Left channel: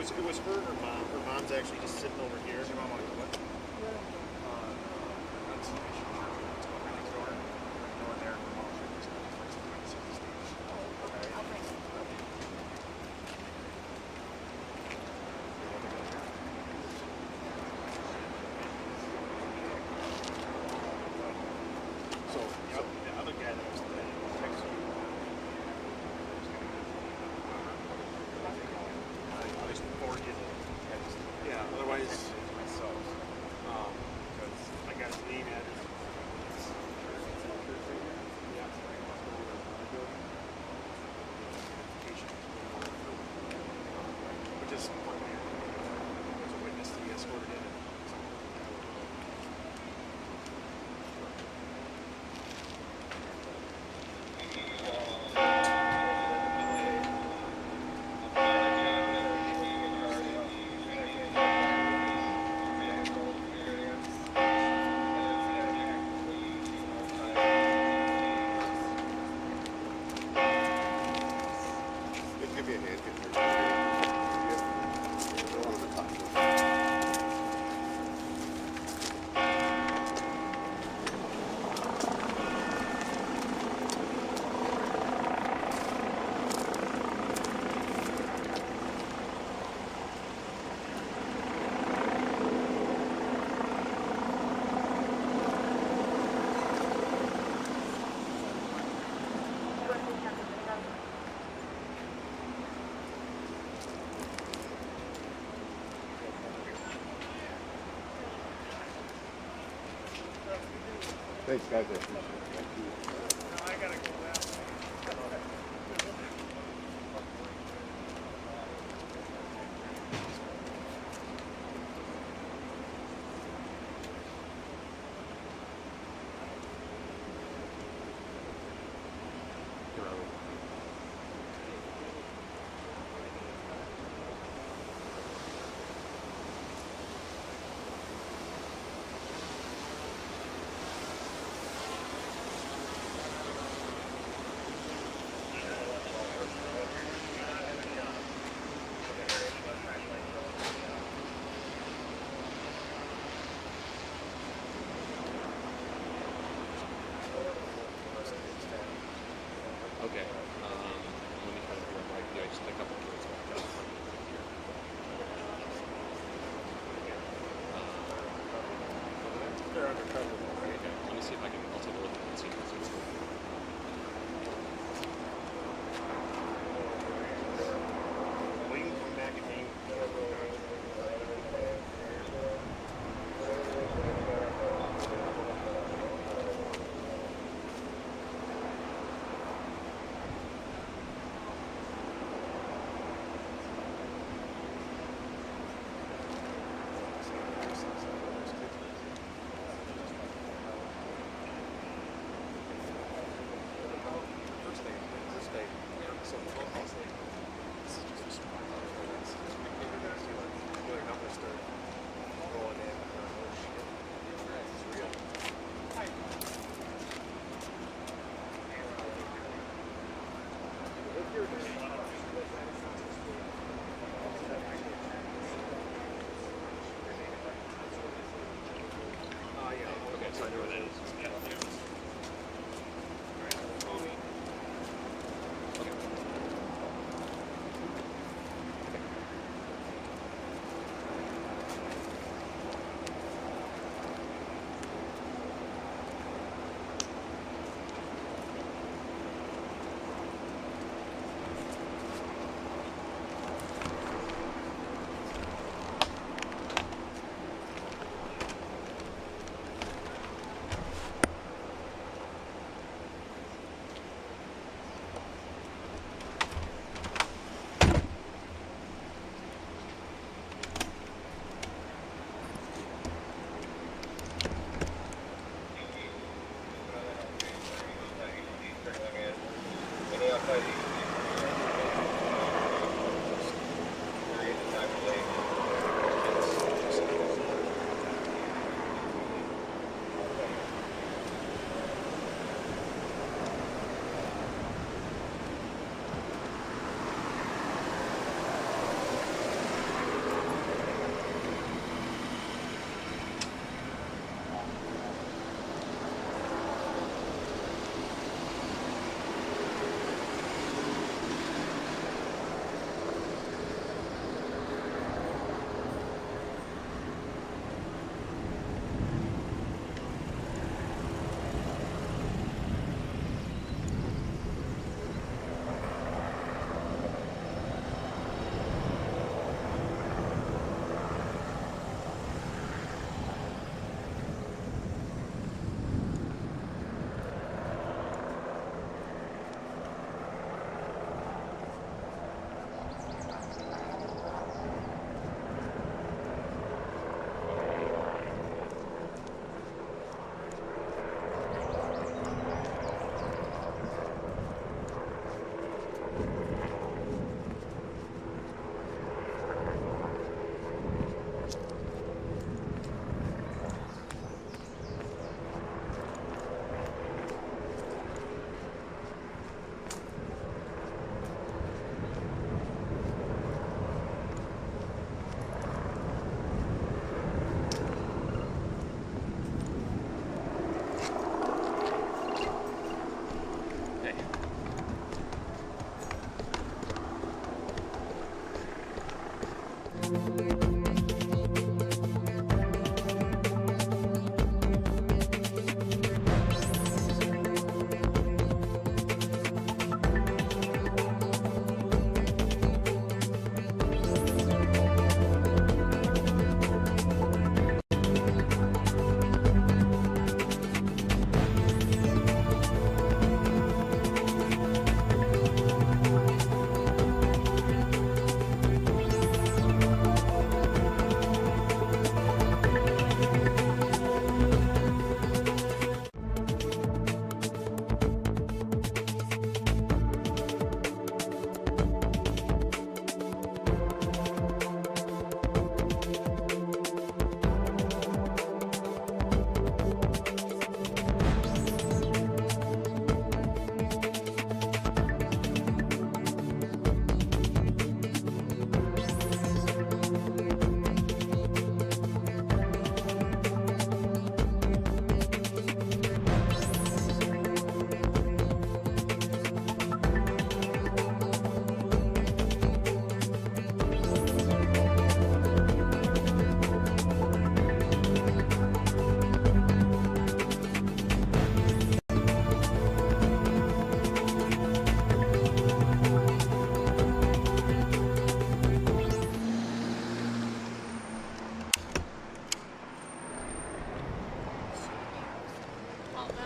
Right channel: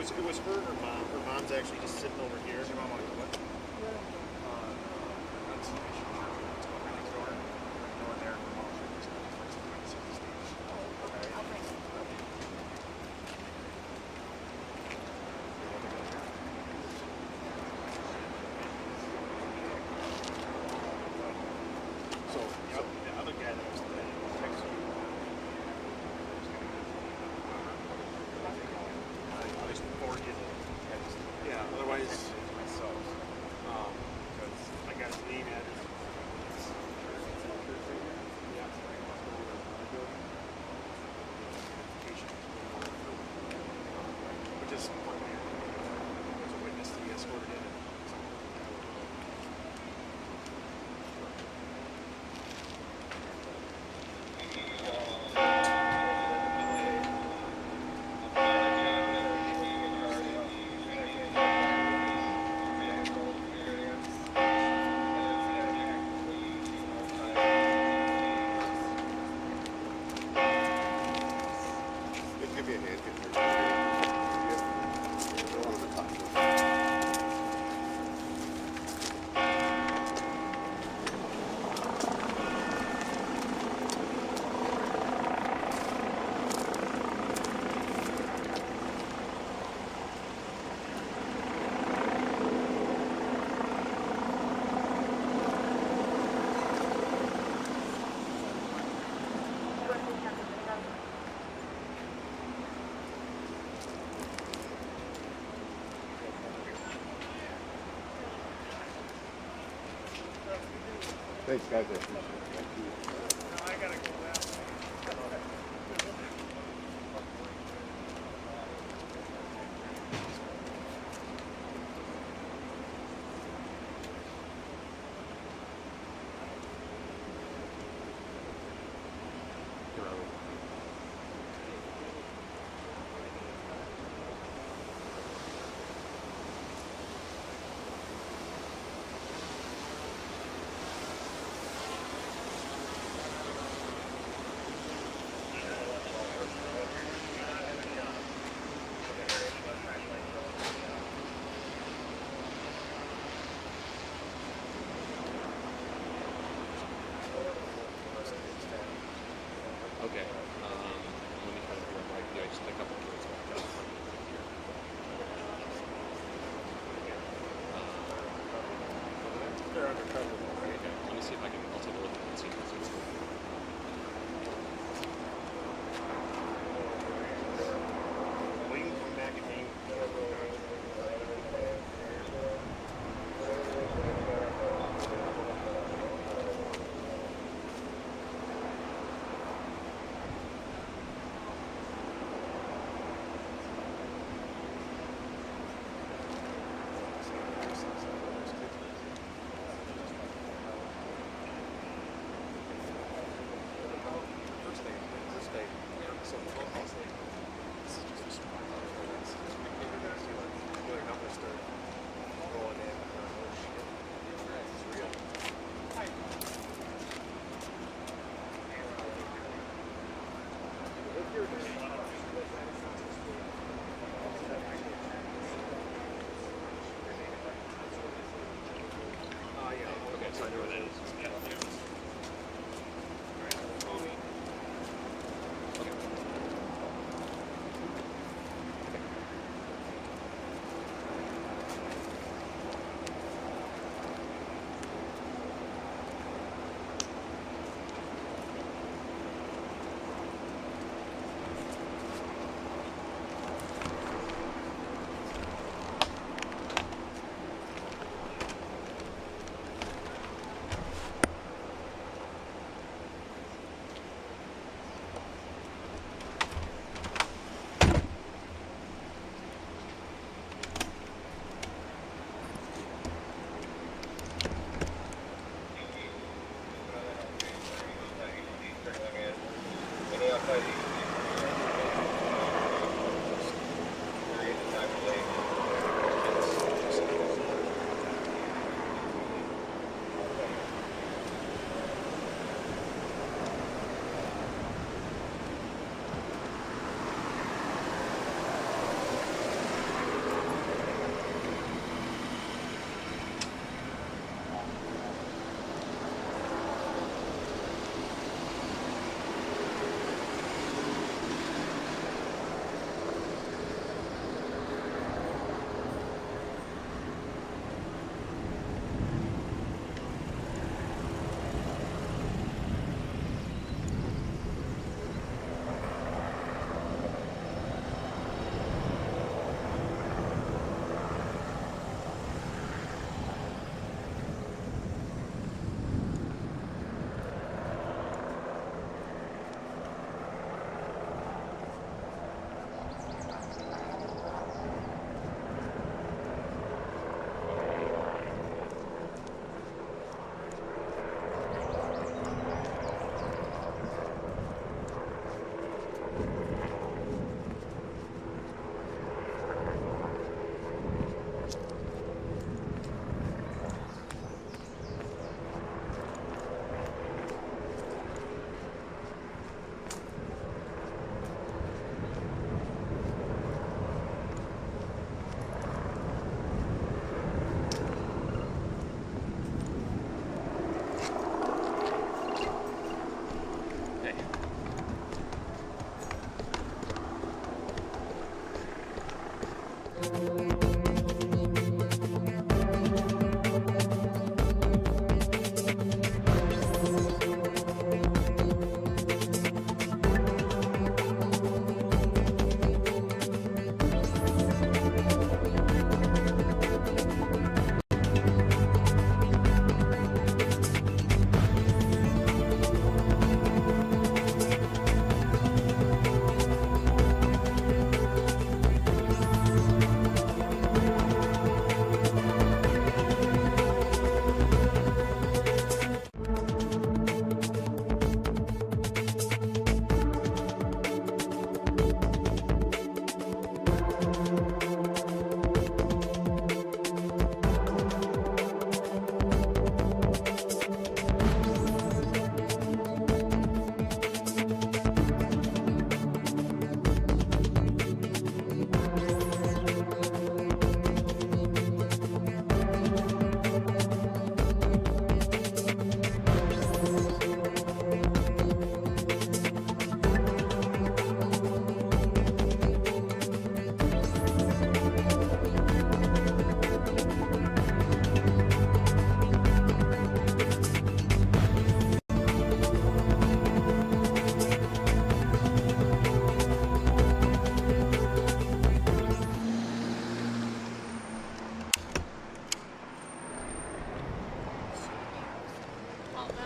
It was her and her mom. Her mom's actually just sitting over here. Does your mom want to go what? Annunciation Church. Let's go right next door. Go in there. So the other guy that was next to you. Yeah, otherwise, myself. Because I got his name address. Which is one man. There's a witness to be escorted in. Thanks, guys. I appreciate it. Thank you. I gotta go that way. Okay. Let me try to figure out what I can do. I just pick up the kids back up. They're undercover. Okay. Let me see if I can. I'll take a look and see what's going on. Well, you can come back and hang.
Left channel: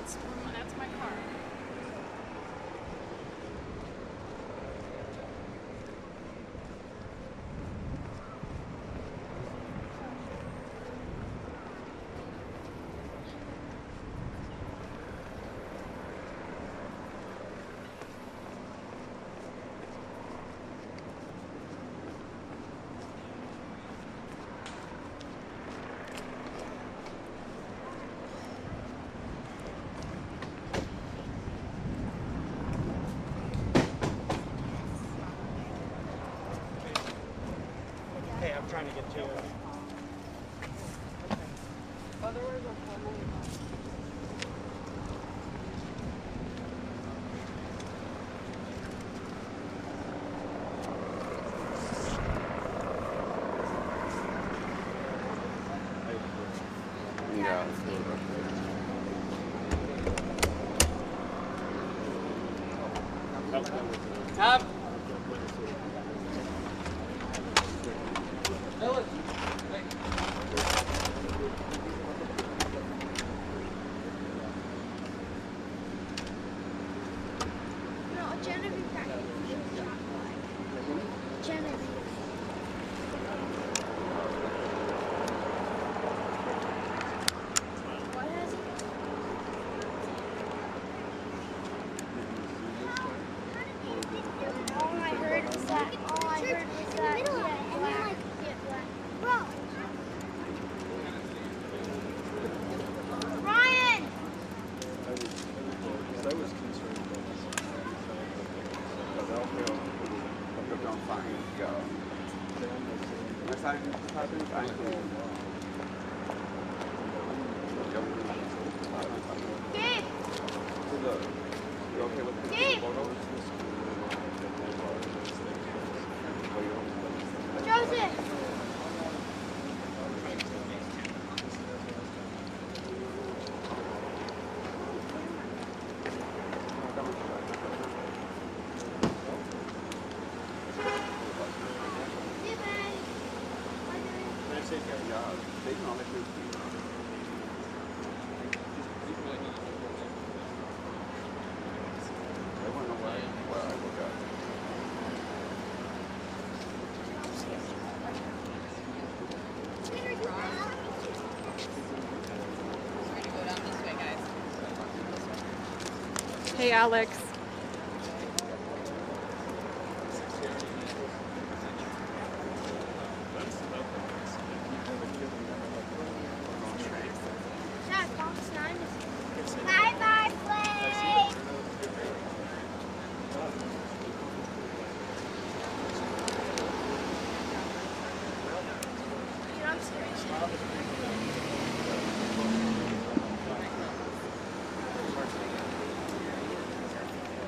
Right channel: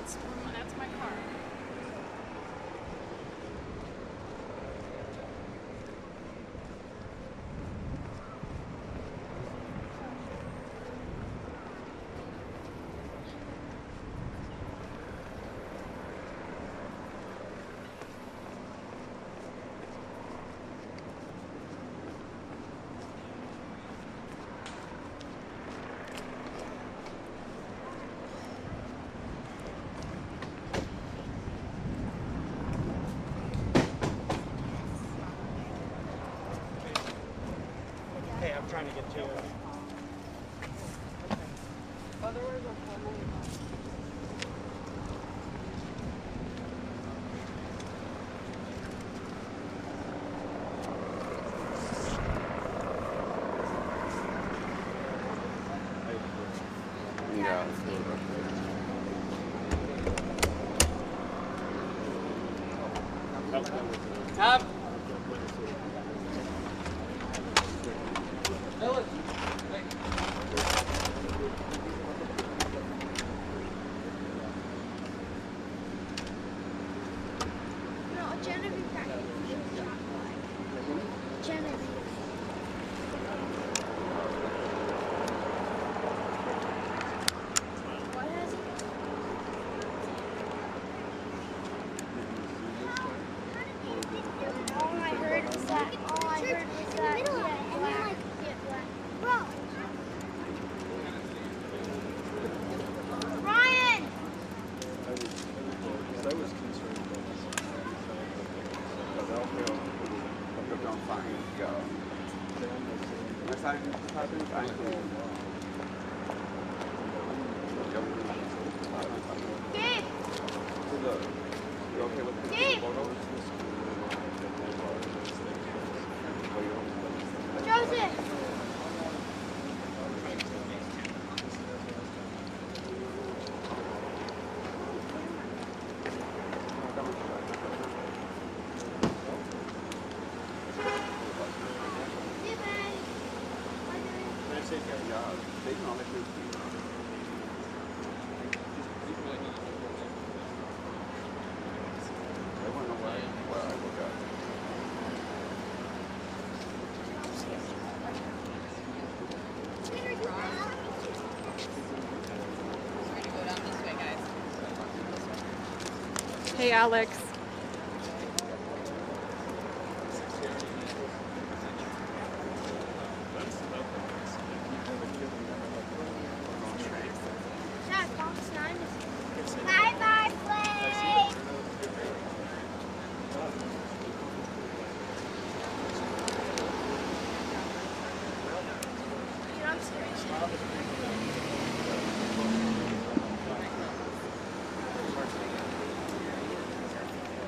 That's my car. Hey, I'm trying to get to you. Otherwise, I'll call my mom. Yeah. Tom. No, Genevieve got Genevieve. What has he? All I heard was that. All I heard was that. Yeah, black. Yeah, black. Bro. Ryan. I was concerned about this. Because I'll feel I'm going to find go. Next time this happens, I will. Gabe. You okay with the Gabe. photos? Joseph. Hey, buddy. Yeah, they can all make it. They want to know where I look at. Hey, Alex. Dad, Tom's 9 is. Bye-bye, Blake. Dude, I'm serious.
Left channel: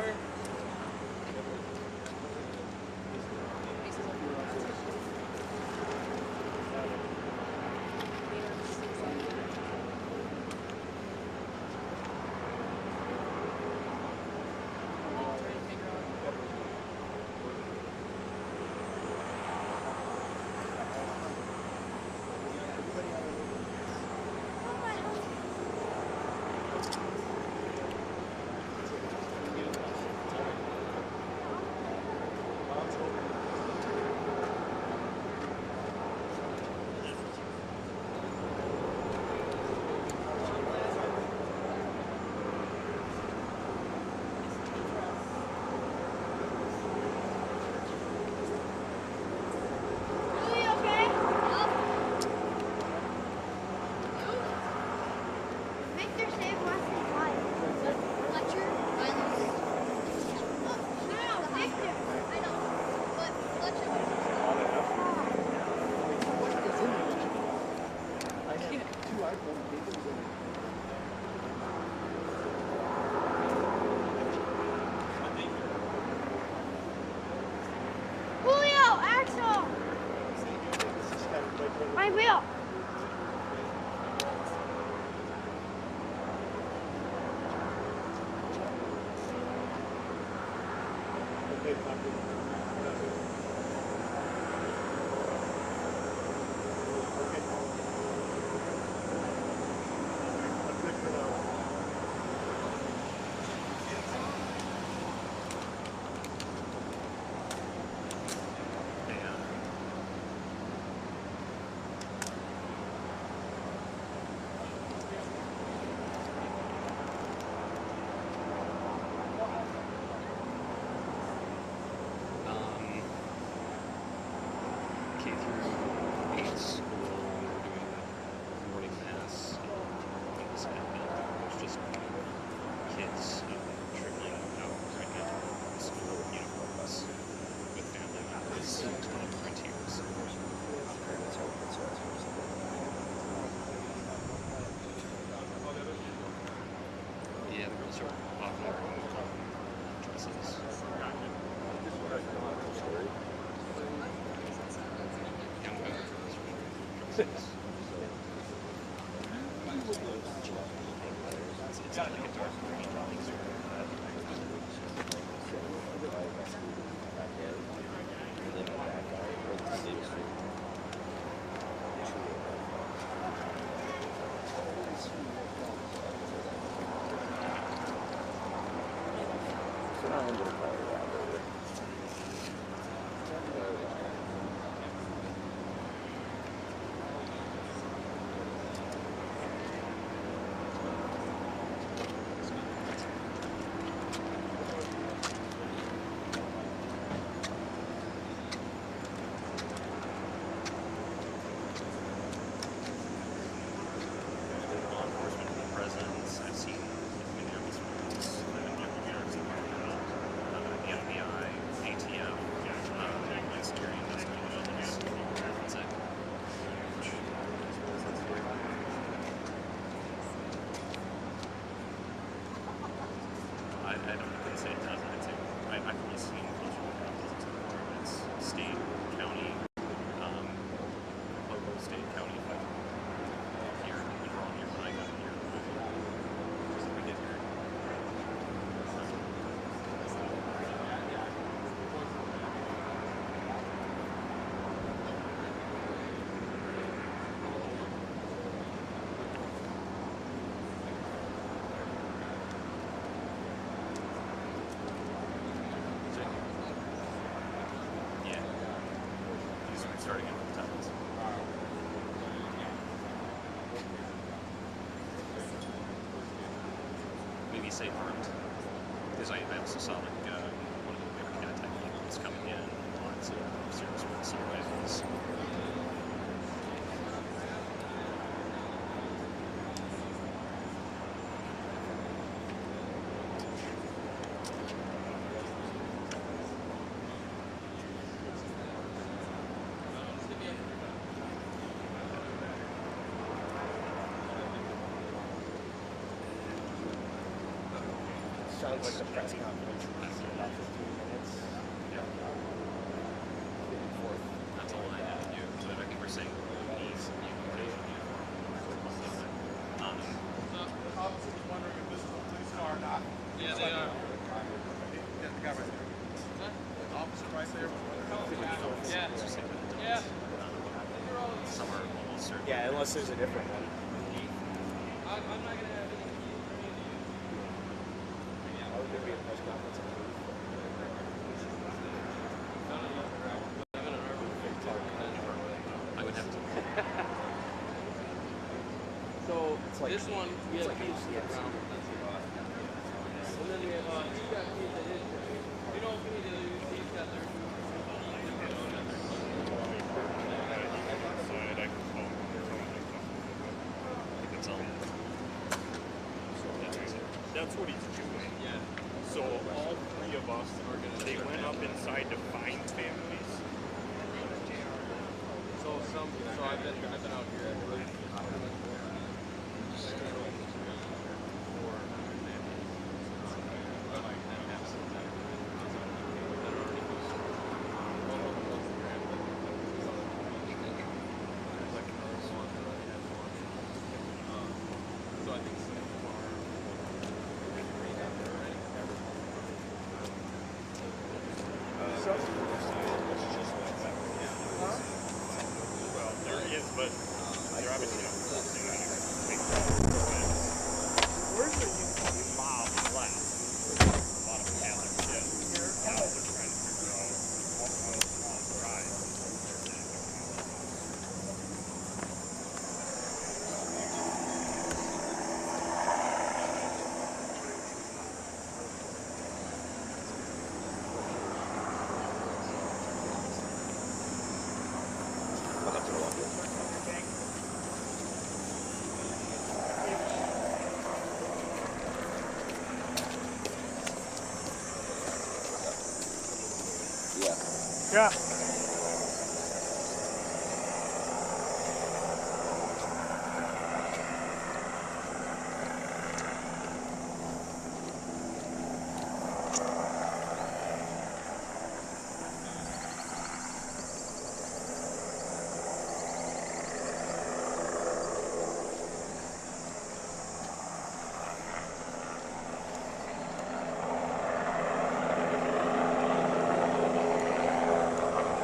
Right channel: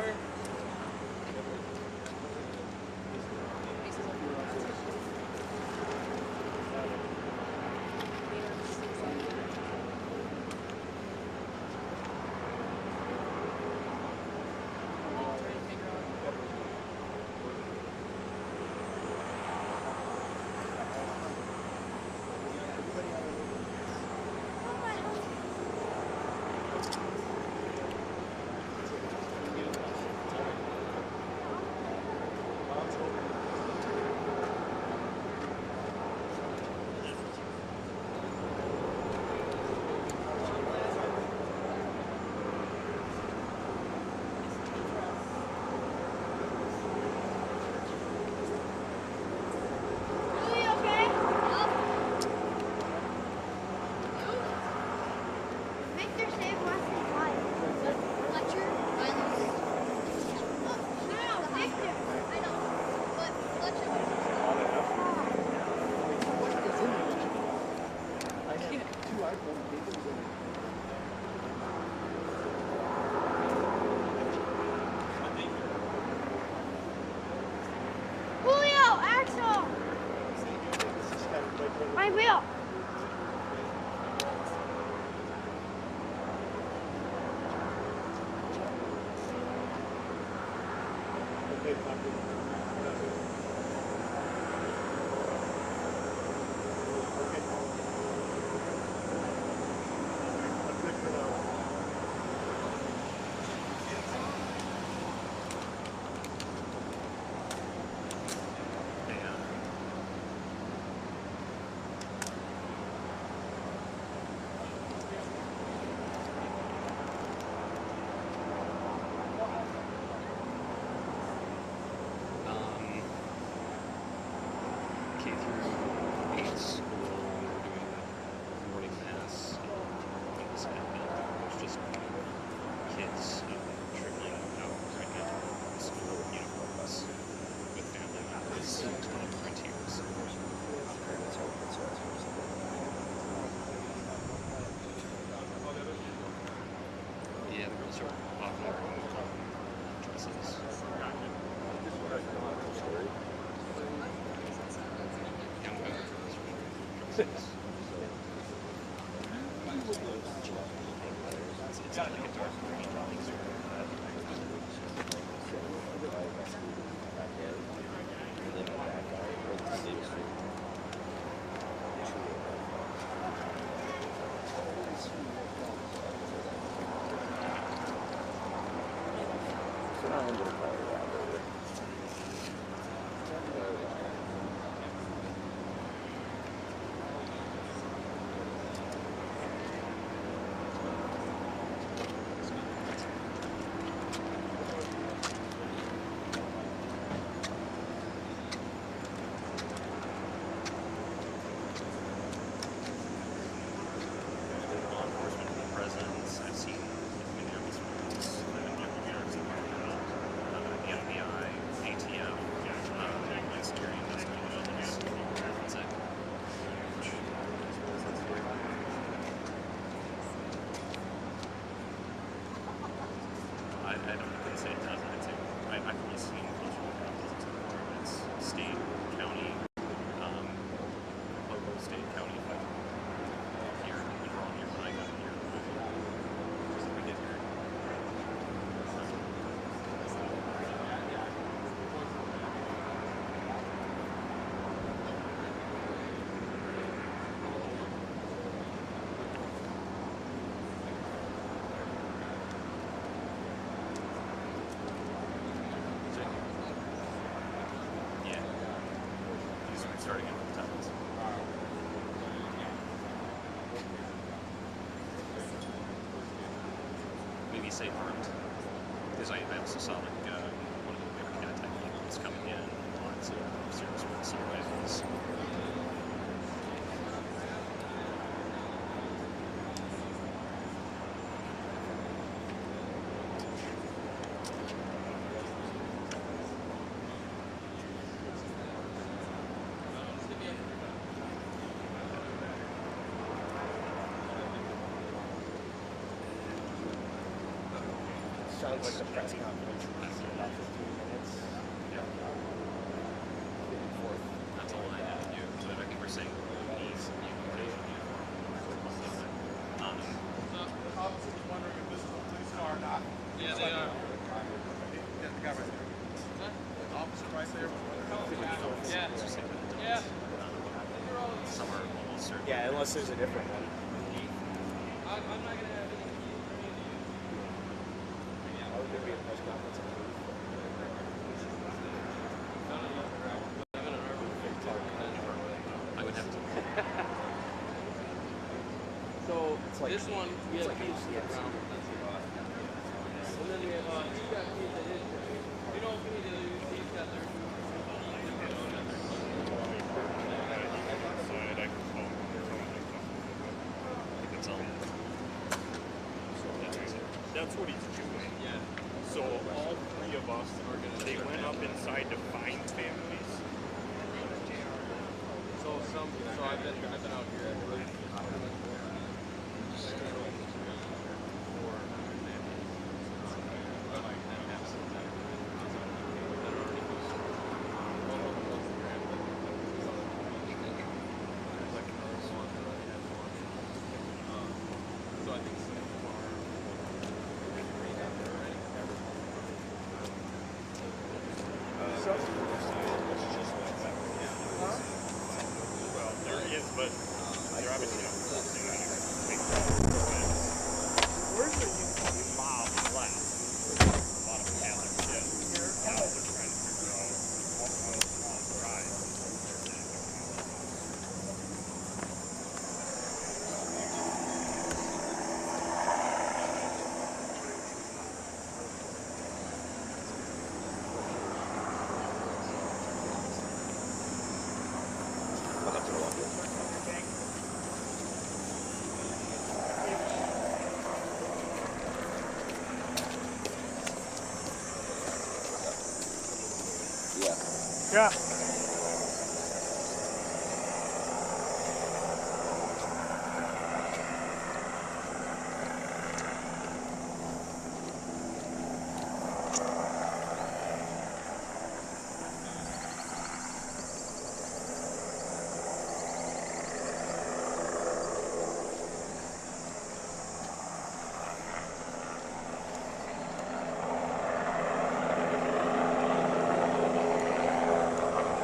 water? I will. K through 8 school, we're doing morning mass. Things happening. There's just kids trickling out right now from school uniforms with family members and volunteers. Yeah, the girls are often wearing dresses. Young women dresses. It's like a dark green. Law enforcement presence. I've seen Minneapolis police, the FBI, ATF, and security investigations. It's a I don't say it doesn't. I'd say I've really seen closer encounters before, but it's state, county, local, state, county, but here, we were all here when I got here. We get here. Yeah. He's starting in with towels. Maybe say armed. Because I also saw like one of the bigger cat type vehicles coming in. Lots of serious assault rifles. sounds like the press conference is in about 15 minutes. That's all I had to do. But I think we're saying these unification uniform. The officer was wondering if this is a police car or not. Yeah, they are. Yeah, the guy right there. The officer right there. Yeah. Yeah. Some are almost certain. Yeah, unless there's a different one. I'm not going to have any. Why would there be a press conference on the roof? I would have to. So like- this one, we it's have like keys to the a- ground. And then we have you got keys that is. You know, if we need to use these, got their That's what he's doing. yeah. So all three of us are gonna. They went up inside to find families. So I've been out here. So I think Well, there is, but they're obviously not forcing anything. Where's the mob left? A lot of Catholics did. Now they're trying to figure out what will drive. Yeah. Yeah.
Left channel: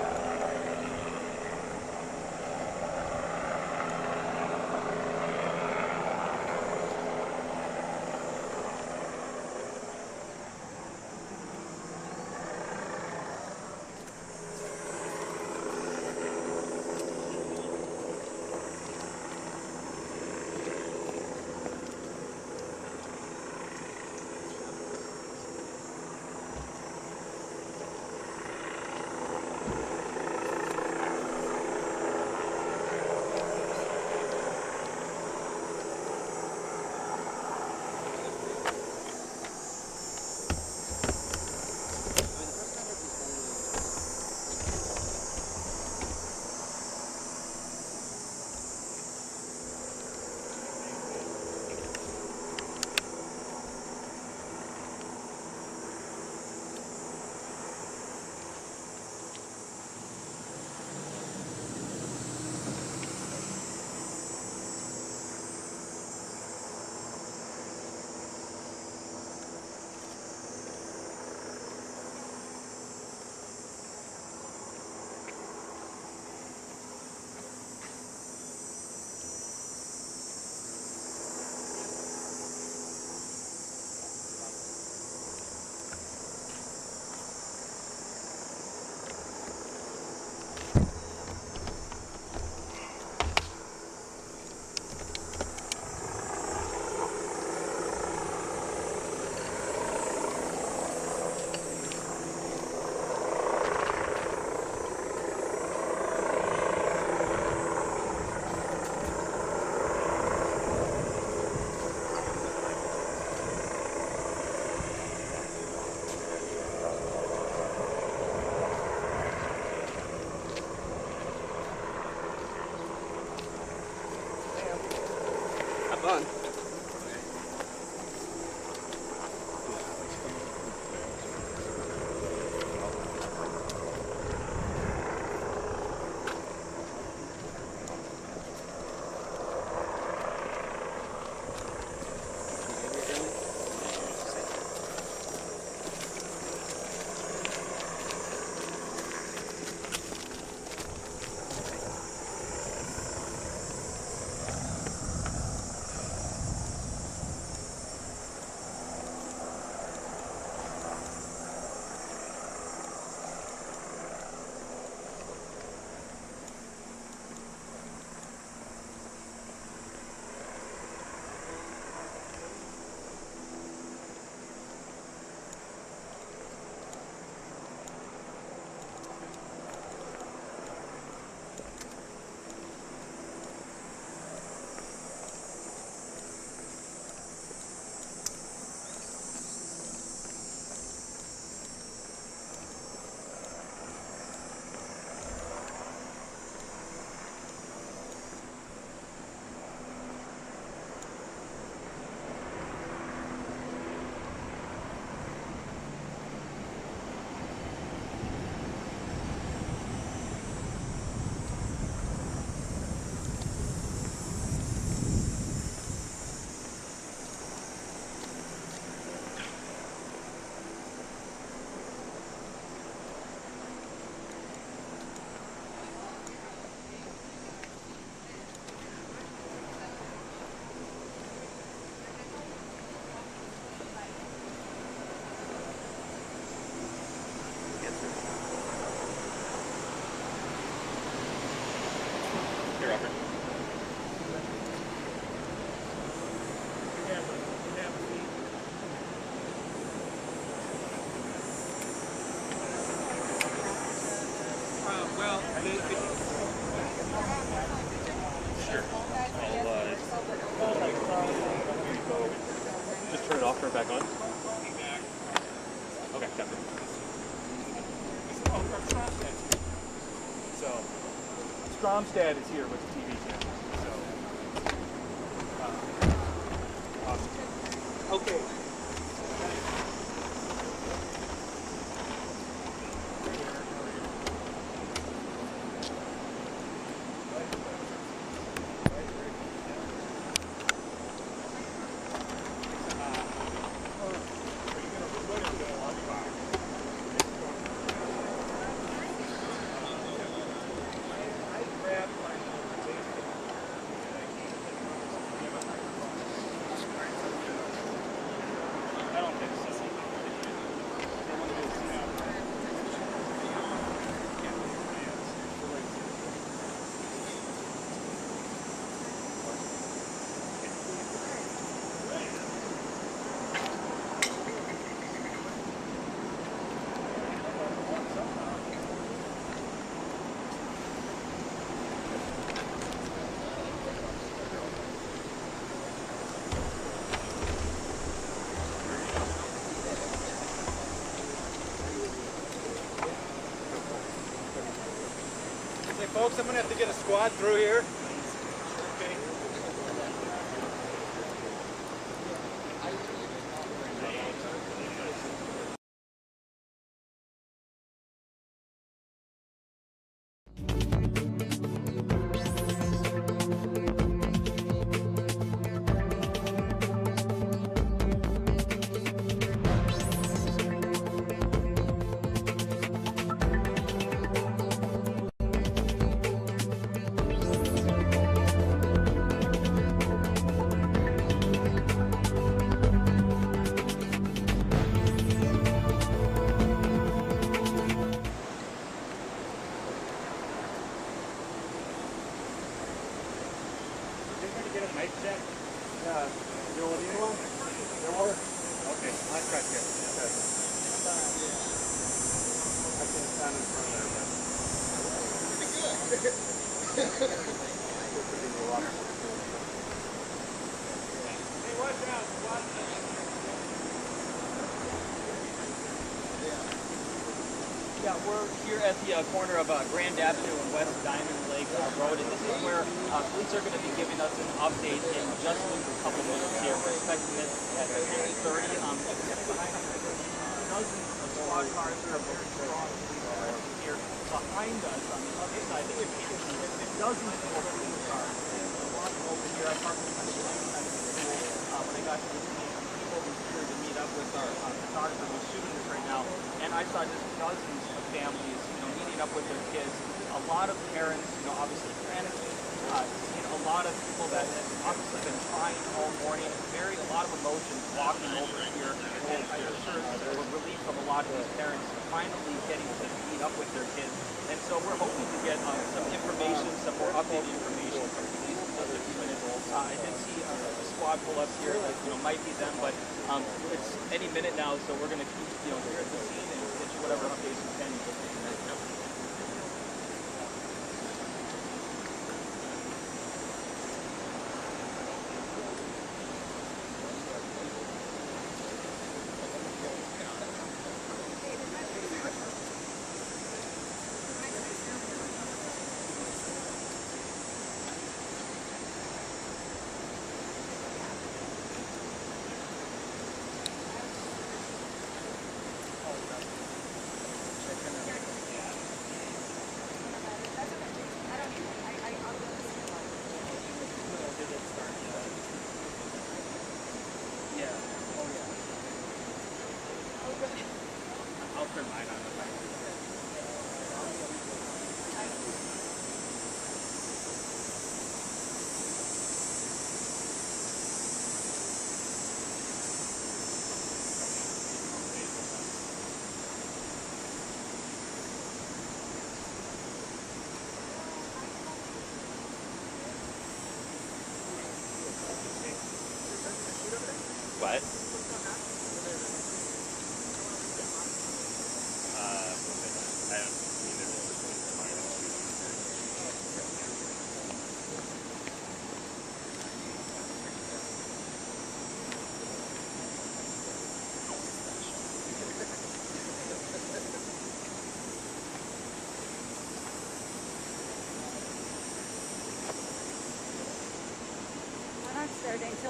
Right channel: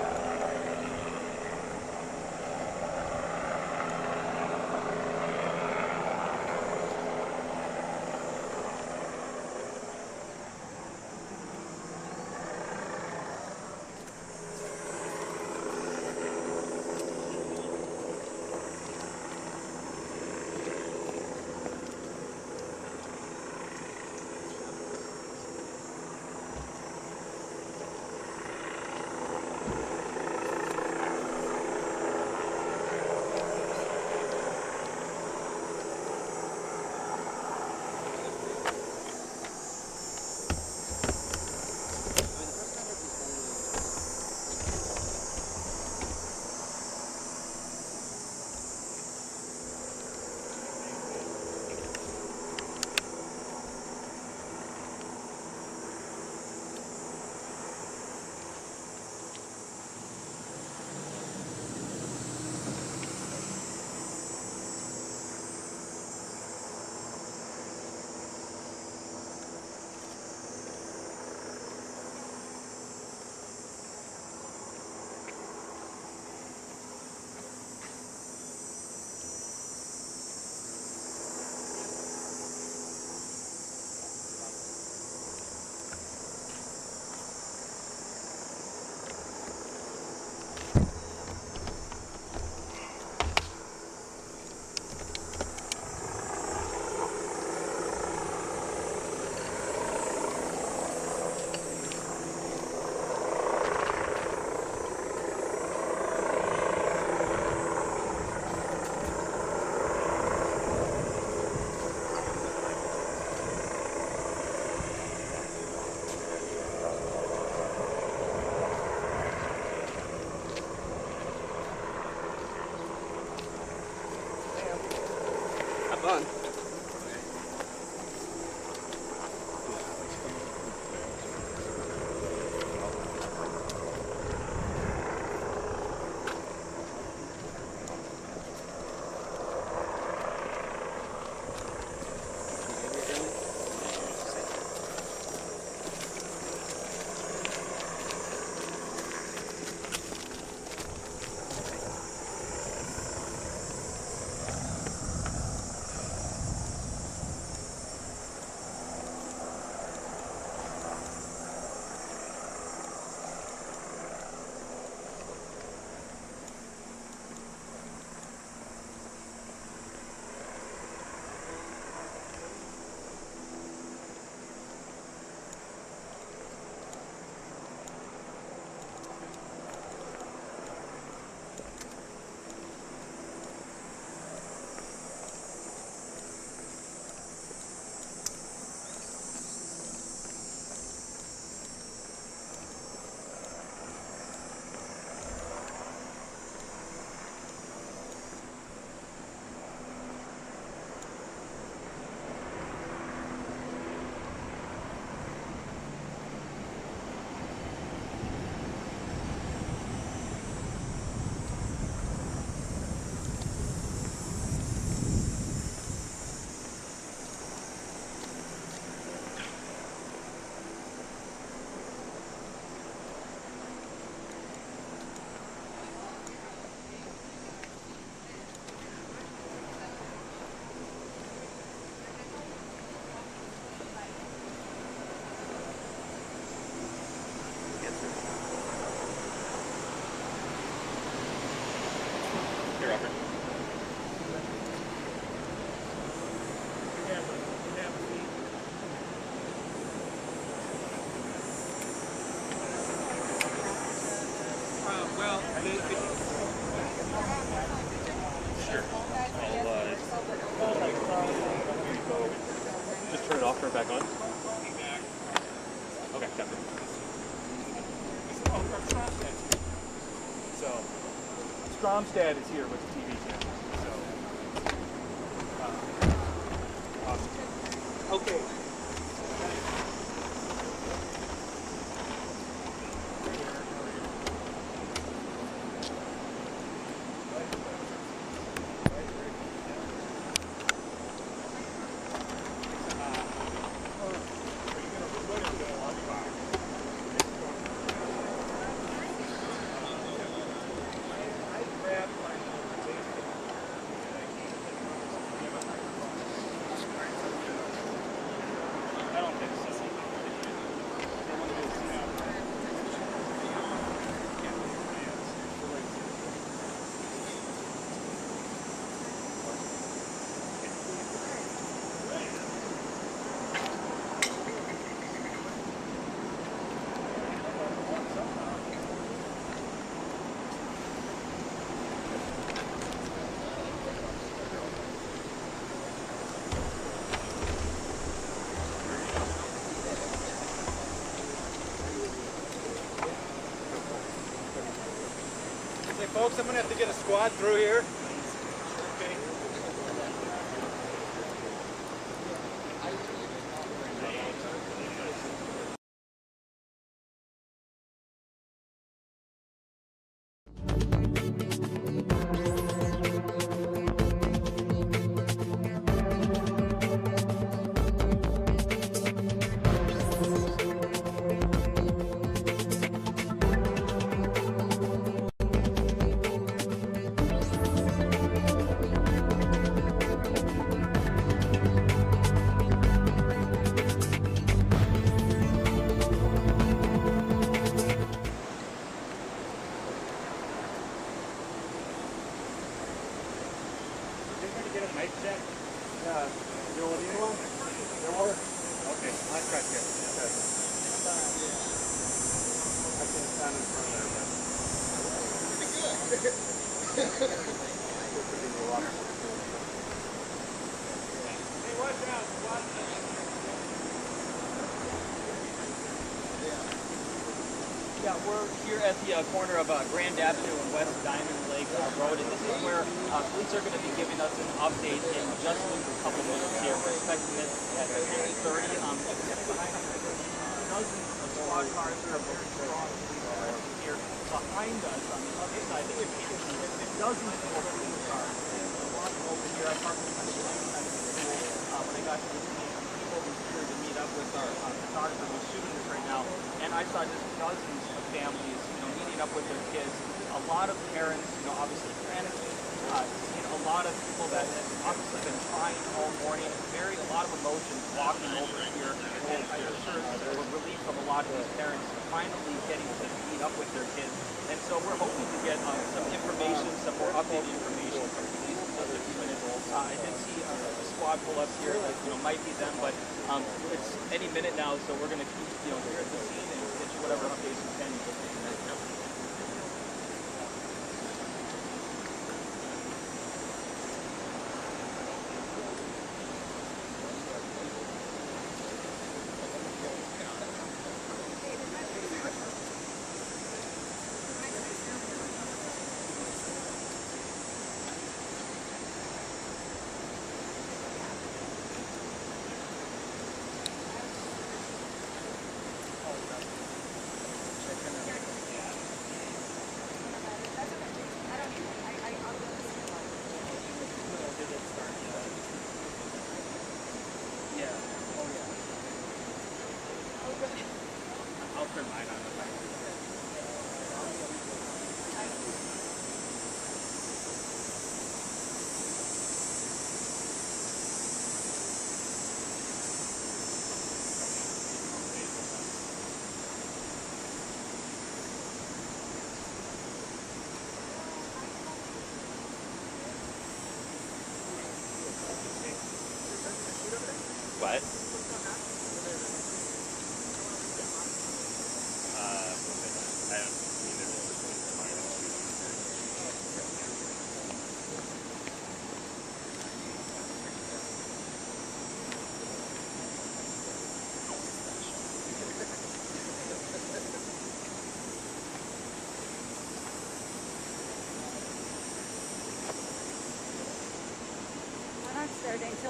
turn it off, turn it back on? Okay, got it. So, Stromstad is here with the TV channel. So, awesome. Okay. Folks, I'm going to have to get a squad through here. Okay. Yeah, we're here at the corner of Grand Avenue and West Diamond Lake Road, and this is where police are going to be giving us an update in just a couple minutes here. We're expecting it at 10:30. Dozens of squad cars are very strong here behind us on the other side. There are dozens more police cars. A lot over here. I parked on the side of the school when I got to this meeting. People were here to meet up with our photographer who's shooting this right now, and I saw just dozens of families, meeting up with their kids. A lot of parents, obviously panicking. Seeing a lot of people that have obviously been crying all morning. A lot of emotions walking over here, and I'm sure we're relieved from a lot of these parents finally getting to meet up with their kids. And so we're hoping to get some information, some more updated information from police in just a few minutes. I did see a squad pull up here that might be them, but it's any minute now, so we're going to keep here at the scene and get you whatever updates we can. What?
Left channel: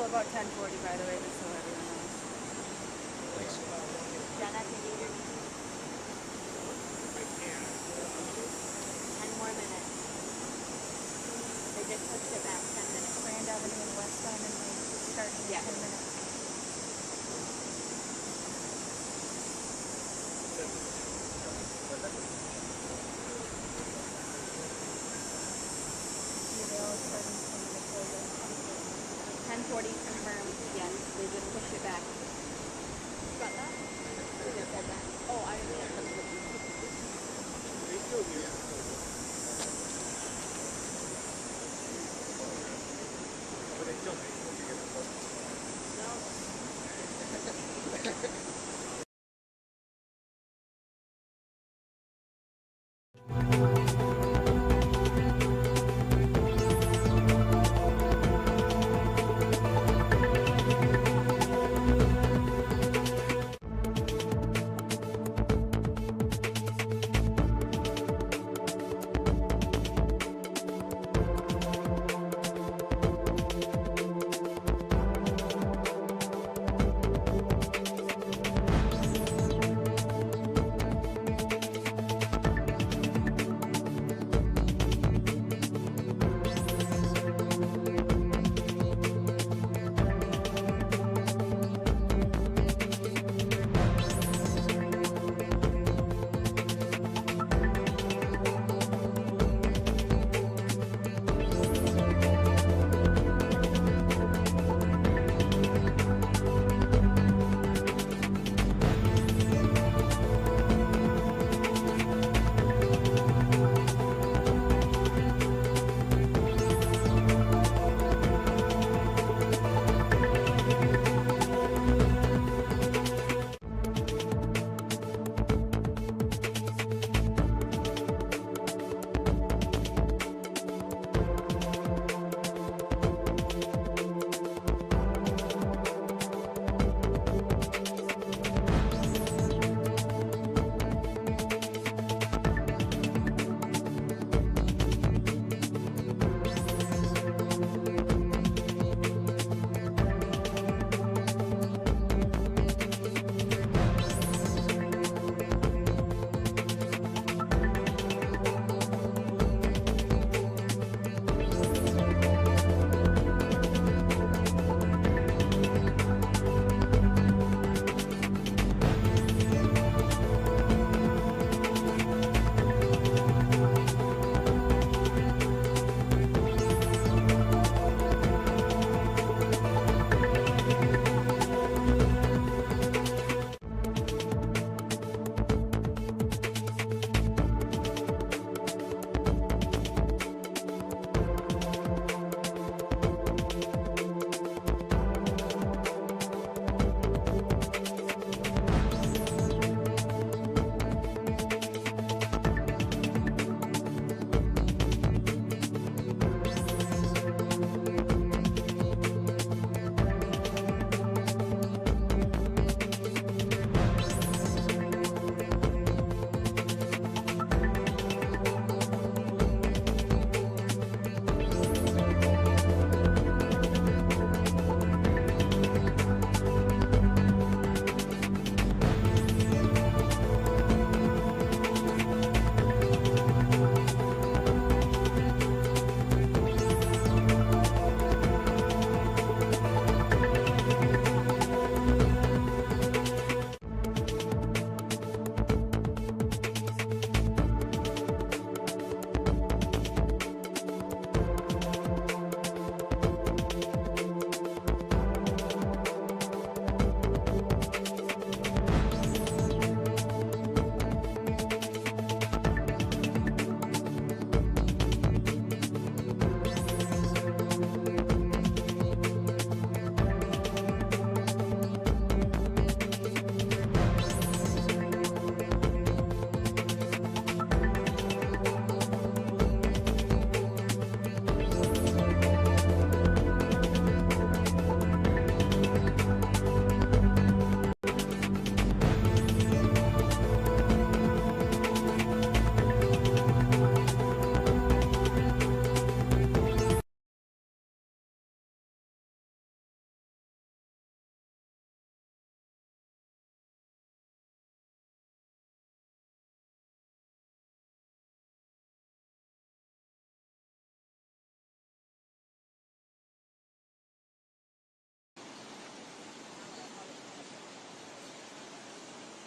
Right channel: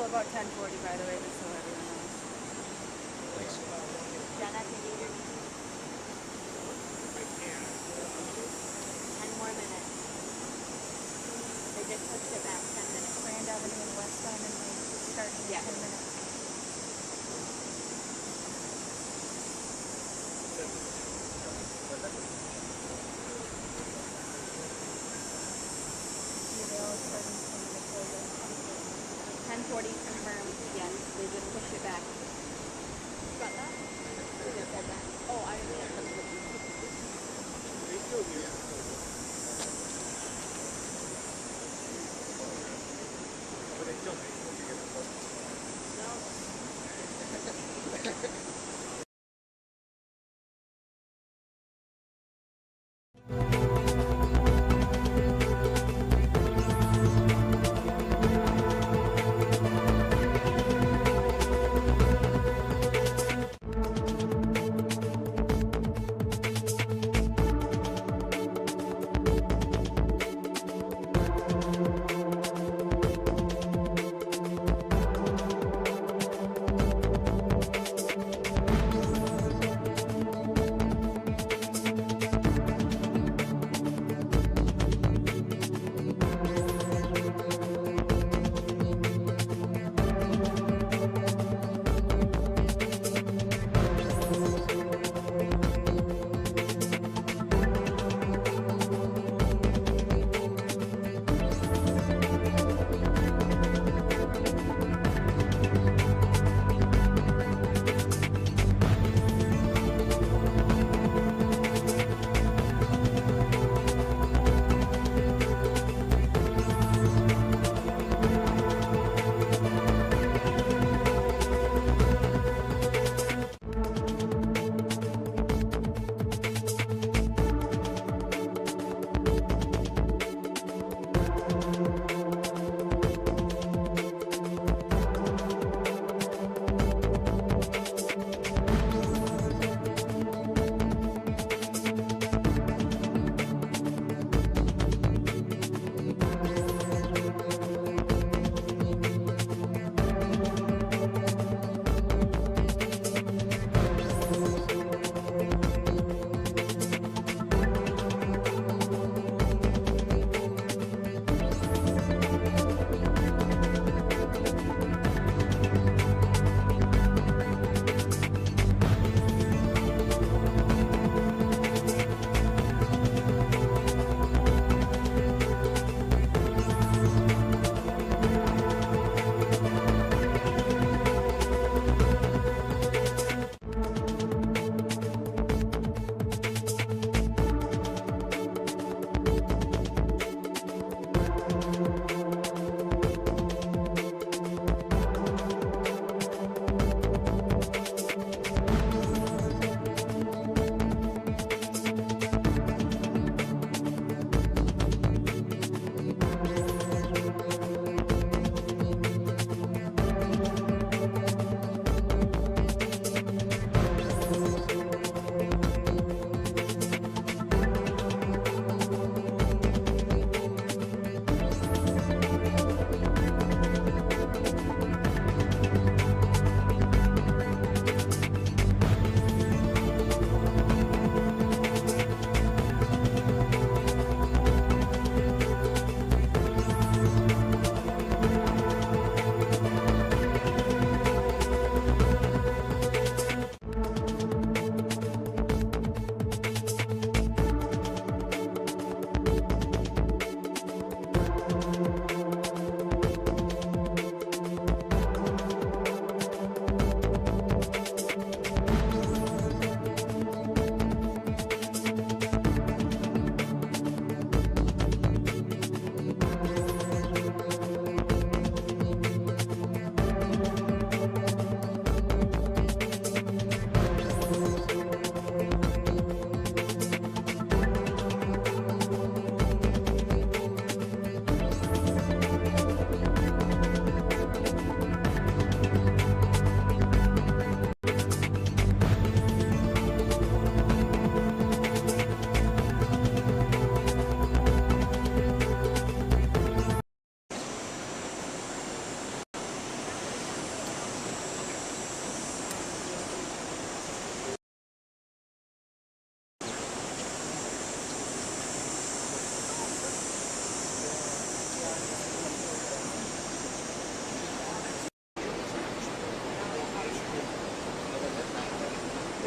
about 10:40, by the way, just so everyone knows. Thanks. Jenna, can you hear me? 10 more minutes. They just pushed it back 10 minutes. Grand Avenue and West Diamond Lane is starting in 10 minutes. Email is starting 10 minutes over. 10:40 confirmed. Yes, they just pushed it back. Got that? They just said that. Oh, I didn't know. They still here. But they still make it.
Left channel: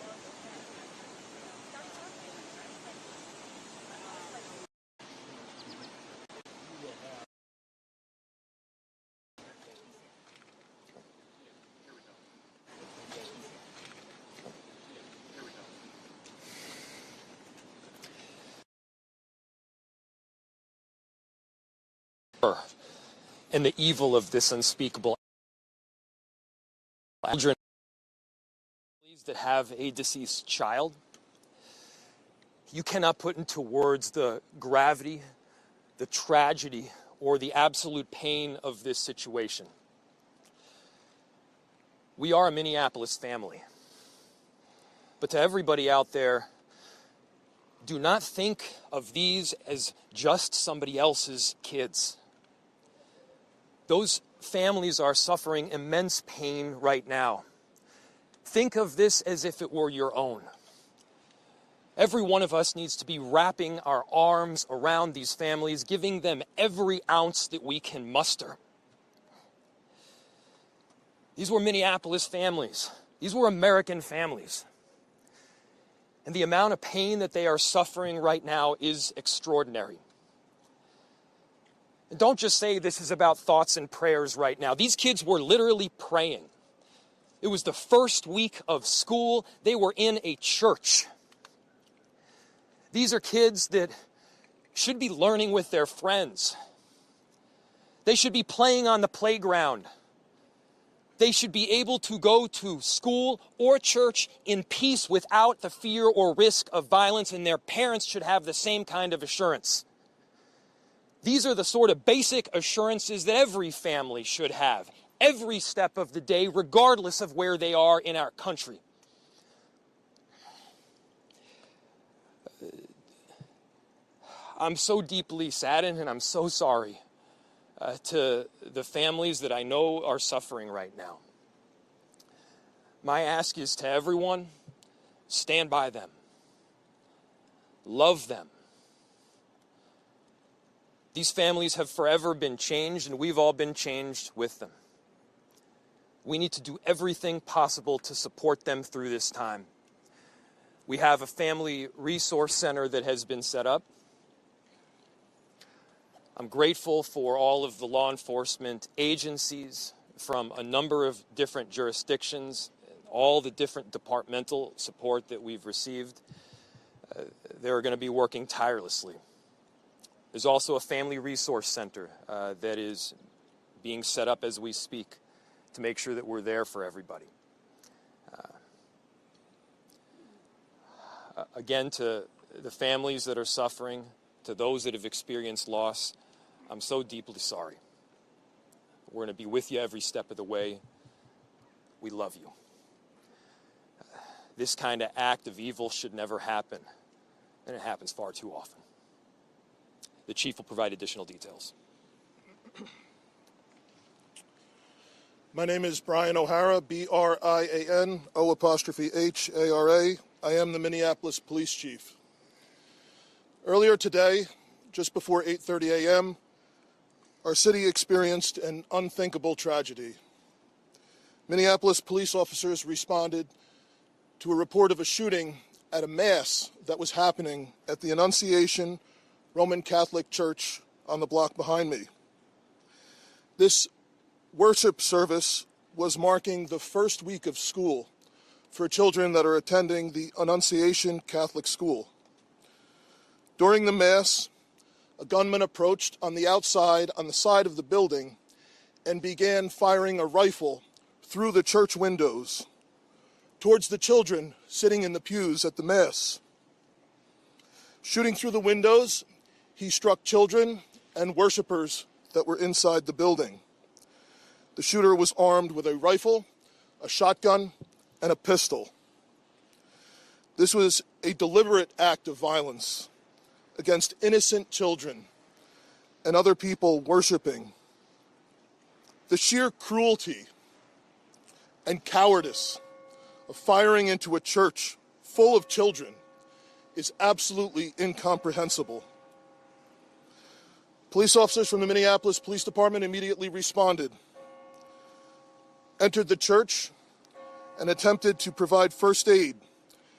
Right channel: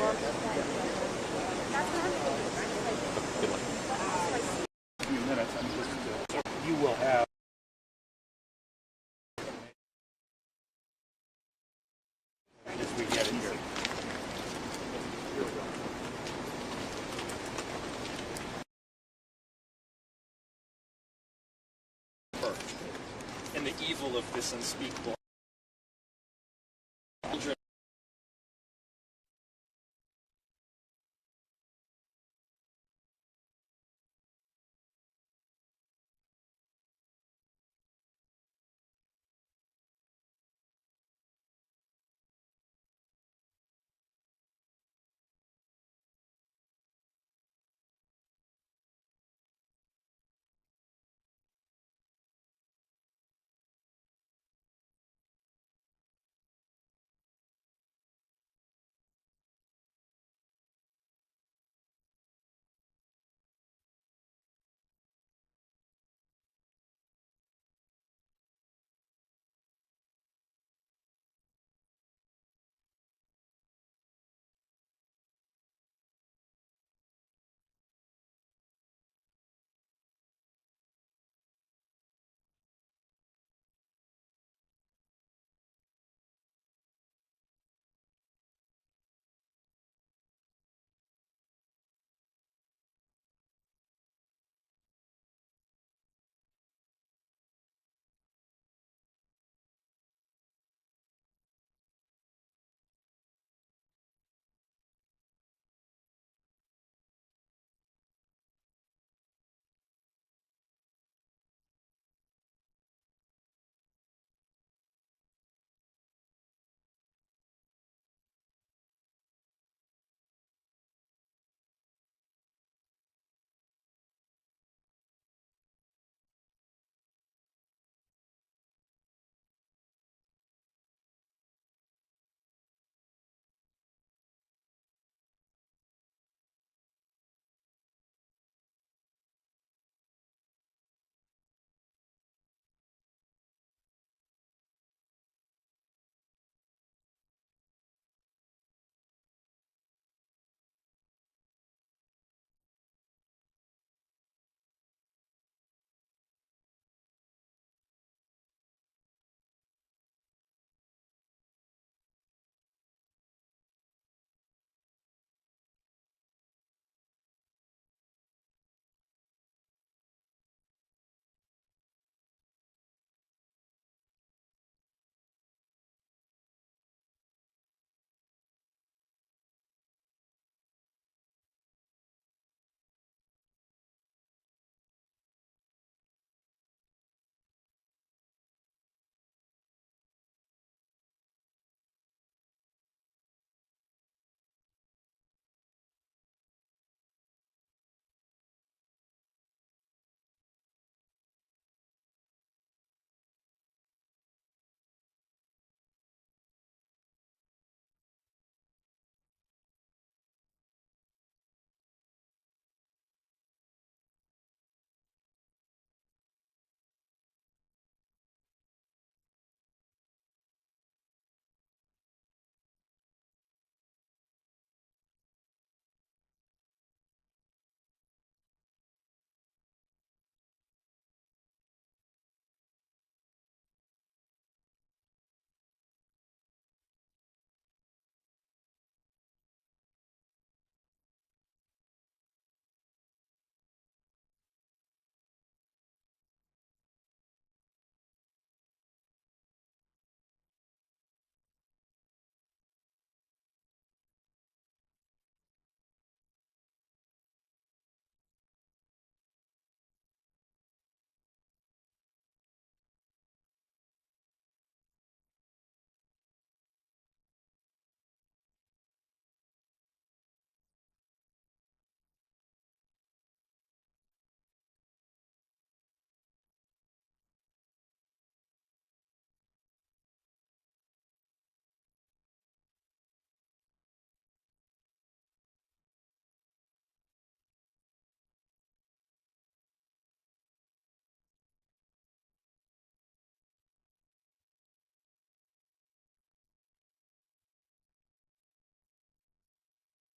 few minutes, you will have. As we get it here. And the evil of this unspeakable children that have a deceased child. You cannot put into words the gravity, the tragedy, or the absolute pain of this situation. We are a Minneapolis family. But to everybody out there, do not think of these as just somebody else's kids. Those families are suffering immense pain right now. Think of this as if it were your own. Every one of us needs to be wrapping our arms around these families, giving them every ounce that we can muster. These were Minneapolis families. These were American families. And the amount of pain that they are suffering right now is extraordinary. And don't just say this is about thoughts and prayers right now. These kids were literally praying. It was the first week of school. They were in a church. These are kids that should be learning with their friends. They should be playing on the playground. They should be able to go to school or church in peace without the fear or risk of violence, and their parents should have the same kind of assurance. These are the sort of basic assurances that every family should have, every step of the day, regardless of where they are in our country. I'm so deeply saddened, and I'm so sorry to the families that I know are suffering right now. My ask is to everyone, stand by them. Love them. These families have forever been changed, and we've all been changed with them. We need to do everything possible to support them through this time. We have a family resource center that has been set up. I'm grateful for all of the law enforcement agencies from a number of different jurisdictions, all the different departmental support that we've received. They're going to be working tirelessly. There's also a family resource center that is being set up as we speak to make sure that we're there for everybody. Again, to the families that are suffering, to those that have experienced loss, I'm so deeply sorry. We're going to be with you every step of the way. We love you. This kind of act of evil should never happen, and it happens far too often. The chief will provide additional details. My name is Brian O'Hara, B-R-I-A-N, O''H-A-R-A. I am the Minneapolis Police Chief. Earlier today, just before 8:30 a.m., our city experienced an unthinkable tragedy. Minneapolis police officers responded to a report of a shooting at a mass that was happening at the Annunciation Roman Catholic Church on the block behind me. This worship service was marking the first week of school for children that are attending the Annunciation Catholic School. During the Mass, a gunman approached on the outside on the side of the building and began firing a rifle through the church windows towards the children sitting in the pews at the Mass. Shooting through the windows, he struck children and worshipers that were inside the building. The shooter was armed with a rifle, a shotgun, and a pistol. This was a deliberate act of violence against innocent children and other people worshiping. The sheer cruelty and cowardice of firing into a church full of children is absolutely incomprehensible. Police officers from the Minneapolis Police Department immediately responded, entered the church, and attempted to provide first aid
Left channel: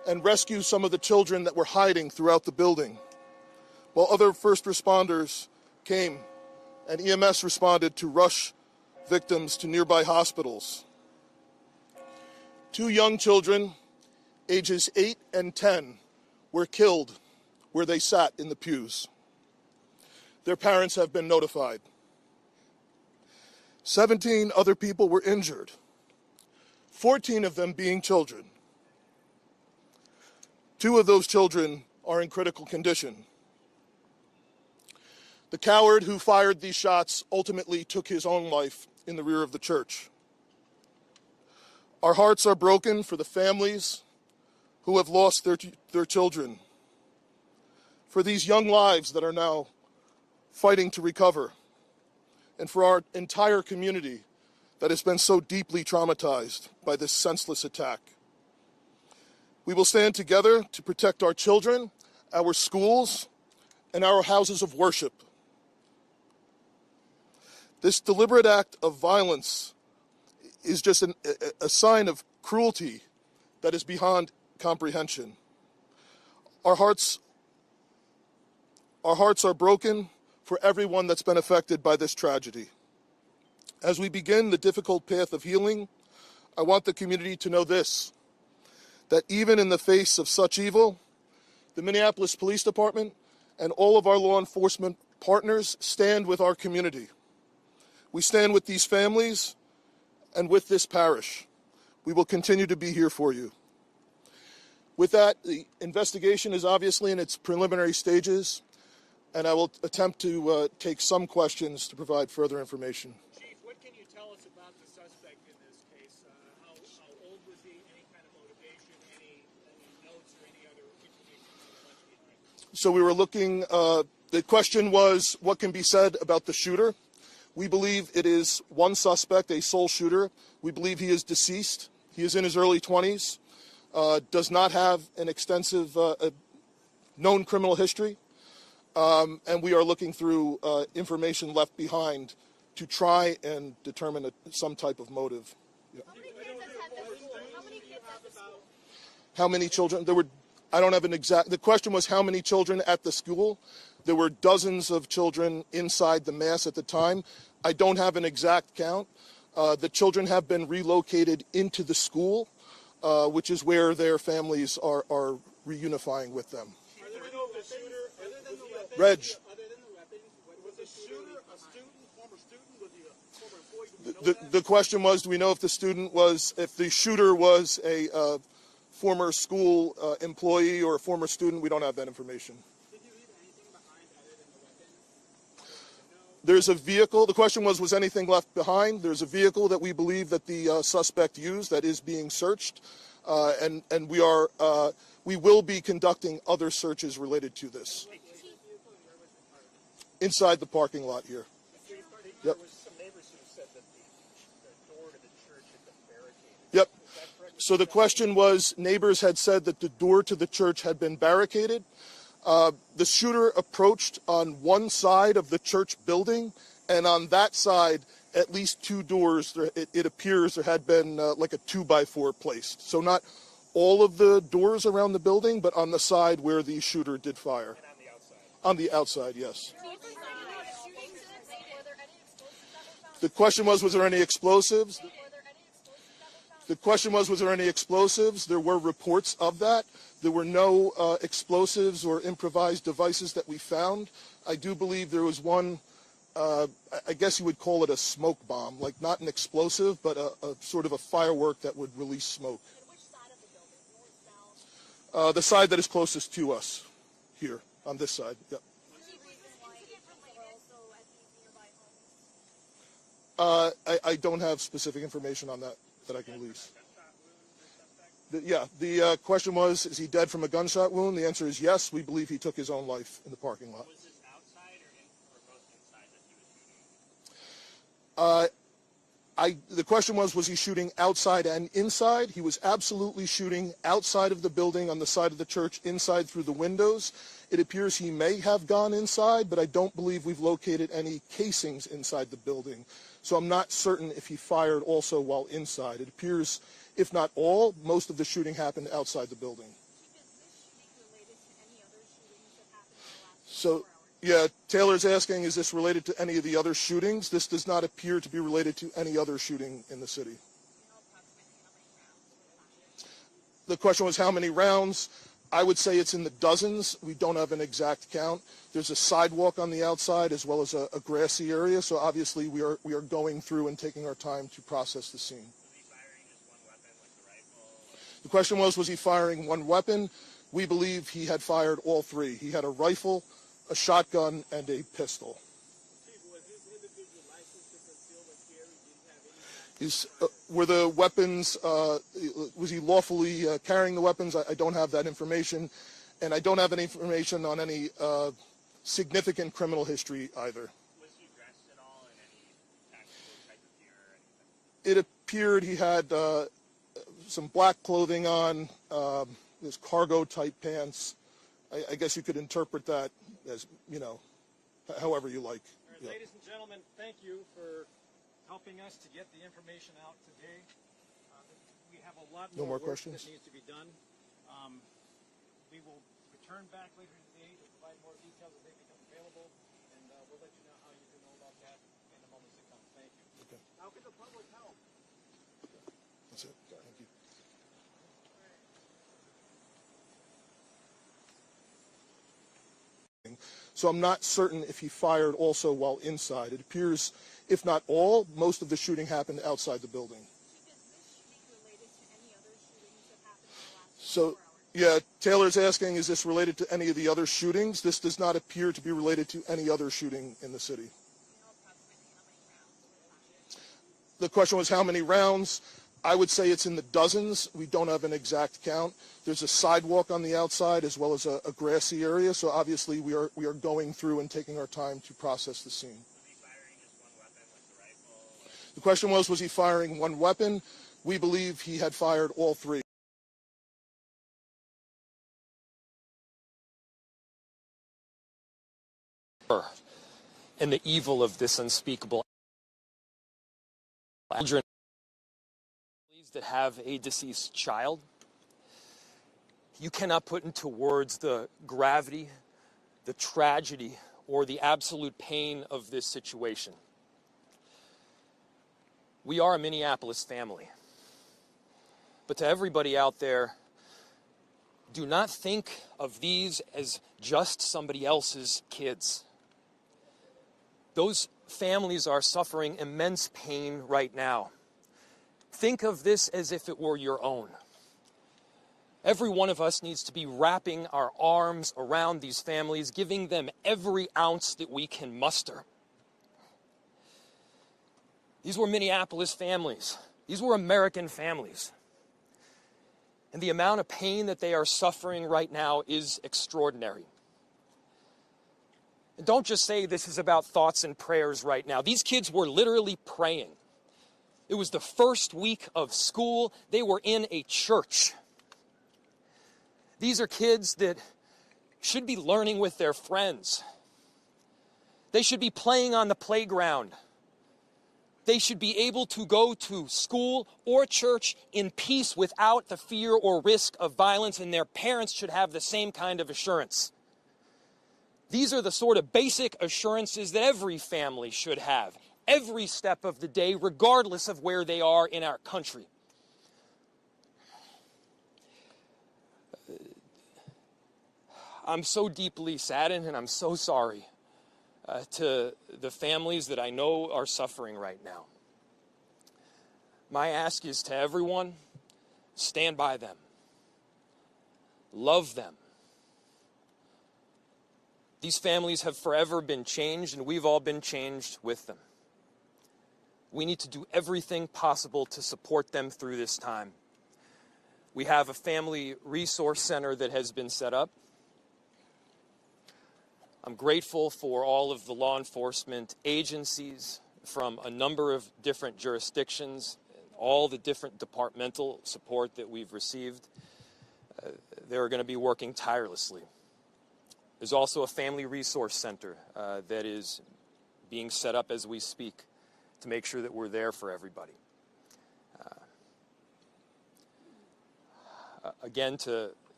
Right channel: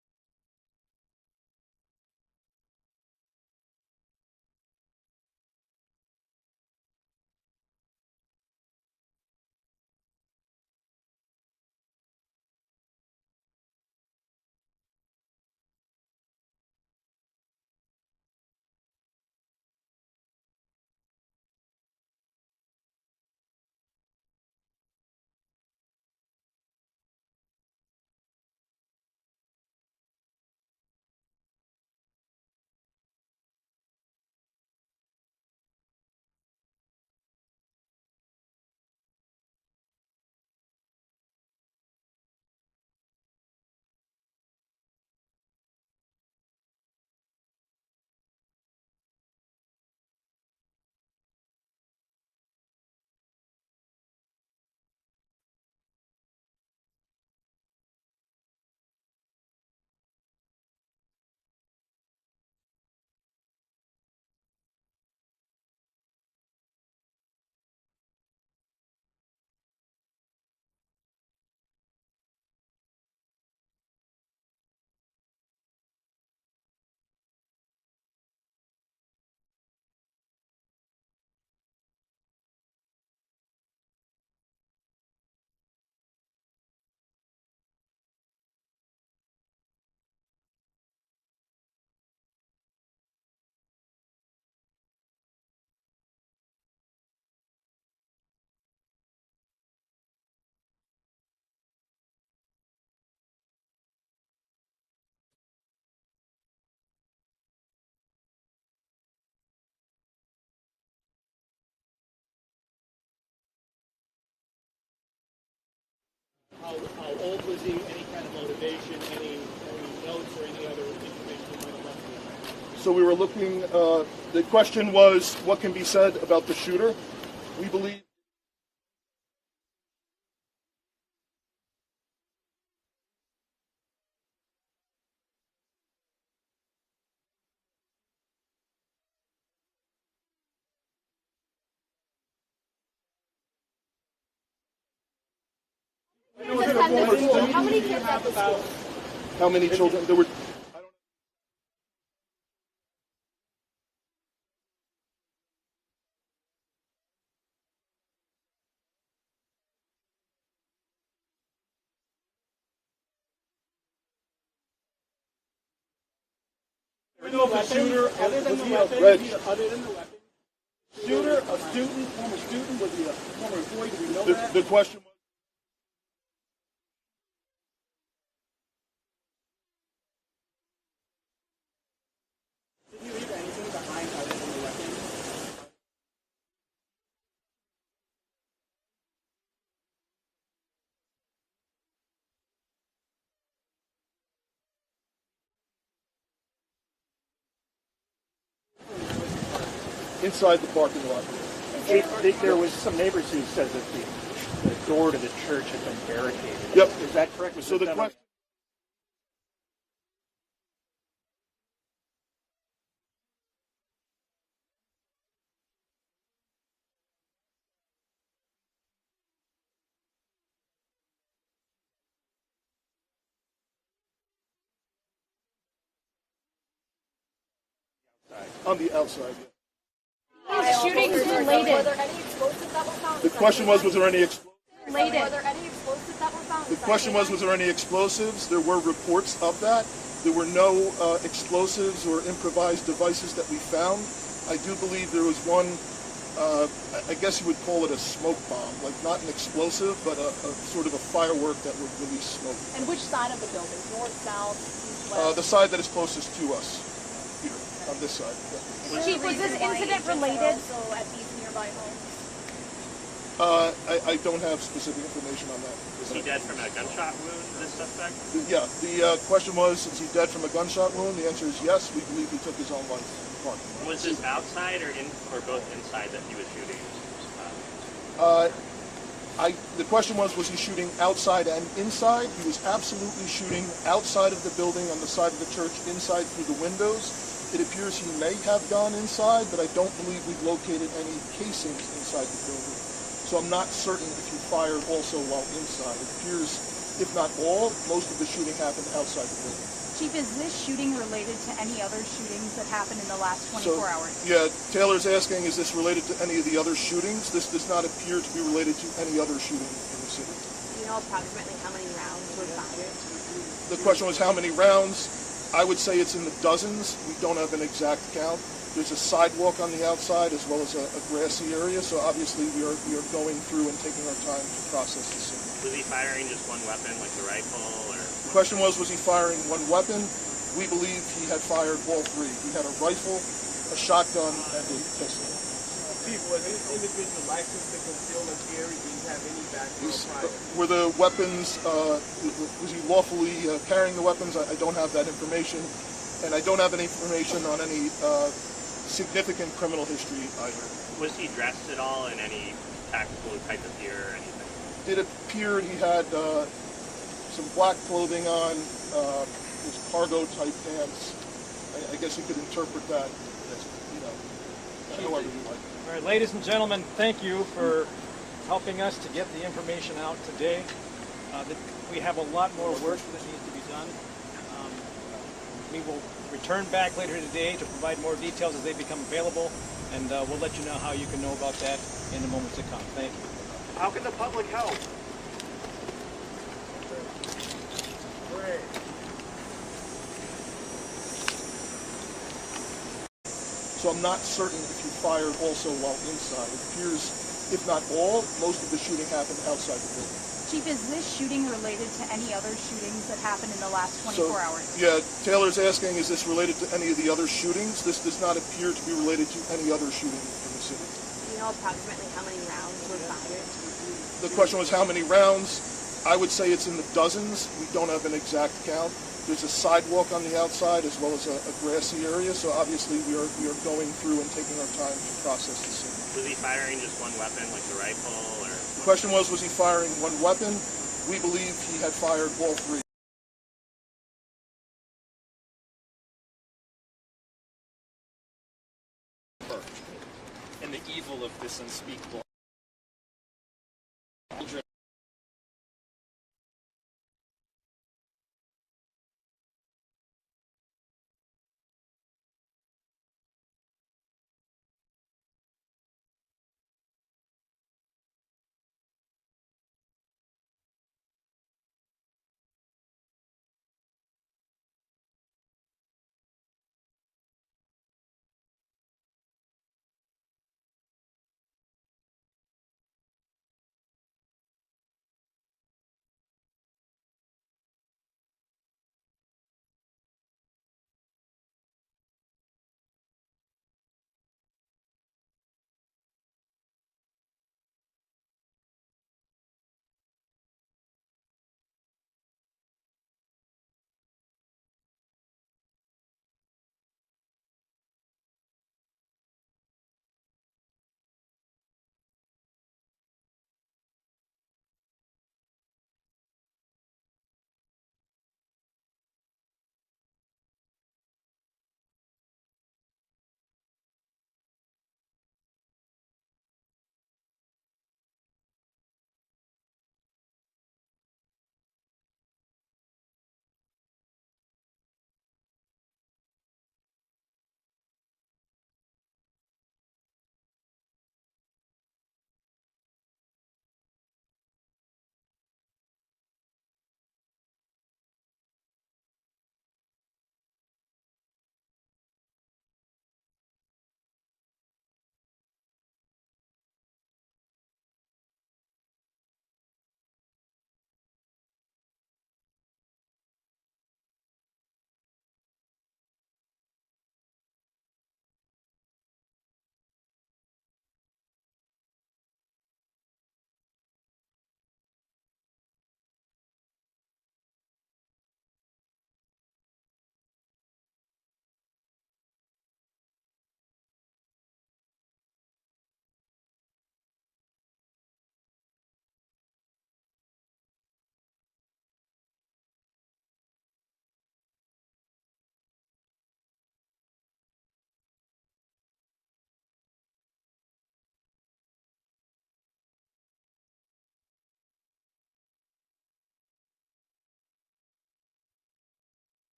and rescue some of the children that were hiding throughout the building, while other first responders came and EMS responded to rush victims to nearby hospitals. 2 young children, ages 8 and 10, were killed where they sat in the pews. Their parents have been notified. 17 other people were injured, 14 of them being children. 2 of those children are in critical condition. The coward who fired these shots ultimately took his own life in the rear of the church. Our hearts are broken for the families who have lost their children, for these young lives that are now fighting to recover, and for our entire community that has been so deeply traumatized by this senseless attack. We will stand together to protect our children, our schools, and our houses of worship. This deliberate act of violence is just a sign of cruelty that is beyond comprehension. Our hearts are broken for everyone that's been affected by this tragedy. As we begin the difficult path of healing, I want the community to know this, that even in the face of such evil, the Minneapolis Police Department and all of our law enforcement partners stand with our community. We stand with these families and with this parish. We will continue to be here for you. With that, the investigation is obviously in its preliminary stages, and I will attempt to take some questions to provide further information. Chief, what can you tell us about the suspect in this case? How old was he? Any kind of motivation? Any notes or any other information you might have left behind? So we were looking, the question was, what can be said about the shooter? We believe it is one suspect, a sole shooter. We believe he is deceased. He is in his early 20s, does not have an extensive known criminal history, and we are looking through information left behind to try and determine some type of motive. How many kids at the school? How many children? There were, I don't have an exact, the question was how many children at the school. There were dozens of children inside the mass at the time. I don't have an exact count. The children have been relocated into the school, which is where their families are reunifying with them. Other than the weapons, was the shooter a student, former student? Was he a former employee? Do we know that? The question was, do we know if the shooter was a former school employee or a former student? We don't have that information. Did you leave anything behind other than the weapons? There's a vehicle. The question was anything left behind? There's a vehicle that we believe that the suspect used that is being searched, and we will be conducting other searches related to this. Inside the parking lot here. There was some neighbors who said that the door to the church had been barricaded. Yep. Is that correct? So the question was, neighbors had said that the door to the church had been barricaded. The shooter approached on one side of the church building, and on that side, at least 2 doors, it appears there had been like a 2x4 placed. So not all of the doors around the building, but on the side where the shooter did fire. And on the outside? On the outside, yes. Shootings related. Were there any explosives that were found? The question was there any explosives? Were there any explosives that were found? The question was there any explosives? There were reports of that. There were no explosives or improvised devices that we found. I do believe there was one, I guess you would call it a smoke bomb, like not an explosive, but a sort of a firework that would release smoke. And which side of the building? North, south, east, west? The side that is closest to us, here, on this side. Yeah. Chief, was this incident related? Also at these nearby homes. I don't have specific information on that. Was he dead from a gunshot wound, this suspect? Yeah, the question was, is he dead from a gunshot wound? The answer is yes. We believe he took his own life in the parking lot. Was this outside or both inside that he was shooting? The question was he shooting outside and inside? He was absolutely shooting outside of the building, on the side of the church, inside through the windows. It appears he may have gone inside, but I don't believe we've located any casings inside the building. So I'm not certain if he fired also while inside. It appears, if not all, most of the shooting happened outside the building. Chief, is this shooting related to any other shootings that happened in the last 24 hours? Yeah, Taylor's asking, is this related to any of the other shootings? This does not appear to be related to any other shooting in the city. Do you know approximately how many rounds were fired? The question was how many rounds. I would say it's in the dozens. We don't have an exact count. There's a sidewalk on the outside as well as a grassy area, so obviously we are going through and taking our time to process the scene. Was he firing just one weapon, like the rifle, or? The question was he firing one weapon? We believe he had fired all three. He had a rifle, a shotgun, and a pistol. Chief, was this individual licensed to conceal and carry? Did he have any background prior? Were the weapons, was he lawfully carrying the weapons? I don't have that information. And I don't have any information on any significant criminal history either. Was he dressed at all in any tactical type of gear or anything? It appeared he had some black clothing on, his cargo type pants. I guess you could interpret that as, however you like. All right, ladies and gentlemen, thank you for helping us to get the information out today. We have a lot more work that needs to be done. We will return back later today to provide more details as they become available, and we'll let you know how you can know about that in the moments to come. Thank you. How can the public help? So I'm not certain if he fired also while inside. It appears, if not all, most of the shooting happened outside the building. Chief, is this shooting related to any other shootings that happened in the last 24 hours? Yeah, Taylor's asking, is this related to any of the other shootings? This does not appear to be related to any other shooting in the city. Do you know approximately how many rounds were fired? The question was how many rounds. I would say it's in the dozens. We don't have an exact count. There's a sidewalk on the outside as well as a grassy area, so obviously we are going through and taking our time to process the scene. Was he firing just one weapon, like the rifle, or? The question was he firing one weapon? We believe he had fired all three. And the evil of this unspeakable children that have a deceased child. You cannot put into words the gravity, the tragedy, or the absolute pain of this situation. We are a Minneapolis family. But to everybody out there, do not think of these as just somebody else's kids. Those families are suffering immense pain right now. Think of this as if it were your own. Every one of us needs to be wrapping our arms around these families, giving them every ounce that we can muster. These were Minneapolis families. These were American families. And the amount of pain that they are suffering right now is extraordinary. And don't just say this is about thoughts and prayers right now. These kids were literally praying. It was the first week of school. They were in a church. These are kids that should be learning with their friends. They should be playing on the playground. They should be able to go to school or church in peace without the fear or risk of violence, and their parents should have the same kind of assurance. These are the sort of basic assurances that every family should have, every step of the day, regardless of where they are in our country. I'm so deeply saddened, and I'm so sorry to the families that I know are suffering right now. My ask is to everyone, stand by them. Love them. These families have forever been changed, and we've all been changed with them. We need to do everything possible to support them through this time. We have a family resource center that has been set up. I'm grateful for all of the law enforcement agencies from a number of different jurisdictions, all the different departmental support that we've received. They're going to be working tirelessly. There's also a family resource center that is being set up as we speak to make sure that we're there for everybody. Again, to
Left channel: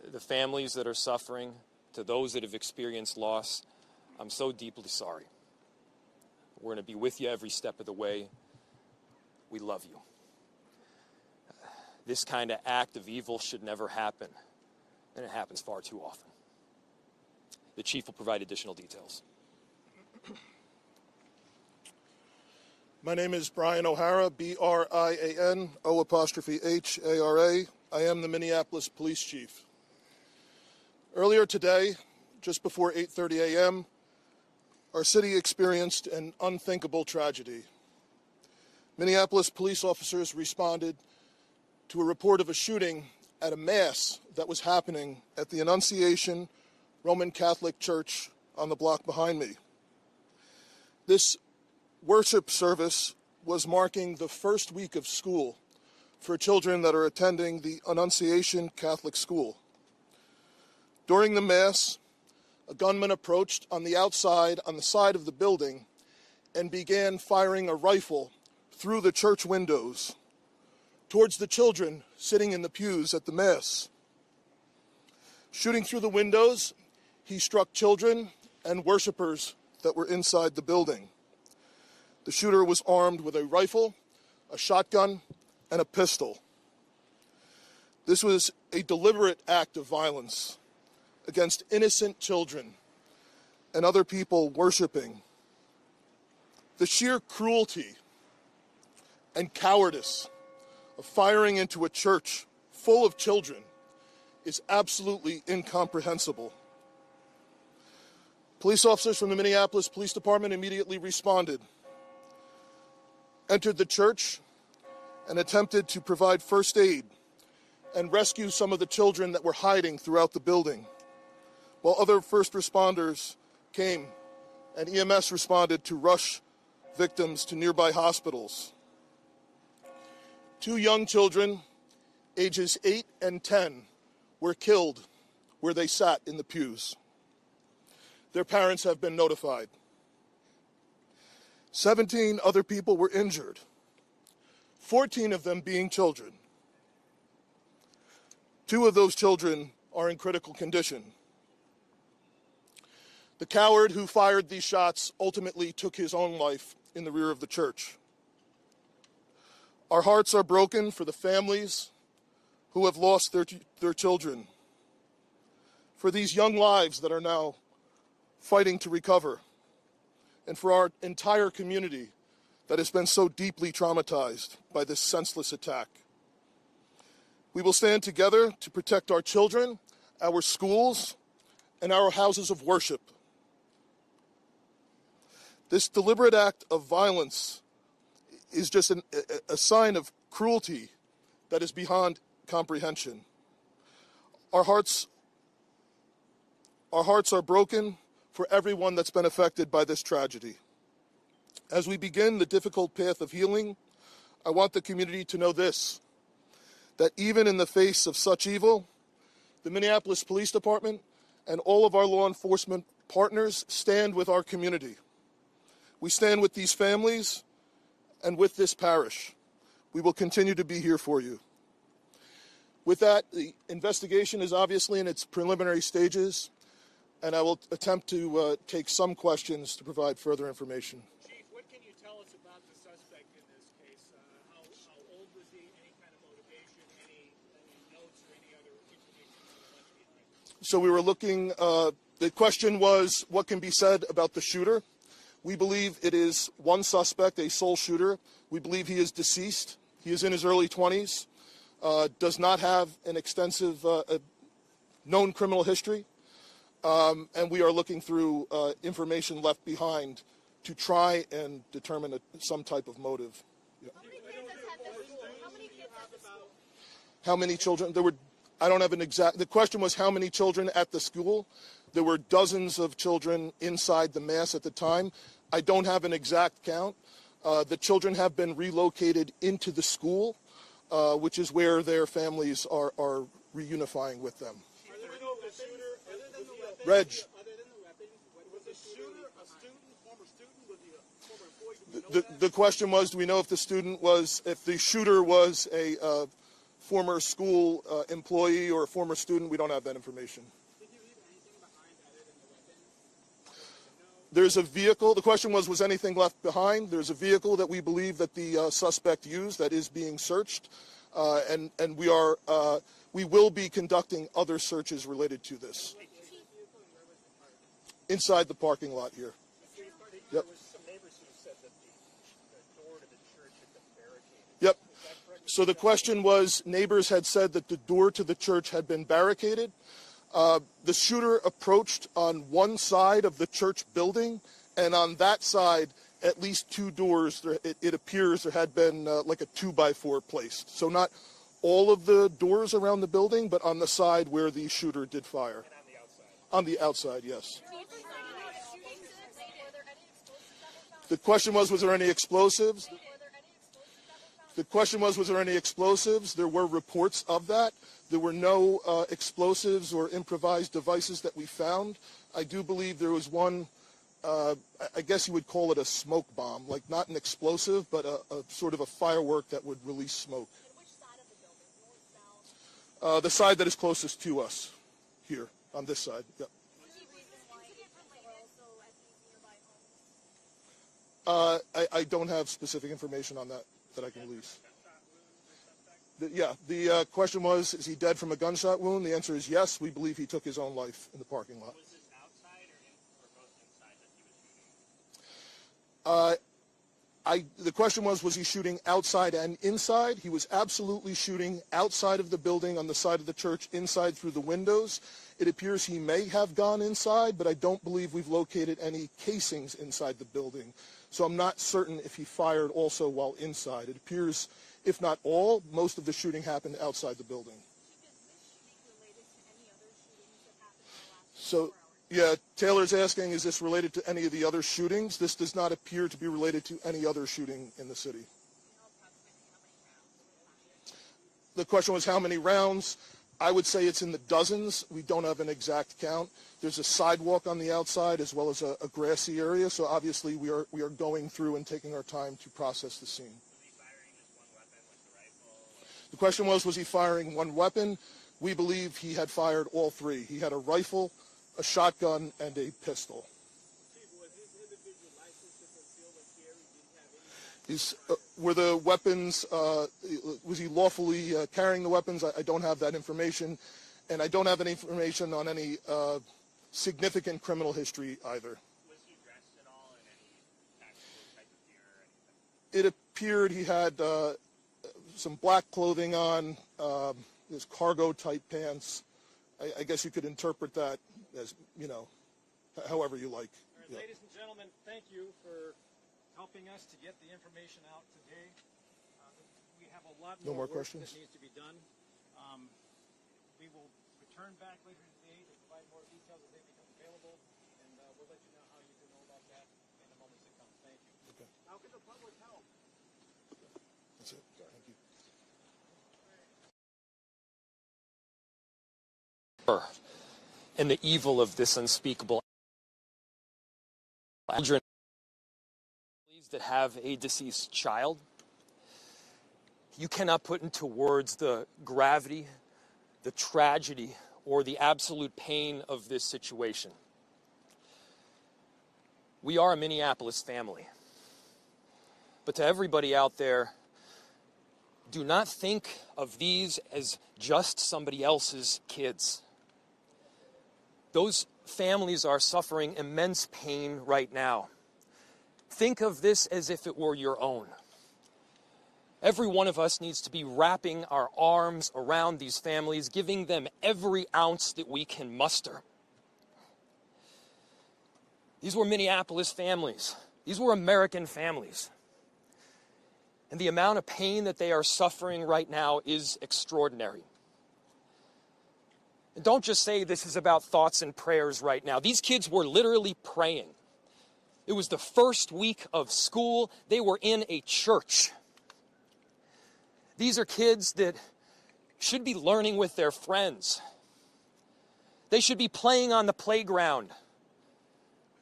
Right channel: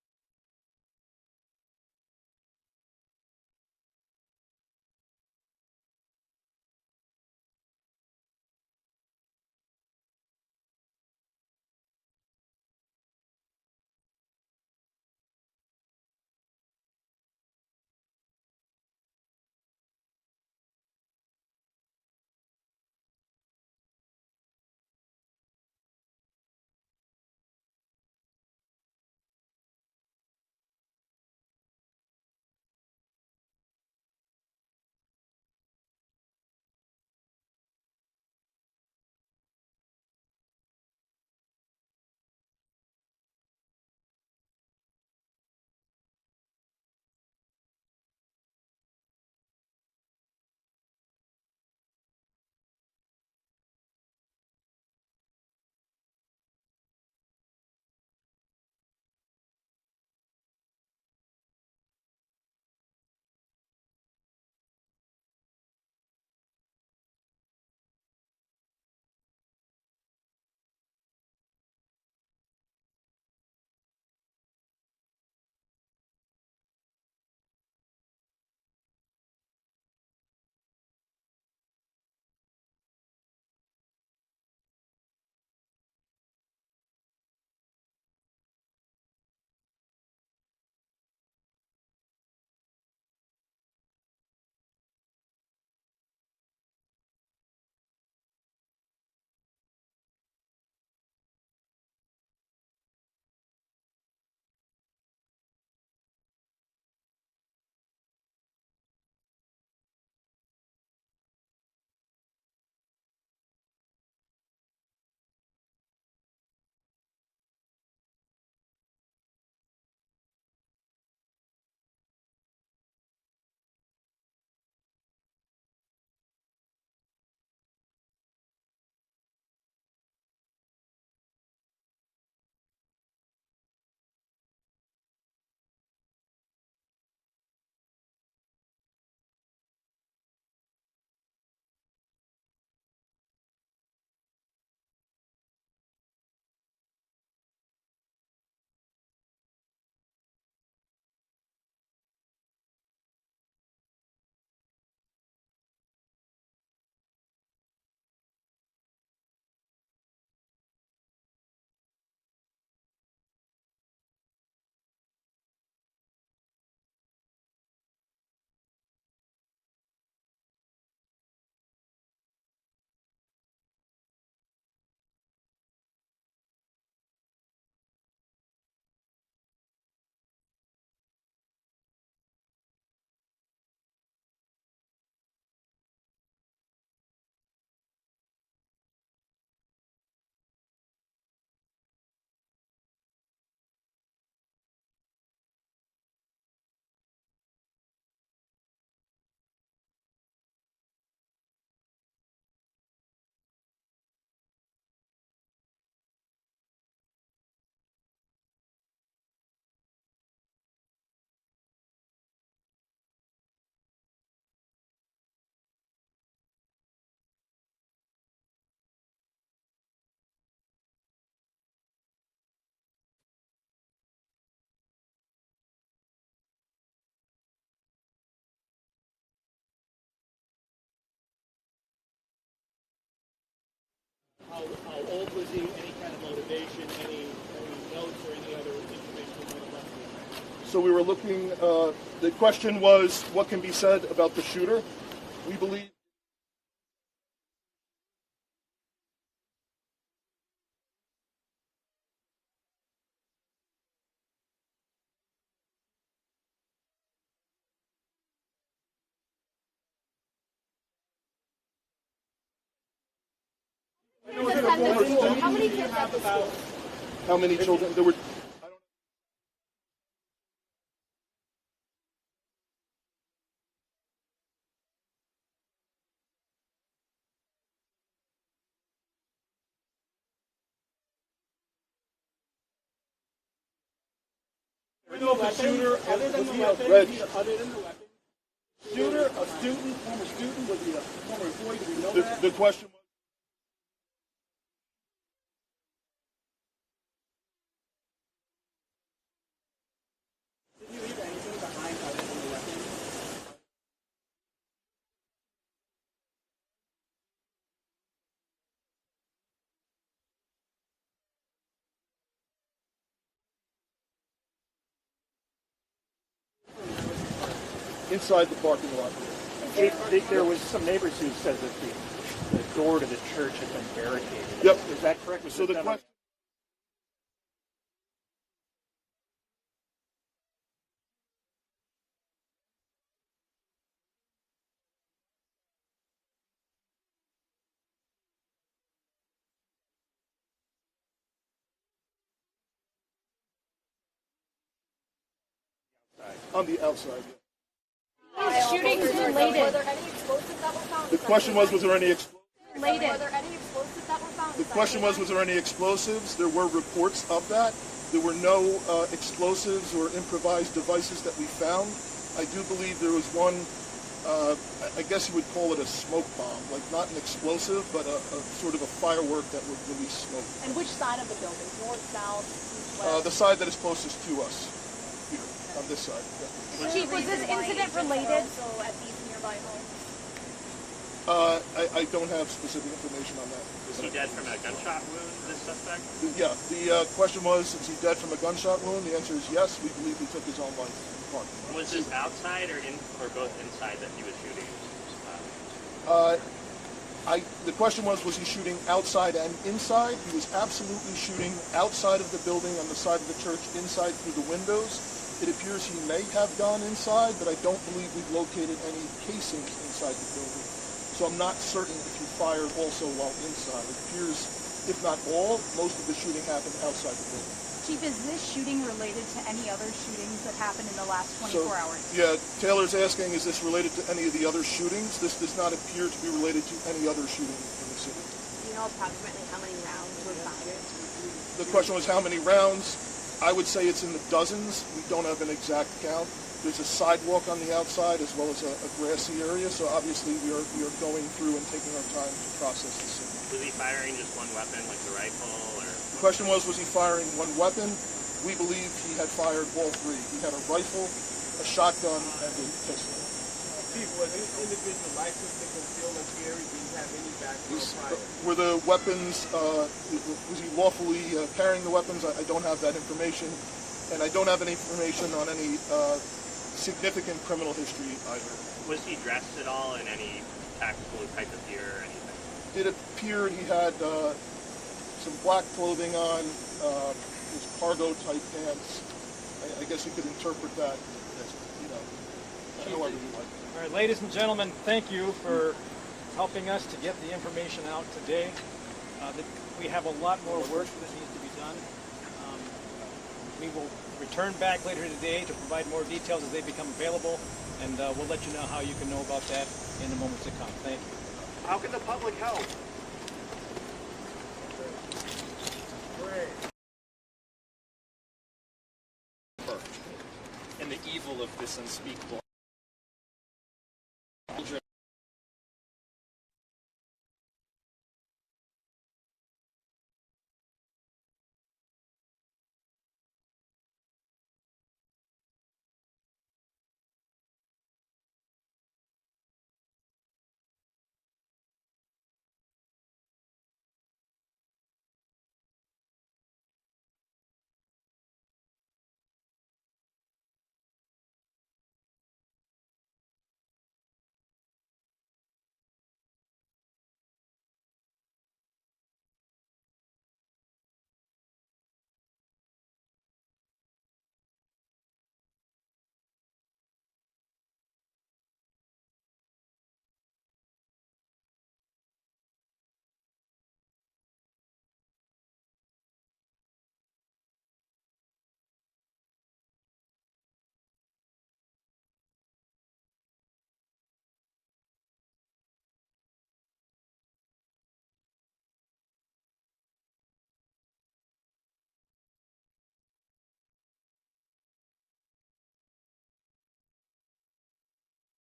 the families that are suffering, to those that have experienced loss, I'm so deeply sorry. We're going to be with you every step of the way. We love you. This kind of act of evil should never happen, and it happens far too often. The chief will provide additional details. My name is Brian O'Hara, B-R-I-A-N, O''H-A-R-A. I am the Minneapolis Police Chief. Earlier today, just before 8:30 a.m., our city experienced an unthinkable tragedy. Minneapolis police officers responded to a report of a shooting at a mass that was happening at the Annunciation Roman Catholic Church on the block behind me. This worship service was marking the first week of school for children that are attending the Annunciation Catholic School. During the Mass, a gunman approached on the outside, on the side of the building, and began firing a rifle through the church windows towards the children sitting in the pews at the Mass. Shooting through the windows, he struck children and worshipers that were inside the building. The shooter was armed with a rifle, a shotgun, and a pistol. This was a deliberate act of violence against innocent children and other people worshiping. The sheer cruelty and cowardice of firing into a church full of children is absolutely incomprehensible. Police officers from the Minneapolis Police Department immediately responded, entered the church, and attempted to provide first aid and rescue some of the children that were hiding throughout the building, while other first responders came and EMS responded to rush victims to nearby hospitals. 2 young children, ages 8 and 10, were killed where they sat in the pews. Their parents have been notified. 17 other people were injured, 14 of them being children. 2 of those children are in critical condition. The coward who fired these shots ultimately took his own life in the rear of the church. Our hearts are broken for the families who have lost their children, for these young lives that are now fighting to recover, and for our entire community that has been so deeply traumatized by this senseless attack. We will stand together to protect our children, our schools, and our houses of worship. This deliberate act of violence is just a sign of cruelty that is beyond comprehension. Our hearts are broken for everyone that's been affected by this tragedy. As we begin the difficult path of healing, I want the community to know this, that even in the face of such evil, the Minneapolis Police Department and all of our law enforcement partners stand with our community. We stand with these families and with this parish. We will continue to be here for you. With that, the investigation is obviously in its preliminary stages, and I will attempt to take some questions to provide further information. Chief, what can you tell us about the suspect in this case? How old was he? Any kind of motivation? Any notes or any other information we might have left behind? So we were looking, the question was, what can be said about the shooter? We believe it is one suspect, a sole shooter. We believe he is deceased. He is in his early 20s, does not have an extensive known criminal history. And we are looking through information left behind to try and determine some type of motive. Yeah. How many kids at the school? How many children? There were, I don't have an exact, the question was how many children at the school. There were dozens of children inside the Mass at the time. I don't have an exact count. The children have been relocated into the school, which is where their families are reunifying with them. We know the shooter, other than the weapons, was the shooter a student, former student, was he a former employee? Do we know that? The question was, do we know if the shooter was a former school employee or a former student. We don't have that information. Did you leave anything behind other than the weapon? There's a vehicle. The question was anything left behind? There's a vehicle that we believe that the suspect used that is being searched, and we will be conducting other searches related to this. Inside the parking lot here. There was some neighbors who said that the door to the church had been barricaded. Yep. Is that correct? So the question was, neighbors had said that the door to the church had been barricaded. The shooter approached on one side of the church building, and on that side, at least two doors, it appears there had been like a 2x4 placed. So not all of the doors around the building, but on the side where the shooter did fire. On the outside, yes. Shootings related. Were there any explosives that were found? The question was there any explosives? Related. Were there any explosives that were found? The question was there any explosives? There were reports of that. There were no explosives or improvised devices that we found. I do believe there was one, I guess you would call it a smoke bomb, like not an explosive, but a sort of a firework that would release smoke. And which side of the building? North, south, east, west? The side that is closest to us, here, on this side. Yeah. Chief, was this incident related? So at these nearby homes. I don't have specific information on that. Was he dead from a gunshot wound, this suspect? Yeah, the question was, is he dead from a gunshot wound? The answer is yes. We believe he took his own life in the parking lot. Was this outside or both inside that he was shooting? The question was he shooting outside and inside? He was absolutely shooting outside of the building on the side of the church, inside through the windows. It appears he may have gone inside, but I don't believe we've located any casings inside the building. So I'm not certain if he fired also while inside. It appears, if not all, most of the shooting happened outside the building. Chief, is this shooting related to any other shootings that happened in the last 24 hours? Yeah, Taylor's asking, is this related to any of the other shootings? This does not appear to be related to any other shooting in the city. Do you know approximately how many rounds were fired? The question was how many rounds? I would say it's in the dozens. We don't have an exact count. There's a sidewalk on the outside as well as a grassy area, so obviously we are going through and taking our time to process the scene. Was he firing just one weapon, like the rifle, or? The question was he firing one weapon? We believe he had fired all three. He had a rifle, a shotgun, and a pistol. Chief, was this individual licensed to conceal and carry? Did he have any background prior? Were the weapons, was he lawfully carrying the weapons? I don't have that information, and I don't have any information on any significant criminal history either. Was he dressed at all in any tactical type of gear or anything? It appeared he had some black clothing on, his cargo type pants. I guess you could interpret that as, however you like. All right, ladies and gentlemen, thank you for helping us to get the information out today. We have a lot more work that needs to be done. We will return back later today to provide more details as they become available, and we'll let you know how you can know about that in the moments to come. Thank you. How can the public help? And the evil of this unspeakable children that have a deceased child. You cannot put into words the gravity, the tragedy, or the absolute pain of this situation. We are a Minneapolis family. But to everybody out there, do not think of these as just somebody else's kids. Those families are suffering immense pain right now. Think of this as if it were your own. Every one of us needs to be wrapping our arms around these families, giving them every ounce that we can muster. These were Minneapolis families. These were American families. And the amount of pain that they are suffering right now is extraordinary. And don't just say this is about thoughts and prayers right now. These kids were literally praying. It was the first week of school. They were in a church. These are kids that should be learning with their friends. They should be playing on the playground.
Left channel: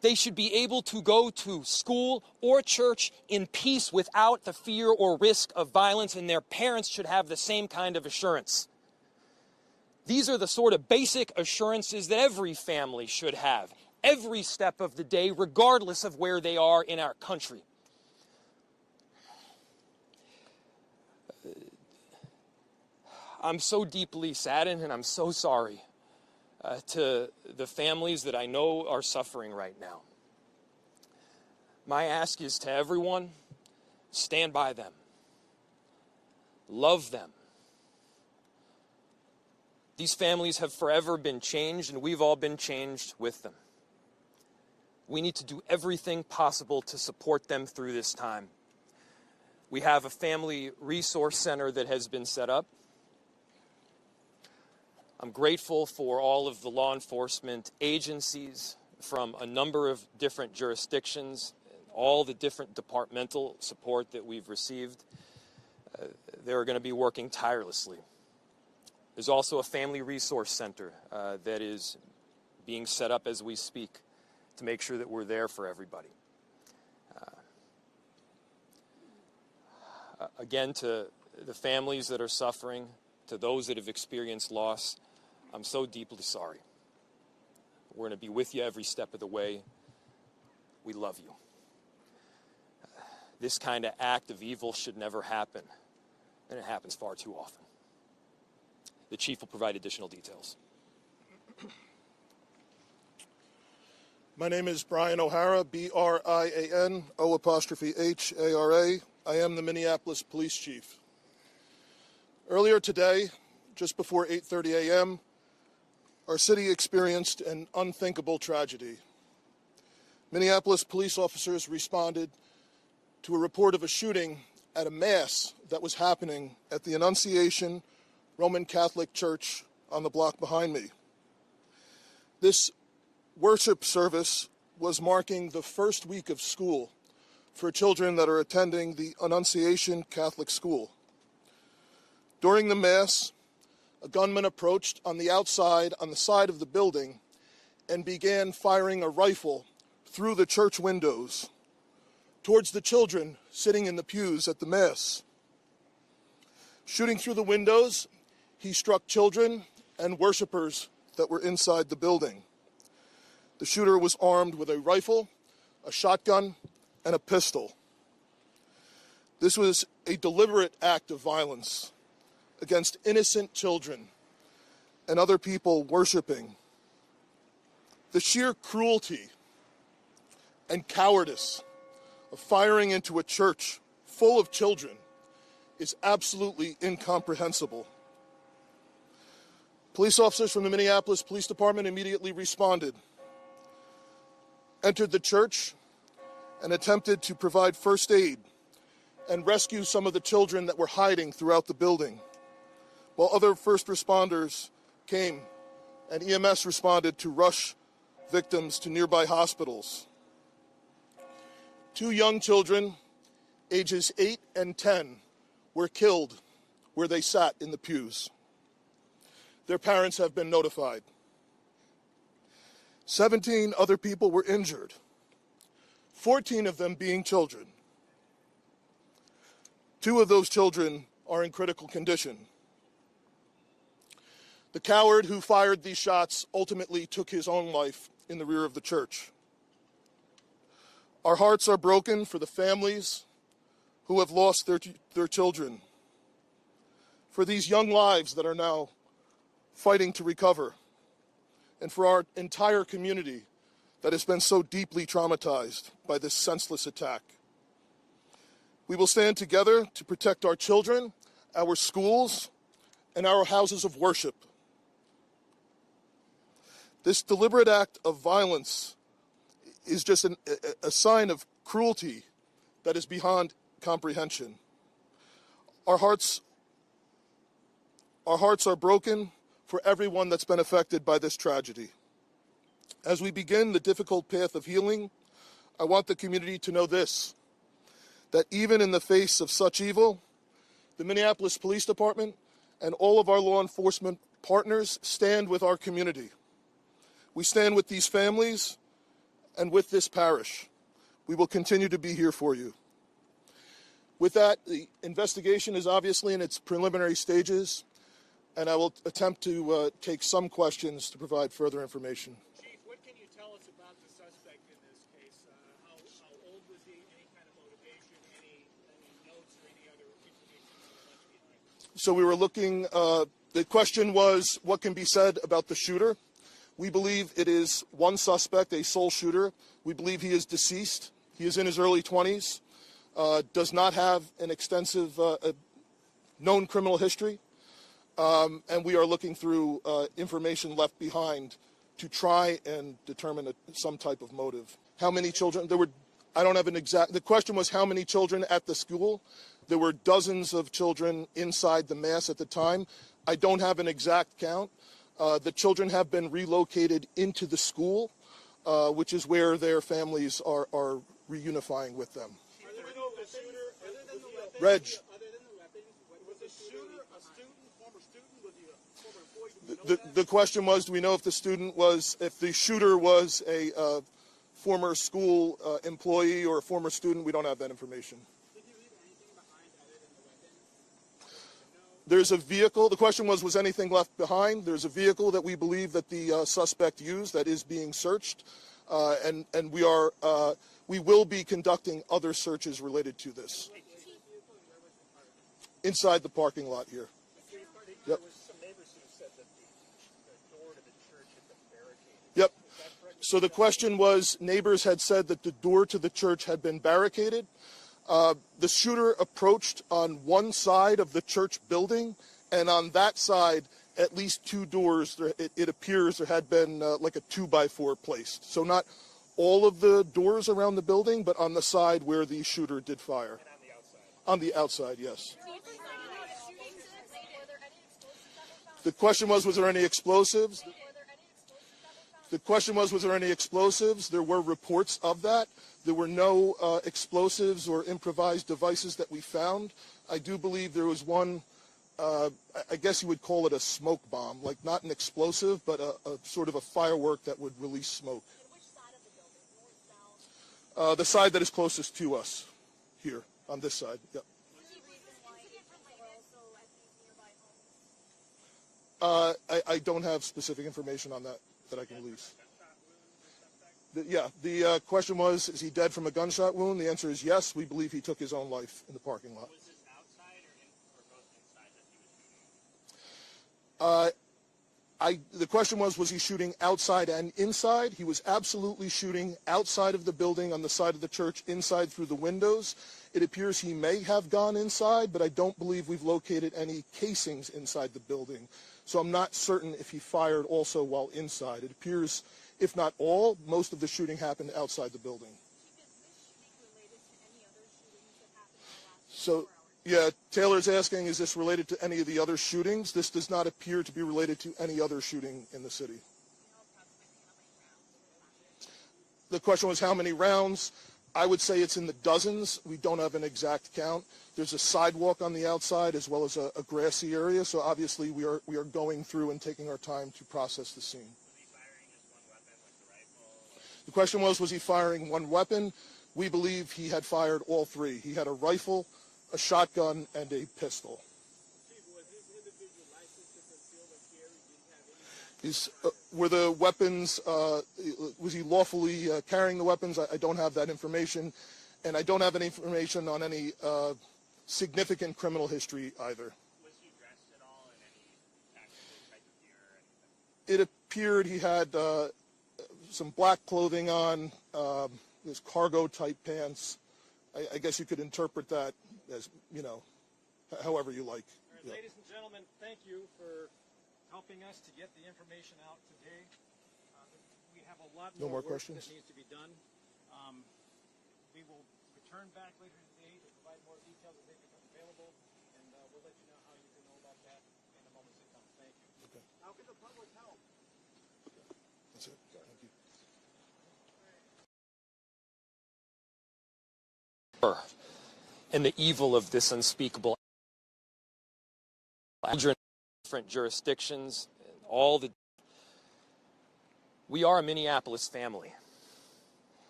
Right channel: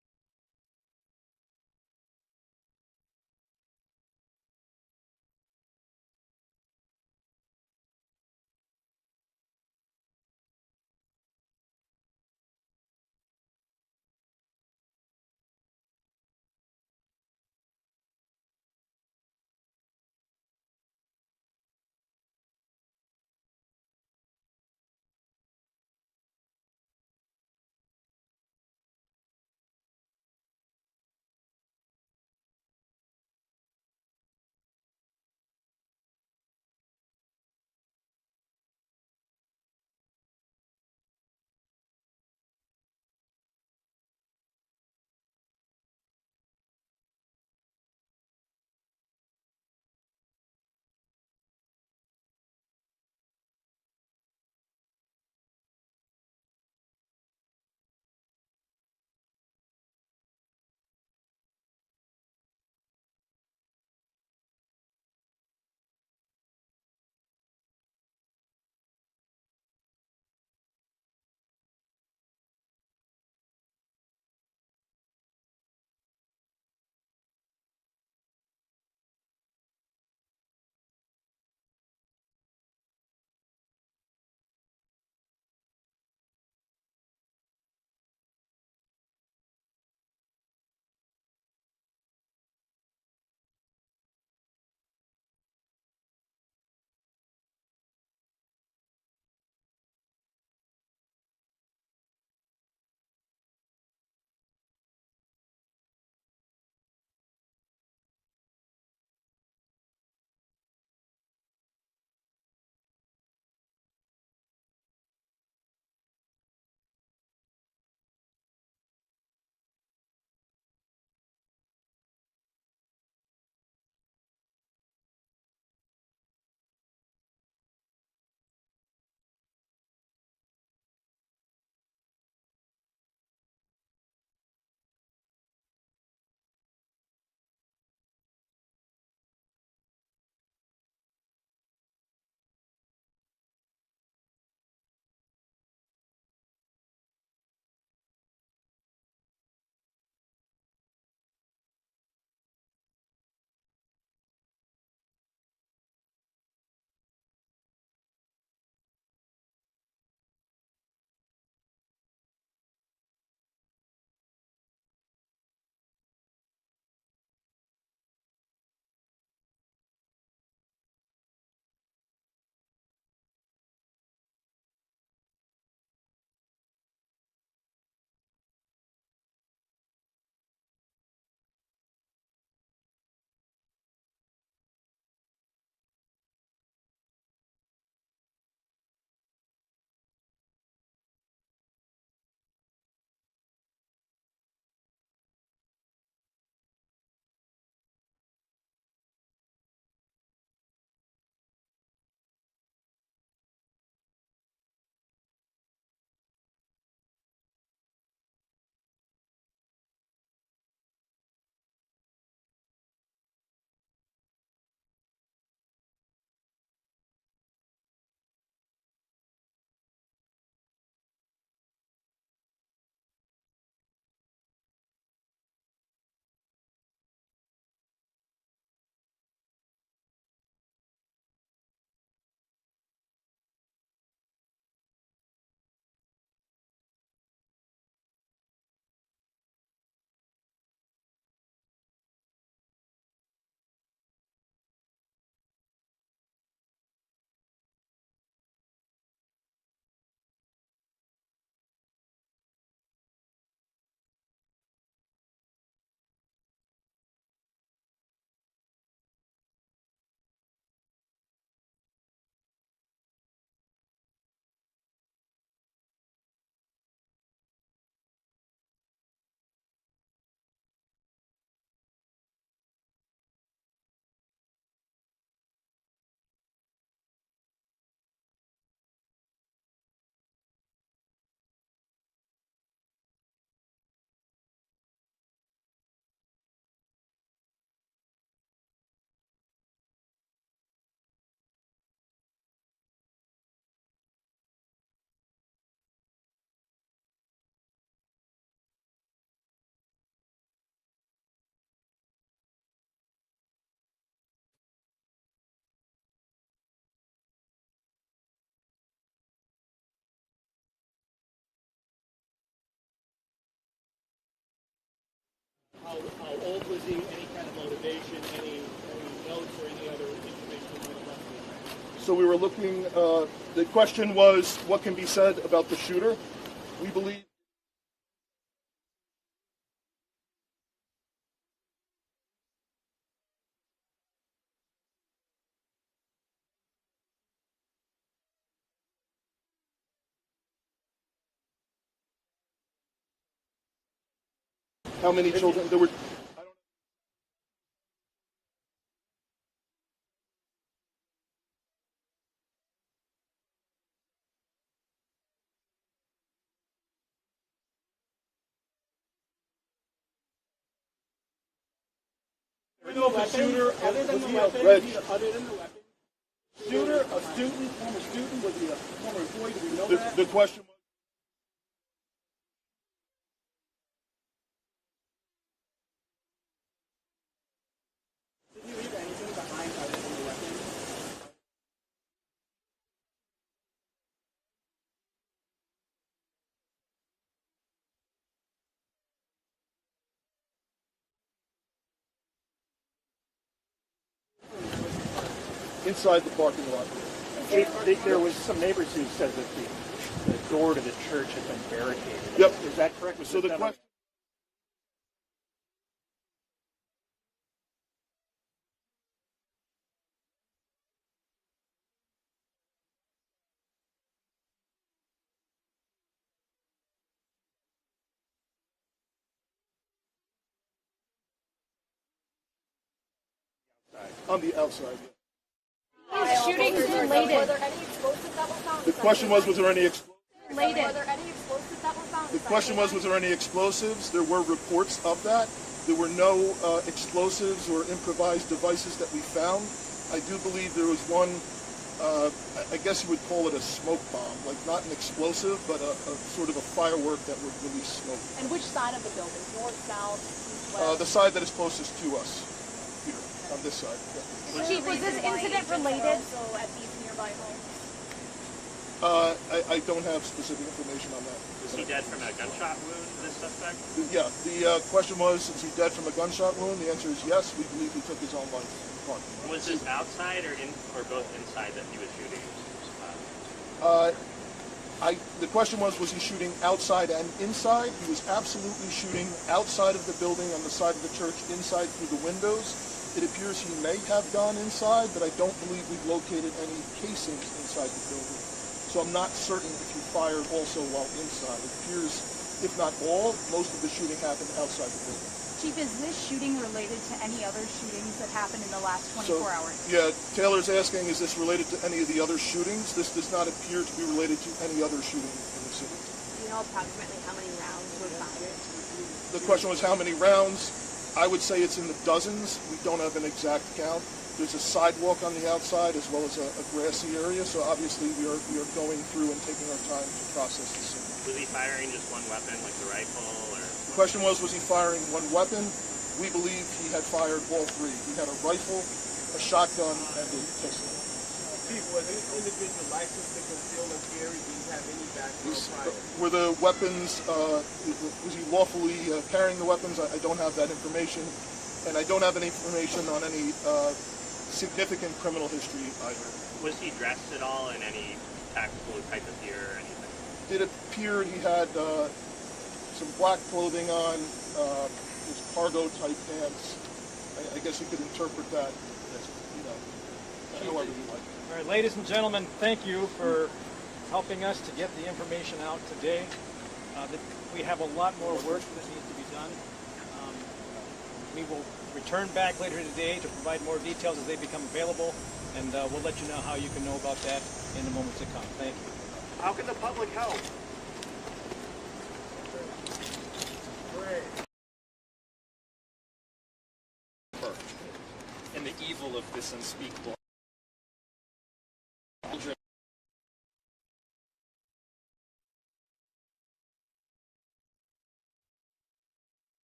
They should be able to go to school or church in peace without the fear or risk of violence, and their parents should have the same kind of assurance. These are the sort of basic assurances that every family should have, every step of the day, regardless of where they are in our country. I'm so deeply saddened, and I'm so sorry to the families that I know are suffering right now. My ask is to everyone, stand by them. Love them. These families have forever been changed, and we've all been changed with them. We need to do everything possible to support them through this time. We have a family resource center that has been set up. I'm grateful for all of the law enforcement agencies from a number of different jurisdictions, all the different departmental support that we've received. They're going to be working tirelessly. There's also a family resource center that is being set up as we speak to make sure that we're there for everybody. Again, to the families that are suffering, to those that have experienced loss, I'm so deeply sorry. We're going to be with you every step of the way. We love you. This kind of act of evil should never happen, and it happens far too often. The chief will provide additional details. My name is Brian O'Hara, B-R-I-A-N, O''H-A-R-A. I am the Minneapolis Police Chief. Earlier today, just before 8:30 a.m., our city experienced an unthinkable tragedy. Minneapolis police officers responded to a report of a shooting at a mass that was happening at the Annunciation Roman Catholic Church on the block behind me. This worship service was marking the first week of school for children that are attending the Annunciation Catholic School. During the Mass, a gunman approached on the outside, on the side of the building, and began firing a rifle through the church windows towards the children sitting in the pews at the Mass. Shooting through the windows, he struck children and worshipers that were inside the building. The shooter was armed with a rifle, a shotgun, and a pistol. This was a deliberate act of violence against innocent children and other people worshiping. The sheer cruelty and cowardice of firing into a church full of children is absolutely incomprehensible. Police officers from the Minneapolis Police Department immediately responded, entered the church, and attempted to provide first aid and rescue some of the children that were hiding throughout the building, while other first responders came and EMS responded to rush victims to nearby hospitals. 2 young children, ages 8 and 10, were killed where they sat in the pews. Their parents have been notified. 17 other people were injured, 14 of them being children. 2 of those children are in critical condition. The coward who fired these shots ultimately took his own life in the rear of the church. Our hearts are broken for the families who have lost their children, for these young lives that are now fighting to recover, and for our entire community that has been so deeply traumatized by this senseless attack. We will stand together to protect our children, our schools, and our houses of worship. This deliberate act of violence is just a sign of cruelty that is beyond comprehension. Our hearts are broken for everyone that's been affected by this tragedy. As we begin the difficult path of healing, I want the community to know this, that even in the face of such evil, the Minneapolis Police Department and all of our law enforcement partners stand with our community. We stand with these families and with this parish. We will continue to be here for you. With that, the investigation is obviously in its preliminary stages, and I will attempt to take some questions to provide further information. Chief, what can you tell us about the suspect in this case? How old was he? Any kind of motivation? Any notes or any other information you might have left behind? So we were looking, the question was, what can be said about the shooter? We believe it is one suspect, a sole shooter. We believe he is deceased. He is in his early 20s, does not have an extensive known criminal history, and we are looking through information left behind to try and determine some type of motive. How many children? I don't have an exact, the question was how many children at the school? There were dozens of children inside the mass at the time. I don't have an exact count. The children have been relocated into the school, which is where their families are reunifying with them. Shooter, other than the weapon, Reg. other than the weapon, was the shooter a student, former student? Was he a former employee? Do we know that? The question was, do we know if the shooter was a former school employee or a former student? We don't have that information. Did he leave anything behind other than the weapon? There's a vehicle. The question was anything left behind? There's a vehicle that we believe that the suspect used that is being searched, and we will be conducting other searches related to this. Inside the parking lot here. There was some neighbors who said that the door to the church had been barricaded. Yep. Is that correct? So the question was, neighbors had said that the door to the church had been barricaded. The shooter approached on one side of the church building, and on that side, at least two doors, it appears there had been like a 2x4 placed. So not all of the doors around the building, but on the side where the shooter did fire. On the outside, yes. Shootings related. Were there any explosives that were found? The question was there any explosives? Were there any explosives that were found? The question was there any explosives? There were reports of that. There were no explosives or improvised devices that we found. I do believe there was one, I guess you would call it a smoke bomb, like not an explosive, but a sort of a firework that would release smoke. And which side of the building? North, south, east, west? The side that is closest to us, here, on this side. Yeah. Chief, was this incident related? Also at these nearby homes? I don't have specific information on that. Was he dead from a gunshot wound, this suspect? Yeah, the question was, is he dead from a gunshot wound? The answer is yes. We believe he took his own life in the parking lot. Was this outside or both inside that he was shooting? The question was he shooting outside and inside? He was absolutely shooting outside of the building, on the side of the church, inside through the windows. It appears he may have gone inside, but I don't believe we've located any casings inside the building. So I'm not certain if he fired also while inside. It appears, if not all, most of the shooting happened outside the building. Chief, is this shooting related to any other shootings that happened in the last 24 hours? Yeah, Taylor's asking, is this related to any of the other shootings? This does not appear to be related to any other shooting in the city. Do you know approximately how many rounds were fired? The question was how many rounds? I would say it's in the dozens. We don't have an exact count. There's a sidewalk on the outside as well as a grassy area, so obviously we are going through and taking our time to process the scene. Was he firing just one weapon, like the rifle, or? The question was he firing one weapon? We believe he had fired all three. He had a rifle, a shotgun, and a pistol. Chief, was this individual licensed to conceal and carry? Did he have any background? Were the weapons, was he lawfully carrying the weapons? I don't have that information. And I don't have any information on any significant criminal history either. Was he dressed at all in any tactical type of gear or anything? It appeared he had some black clothing on, his cargo type pants. I guess you could interpret that as, however you like. All right, ladies and gentlemen, thank you for helping us to get the information out today. We have a lot more work that needs to be done. We will return back later today to provide more details as they become available, and we'll let you know how you can know about that in the moments to come. Thank you. How can the public help? And the evil of this unspeakable children in different jurisdictions, we are a Minneapolis family.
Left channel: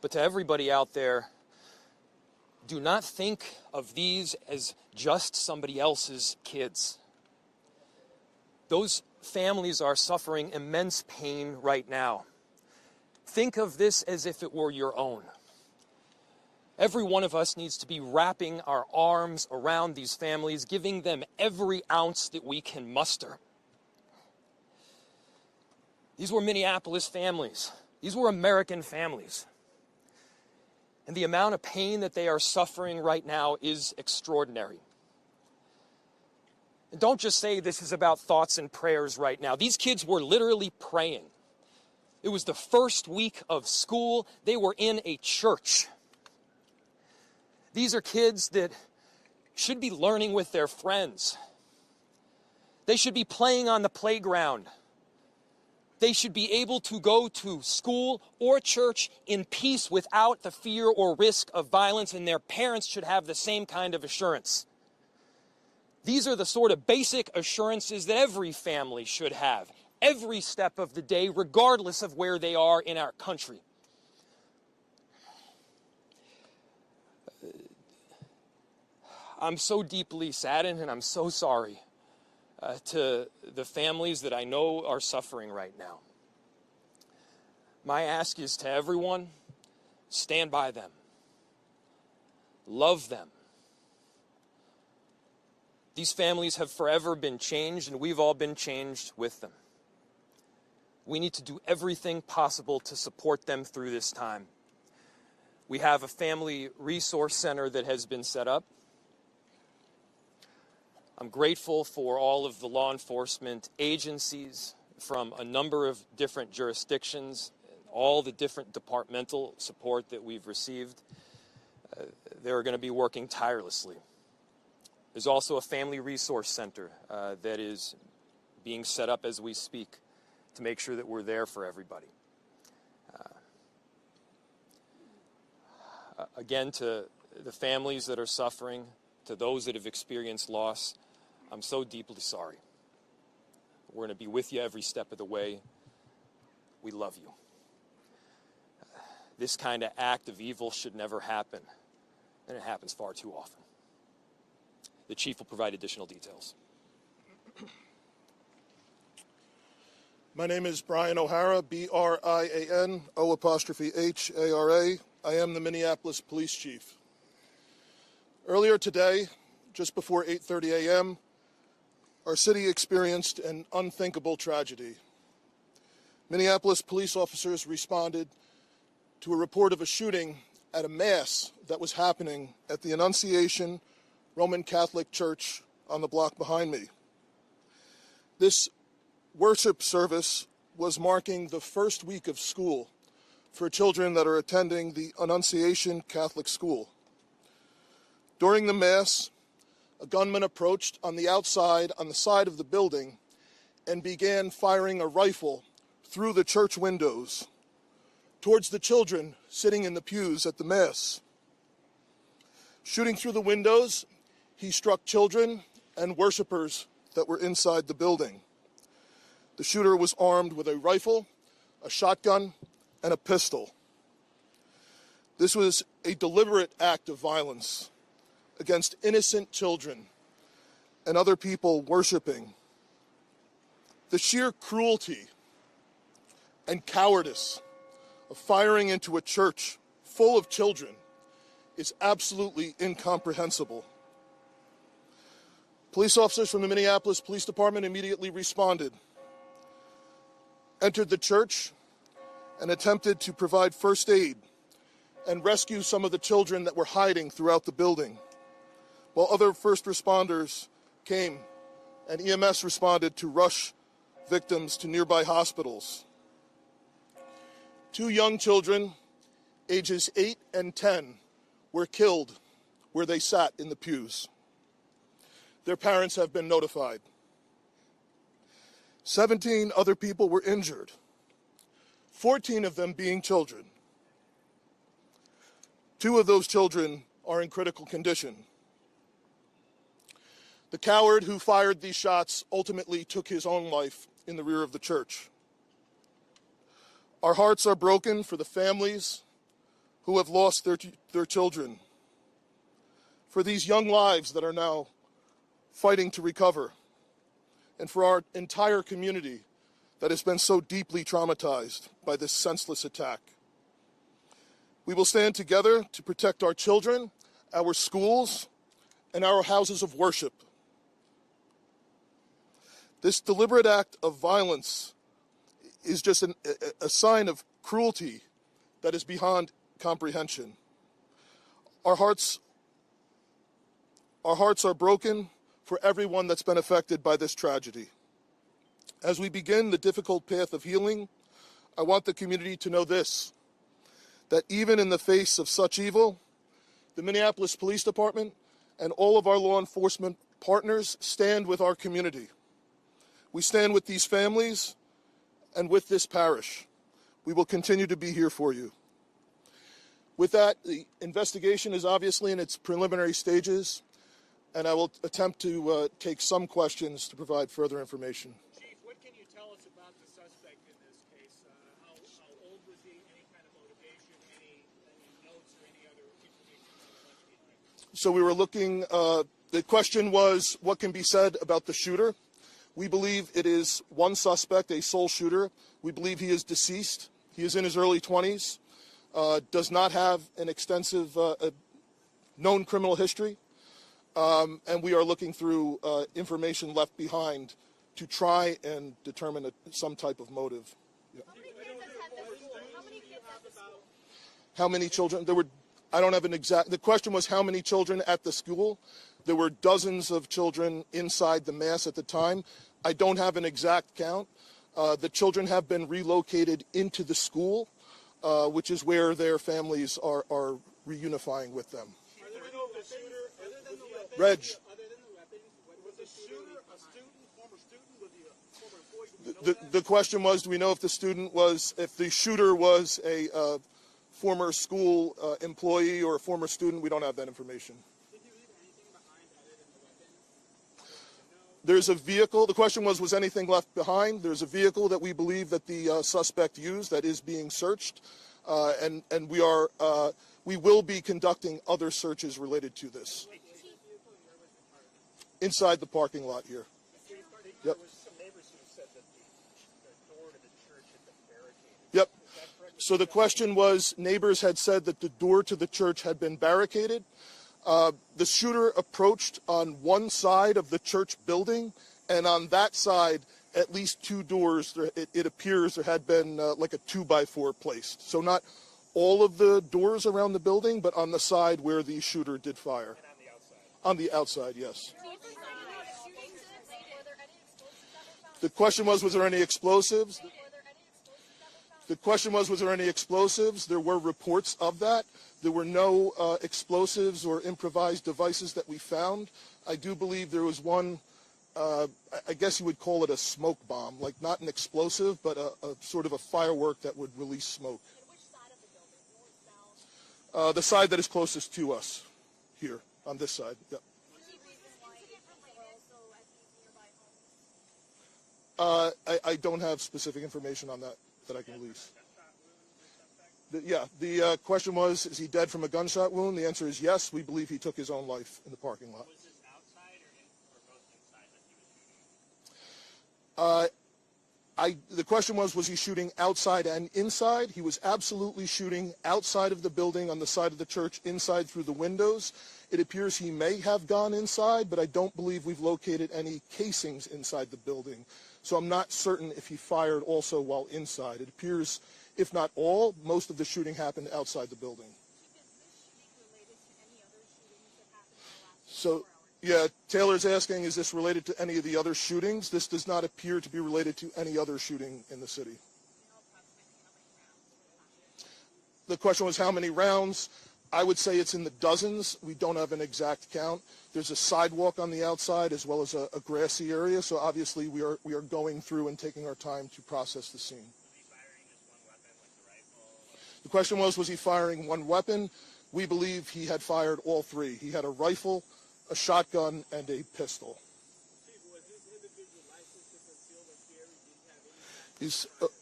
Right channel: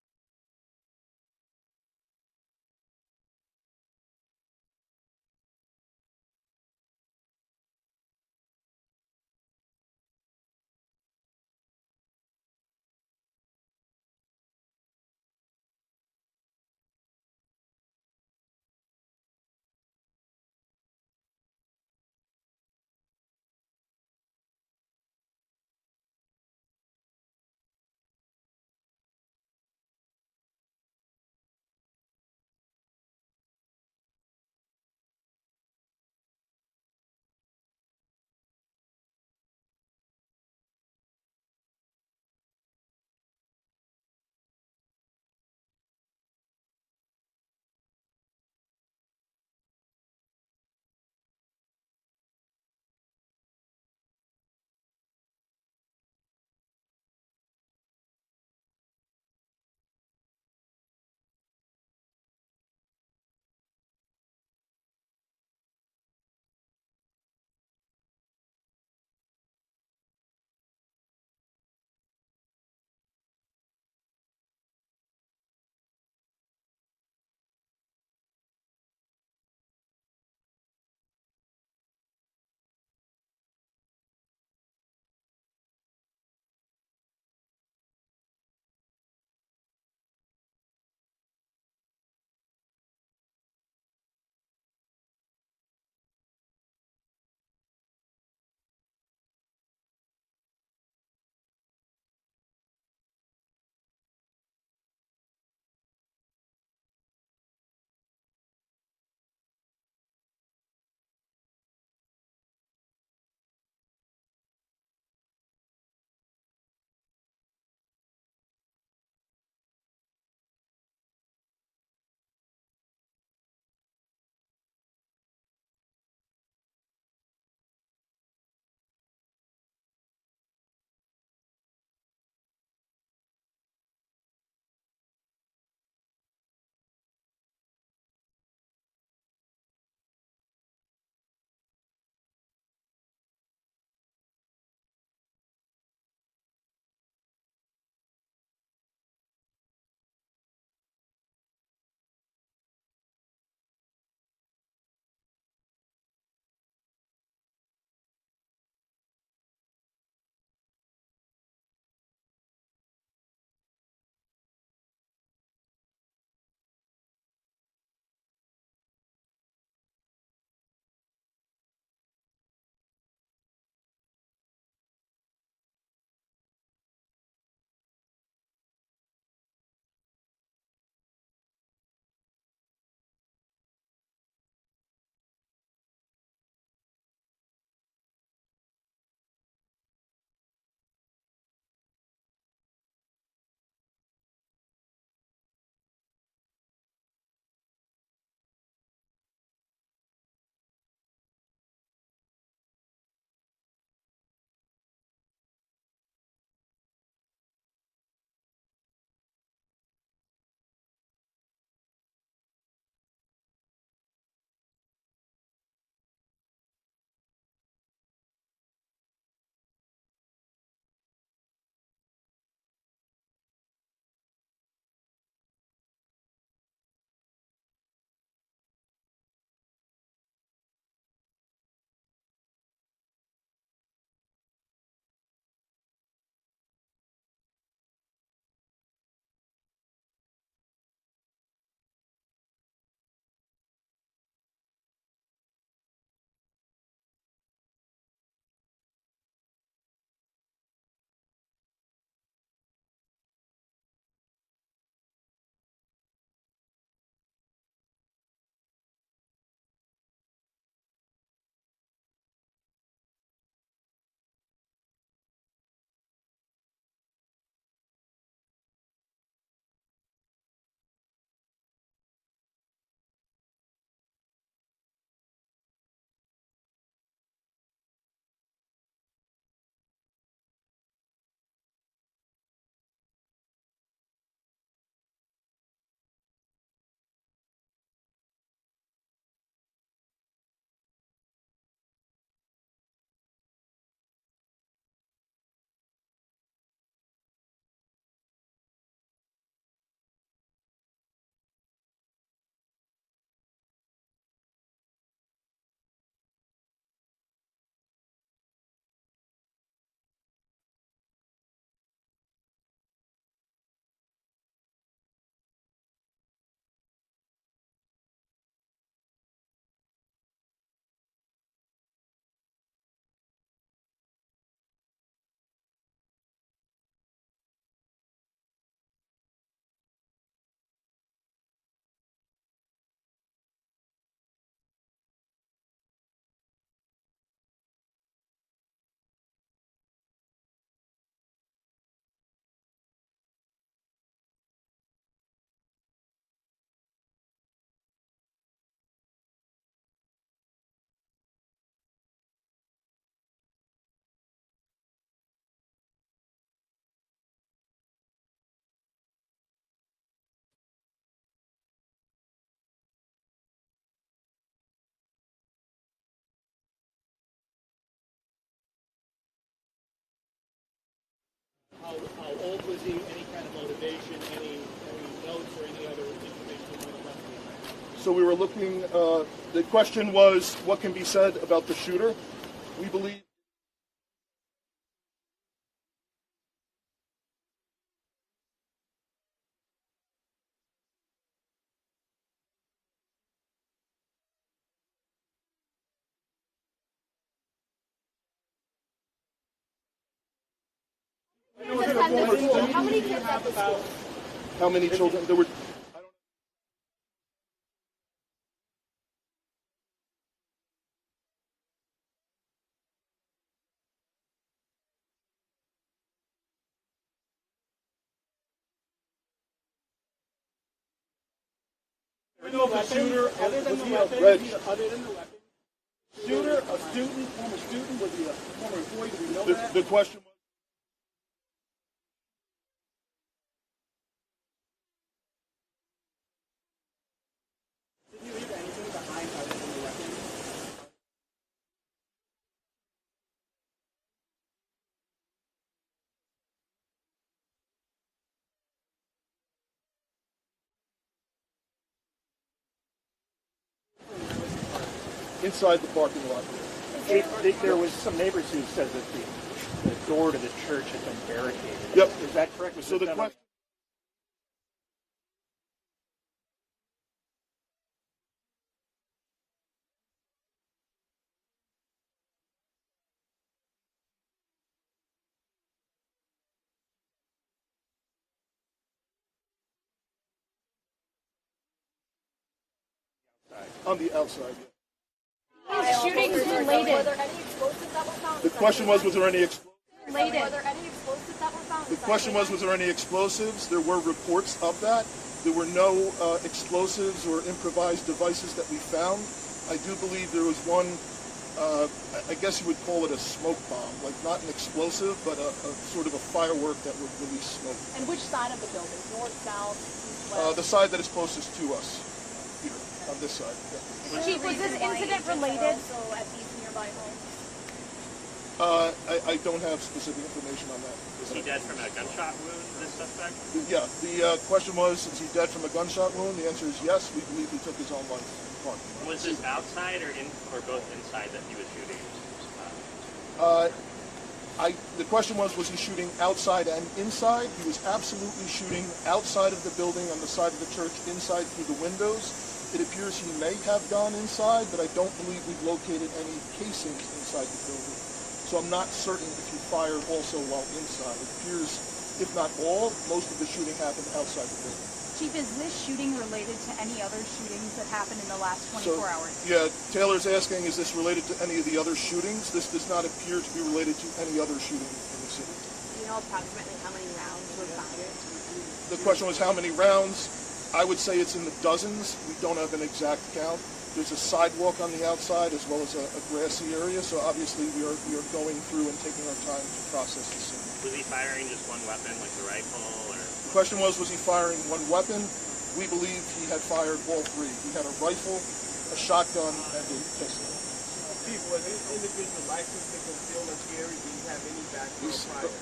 But to everybody out there, do not think of these as just somebody else's kids. Those families are suffering immense pain right now. Think of this as if it were your own. Every one of us needs to be wrapping our arms around these families, giving them every ounce that we can muster. These were Minneapolis families. These were American families. And the amount of pain that they are suffering right now is extraordinary. And don't just say this is about thoughts and prayers right now. These kids were literally praying. It was the first week of school. They were in a church. These are kids that should be learning with their friends. They should be playing on the playground. They should be able to go to school or church in peace without the fear or risk of violence, and their parents should have the same kind of assurance. These are the sort of basic assurances that every family should have, every step of the day, regardless of where they are in our country. I'm so deeply saddened, and I'm so sorry to the families that I know are suffering right now. My ask is to everyone, stand by them. Love them. These families have forever been changed, and we've all been changed with them. We need to do everything possible to support them through this time. We have a family resource center that has been set up. I'm grateful for all of the law enforcement agencies from a number of different jurisdictions, all the different departmental support that we've received. They're going to be working tirelessly. There's also a family resource center that is being set up as we speak to make sure that we're there for everybody. Again, to the families that are suffering, to those that have experienced loss, I'm so deeply sorry. We're going to be with you every step of the way. We love you. This kind of act of evil should never happen, and it happens far too often. The chief will provide additional details. My name is Brian O'Hara, B-R-I-A-N, O''H-A-R-A. I am the Minneapolis Police Chief. Earlier today, just before 8:30 a.m., our city experienced an unthinkable tragedy. Minneapolis police officers responded to a report of a shooting at a mass that was happening at the Annunciation Roman Catholic Church on the block behind me. This worship service was marking the first week of school for children that are attending the Annunciation Catholic School. During the Mass, a gunman approached on the outside on the side of the building and began firing a rifle through the church windows towards the children sitting in the pews at the Mass. Shooting through the windows, he struck children and worshipers that were inside the building. The shooter was armed with a rifle, a shotgun, and a pistol. This was a deliberate act of violence against innocent children and other people worshiping. The sheer cruelty and cowardice of firing into a church full of children is absolutely incomprehensible. Police officers from the Minneapolis Police Department immediately responded, entered the church, and attempted to provide first aid and rescue some of the children that were hiding throughout the building, while other first responders came and EMS responded to rush victims to nearby hospitals. 2 young children, ages 8 and 10, were killed where they sat in the pews. Their parents have been notified. 17 other people were injured, 14 of them being children. 2 of those children are in critical condition. The coward who fired these shots ultimately took his own life in the rear of the church. Our hearts are broken for the families who have lost their children, for these young lives that are now fighting to recover, and for our entire community that has been so deeply traumatized by this senseless attack. We will stand together to protect our children, our schools, and our houses of worship. This deliberate act of violence is just a sign of cruelty that is beyond comprehension. Our hearts are broken for everyone that's been affected by this tragedy. As we begin the difficult path of healing, I want the community to know this, that even in the face of such evil, the Minneapolis Police Department and all of our law enforcement partners stand with our community. We stand with these families and with this parish. We will continue to be here for you. With that, the investigation is obviously in its preliminary stages, and I will attempt to take some questions to provide further information. Chief, what can you tell us about the suspect in this case? How old was he? Any kind of motivation? Any notes or any other information you might have left behind? So we were looking, the question was, what can be said about the shooter? We believe it is one suspect, a sole shooter. We believe he is deceased. He is in his early 20s, does not have an extensive known criminal history, and we are looking through information left behind to try and determine some type of motive. How many kids at the school? How many children? There were, I don't have an exact, the question was how many children at the school. There were dozens of children inside the mass at the time. I don't have an exact count. The children have been relocated into the school, which is where their families are reunifying with them. Do we know if the shooter, other than the weapons, was the shooter a student, former student? Was he a former employee? Do we know that? The question was, do we know if the shooter was a former school employee or a former student? We don't have that information. Did you leave anything behind other than the weapons? There's a vehicle. The question was anything left behind? There's a vehicle that we believe that the suspect used that is being searched, and we will be conducting other searches related to this. Inside the parking lot here. There was some neighbors who said that the door to the church had been barricaded. Yep. Is that correct? So the question was, neighbors had said that the door to the church had been barricaded. The shooter approached on one side of the church building, and on that side, at least two doors, it appears there had been like a 2x4 placed. So not all of the doors around the building, but on the side where the shooter did fire. On the outside, yes. Shootings related. Were there any explosives that were found? The question was there any explosives? Related. Were there any explosives that were found? The question was there any explosives? There were reports of that. There were no explosives or improvised devices that we found. I do believe there was one, I guess you would call it a smoke bomb, like not an explosive, but a sort of a firework that would release smoke. And which side of the building? North, south, east, west? The side that is closest to us, here, on this side. Yeah. Chief, was this incident related? Also at these nearby homes? I don't have specific information on that. Was he dead from a gunshot wound, this suspect? Yeah, the question was, is he dead from a gunshot wound? The answer is yes. We believe he took his own life in the parking lot. Was this outside or both inside that he was shooting? The question was he shooting outside and inside? He was absolutely shooting outside of the building, on the side of the church, inside through the windows. It appears he may have gone inside, but I don't believe we've located any casings inside the building. So I'm not certain if he fired also while inside. It appears, if not all, most of the shooting happened outside the building. Chief, is this shooting related to any other shootings that happened in the last 24 hours? Yeah, Taylor's asking, is this related to any of the other shootings? This does not appear to be related to any other shooting in the city. Do you know approximately how many rounds were fired? The question was how many rounds? I would say it's in the dozens. We don't have an exact count. There's a sidewalk on the outside as well as a grassy area, so obviously we are going through and taking our time to process the scene. Was he firing just one weapon, like the rifle, or? The question was he firing one weapon? We believe he had fired all three. He had a rifle, a shotgun, and a pistol. Chief, was this individual licensed to conceal or carry? Do you have any background prior?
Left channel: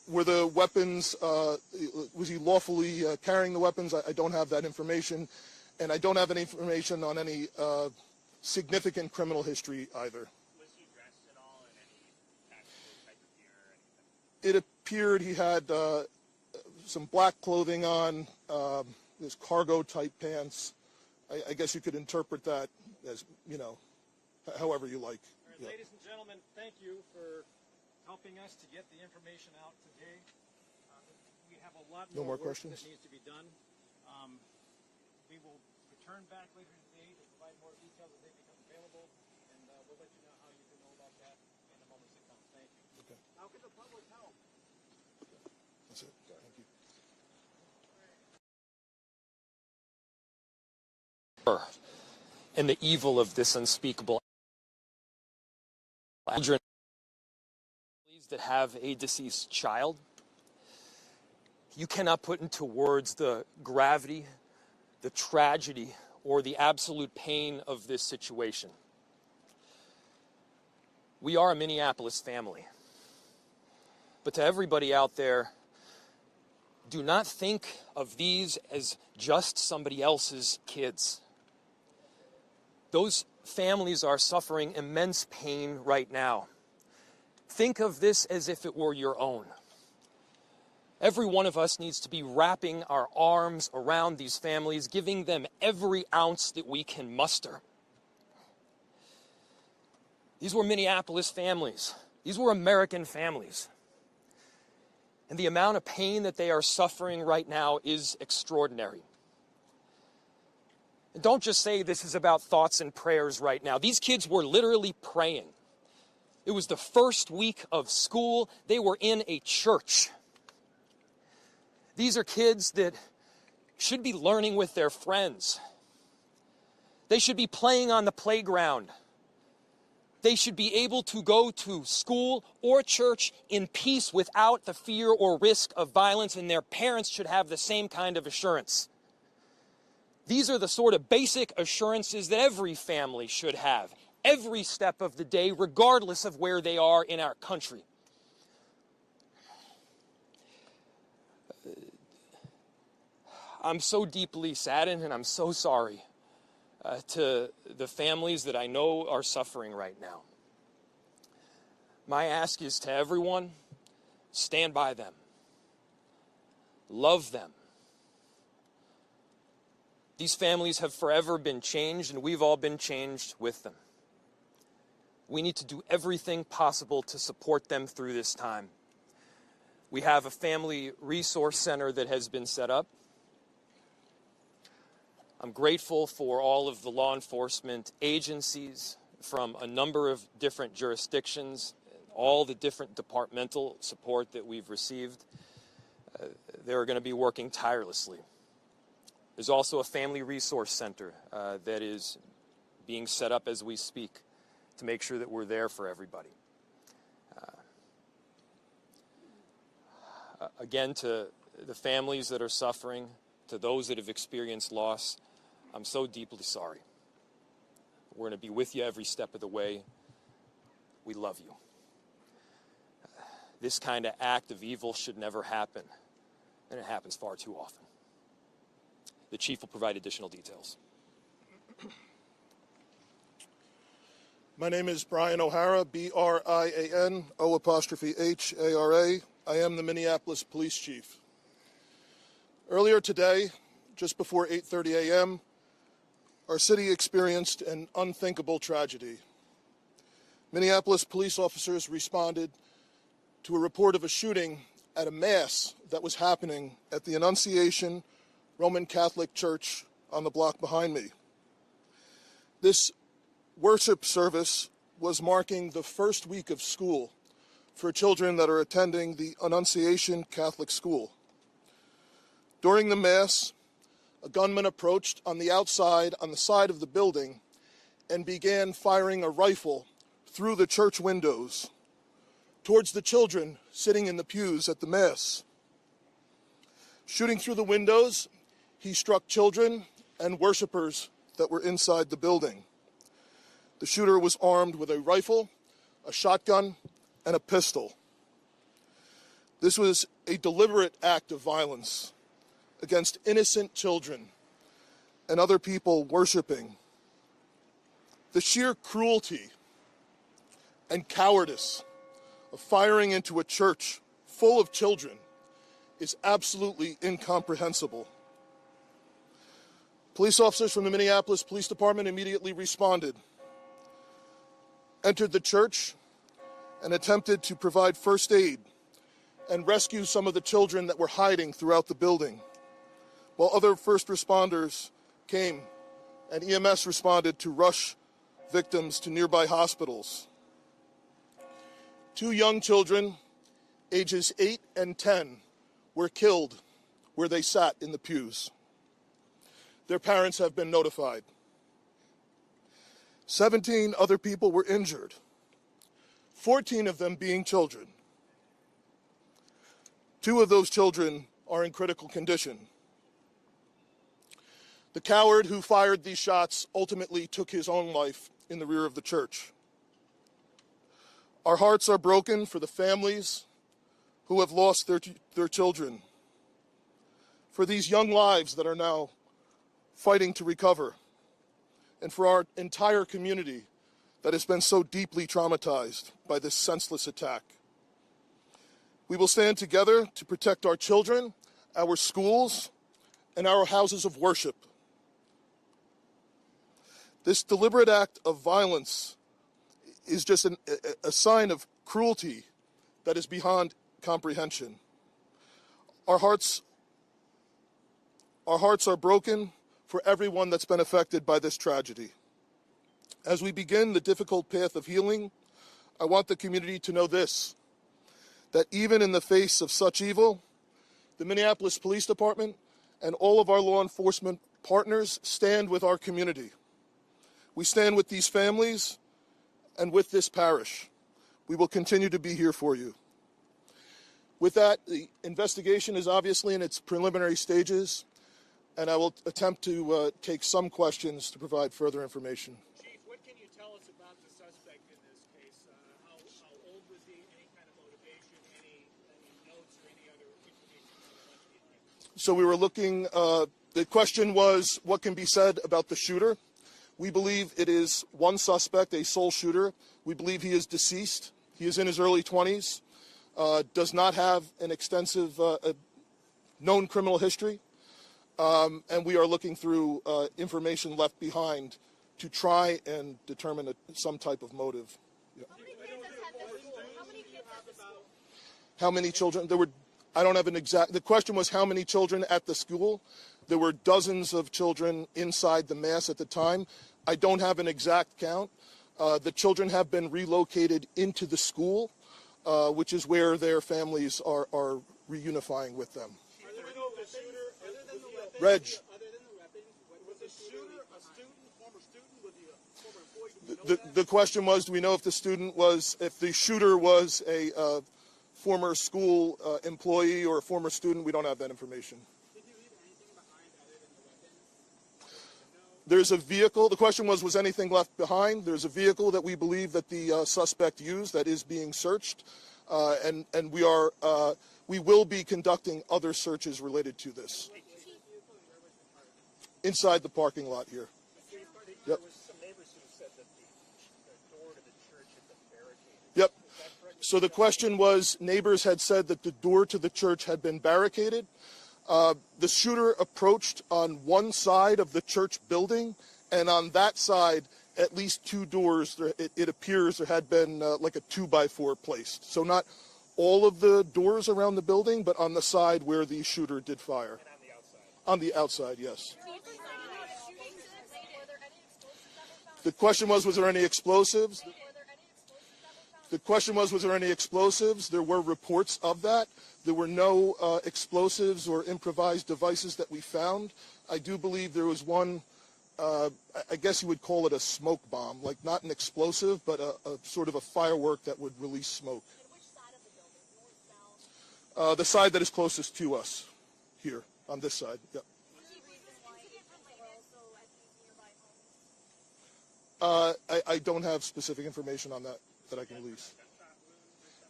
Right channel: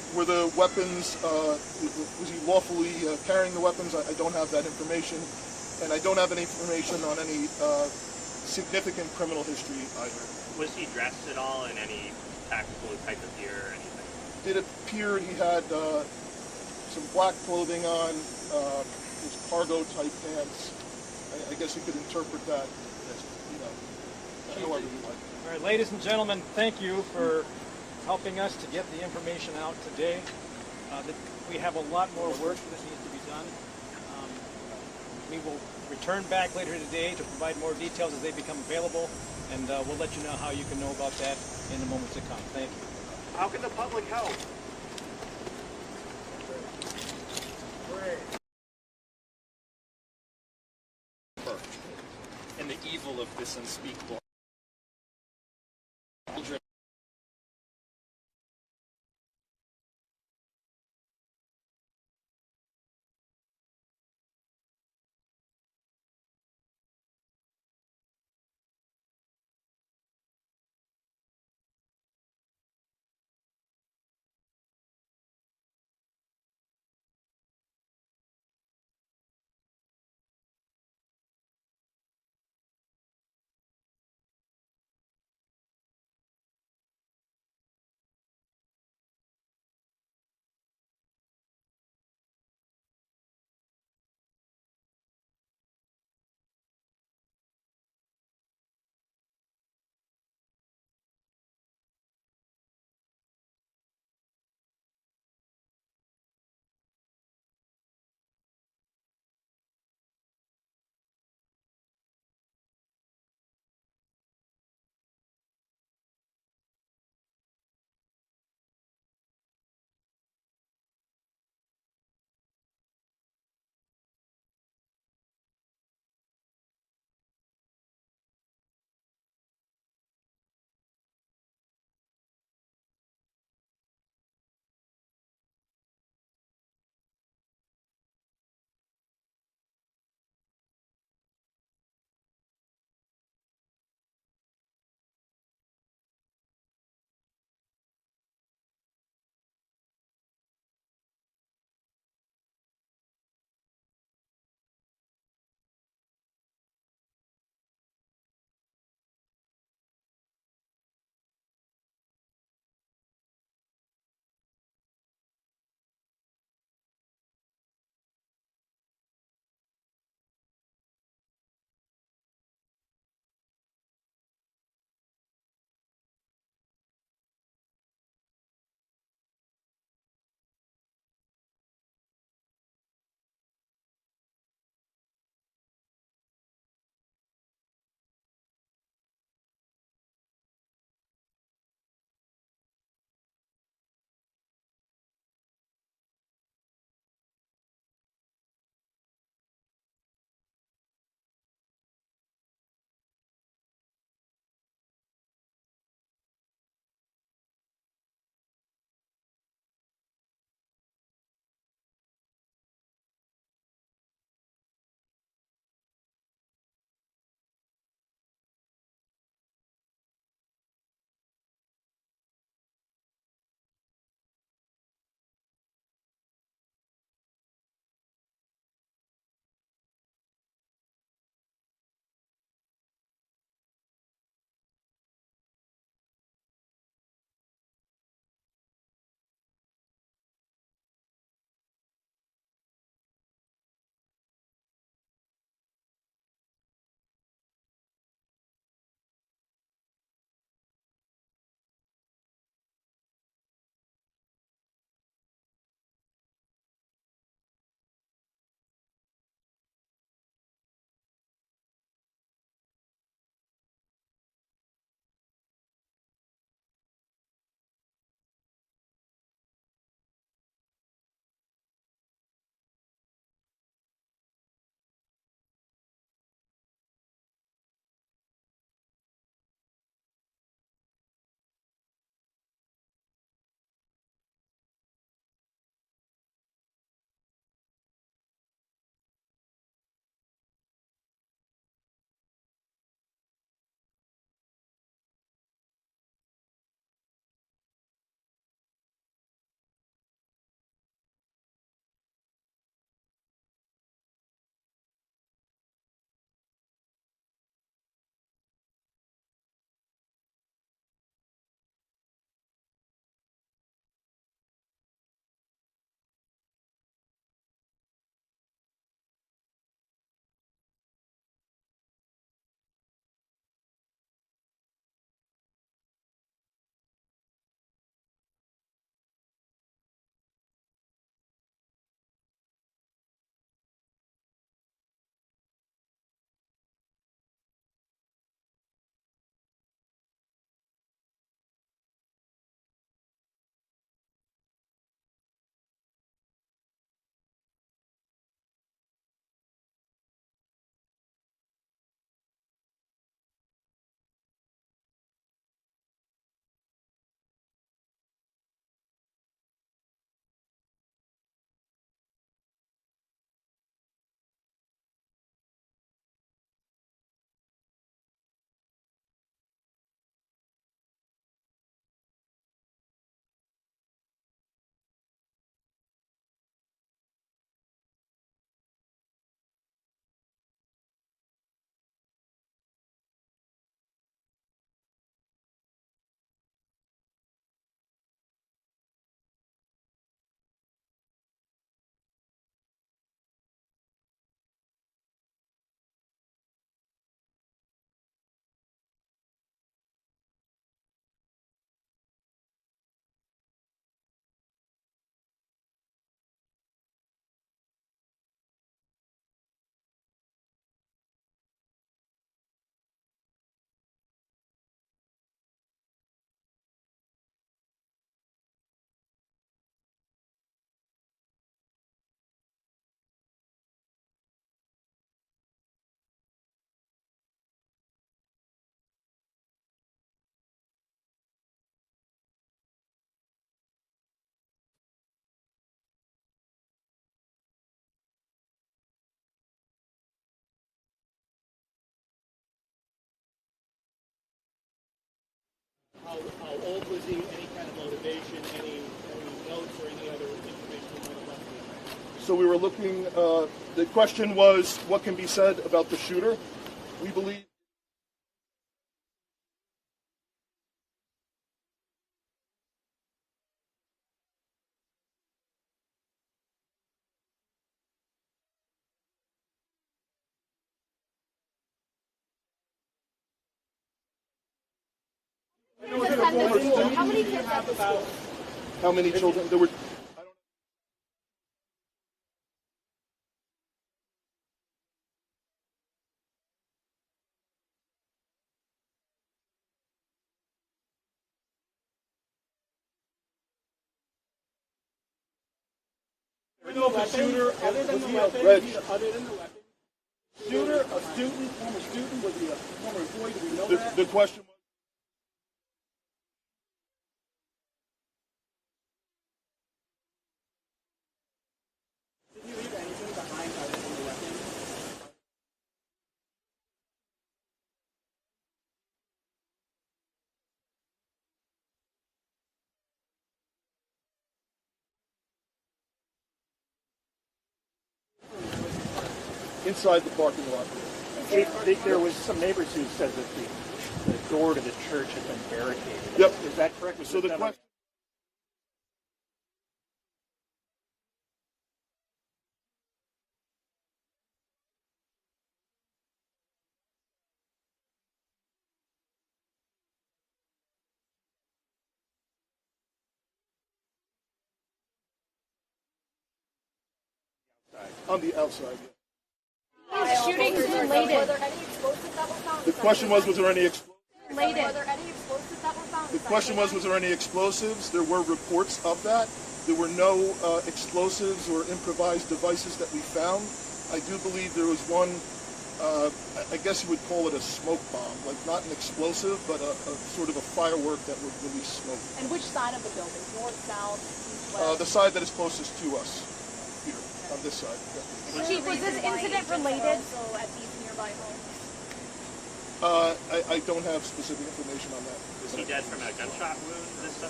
Were the weapons, was he lawfully carrying the weapons? I don't have that information. And I don't have any information on any significant criminal history either. Was he dressed at all in any tactical type of gear or anything? It appeared he had some black clothing on, his cargo type pants. I guess you could interpret that as, however you like. All right, ladies and gentlemen, thank you for helping us to get the information out today. We have a lot more work that needs to be done. We will return back later today to provide more details as they become available, and we'll let you know how you can know about that in the moments to come. Thank you. How can the public help? And the evil of this unspeakable children that have a deceased child. You cannot put into words the gravity, the tragedy, or the absolute pain of this situation. We are a Minneapolis family. But to everybody out there, do not think of these as just somebody else's kids. Those families are suffering immense pain right now. Think of this as if it were your own. Every one of us needs to be wrapping our arms around these families, giving them every ounce that we can muster. These were Minneapolis families. These were American families. And the amount of pain that they are suffering right now is extraordinary. And don't just say this is about thoughts and prayers right now. These kids were literally praying. It was the first week of school. They were in a church. These are kids that should be learning with their friends. They should be playing on the playground. They should be able to go to school or church in peace without the fear or risk of violence, and their parents should have the same kind of assurance. These are the sort of basic assurances that every family should have, every step of the day, regardless of where they are in our country. I'm so deeply saddened, and I'm so sorry to the families that I know are suffering right now. My ask is to everyone, stand by them. Love them. These families have forever been changed, and we've all been changed with them. We need to do everything possible to support them through this time. We have a family resource center that has been set up. I'm grateful for all of the law enforcement agencies from a number of different jurisdictions, all the different departmental support that we've received. They're going to be working tirelessly. There's also a family resource center that is being set up as we speak to make sure that we're there for everybody. Again, to the families that are suffering, to those that have experienced loss, I'm so deeply sorry. We're going to be with you every step of the way. We love you. This kind of act of evil should never happen, and it happens far too often. The chief will provide additional details. My name is Brian O'Hara, B-R-I-A-N, O''H-A-R-A. I am the Minneapolis Police Chief. Earlier today, just before 8:30 a.m., our city experienced an unthinkable tragedy. Minneapolis police officers responded to a report of a shooting at a mass that was happening at the Annunciation Roman Catholic Church on the block behind me. This worship service was marking the first week of school for children that are attending the Annunciation Catholic School. During the Mass, a gunman approached on the outside, on the side of the building, and began firing a rifle through the church windows towards the children sitting in the pews at the Mass. Shooting through the windows, he struck children and worshipers that were inside the building. The shooter was armed with a rifle, a shotgun, and a pistol. This was a deliberate act of violence against innocent children and other people worshiping. The sheer cruelty and cowardice of firing into a church full of children is absolutely incomprehensible. Police officers from the Minneapolis Police Department immediately responded, entered the church, and attempted to provide first aid and rescue some of the children that were hiding throughout the building, while other first responders came and EMS responded to rush victims to nearby hospitals. 2 young children, ages 8 and 10, were killed where they sat in the pews. Their parents have been notified. 17 other people were injured, 14 of them being children. 2 of those children are in critical condition. The coward who fired these shots ultimately took his own life in the rear of the church. Our hearts are broken for the families who have lost their children, for these young lives that are now fighting to recover, and for our entire community that has been so deeply traumatized by this senseless attack. We will stand together to protect our children, our schools, and our houses of worship. This deliberate act of violence is just a sign of cruelty that is beyond comprehension. Our hearts are broken for everyone that's been affected by this tragedy. As we begin the difficult path of healing, I want the community to know this, that even in the face of such evil, the Minneapolis Police Department and all of our law enforcement partners stand with our community. We stand with these families and with this parish. We will continue to be here for you. With that, the investigation is obviously in its preliminary stages, and I will attempt to take some questions to provide further information. Chief, what can you tell us about the suspect in this case? How old was he? Any kind of motivation? Any notes or any other information you might have left behind? So we were looking, the question was, what can be said about the shooter? We believe it is one suspect, a sole shooter. We believe he is deceased. He is in his early 20s, does not have an extensive known criminal history, and we are looking through information left behind to try and determine some type of motive. How many kids at the school? How many children? I don't have an exact, the question was how many children at the school. There were dozens of children inside the mass at the time. I don't have an exact count. The children have been relocated into the school, which is where their families are reunifying with them. We know the shooter, other than the weapon, Reg. other than the weapon, was the shooter a student, former student, was he a former employee? Do we know that? The question was, do we know if the shooter was a former school employee or a former student? We don't have that information. Did he leave anything behind other than the weapon? There's a vehicle. The question was anything left behind? There's a vehicle that we believe that the suspect used that is being searched, and we will be conducting other searches related to this. Inside the parking lot here. There was some neighbors who said that the door to the church had been barricaded. Yep. Is that correct? So the question was, neighbors had said that the door to the church had been barricaded. The shooter approached on one side of the church building, and on that side, at least 2 doors, it appears there had been like a 2x4 placed. So not all of the doors around the building, but on the side where the shooter did fire. And on the outside, yes. Shootings related. Were there any explosives that were found? The question was there any explosives? Related. Were there any explosives that were found? The question was there any explosives? There were reports of that. There were no explosives or improvised devices that we found. I do believe there was one, I guess you would call it a smoke bomb, like not an explosive, but a sort of a firework that would release smoke. And which side of the building? North, south, east, west? The side that is closest to us, here, on this side. Yeah. Chief, was this incident related? Also at these nearby homes. I don't have specific information on that. Was he dead from a gunshot wound, this suspect?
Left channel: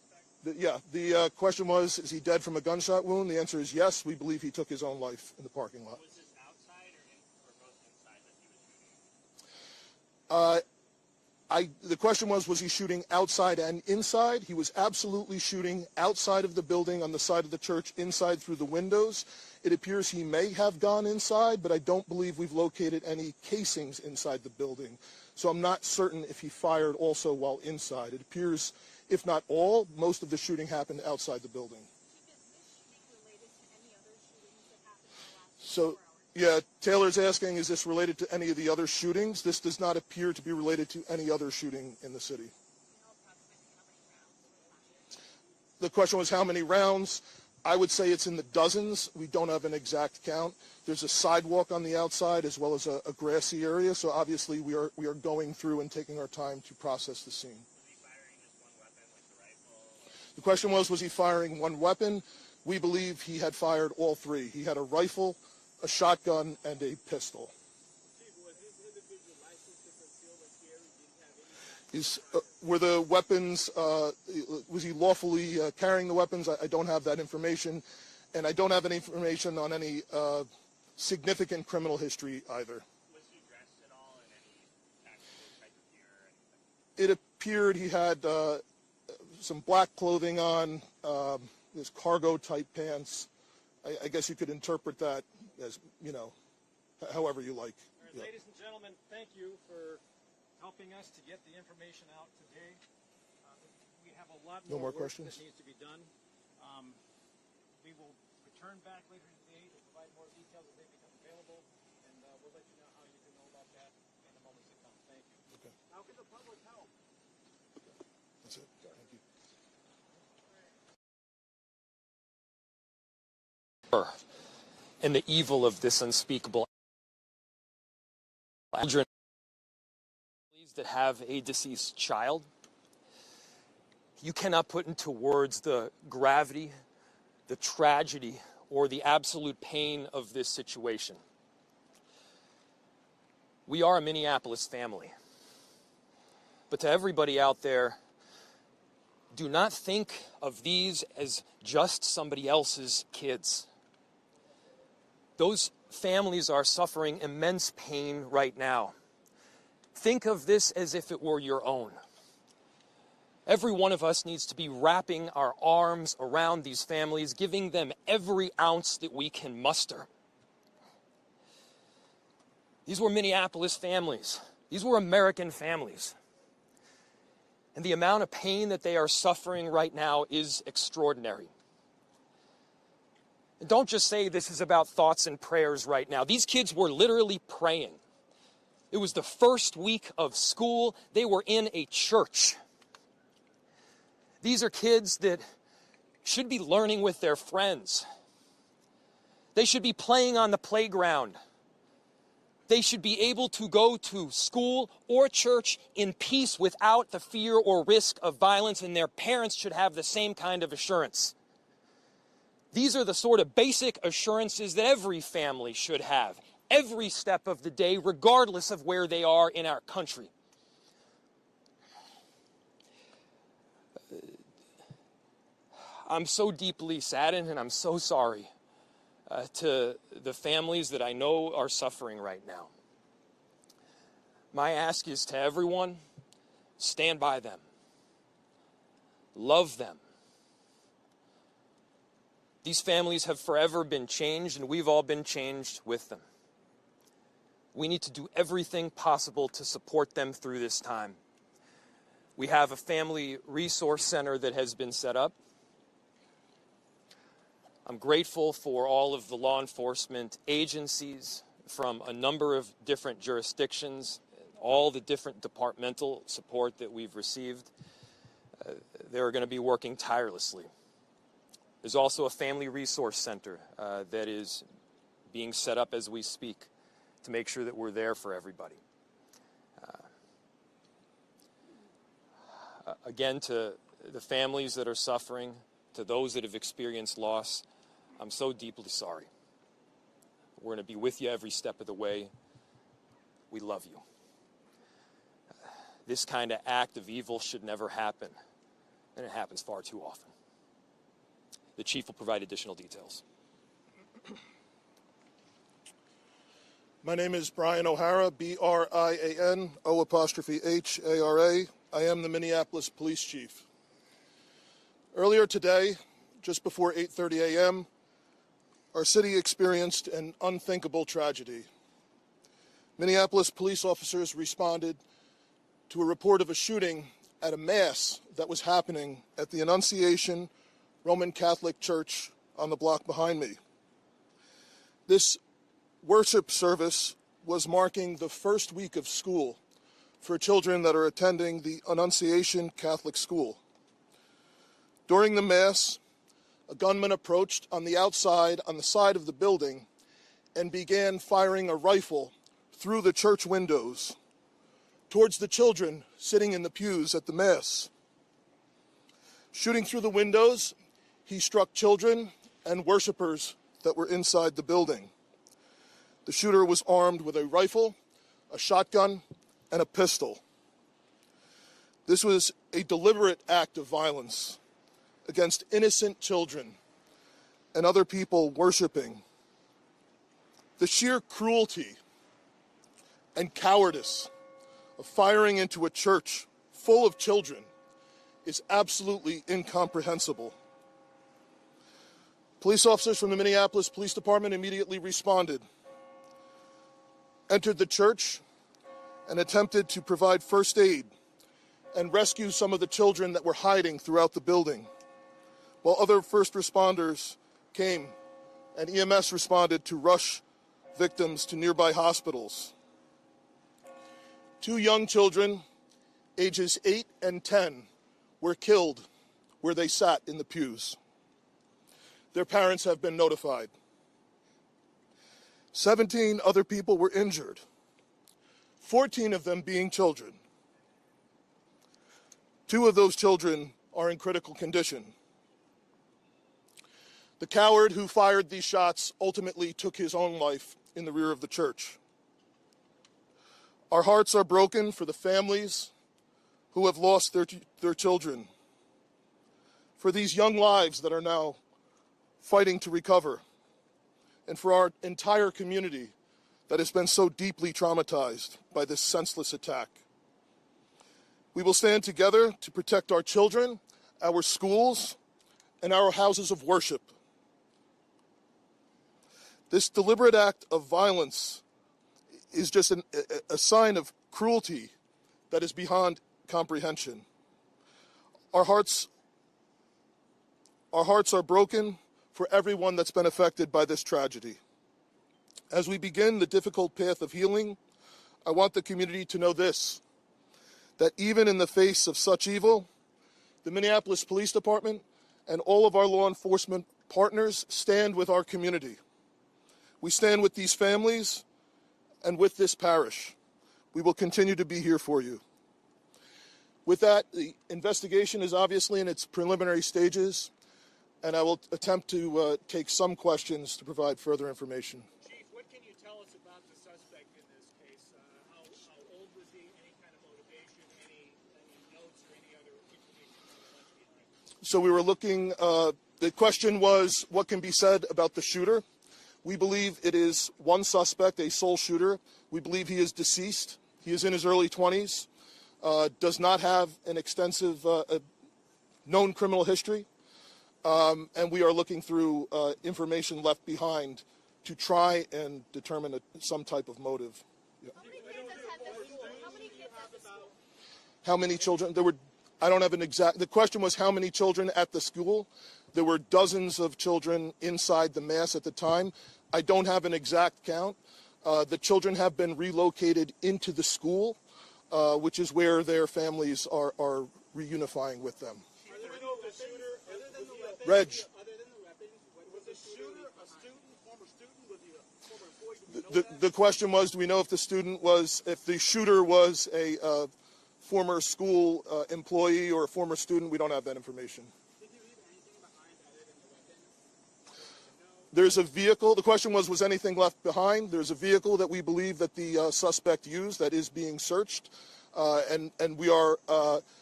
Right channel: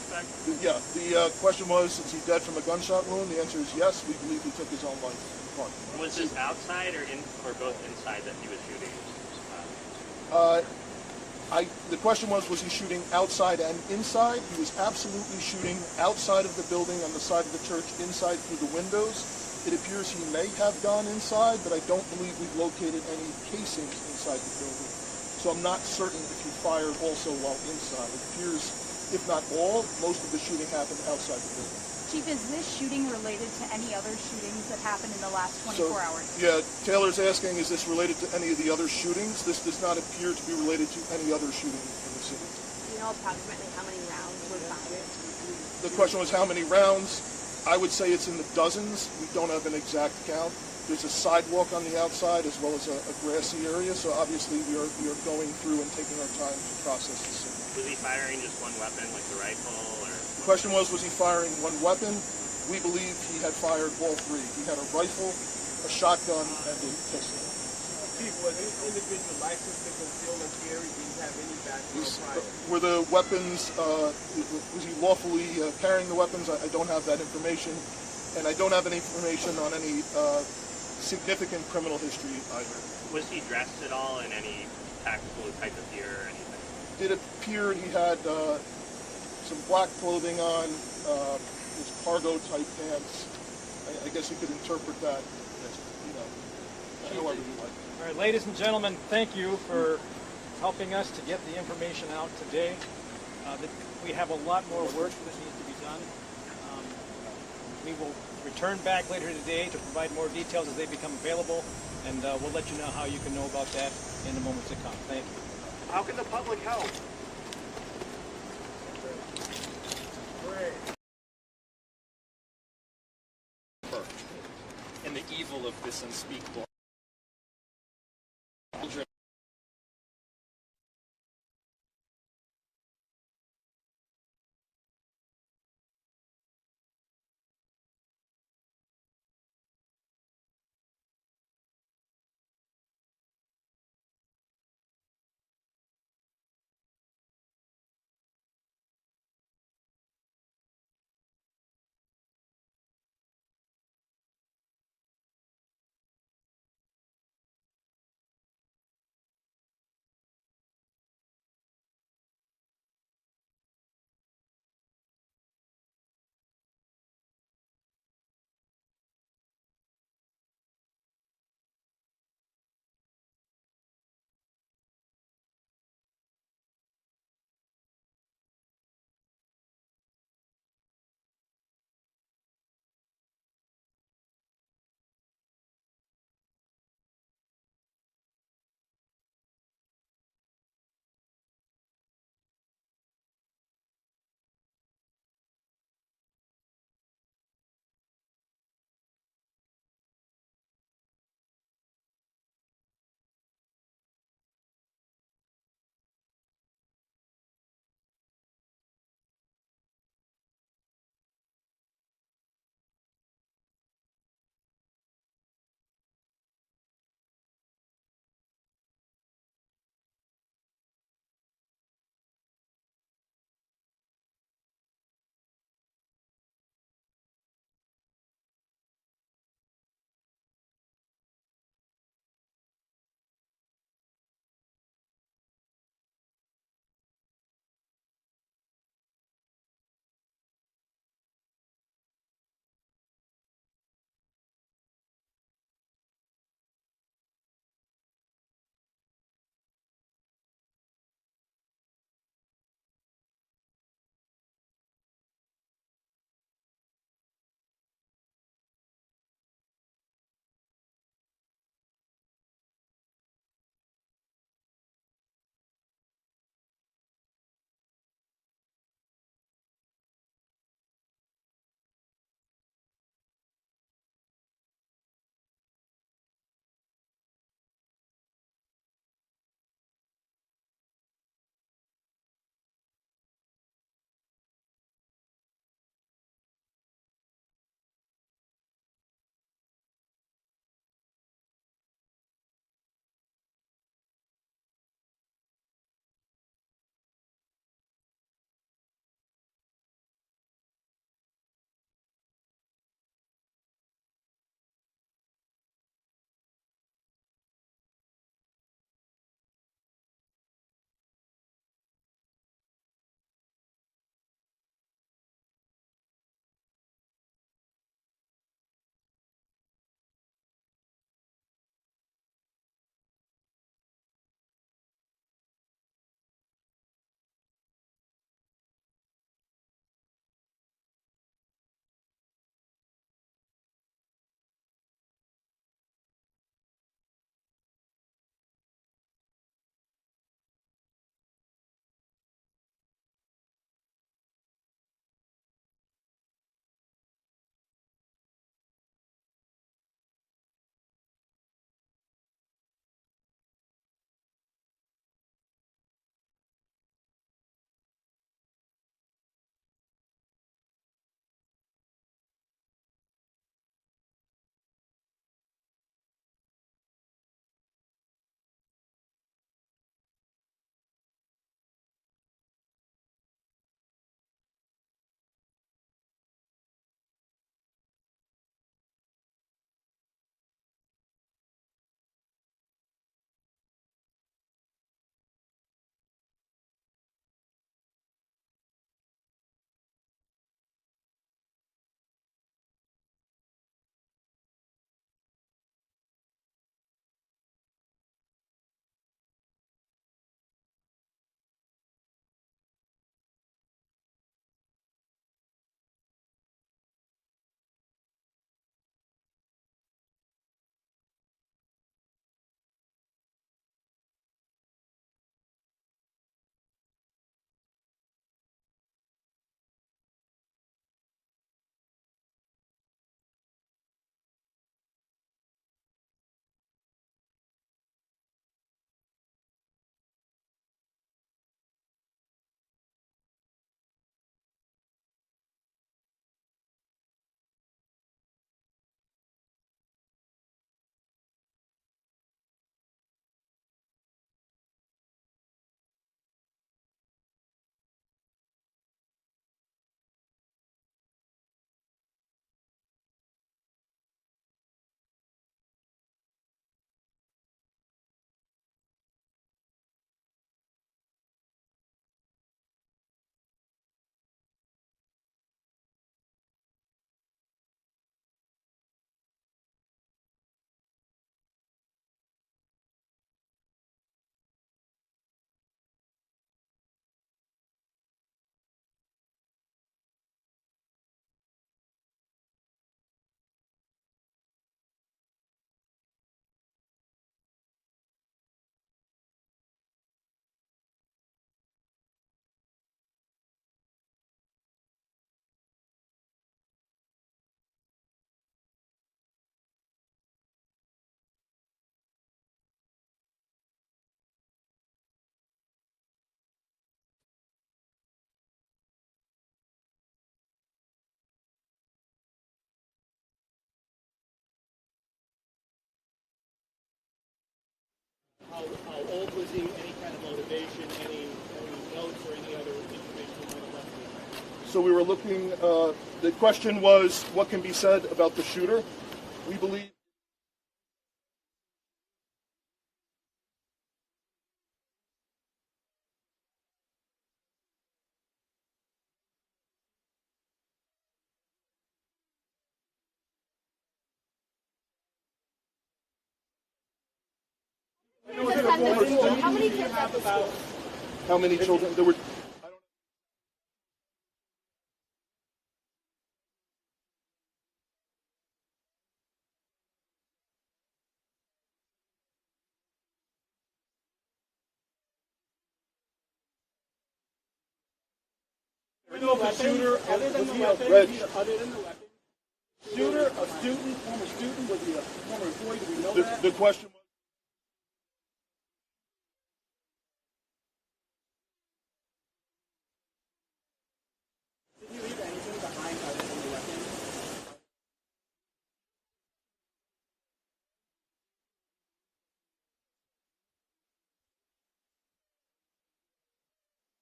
suspect? Yeah, the question was, is he dead from a gunshot wound? The answer is yes. We believe he took his own life in the parking lot. Was this outside or both inside that he was shooting? The question was he shooting outside and inside? He was absolutely shooting outside of the building on the side of the church, inside through the windows. It appears he may have gone inside, but I don't believe we've located any casings inside the building. So I'm not certain if he fired also while inside. It appears, if not all, most of the shooting happened outside the building. Chief, is this shooting related to any other shootings that happened in the last 24 hours? Yeah, Taylor's asking, is this related to any of the other shootings? This does not appear to be related to any other shooting in the city. Do you know approximately how many rounds were fired? The question was how many rounds? I would say it's in the dozens. We don't have an exact count. There's a sidewalk on the outside as well as a grassy area, so obviously we are going through and taking our time to process the scene. Was he firing just one weapon, like the rifle, or? The question was he firing one weapon? We believe he had fired all three. He had a rifle, a shotgun, and a pistol. Chief, was this individual licensed to conceal and carry? Did he have any background? Were the weapons, was he lawfully carrying the weapons? I don't have that information. And I don't have any information on any significant criminal history either. Was he dressed at all in any tactical type of gear or anything? It appeared he had some black clothing on, his cargo type pants. I guess you could interpret that as, however you like. All right, ladies and gentlemen, thank you for helping us to get the information out today. We have a lot more work that needs to be done. We will return back later today to provide more details as they become available, and we'll let you know how you can know about that in the moments to come. Thank you. How can the public help? And the evil of this unspeakable children that have a deceased child. You cannot put into words the gravity, the tragedy, or the absolute pain of this situation. We are a Minneapolis family. But to everybody out there, do not think of these as just somebody else's kids. Those families are suffering immense pain right now. Think of this as if it were your own. Every one of us needs to be wrapping our arms around these families, giving them every ounce that we can muster. These were Minneapolis families. These were American families. And the amount of pain that they are suffering right now is extraordinary. And don't just say this is about thoughts and prayers right now. These kids were literally praying. It was the first week of school. They were in a church. These are kids that should be learning with their friends. They should be playing on the playground. They should be able to go to school or church in peace without the fear or risk of violence, and their parents should have the same kind of assurance. These are the sort of basic assurances that every family should have, every step of the day, regardless of where they are in our country. I'm so deeply saddened, and I'm so sorry to the families that I know are suffering right now. My ask is to everyone, stand by them. Love them. These families have forever been changed, and we've all been changed with them. We need to do everything possible to support them through this time. We have a family resource center that has been set up. I'm grateful for all of the law enforcement agencies from a number of different jurisdictions, all the different departmental support that we've received. They're going to be working tirelessly. There's also a family resource center that is being set up as we speak to make sure that we're there for everybody. Again, to the families that are suffering, to those that have experienced loss, I'm so deeply sorry. We're going to be with you every step of the way. We love you. This kind of act of evil should never happen. and it happens far too often. The chief will provide additional details. My name is Brian O'Hara, B-R-I-A-N, O''H-A-R-A. I am the Minneapolis Police Chief. Earlier today, just before 8:30 a.m., our city experienced an unthinkable tragedy. Minneapolis police officers responded to a report of a shooting at a mass that was happening at the Annunciation Catholic Church on the block behind me. This worship service was marking the first week of school for children that are attending the Annunciation Catholic School. During the Mass, a gunman approached on the outside, on the side of the building, and began firing a rifle through the church windows towards the children sitting in the pews at the Mass. Shooting through the windows, he struck children and worshipers that were inside the building. The shooter was armed with a rifle, a shotgun, and a pistol. This was a deliberate act of violence against innocent children and other people worshiping. The sheer cruelty and cowardice of firing into a church full of children is absolutely incomprehensible. Police officers from the Minneapolis Police Department immediately responded, entered the church, and attempted to provide first aid and rescue some of the children that were hiding throughout the building, while other first responders came and EMS responded to rush victims to nearby hospitals. 2 young children, ages 8 and 10, were killed where they sat in the pews. Their parents have been notified. 17 other people were injured, 14 of them being children. 2 of those children are in critical condition. The coward who fired these shots ultimately took his own life in the rear of the church. Our hearts are broken for the families who have lost their children, for these young lives that are now fighting to recover, and for our entire community that has been so deeply traumatized by this senseless attack. We will stand together to protect our children, our schools, and our houses of worship. This deliberate act of violence is just a sign of cruelty that is beyond comprehension. Our hearts are broken for everyone that's been affected by this tragedy. As we begin the difficult path of healing, I want the community to know this, that even in the face of such evil, the Minneapolis Police Department and all of our law enforcement partners stand with our community. We stand with these families and with this parish. We will continue to be here for you. With that, the investigation is obviously in its preliminary stages, and I will attempt to take some questions to provide further information. Chief, what can you tell us about the suspect in this case? How old was he? Any kind of motivation? Any notes or any other information you might have left behind? So we were looking, the question was, what can be said about the shooter? We believe it is one suspect, a sole shooter. We believe he is deceased. He is in his early 20s, does not have an extensive known criminal history, and we are looking through information left behind to try and determine some type of motive. How many kids at the school? How many children? There were, I don't have an exact, the question was how many children at the school. There were dozens of children inside the Mass at the time. I don't have an exact count. The children have been relocated into the school, which is where their families are reunifying with them. Do we know if the shooter, other than the weapons, was the shooter a student, former student? Was he a former employee? Do we know that? The question was, do we know if the shooter was a former school employee or a former student? We don't have that information. Did he leave anything behind other than the weapons? There's a vehicle. The question was anything left behind? There's a vehicle that we believe that the suspect used that is being searched, and we are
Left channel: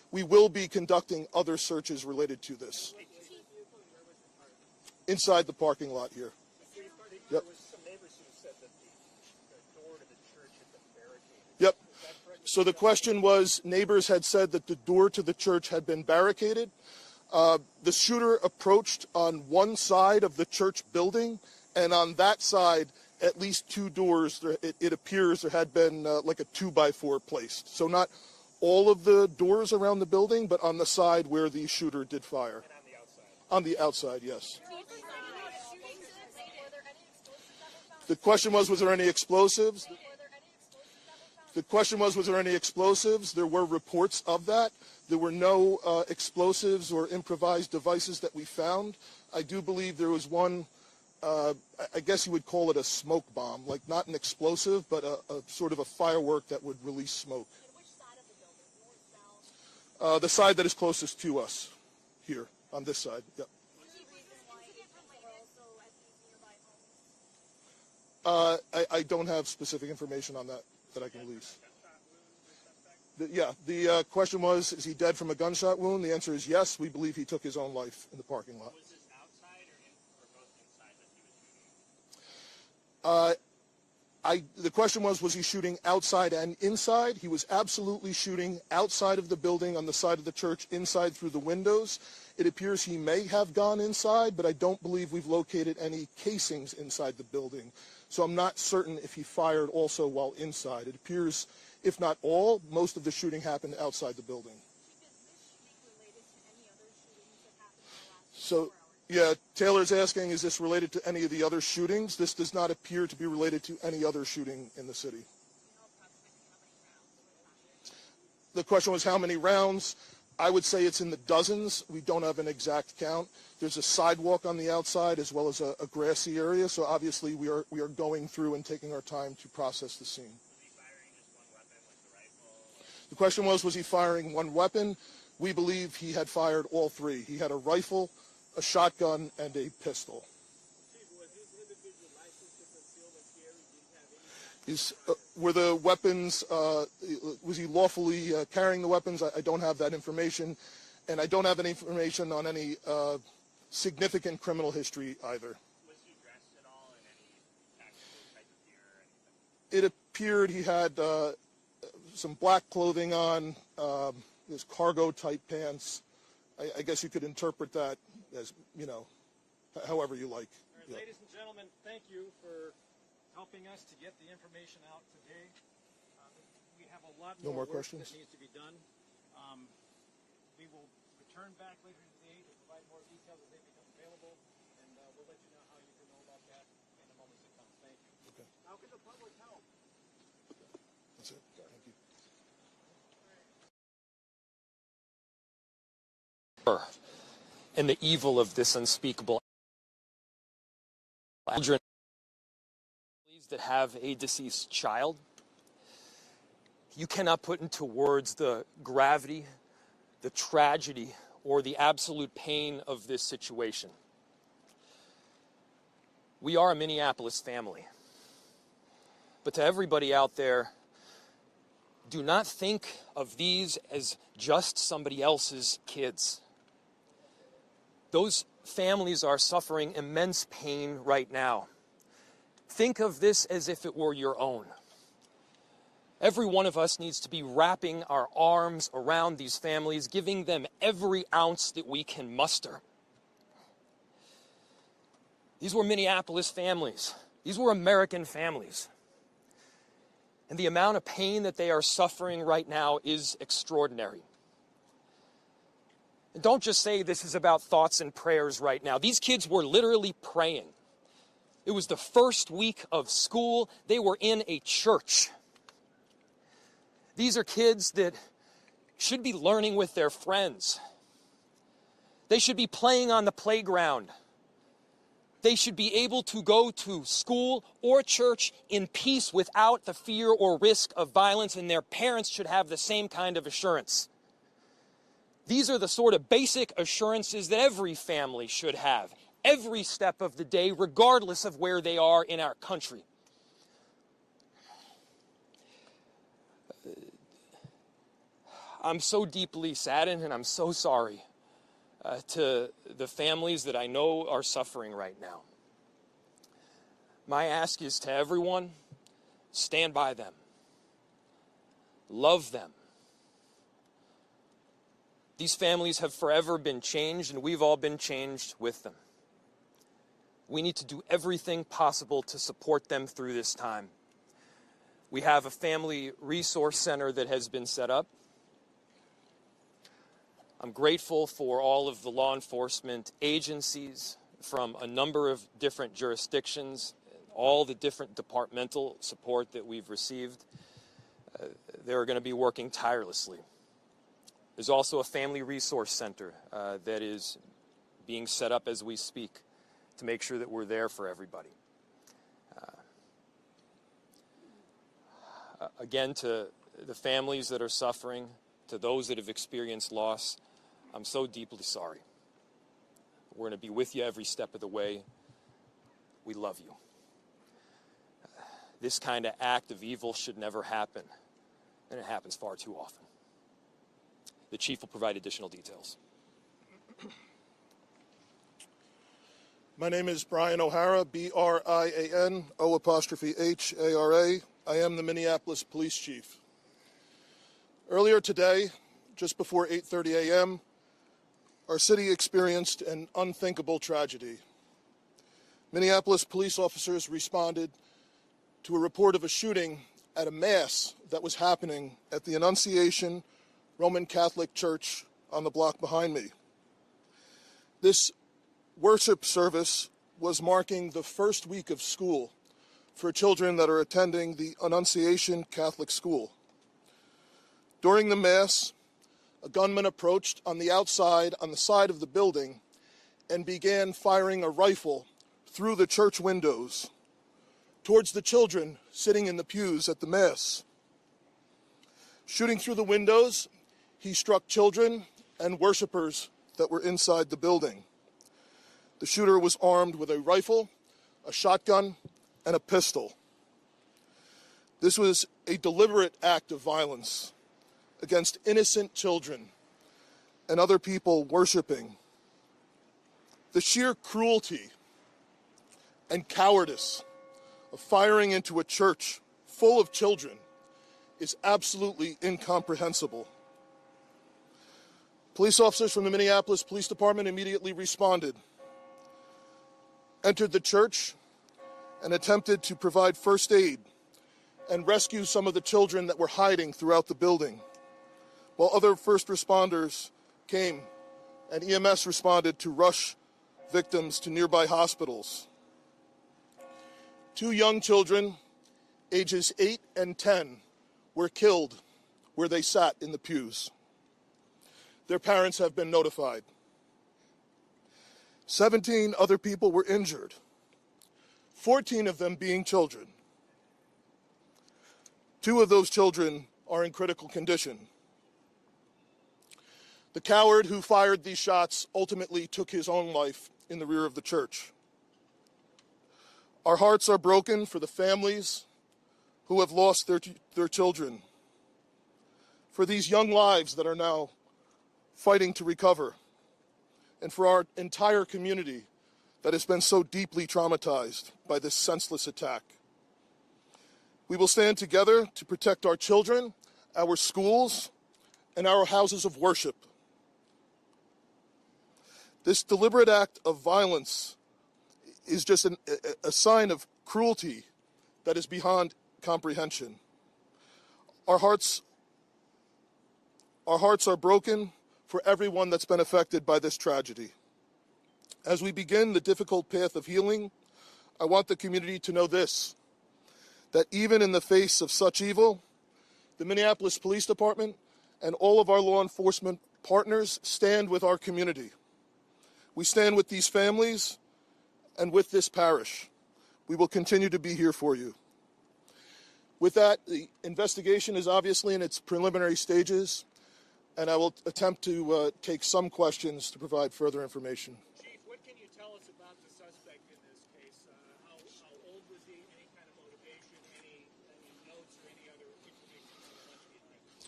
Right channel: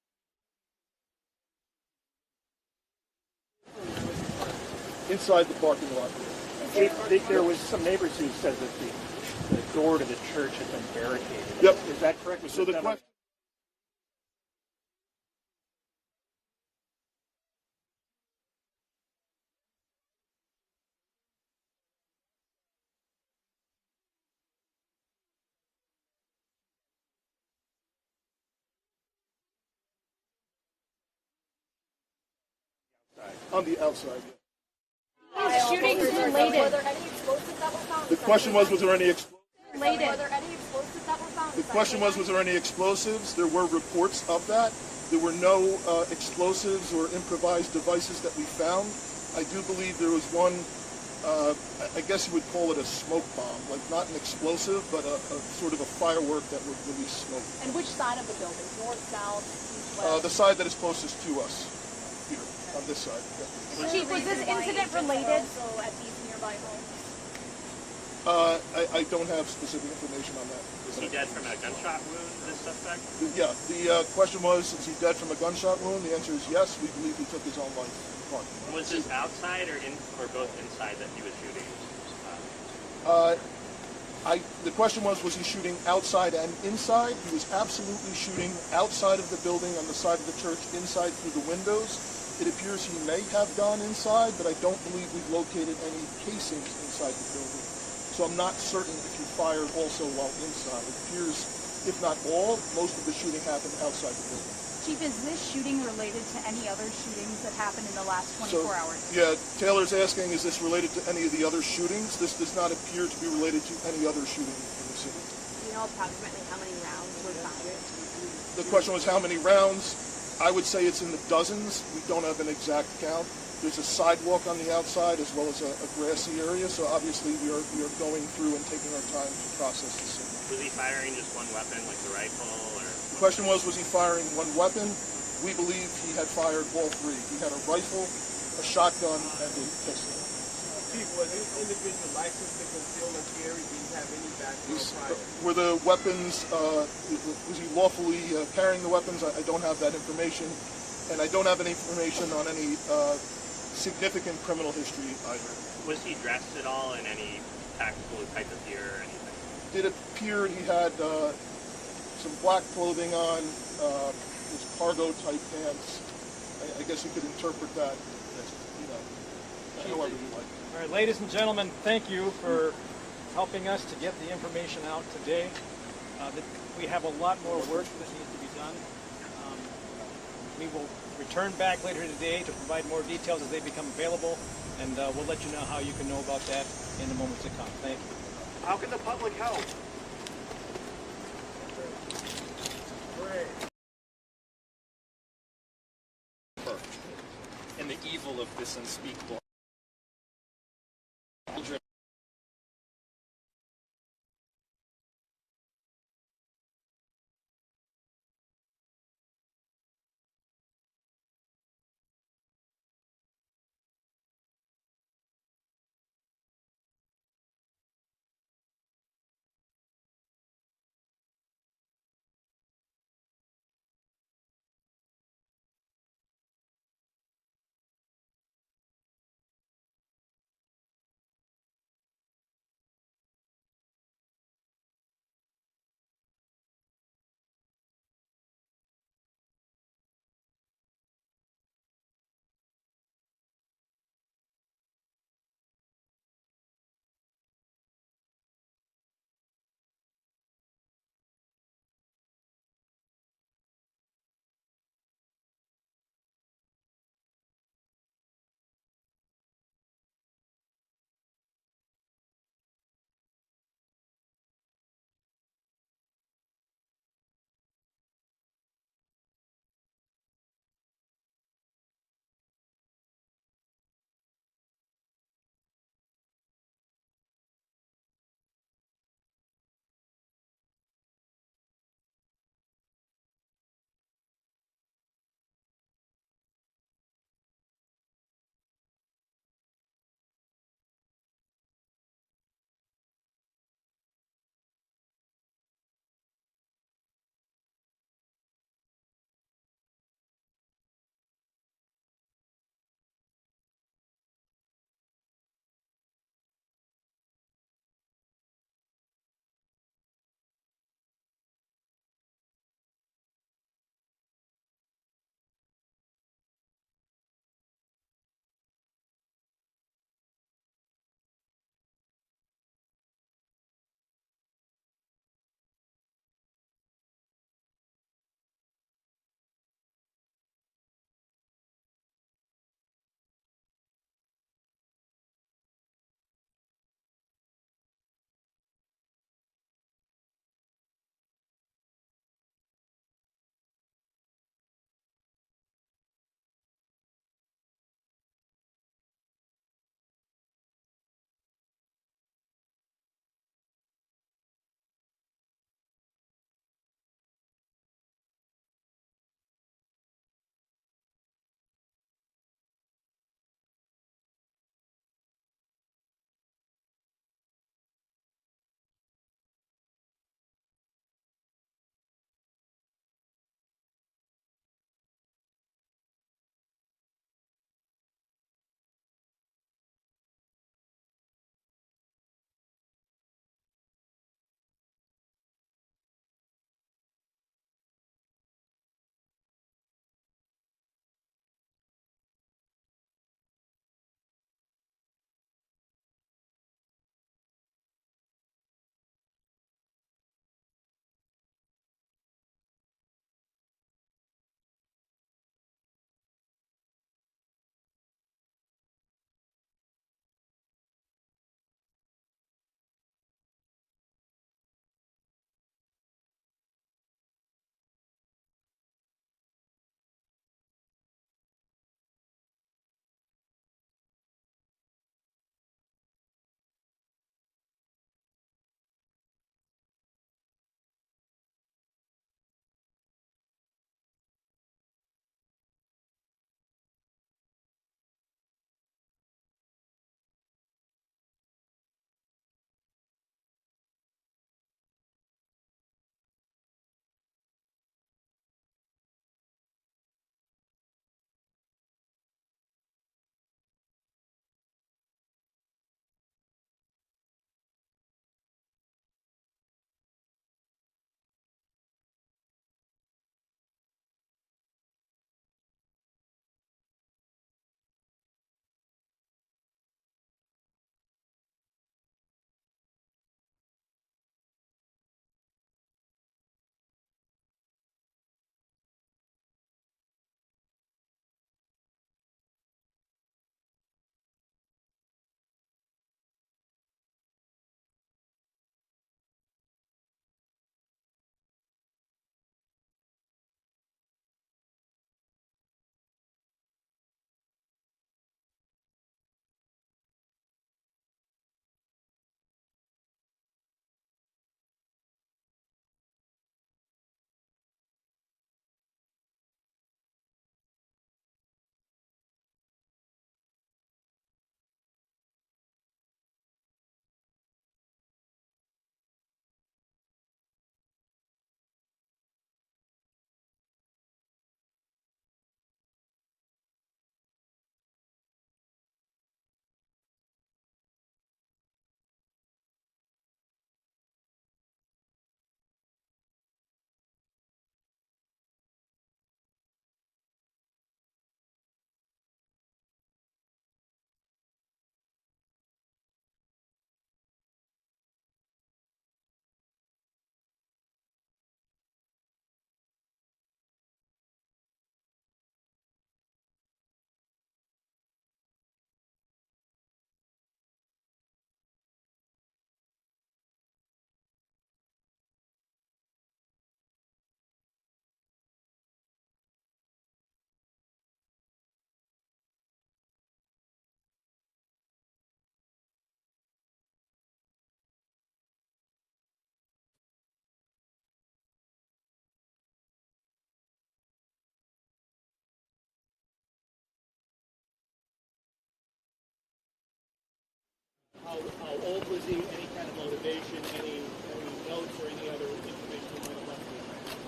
we will be conducting other searches related to this inside the parking lot here. There was some neighbors who said that the door to the church had been barricaded. Yep. Is that correct? So the question was, neighbors had said that the door to the church had been barricaded. The shooter approached on one side of the church building, and on that side, at least two doors, it appears there had been like a 2x4 placed. So not all of the doors around the building, but on the side where the shooter did fire. On the outside, yes. Shootings related. Were there any explosives that were found? The question was there any explosives? Related. Were there any explosives that were found? The question was there any explosives? There were reports of that. There were no explosives or improvised devices that we found. I do believe there was one, I guess you would call it a smoke bomb, like not an explosive, but a sort of a firework that would release smoke. And which side of the building? North, south, east, west? The side that is closest to us, here, on this side. Yeah. Chief, was this incident related? Also at these nearby homes? I don't have specific information on that. Was he dead from a gunshot wound, this suspect? Yeah, the question was, is he dead from a gunshot wound? The answer is yes. We believe he took his own life in the parking lot. Was this outside or both inside that he was shooting? The question was he shooting outside and inside? He was absolutely shooting outside of the building, on the side of the church, inside through the windows. It appears he may have gone inside, but I don't believe we've located any casings inside the building. So I'm not certain if he fired also while inside. It appears, if not all, most of the shooting happened outside the building. Chief, is this shooting related to any other shootings that happened in the last 24 hours? Yeah, Taylor's asking, is this related to any of the other shootings? This does not appear to be related to any other shooting in the city. Do you know approximately how many rounds were fired? The question was how many rounds? I would say it's in the dozens. We don't have an exact count. There's a sidewalk on the outside as well as a grassy area, so obviously we are going through and taking our time to process the scene. Was he firing just one weapon, like the rifle, or? The question was he firing one weapon? We believe he had fired all three. He had a rifle, a shotgun, and a pistol. Chief, was this individual licensed to conceal or carry? Did he have any background prior? Were the weapons, was he lawfully carrying the weapons? I don't have that information. And I don't have any information on any significant criminal history either. Was he dressed at all in any tactical type of gear or anything? It appeared he had some black clothing on, his cargo type pants. I guess you could interpret that as, however you like. All right, ladies and gentlemen, thank you for helping us to get the information out today. We have a lot more work that needs to be done. We will return back later today to provide more details as they become available, and we'll let you know how you can know about that in the moments to come. Thank you. How can the public help? And the evil of this unspeakable children that have a deceased child. You cannot put into words the gravity, the tragedy, or the absolute pain of this situation. We are a Minneapolis family. But to everybody out there, do not think of these as just somebody else's kids. Those families are suffering immense pain right now. Think of this as if it were your own. Every one of us needs to be wrapping our arms around these families, giving them every ounce that we can muster. These were Minneapolis families. These were American families. And the amount of pain that they are suffering right now is extraordinary. And don't just say this is about thoughts and prayers right now. These kids were literally praying. It was the first week of school. They were in a church. These are kids that should be learning with their friends. They should be playing on the playground. They should be able to go to school or church in peace without the fear or risk of violence, and their parents should have the same kind of assurance. These are the sort of basic assurances that every family should have, every step of the day, regardless of where they are in our country. I'm so deeply saddened and I'm so sorry to the families that I know are suffering right now. My ask is to everyone, stand by them. Love them. These families have forever been changed, and we've all been changed with them. We need to do everything possible to support them through this time. We have a family resource center that has been set up. I'm grateful for all of the law enforcement agencies from a number of different jurisdictions, all the different departmental support that we've received. They're going to be working tirelessly. There's also a family resource center that is being set up as we speak to make sure that we're there for everybody. Again, to the families that are suffering, to those that have experienced loss, I'm so deeply sorry. We're going to be with you every step of the way. We love you. This kind of act of evil should never happen, and it happens far too often. The chief will provide additional details. My name is Brian O'Hara, B-R-I-A-N, O''H-A-R-A. I am the Minneapolis Police Chief. Earlier today, just before 8:30 a.m., our city experienced an unthinkable tragedy. Minneapolis police officers responded to a report of a shooting at a mass that was happening at the Annunciation Roman Catholic Church on the block behind me. This worship service was marking the first week of school for children that are attending the Annunciation Catholic School. During the Mass, a gunman approached on the outside, on the side of the building, and began firing a rifle through the church windows towards the children sitting in the pews at the Mass. Shooting through the windows, he struck children and worshipers that were inside the building. The shooter was armed with a rifle, a shotgun, and a pistol. This was a deliberate act of violence against innocent children and other people worshiping. The sheer cruelty and cowardice of firing into a church full of children is absolutely incomprehensible. Police officers from the Minneapolis Police Department immediately responded, entered the church, and attempted to provide first aid and rescue some of the children that were hiding throughout the building, while other first responders came and EMS responded to rush victims to nearby hospitals. 2 young children, ages 8 and 10, were killed where they sat in the pews. Their parents have been notified. 17 other people were injured, 14 of them being children. 2 of those children are in critical condition. The coward who fired these shots ultimately took his own life in the rear of the church. Our hearts are broken for the families who have lost their children, for these young lives that are now fighting to recover, and for our entire community that has been so deeply traumatized by this senseless attack. We will stand together to protect our children, our schools, and our houses of worship. This deliberate act of violence is just a sign of cruelty that is beyond comprehension. Our hearts are broken for everyone that's been affected by this tragedy. As we begin the difficult path of healing, I want the community to know this, that even in the face of such evil, the Minneapolis Police Department and all of our law enforcement partners stand with our community. We stand with these families and with this parish. We will continue to be here for you. With that, the investigation is obviously in its preliminary stages, and I will attempt to take some questions to provide further information. Chief, what can you tell us about the suspect in this case? How old was he? Any kind of motivation? Any notes or any other information you might have left with him?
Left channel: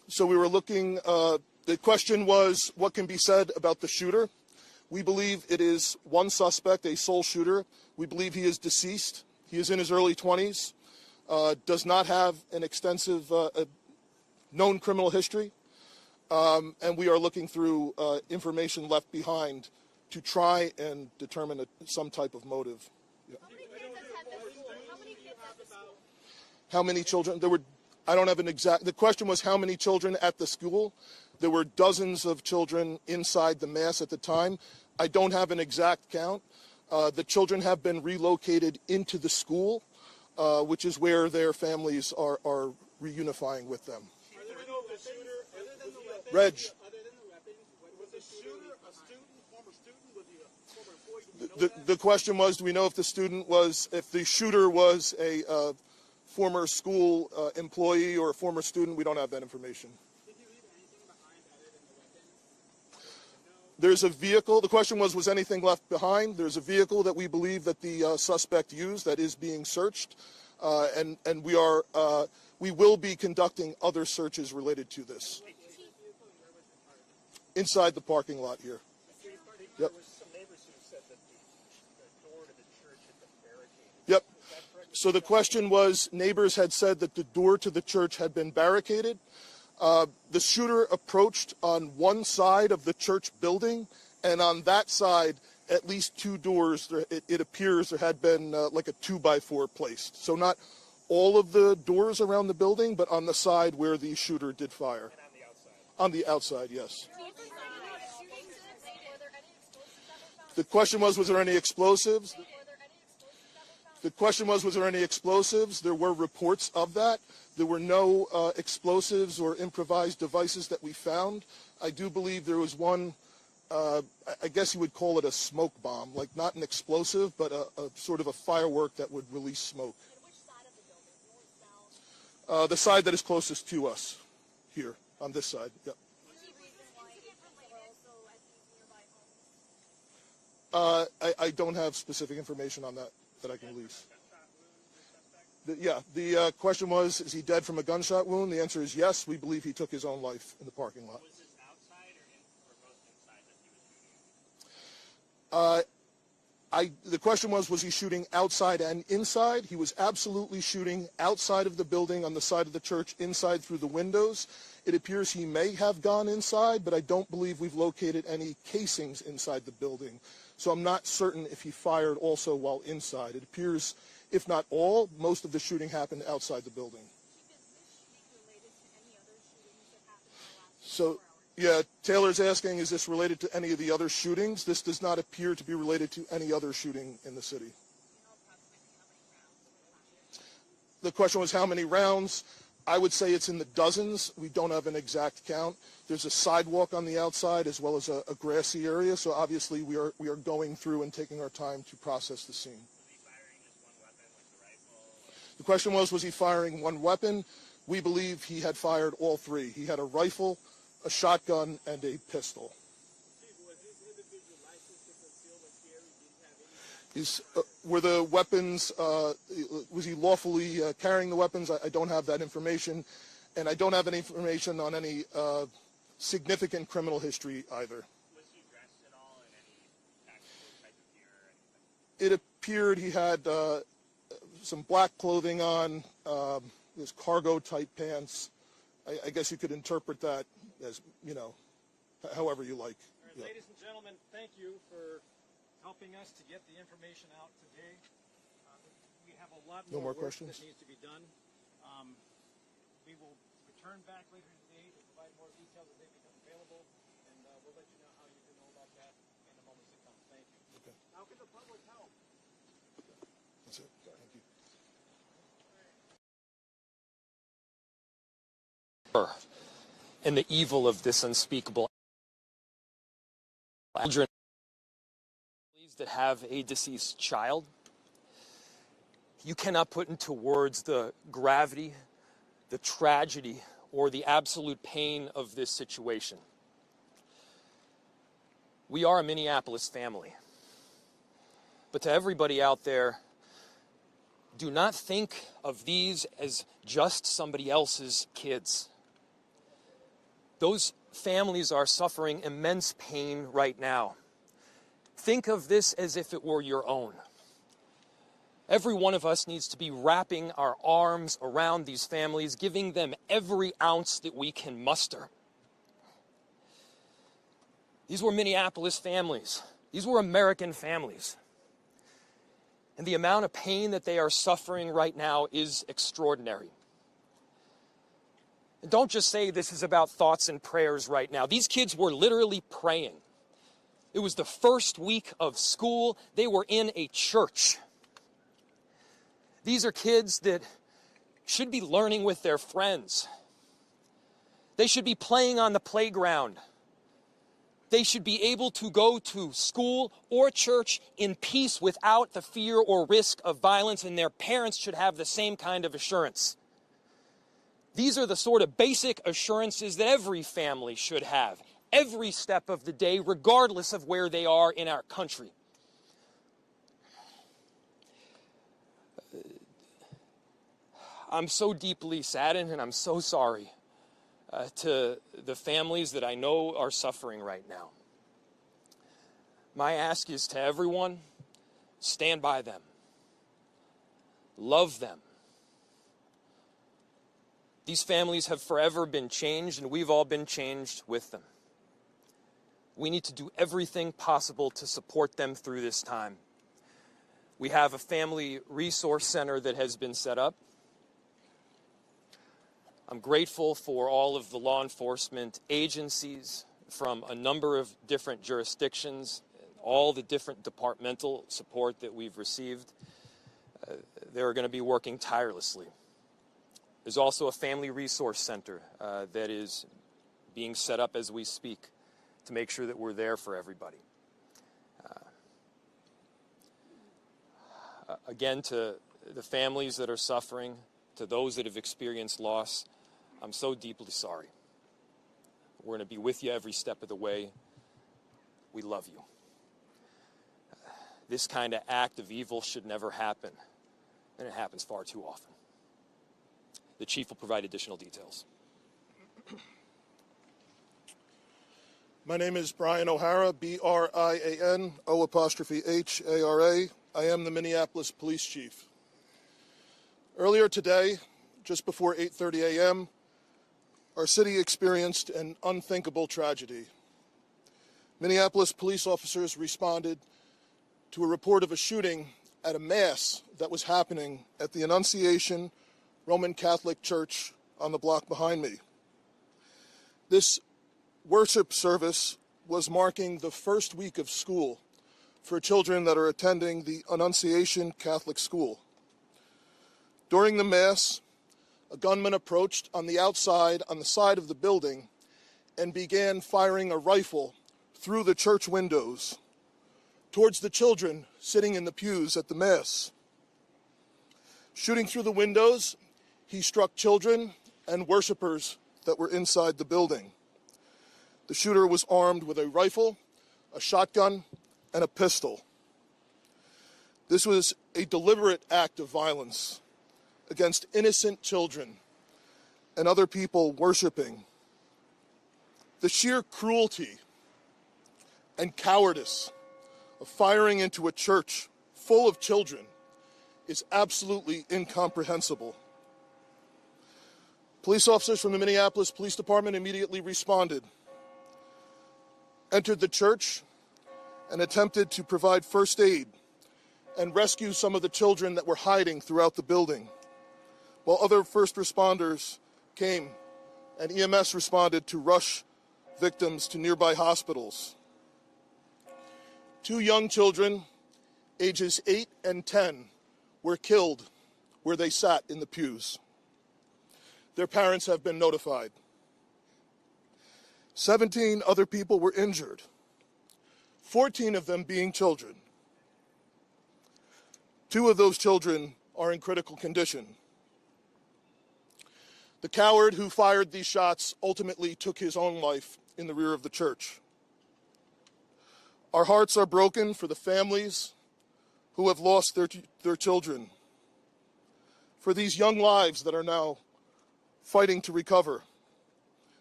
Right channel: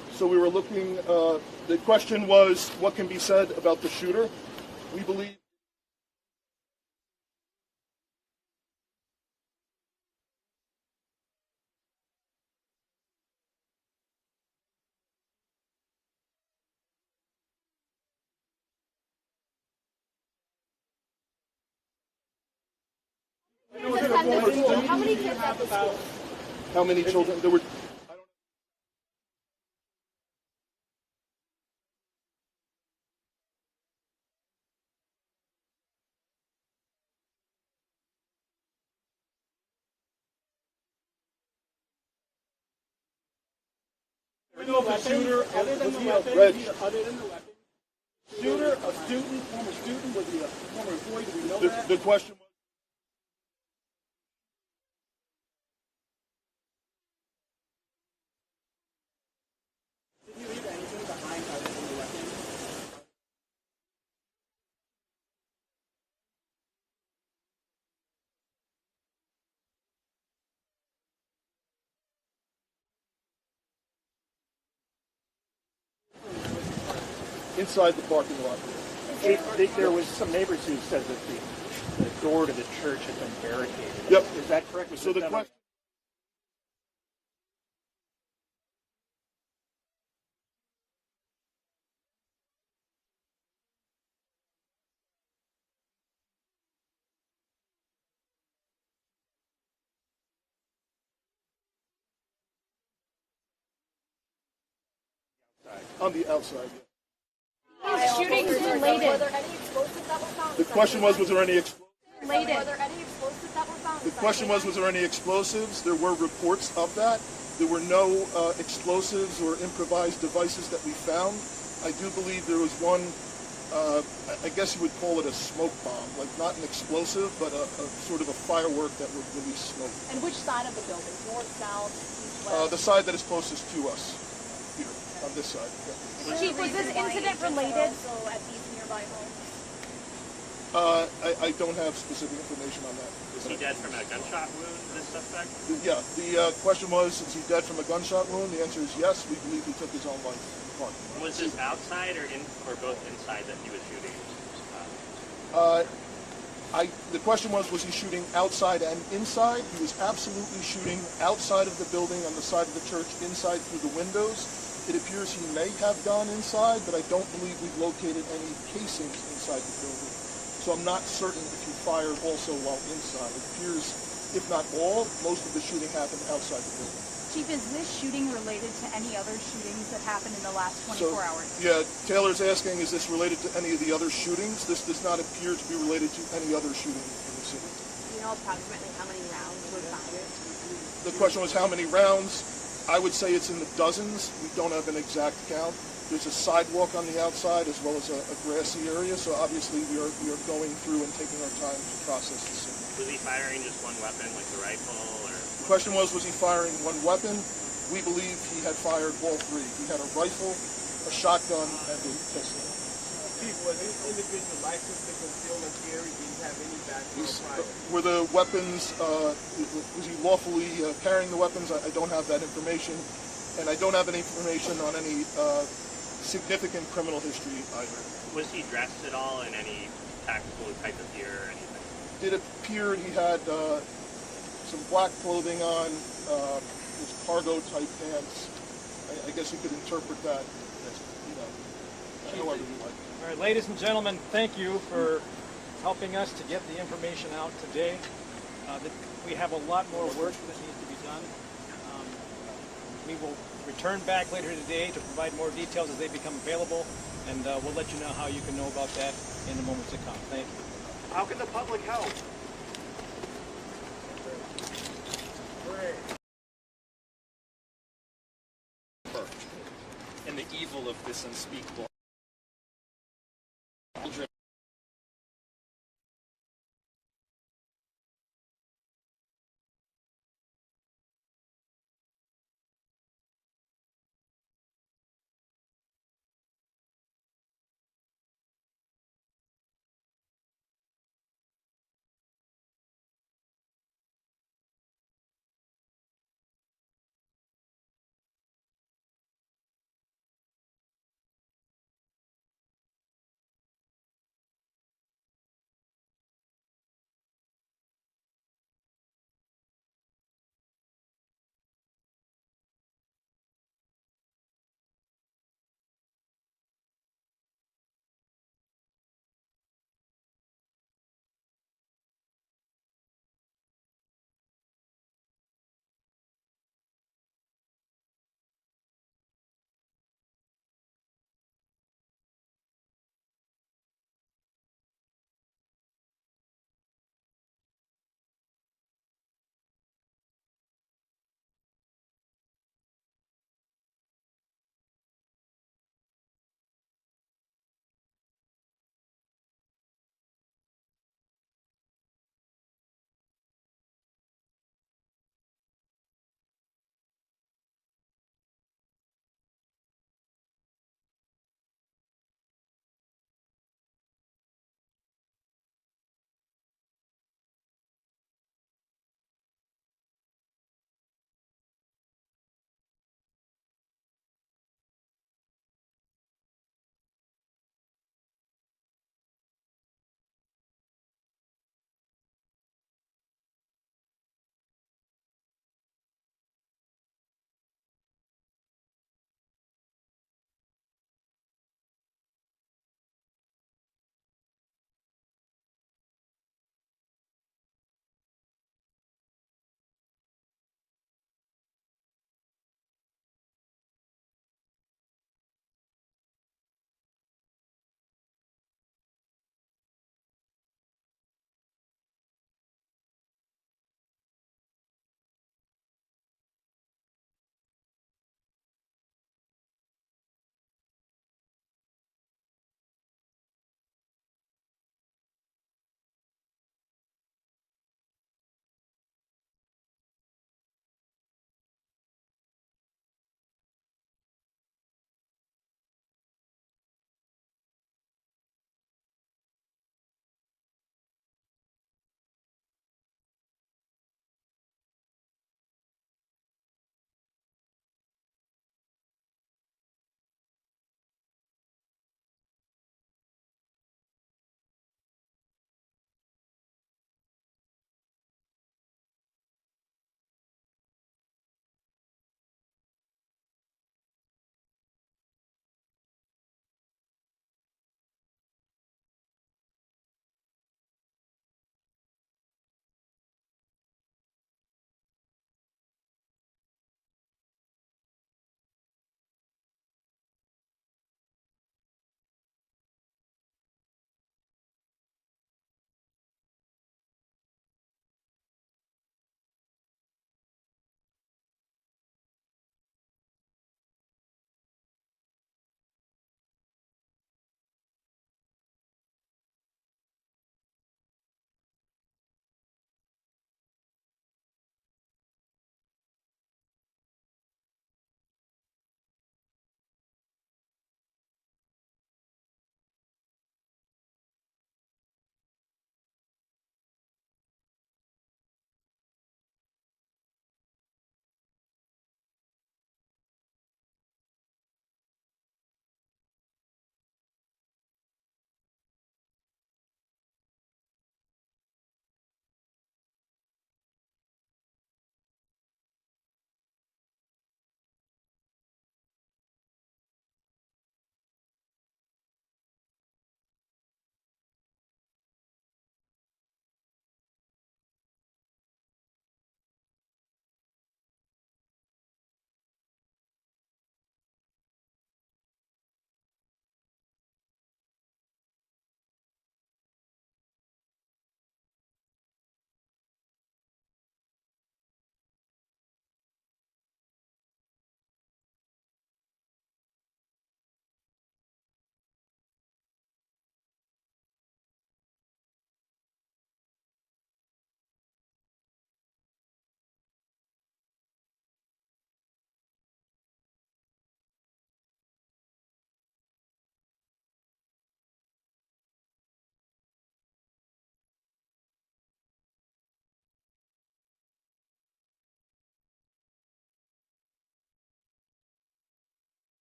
So we were looking, the question was, what can be said about the shooter? We believe it is one suspect, a sole shooter. We believe he is deceased. He is in his early 20s, does not have an extensive known criminal history, and we are looking through information left behind to try and determine some type of motive. How many kids at the school? How many children? There were, I don't have an exact, the question was how many children at the school. There were dozens of children inside the mass at the time. I don't have an exact count. The children have been relocated into the school, which is where their families are reunifying with them. We know the shooter, other than the weapons, was the shooter a student, former student, was he a former employee? Do we know that? The question was, do we know if the shooter was a former school employee or a former student? We don't have that information. Did you leave anything behind other than the weapons? There's a vehicle. The question was anything left behind? There's a vehicle that we believe that the suspect used that is being searched, and we will be conducting other searches related to this. Inside the parking lot here. There was some neighbors who said that the door to the church had been barricaded. Yep. Is that correct? So the question was, neighbors had said that the door to the church had been barricaded. The shooter approached on one side of the church building, and on that side, at least two doors, it appears there had been like a 2x4 placed. So not all of the doors around the building, but on the side where the shooter did fire. And on the outside? Yes. Shootings related. Were there any explosives that were found? The question was there any explosives? Were there any explosives that were found? The question was there any explosives? There were reports of that. There were no explosives or improvised devices that we found. I do believe there was one, I guess you would call it a smoke bomb, like not an explosive, but a sort of a firework that would release smoke. And which side of the building? North, south, east, west? The side that is closest to us, here, on this side. Yeah. Chief, was this incident related? Also at these nearby homes? I don't have specific information on that. Was he dead from a gunshot wound, this suspect? Yeah, the question was, is he dead from a gunshot wound? The answer is yes. We believe he took his own life in the parking lot. Was this outside or both inside that he was shooting? The question was he shooting outside and inside? He was absolutely shooting outside of the building on the side of the church, inside through the windows. It appears he may have gone inside, but I don't believe we've located any casings inside the building. So I'm not certain if he fired also while inside. It appears, if not all, most of the shooting happened outside the building. Chief, is this shooting related to any other shootings that happened in the last 24 hours? Yeah, Taylor's asking, is this related to any of the other shootings? This does not appear to be related to any other shooting in the city. Do you know approximately how many rounds were fired? The question was how many rounds? I would say it's in the dozens. We don't have an exact count. There's a sidewalk on the outside as well as a grassy area, so obviously we are going through and taking our time to process the scene. Was he firing just one weapon, like the rifle, or? The question was he firing one weapon? We believe he had fired all three. He had a rifle, a shotgun, and a pistol. Chief, was this individual licensed to conceal and carry? Did he have any background? Were the weapons, was he lawfully carrying the weapons? I don't have that information, and I don't have any information on any significant criminal history either. Was he dressed at all in any tactical type of gear or anything? It appeared he had some black clothing on, his cargo type pants. I guess you could interpret that as, however you like. All right, ladies and gentlemen, thank you for helping us to get the information out today. We have a lot more work that needs to be done. We will return back later today to provide more details as they become available, and we'll let you know how you can know about that in the moments to come. Thank you. How can the public help? And the evil of this unspeakable children that have a deceased child. You cannot put into words the gravity, the tragedy, or the absolute pain of this situation. We are a Minneapolis family. But to everybody out there, do not think of these as just somebody else's kids. Those families are suffering immense pain right now. Think of this as if it were your own. Every one of us needs to be wrapping our arms around these families, giving them every ounce that we can muster. These were Minneapolis families. These were American families. And the amount of pain that they are suffering right now is extraordinary. And don't just say this is about thoughts and prayers right now. These kids were literally praying. It was the first week of school. They were in a church. These are kids that should be learning with their friends. They should be playing on the playground. They should be able to go to school or church in peace without the fear or risk of violence, and their parents should have the same kind of assurance. These are the sort of basic assurances that every family should have, every step of the day, regardless of where they are in our country. I'm so deeply saddened, and I'm so sorry to the families that I know are suffering right now. My ask is to everyone, stand by them. Love them. These families have forever been changed, and we've all been changed with them. We need to do everything possible to support them through this time. We have a family resource center that has been set up. I'm grateful for all of the law enforcement agencies from a number of different jurisdictions, all the different departmental support that we've received. They're going to be working tirelessly. There's also a family resource center that is being set up as we speak to make sure that we're there for everybody. Again, to the families that are suffering, to those that have experienced loss, I'm so deeply sorry. We're going to be with you every step of the way. We love you. This kind of act of evil should never happen, and it happens far too often. The chief will provide additional details. My name is Brian O'Hara, B-R-I-A-N, O''H-A-R-A. I am the Minneapolis Police Chief. Earlier today, just before 8:30 a.m., our city experienced an unthinkable tragedy. Minneapolis police officers responded to a report of a shooting at a mass that was happening at the Annunciation Roman Catholic Church on the block behind me. This worship service was marking the first week of school for children that are attending the Annunciation Catholic School. During the Mass, a gunman approached on the outside, on the side of the building, and began firing a rifle through the church windows towards the children sitting in the pews at the Mass. Shooting through the windows, he struck children and worshipers that were inside the building. The shooter was armed with a rifle, a shotgun, and a pistol. This was a deliberate act of violence against innocent children and other people worshiping. The sheer cruelty and cowardice of firing into a church full of children is absolutely incomprehensible. Police officers from the Minneapolis Police Department immediately responded, entered the church, and attempted to provide first aid and rescue some of the children that were hiding throughout the building, while other first responders came and EMS responded to rush victims to nearby hospitals. 2 young children, ages 8 and 10, were killed where they sat in the pews. Their parents have been notified. 17 other people were injured, 14 of them being children. 2 of those children are in critical condition. The coward who fired these shots ultimately took his own life in the rear of the church. Our hearts are broken for the families who have lost their children, for these young lives that are now fighting to recover,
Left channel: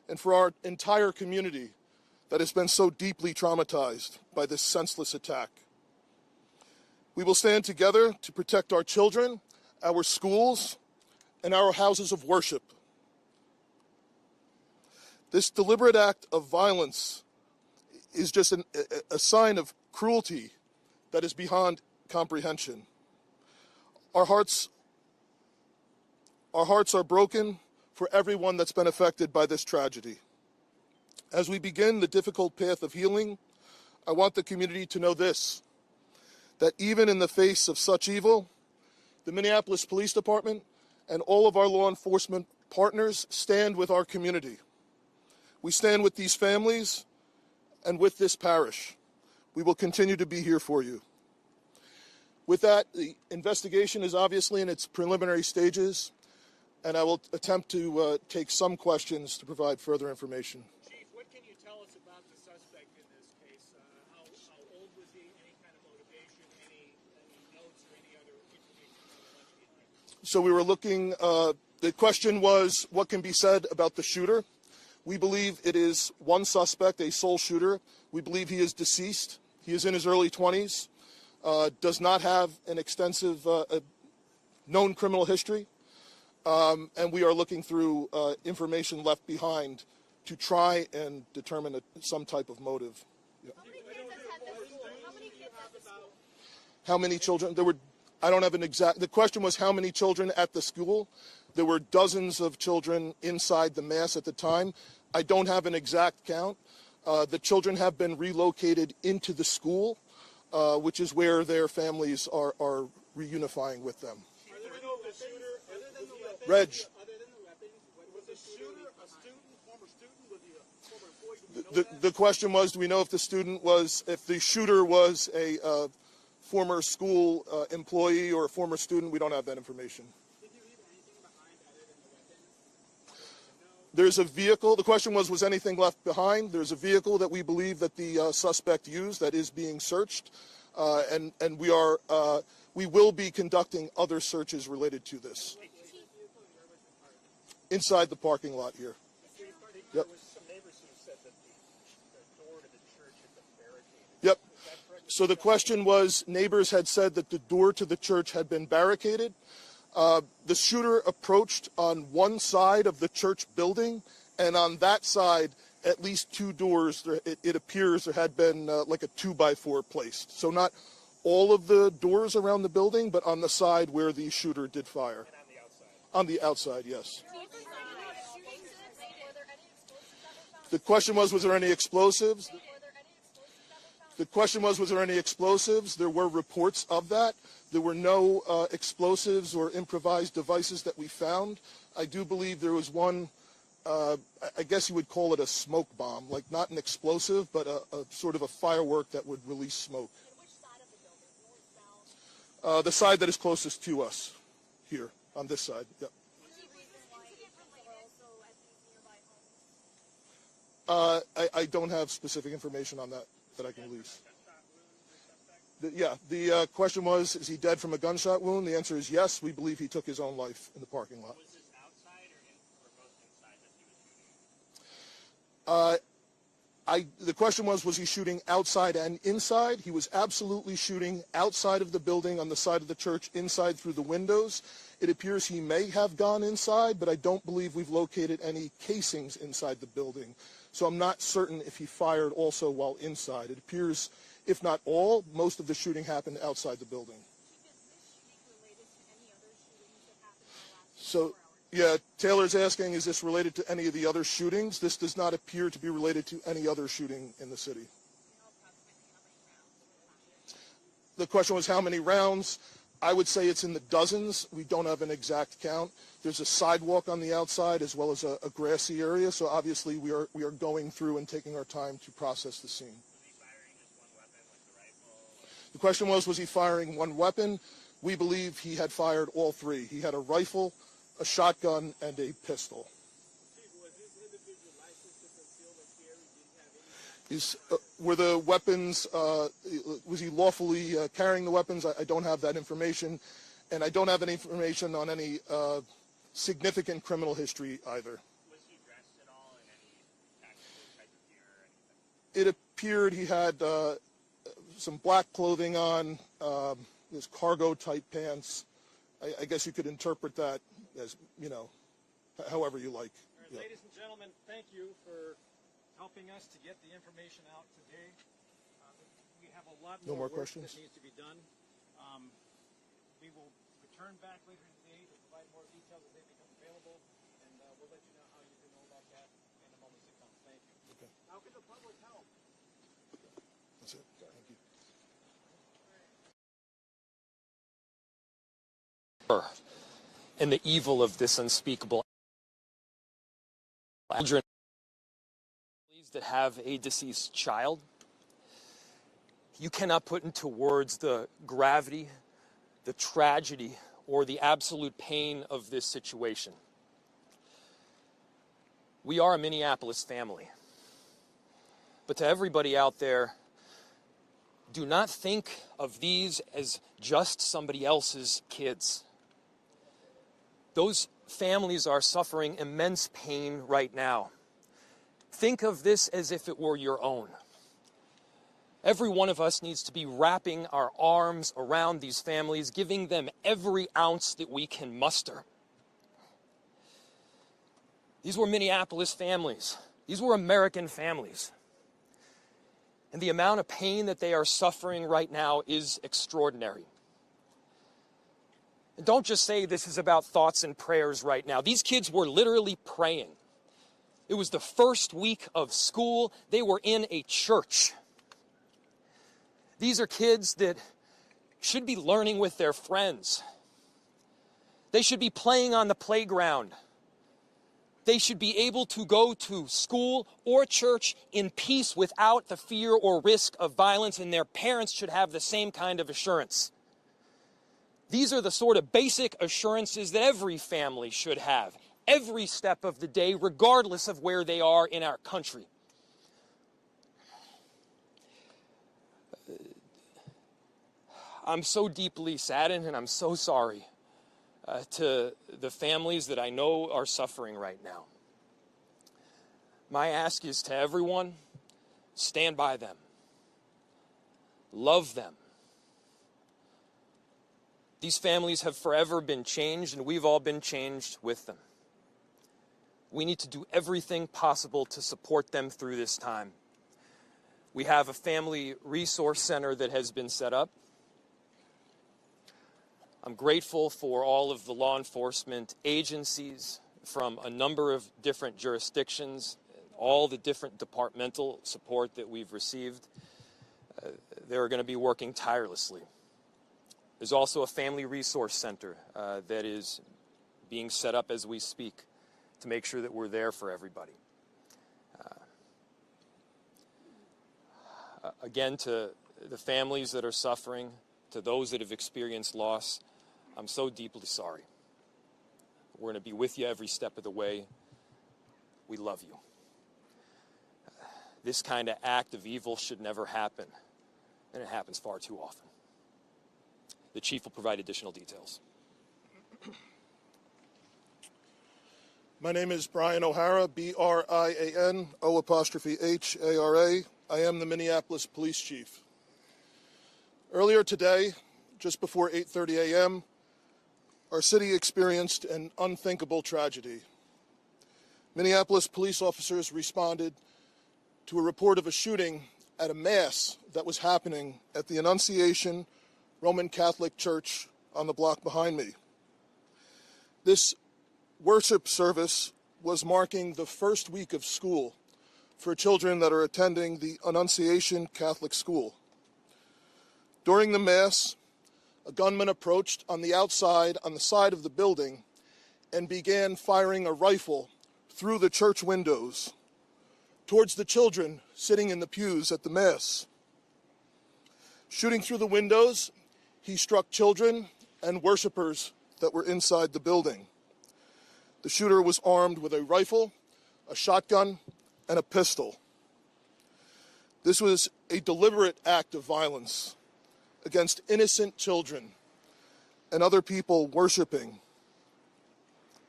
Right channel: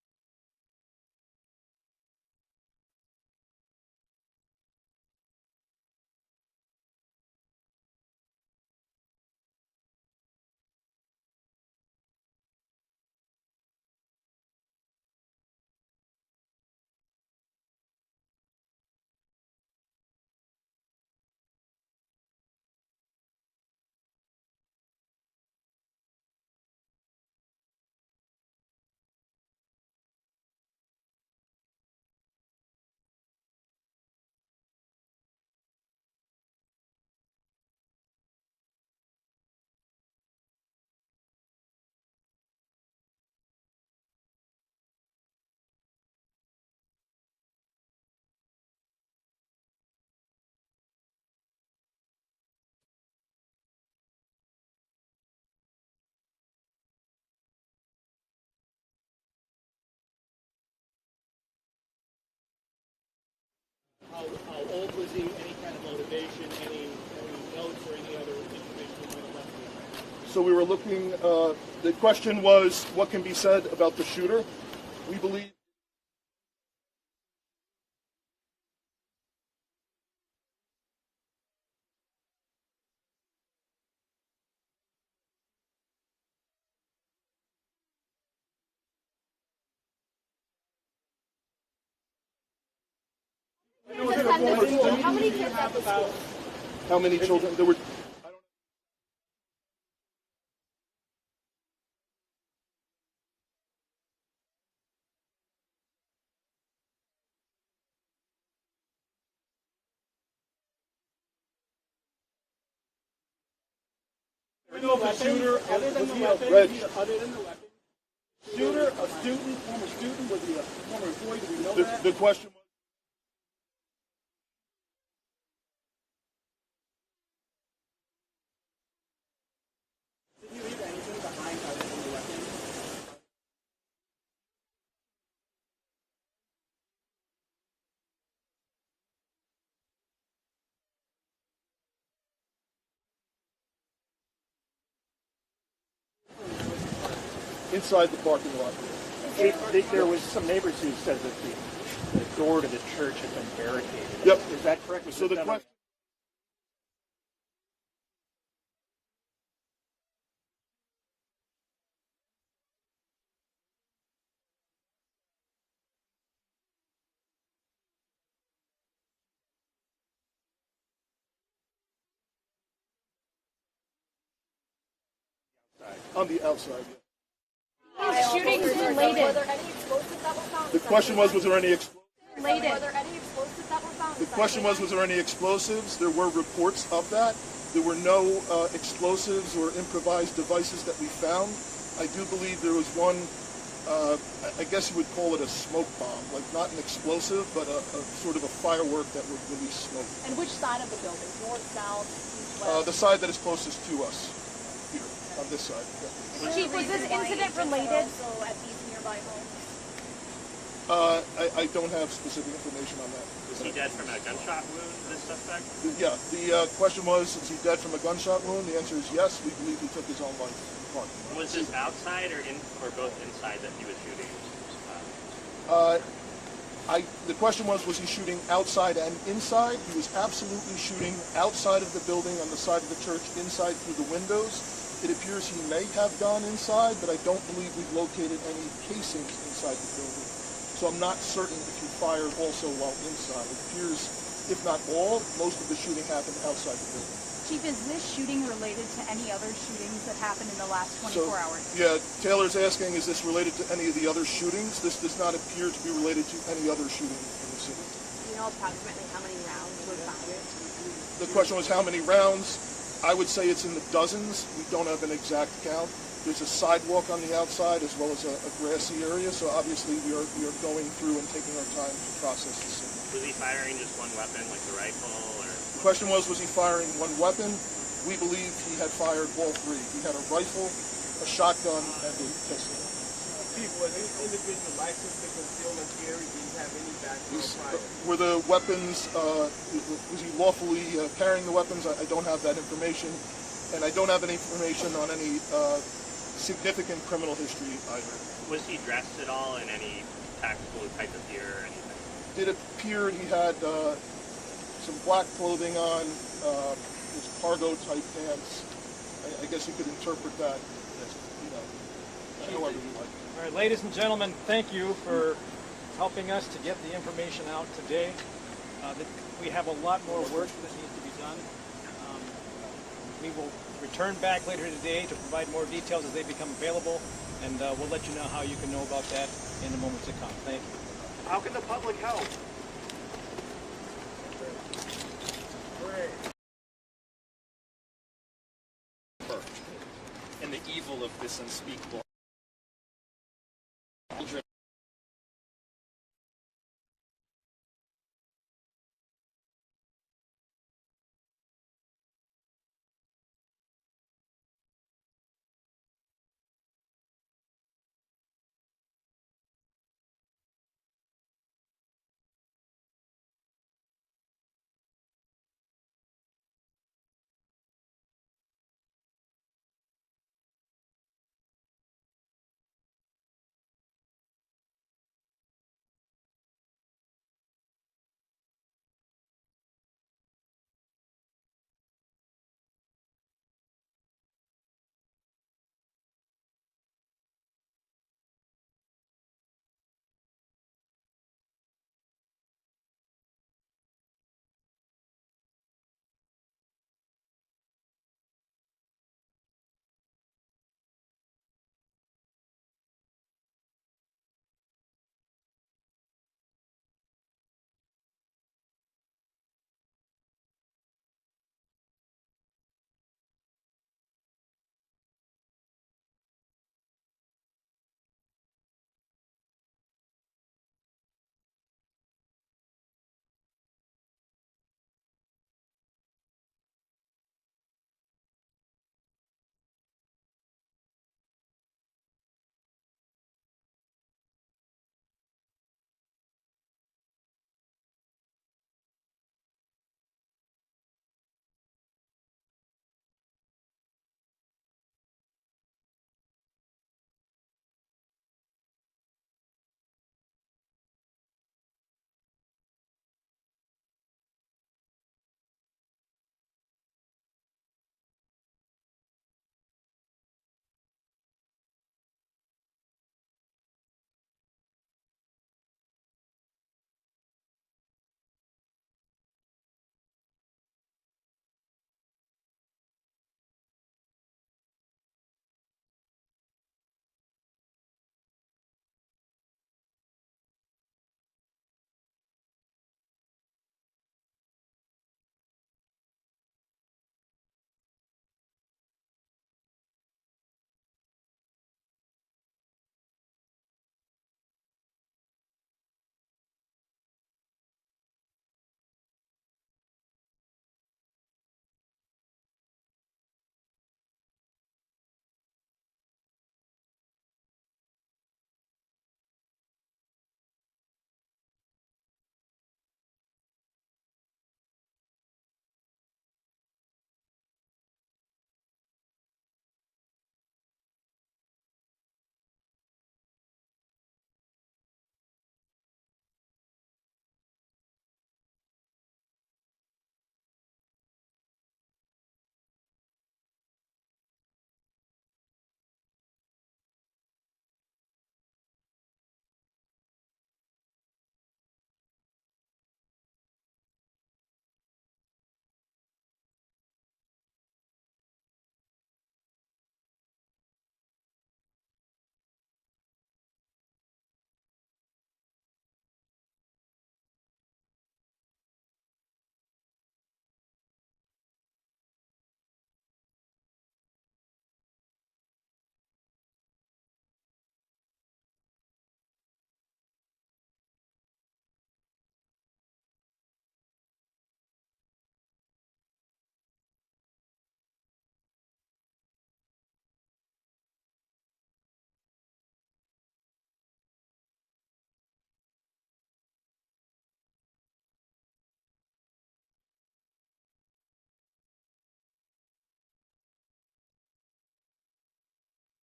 and for our entire community that has been so deeply traumatized by this senseless attack. We will stand together to protect our children, our schools, and our houses of worship. This deliberate act of violence is just a sign of cruelty that is beyond comprehension. Our hearts are broken for everyone that's been affected by this tragedy. As we begin the difficult path of healing, I want the community to know this, that even in the face of such evil, the Minneapolis Police Department and all of our law enforcement partners stand with our community. We stand with these families and with this parish. We will continue to be here for you. With that, the investigation is obviously in its preliminary stages, and I will attempt to take some questions to provide further information. Chief, what can you tell us about the suspect in this case? How old was he? Any kind of motivation? Any notes or any other information you might have left behind? So we were looking, the question was, what can be said about the shooter? We believe it is one suspect, a sole shooter. We believe he is deceased. He is in his early 20s, does not have an extensive known criminal history, and we are looking through information left behind to try and determine some type of motive. How many kids at the school? How many children? I don't have an exact, the question was how many children at the school. There were dozens of children inside the mass at the time. I don't have an exact count. The children have been relocated into the school, which is where their families are reunifying with them. We know the shooter, other than the weapons, was the shooter a student, former student, was he a former employee? Do we know that? The question was, do we know if the shooter was a former school employee or a former student? We don't have that information. Did he leave anything behind other than the weapons? There's a vehicle. The question was anything left behind? There's a vehicle that we believe that the suspect used that is being searched, and we will be conducting other searches related to this. Inside the parking lot here. There was some neighbors who said that the door to the church had been barricaded. Yep. Is that correct? So the question was, neighbors had said that the door to the church had been barricaded. The shooter approached on one side of the church building, and on that side, at least two doors, it appears there had been like a 2x4 placed. So not all of the doors around the building, but on the side where the shooter did fire. And on the outside? On the outside, yes. Shootings related. Were there any explosives that were found? The question was there any explosives? Were there any explosives that were found? The question was there any explosives? There were reports of that. There were no explosives or improvised devices that we found. I do believe there was one, I guess you would call it a smoke bomb, like not an explosive, but a sort of a firework that would release smoke. And which side of the building? North, south, east, west? The side that is closest to us, here, on this side. Chief, was this incident related? Also at these nearby homes? I don't have specific information on that. Was he dead from a gunshot wound, this suspect? Yeah, the question was, is he dead from a gunshot wound? The answer is yes. We believe he took his own life in the parking lot. Was this outside or both inside that he was shooting? The question was he shooting outside and inside? He was absolutely shooting outside of the building, on the side of the church, inside through the windows. It appears he may have gone inside, but I don't believe we've located any casings inside the building. So I'm not certain if he fired also while inside. It appears, if not all, most of the shooting happened outside the building. Chief, is this shooting related to any other shootings that happened in the last 24 hours? Yeah, Taylor's asking, is this related to any of the other shootings? This does not appear to be related to any other shooting in the city. Do you know approximately how many rounds were fired? The question was how many rounds? I would say it's in the dozens. We don't have an exact count. There's a sidewalk on the outside as well as a grassy area, so obviously we are going through and taking our time to process the scene. Was he firing just one weapon, like the rifle, or? The question was he firing one weapon? We believe he had fired all three. He had a rifle, a shotgun, and a pistol. Chief, was this individual licensed to conceal and carry? Did he have any background? Were the weapons, was he lawfully carrying the weapons? I don't have that information. And I don't have any information on any significant criminal history either. Was he dressed at all in any tactical type of gear or anything? It appeared he had some black clothing on, his cargo type pants. I guess you could interpret that as, you know, however you like. All right, ladies and gentlemen, thank you for helping us to get the information out today. We have a lot more work that needs to be done. We will return back later today to provide more details as they become available, and we'll let you know how you can know about that in the moments to come. Thank you. How can the public help? And the evil of this unspeakable children that have a deceased child. You cannot put into words the gravity, the tragedy, or the absolute pain of this situation. We are a Minneapolis family. But to everybody out there, do not think of these as just somebody else's kids. Those families are suffering immense pain right now. Think of this as if it were your own. Every one of us needs to be wrapping our arms around these families, giving them every ounce that we can muster. These were Minneapolis families. These were American families. And the amount of pain that they are suffering right now is extraordinary. And don't just say this is about thoughts and prayers right now. These kids were literally praying. It was the first week of school. They were in a church. These are kids that should be learning with their friends. They should be playing on the playground. They should be able to go to school or church in peace without the fear or risk of violence, and their parents should have the same kind of assurance. These are the sort of basic assurances that every family should have, every step of the day, regardless of where they are in our country. I'm so deeply saddened, and I'm so sorry to the families that I know are suffering right now. My ask is to everyone, stand by them. Love them. These families have forever been changed, and we've all been changed with them. We need to do everything possible to support them through this time. We have a family resource center that has been set up. I'm grateful for all of the law enforcement agencies from a number of different jurisdictions, all the different departmental support that we've received. They're going to be working tirelessly. There's also a family resource center that is being set up as we speak to make sure that we're there for everybody. Again, to the families that are suffering, to those that have experienced loss, I'm so deeply sorry. We're going to be with you every step of the way. We love you. This kind of act of evil should never happen, and it happens far too often. The chief will provide additional details. My name is Brian O'Hara, B-R-I-A-N, O''H-A-R-A. I am the Minneapolis Police Chief. Earlier today, just before 8:30 a.m., our city experienced an unthinkable tragedy. Minneapolis police officers responded to a report of a shooting at a mass that was happening at the Annunciation Roman Catholic Church on the block behind me. This worship service was marking the first week of school for children that are attending the Annunciation Catholic School. During the Mass, a gunman approached on the outside on the side of the building and began firing a rifle through the church windows towards the children sitting in the pews at the Mass. Shooting through the windows, he struck children and worshipers that were inside the building. The shooter was armed with a rifle, a shotgun, and a pistol. This was a deliberate act of violence against innocent children and other people worshiping.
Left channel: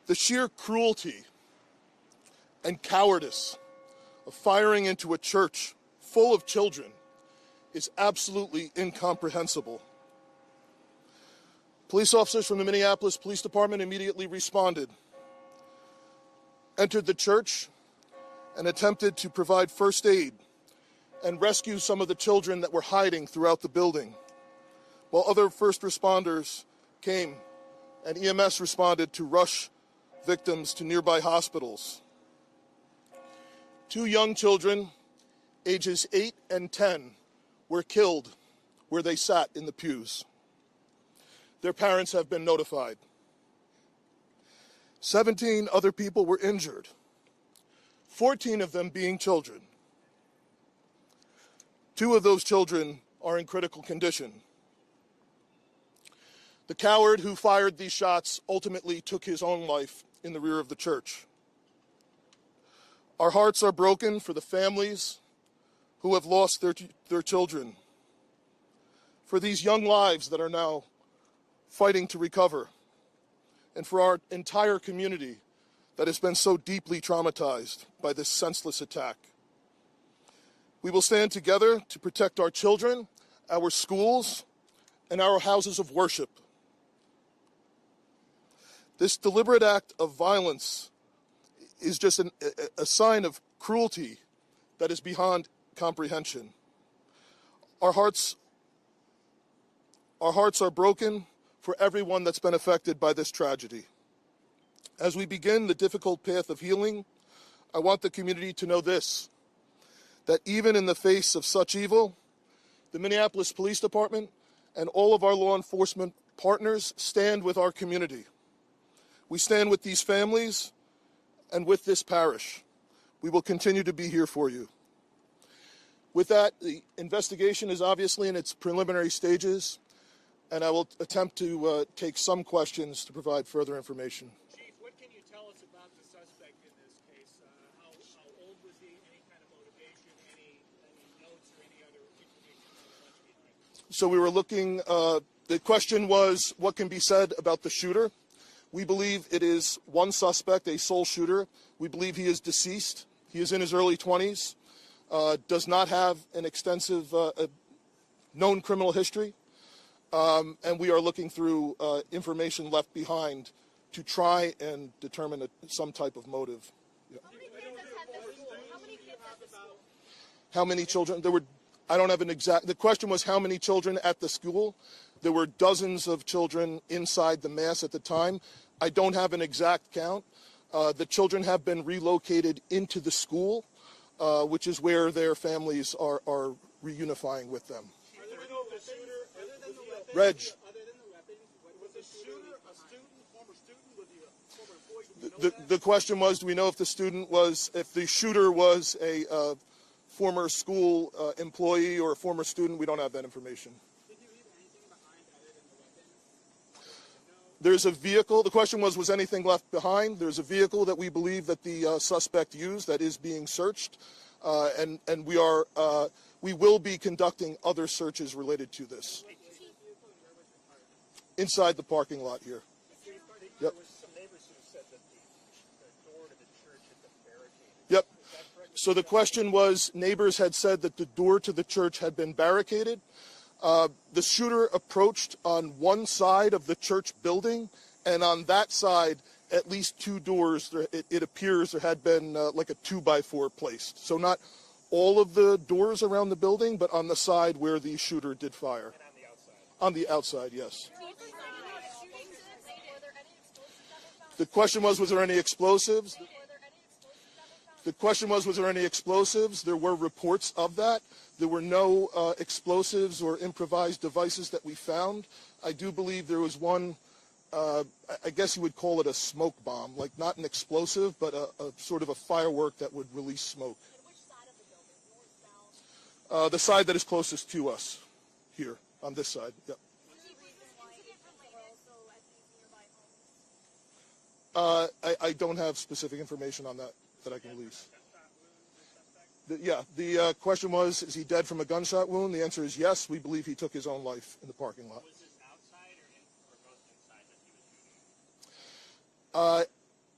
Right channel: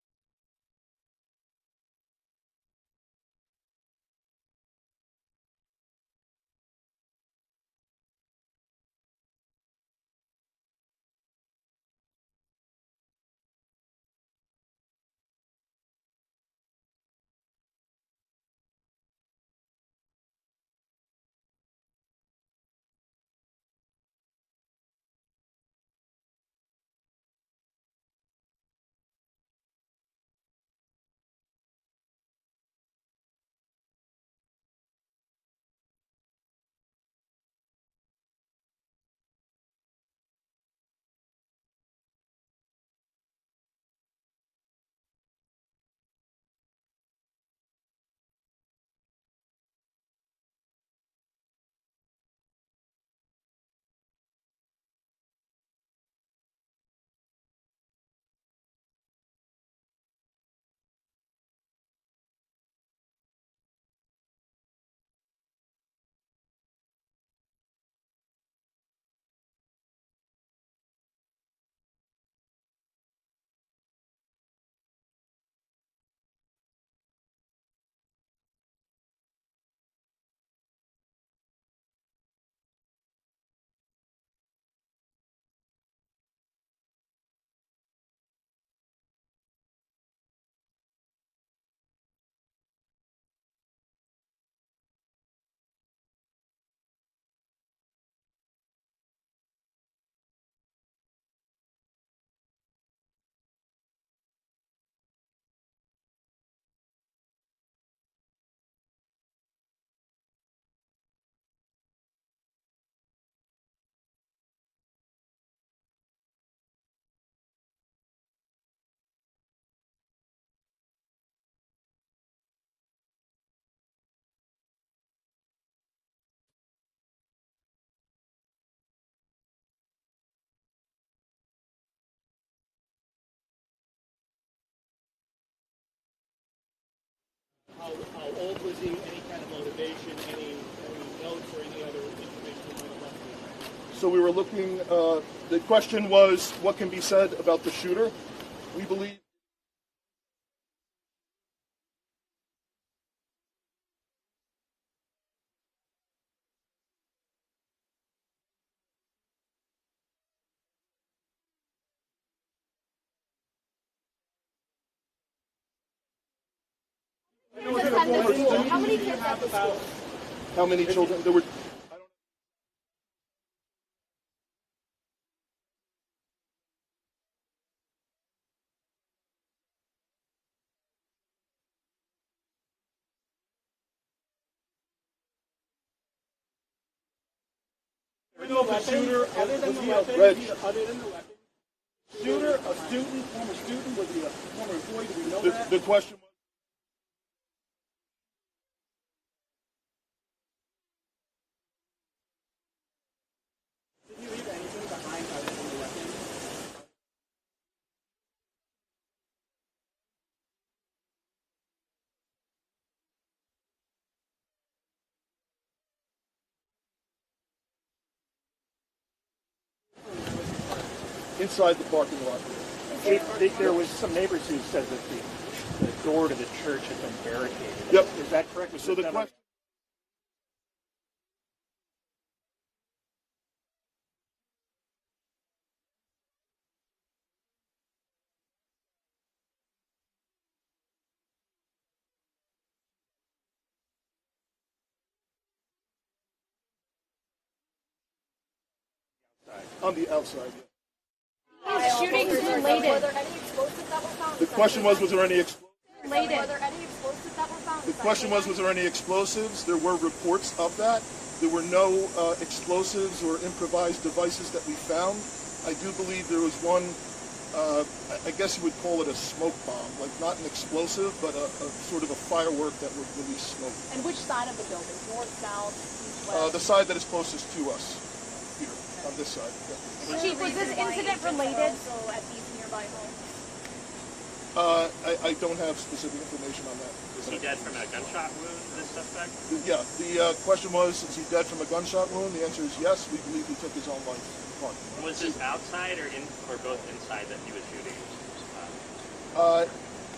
The sheer cruelty and cowardice of firing into a church full of children is absolutely incomprehensible. Police officers from the Minneapolis Police Department immediately responded, entered the church, and attempted to provide first aid and rescue some of the children that were hiding throughout the building, while other first responders came and EMS responded to rush victims to nearby hospitals. 2 young children, ages 8 and 10, were killed where they sat in the pews. Their parents have been notified. 17 other people were injured, 14 of them being children. 2 of those children are in critical condition. The coward who fired these shots ultimately took his own life in the rear of the church. Our hearts are broken for the families who have lost their children, for these young lives that are now fighting to recover, and for our entire community that has been so deeply traumatized by this senseless attack. We will stand together to protect our children, our schools, and our houses of worship. This deliberate act of violence is just a sign of cruelty that is beyond comprehension. Our hearts are broken for everyone that's been affected by this tragedy. As we begin the difficult path of healing, I want the community to know this, that even in the face of such evil, the Minneapolis Police Department and all of our law enforcement partners stand with our community. We stand with these families and with this parish. We will continue to be here for you. With that, the investigation is obviously in its preliminary stages, and I will attempt to take some questions to provide further information. Chief, what can you tell us about the suspect in this case? How old was he? Any kind of motivation? Any notes or any other information you might have left behind? So we were looking, the question was, what can be said about the shooter? We believe it is one suspect, a sole shooter. We believe he is deceased. He is in his early 20s, does not have an extensive known criminal history, and we are looking through information left behind to try and determine some type of motive. Yeah. How many kids at the school? How many children? There were, I don't have an exact, the question was how many children at the school. There were dozens of children inside the mass at the time. I don't have an exact count. The children have been relocated into the school, which is where their families are reunifying with them. Other than the weapons, was the shooter a student, former student? Was he a former employee? Do we know that? The question was, do we know if the shooter was a former school employee or a former student? We don't have that information. Did he leave anything behind other than the weapons? There's a vehicle. The question was anything left behind? There's a vehicle that we believe that the suspect used that is being searched, and we will be conducting other searches related to this. Inside the parking lot here. There was some neighbors who said that the door to the church had been barricaded. Yep. Is that correct? So the question was, neighbors had said that the door to the church had been barricaded. The shooter approached on one side of the church building, and on that side, at least 2 doors, it appears there had been like a 2x4 placed. So not all of the doors around the building, but on the side where the shooter did fire. And on the outside? On the outside, yes. Shootings related. Were there any explosives that were found? The question was there any explosives? Were there any explosives that were found? The question was there any explosives? There were reports of that. There were no explosives or improvised devices that we found. I do believe there was one, I guess you would call it a smoke bomb, like not an explosive, but a sort of a firework that would release smoke. And which side of the building? North, south, east, west? The side that is closest to us, here, on this side. Yeah. Chief, was this incident related? Also at these nearby homes. I don't have specific information on that. Was he dead from a gunshot wound, this suspect? Yeah, the question was, is he dead from a gunshot wound? The answer is yes. We believe he took his own life in the parking lot. Was this outside or both inside that he was shooting?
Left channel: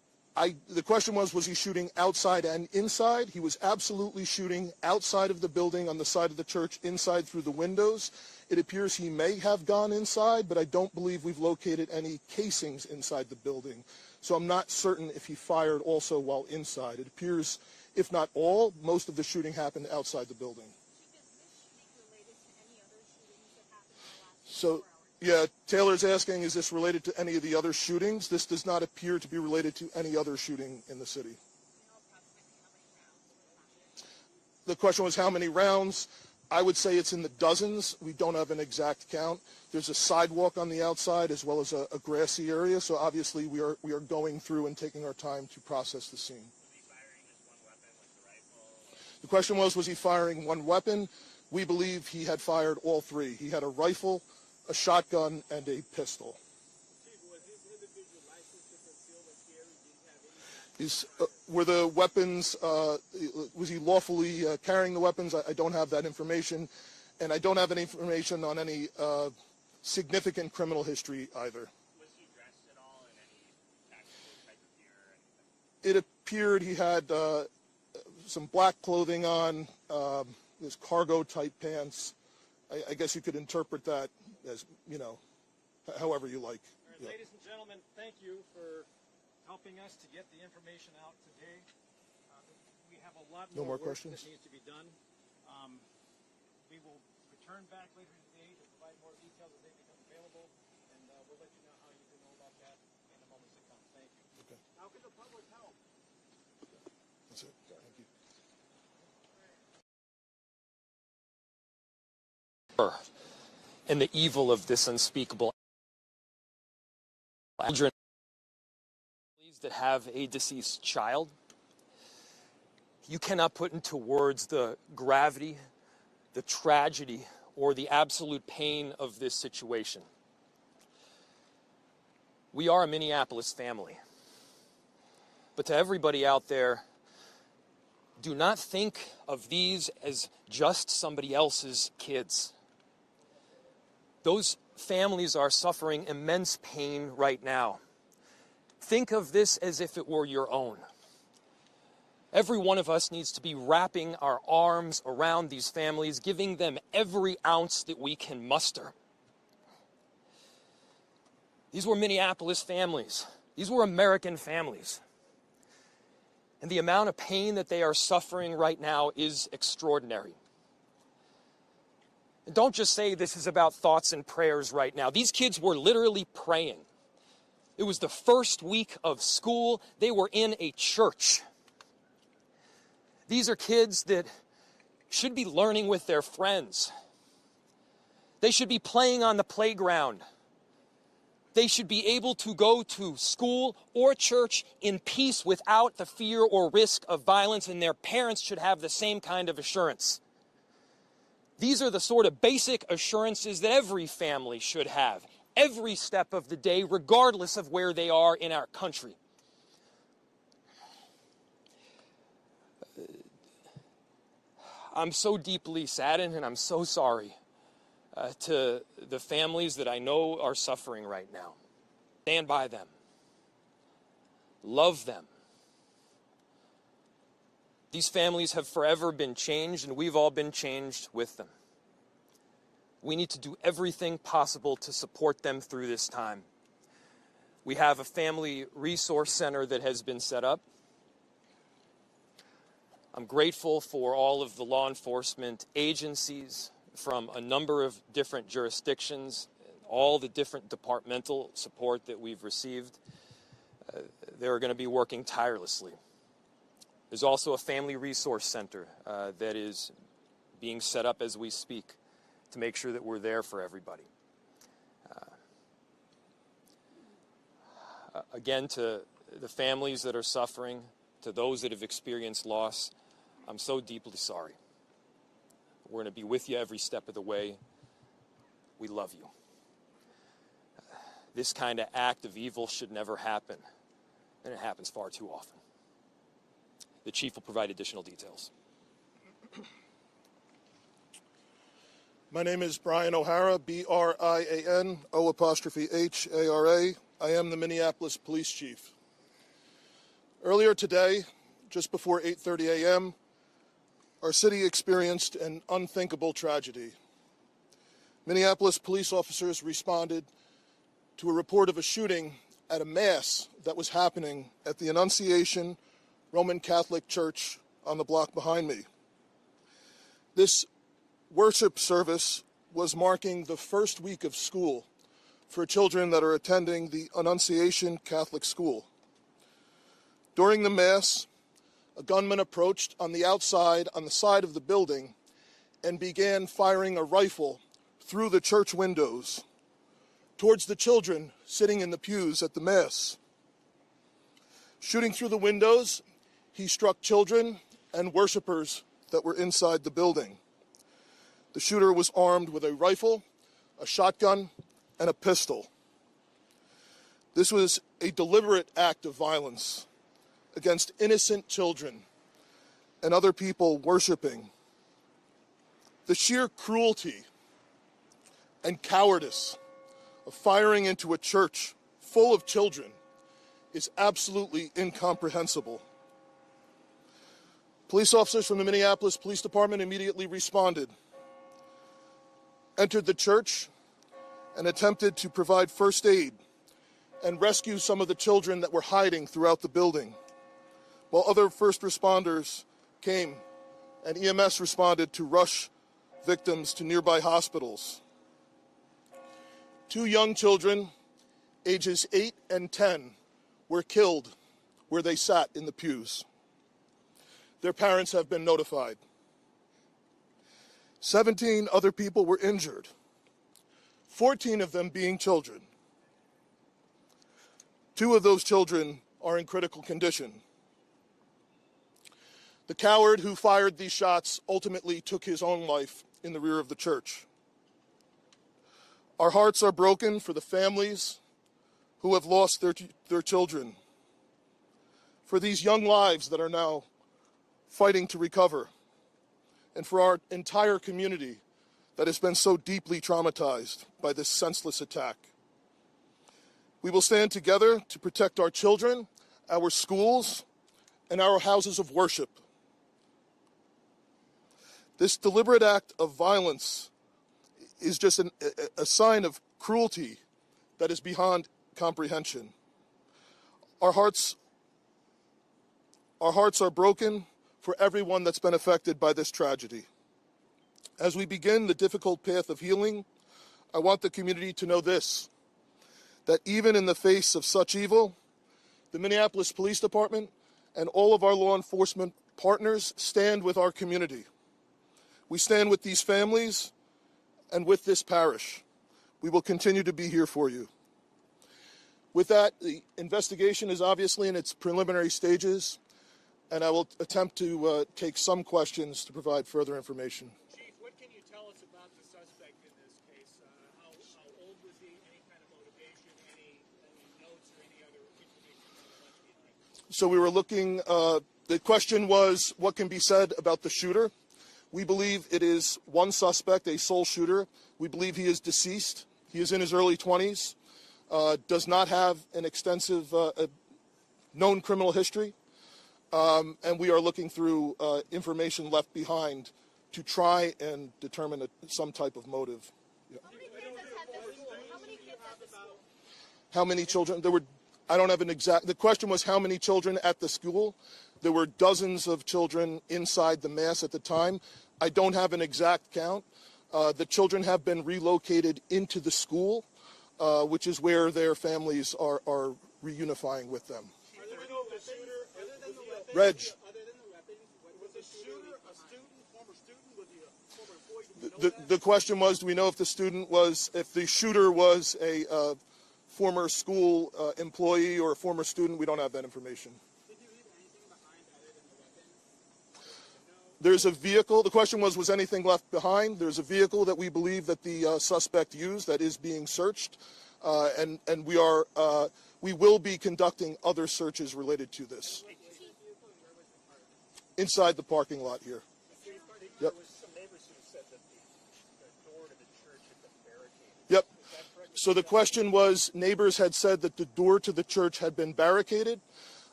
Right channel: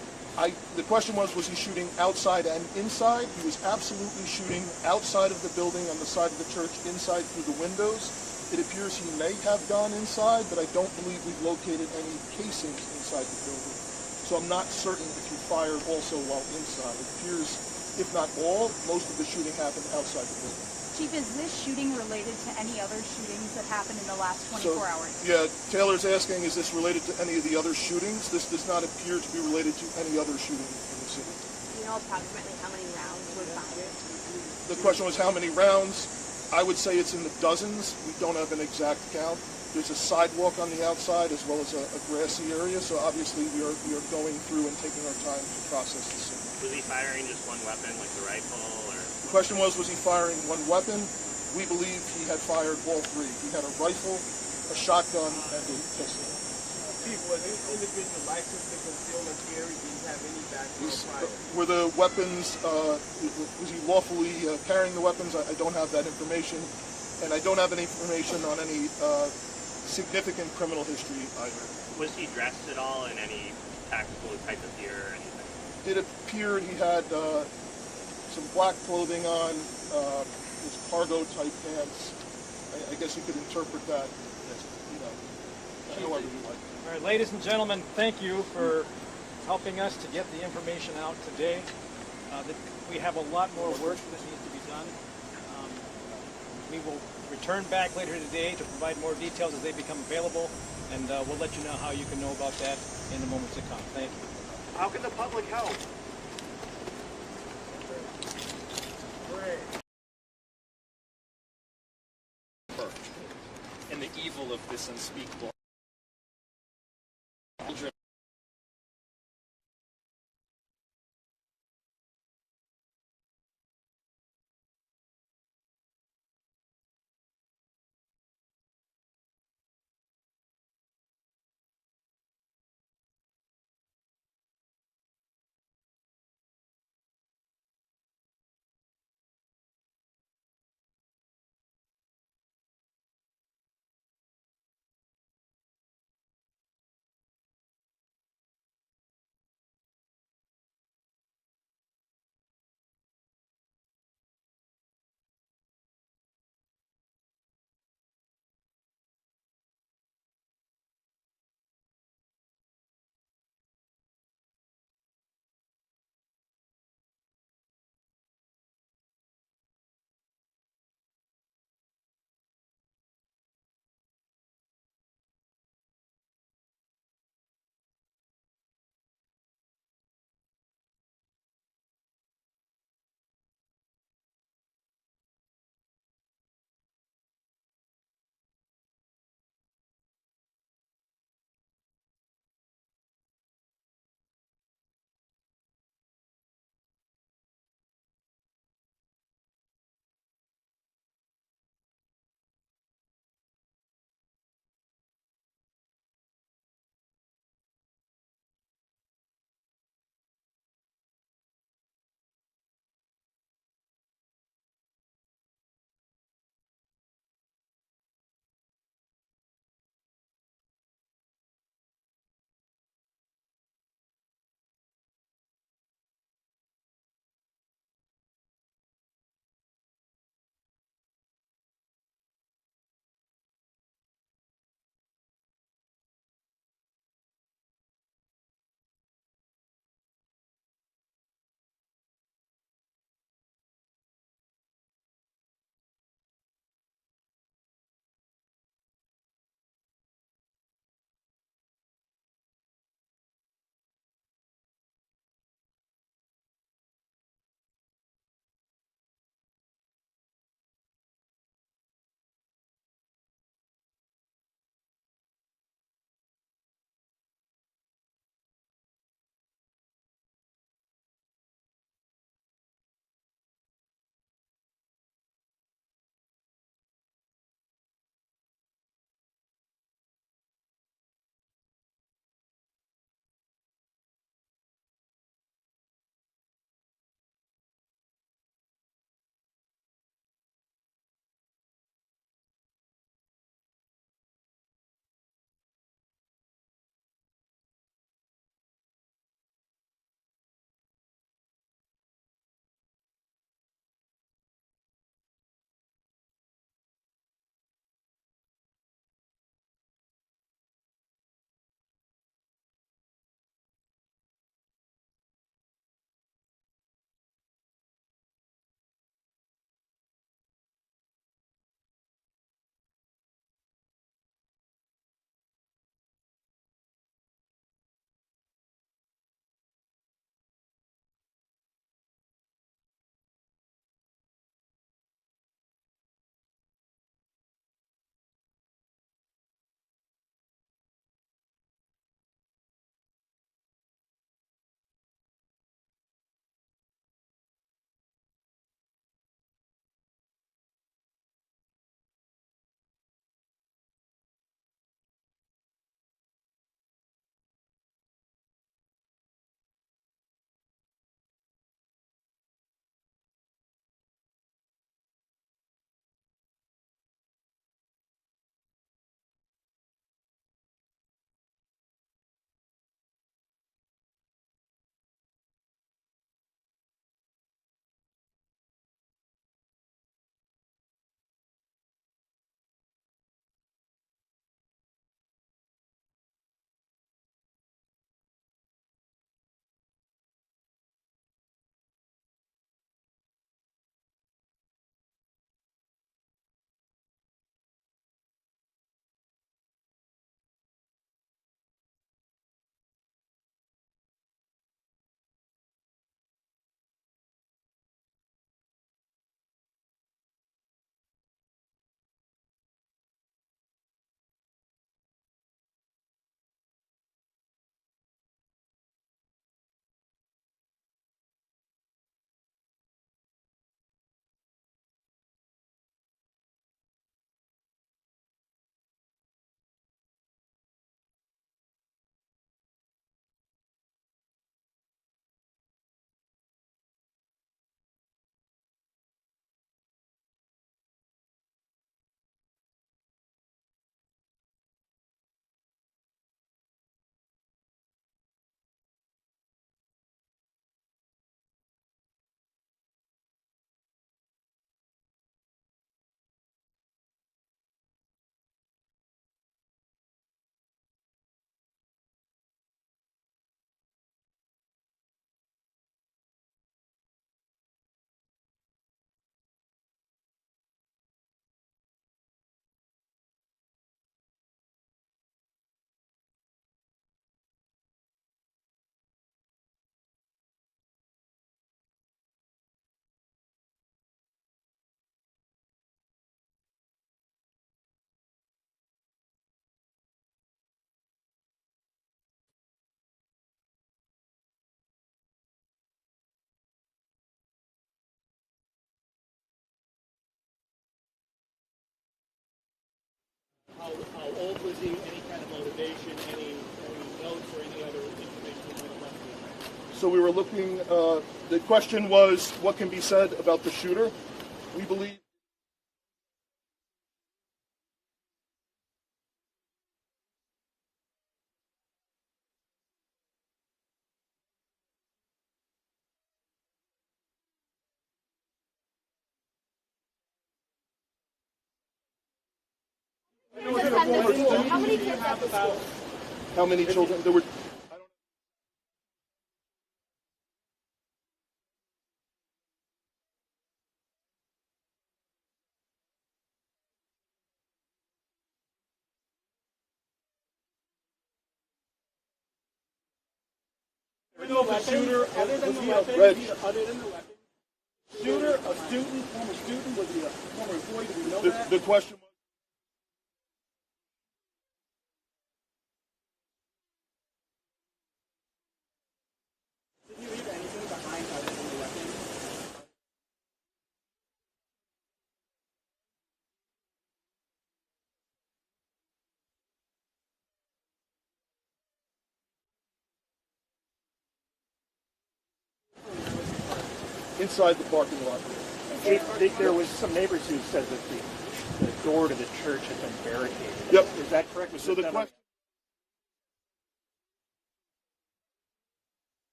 The question was he shooting outside and inside? He was absolutely shooting outside of the building on the side of the church, inside through the windows. It appears he may have gone inside, but I don't believe we've located any casings inside the building. So I'm not certain if he fired also while inside. It appears, if not all, most of the shooting happened outside the building. Chief, is this shooting related to any other shootings that happened in the last 24 hours? Yeah, Taylor's asking, is this related to any of the other shootings? This does not appear to be related to any other shooting in the city. Do you know approximately how many rounds were fired? The question was how many rounds? I would say it's in the dozens. We don't have an exact count. There's a sidewalk on the outside as well as a grassy area, so obviously we are going through and taking our time to process the scene. Was he firing just one weapon, like the rifle, or? The question was he firing one weapon? We believe he had fired all three. He had a rifle, a shotgun, and a pistol. Chief, was this individual licensed to conceal and carry? Did he have any background prior? Were the weapons, was he lawfully carrying the weapons? I don't have that information. And I don't have any information on any significant criminal history either. Was he dressed at all in any tactical type of gear or anything? It appeared he had some black clothing on, his cargo type pants. I guess you could interpret that as, however you like. All right, ladies and gentlemen, thank you for helping us to get the information out today. We have a lot more work that needs to be done. We will return back later today to provide more details as they become available, and we'll let you know how you can know about that in the moments to come. Thank you. How can the public help? And the evil of this unspeakable families that have a deceased child. You cannot put into words the gravity, the tragedy, or the absolute pain of this situation. We are a Minneapolis family. But to everybody out there, do not think of these as just somebody else's kids. Those families are suffering immense pain right now. Think of this as if it were your own. Every one of us needs to be wrapping our arms around these families, giving them every ounce that we can muster. These were Minneapolis families. These were American families. And the amount of pain that they are suffering right now is extraordinary. And don't just say this is about thoughts and prayers right now. These kids were literally praying. It was the first week of school. They were in a church. These are kids that should be learning with their friends. They should be playing on the playground. They should be able to go to school or church in peace without the fear or risk of violence, and their parents should have the same kind of assurance. These are the sort of basic assurances that every family should have, every step of the day, regardless of where they are in our country. I'm so deeply saddened, and I'm so sorry to the families that I know are suffering right now. Stand by them. Love them. These families have forever been changed, and we've all been changed with them. We need to do everything possible to support them through this time. We have a family resource center that has been set up. I'm grateful for all of the law enforcement agencies from a number of different jurisdictions, all the different departmental support that we've received. They're going to be working tirelessly. There's also a family resource center that is being set up as we speak to make sure that we're there for everybody. Again, to the families that are suffering, to those that have experienced loss, I'm so deeply sorry. We're going to be with you every step of the way. We love you. This kind of act of evil should never happen, and it happens far too often. The chief will provide additional details. My name is Brian O'Hara, B-R-I-A-N, O''H-A-R-A. I am the Minneapolis Police Chief. Earlier today, just before 8:30 a.m., our city experienced an unthinkable tragedy. Minneapolis police officers responded to a report of a shooting at a mass that was happening at the Annunciation Roman Catholic Church on the block behind me. This worship service was marking the first week of school for children that are attending the Annunciation Catholic School. During the Mass, a gunman approached on the outside, on the side of the building, and began firing a rifle through the church windows towards the children sitting in the pews at the Mass. Shooting through the windows, he struck children and worshipers that were inside the building. The shooter was armed with a rifle, a shotgun, and a pistol. This was a deliberate act of violence against innocent children and other people worshiping. The sheer cruelty and cowardice of firing into a church full of children is absolutely incomprehensible. Police officers from the Minneapolis Police Department immediately responded, entered the church, and attempted to provide first aid and rescue some of the children that were hiding throughout the building, while other first responders came and EMS responded to rush victims to nearby hospitals. 2 young children, ages 8 and 10, were killed where they sat in the pews. Their parents have been notified. 17 other people were injured, 14 of them being children. 2 of those children are in critical condition. The coward who fired these shots ultimately took his own life in the rear of the church. Our hearts are broken for the families who have lost their children, for these young lives that are now fighting to recover, and for our entire community that has been so deeply traumatized by this senseless attack. We will stand together to protect our children, our schools, and our houses of worship. This deliberate act of violence is just a sign of cruelty that is beyond comprehension. Our hearts are broken for everyone that's been affected by this tragedy. As we begin the difficult path of healing, I want the community to know this, that even in the face of such evil, the Minneapolis Police Department and all of our law enforcement partners stand with our community. We stand with these families and with this parish. We will continue to be here for you. With that, the investigation is obviously in its preliminary stages, and I will attempt to take some questions to provide further information. Chief, what can you tell us about the suspect in this case? How old was he? Any kind of motivation? Any notes or any other information you might have left behind? So we were looking, the question was, what can be said about the shooter? We believe it is one suspect, a sole shooter. We believe he is deceased. He is in his early 20s, does not have an extensive known criminal history, and we are looking through information left behind to try and determine some type of motive. Yeah. How many kids at the school? How many children? There were, I don't have an exact, the question was how many children at the school. There were dozens of children inside the Mass at the time. I don't have an exact count. The children have been relocated into the school, which is where their families are reunifying with them. Other than the weapons, was the shooter a student, former student? Was he a former employee? Do we know that? The question was, do we know if the shooter was a former school employee or a former student? We don't have that information. Did you leave anything behind other than the weapons? There's a vehicle. The question was anything left behind? There's a vehicle that we believe that the suspect used that is being searched, and we will be conducting other searches related to this. Inside the parking lot here. There was some neighbors who said that the door to the church had been barricaded. Yep. Is that correct? So the question was, neighbors had said that the door to the church had been barricaded.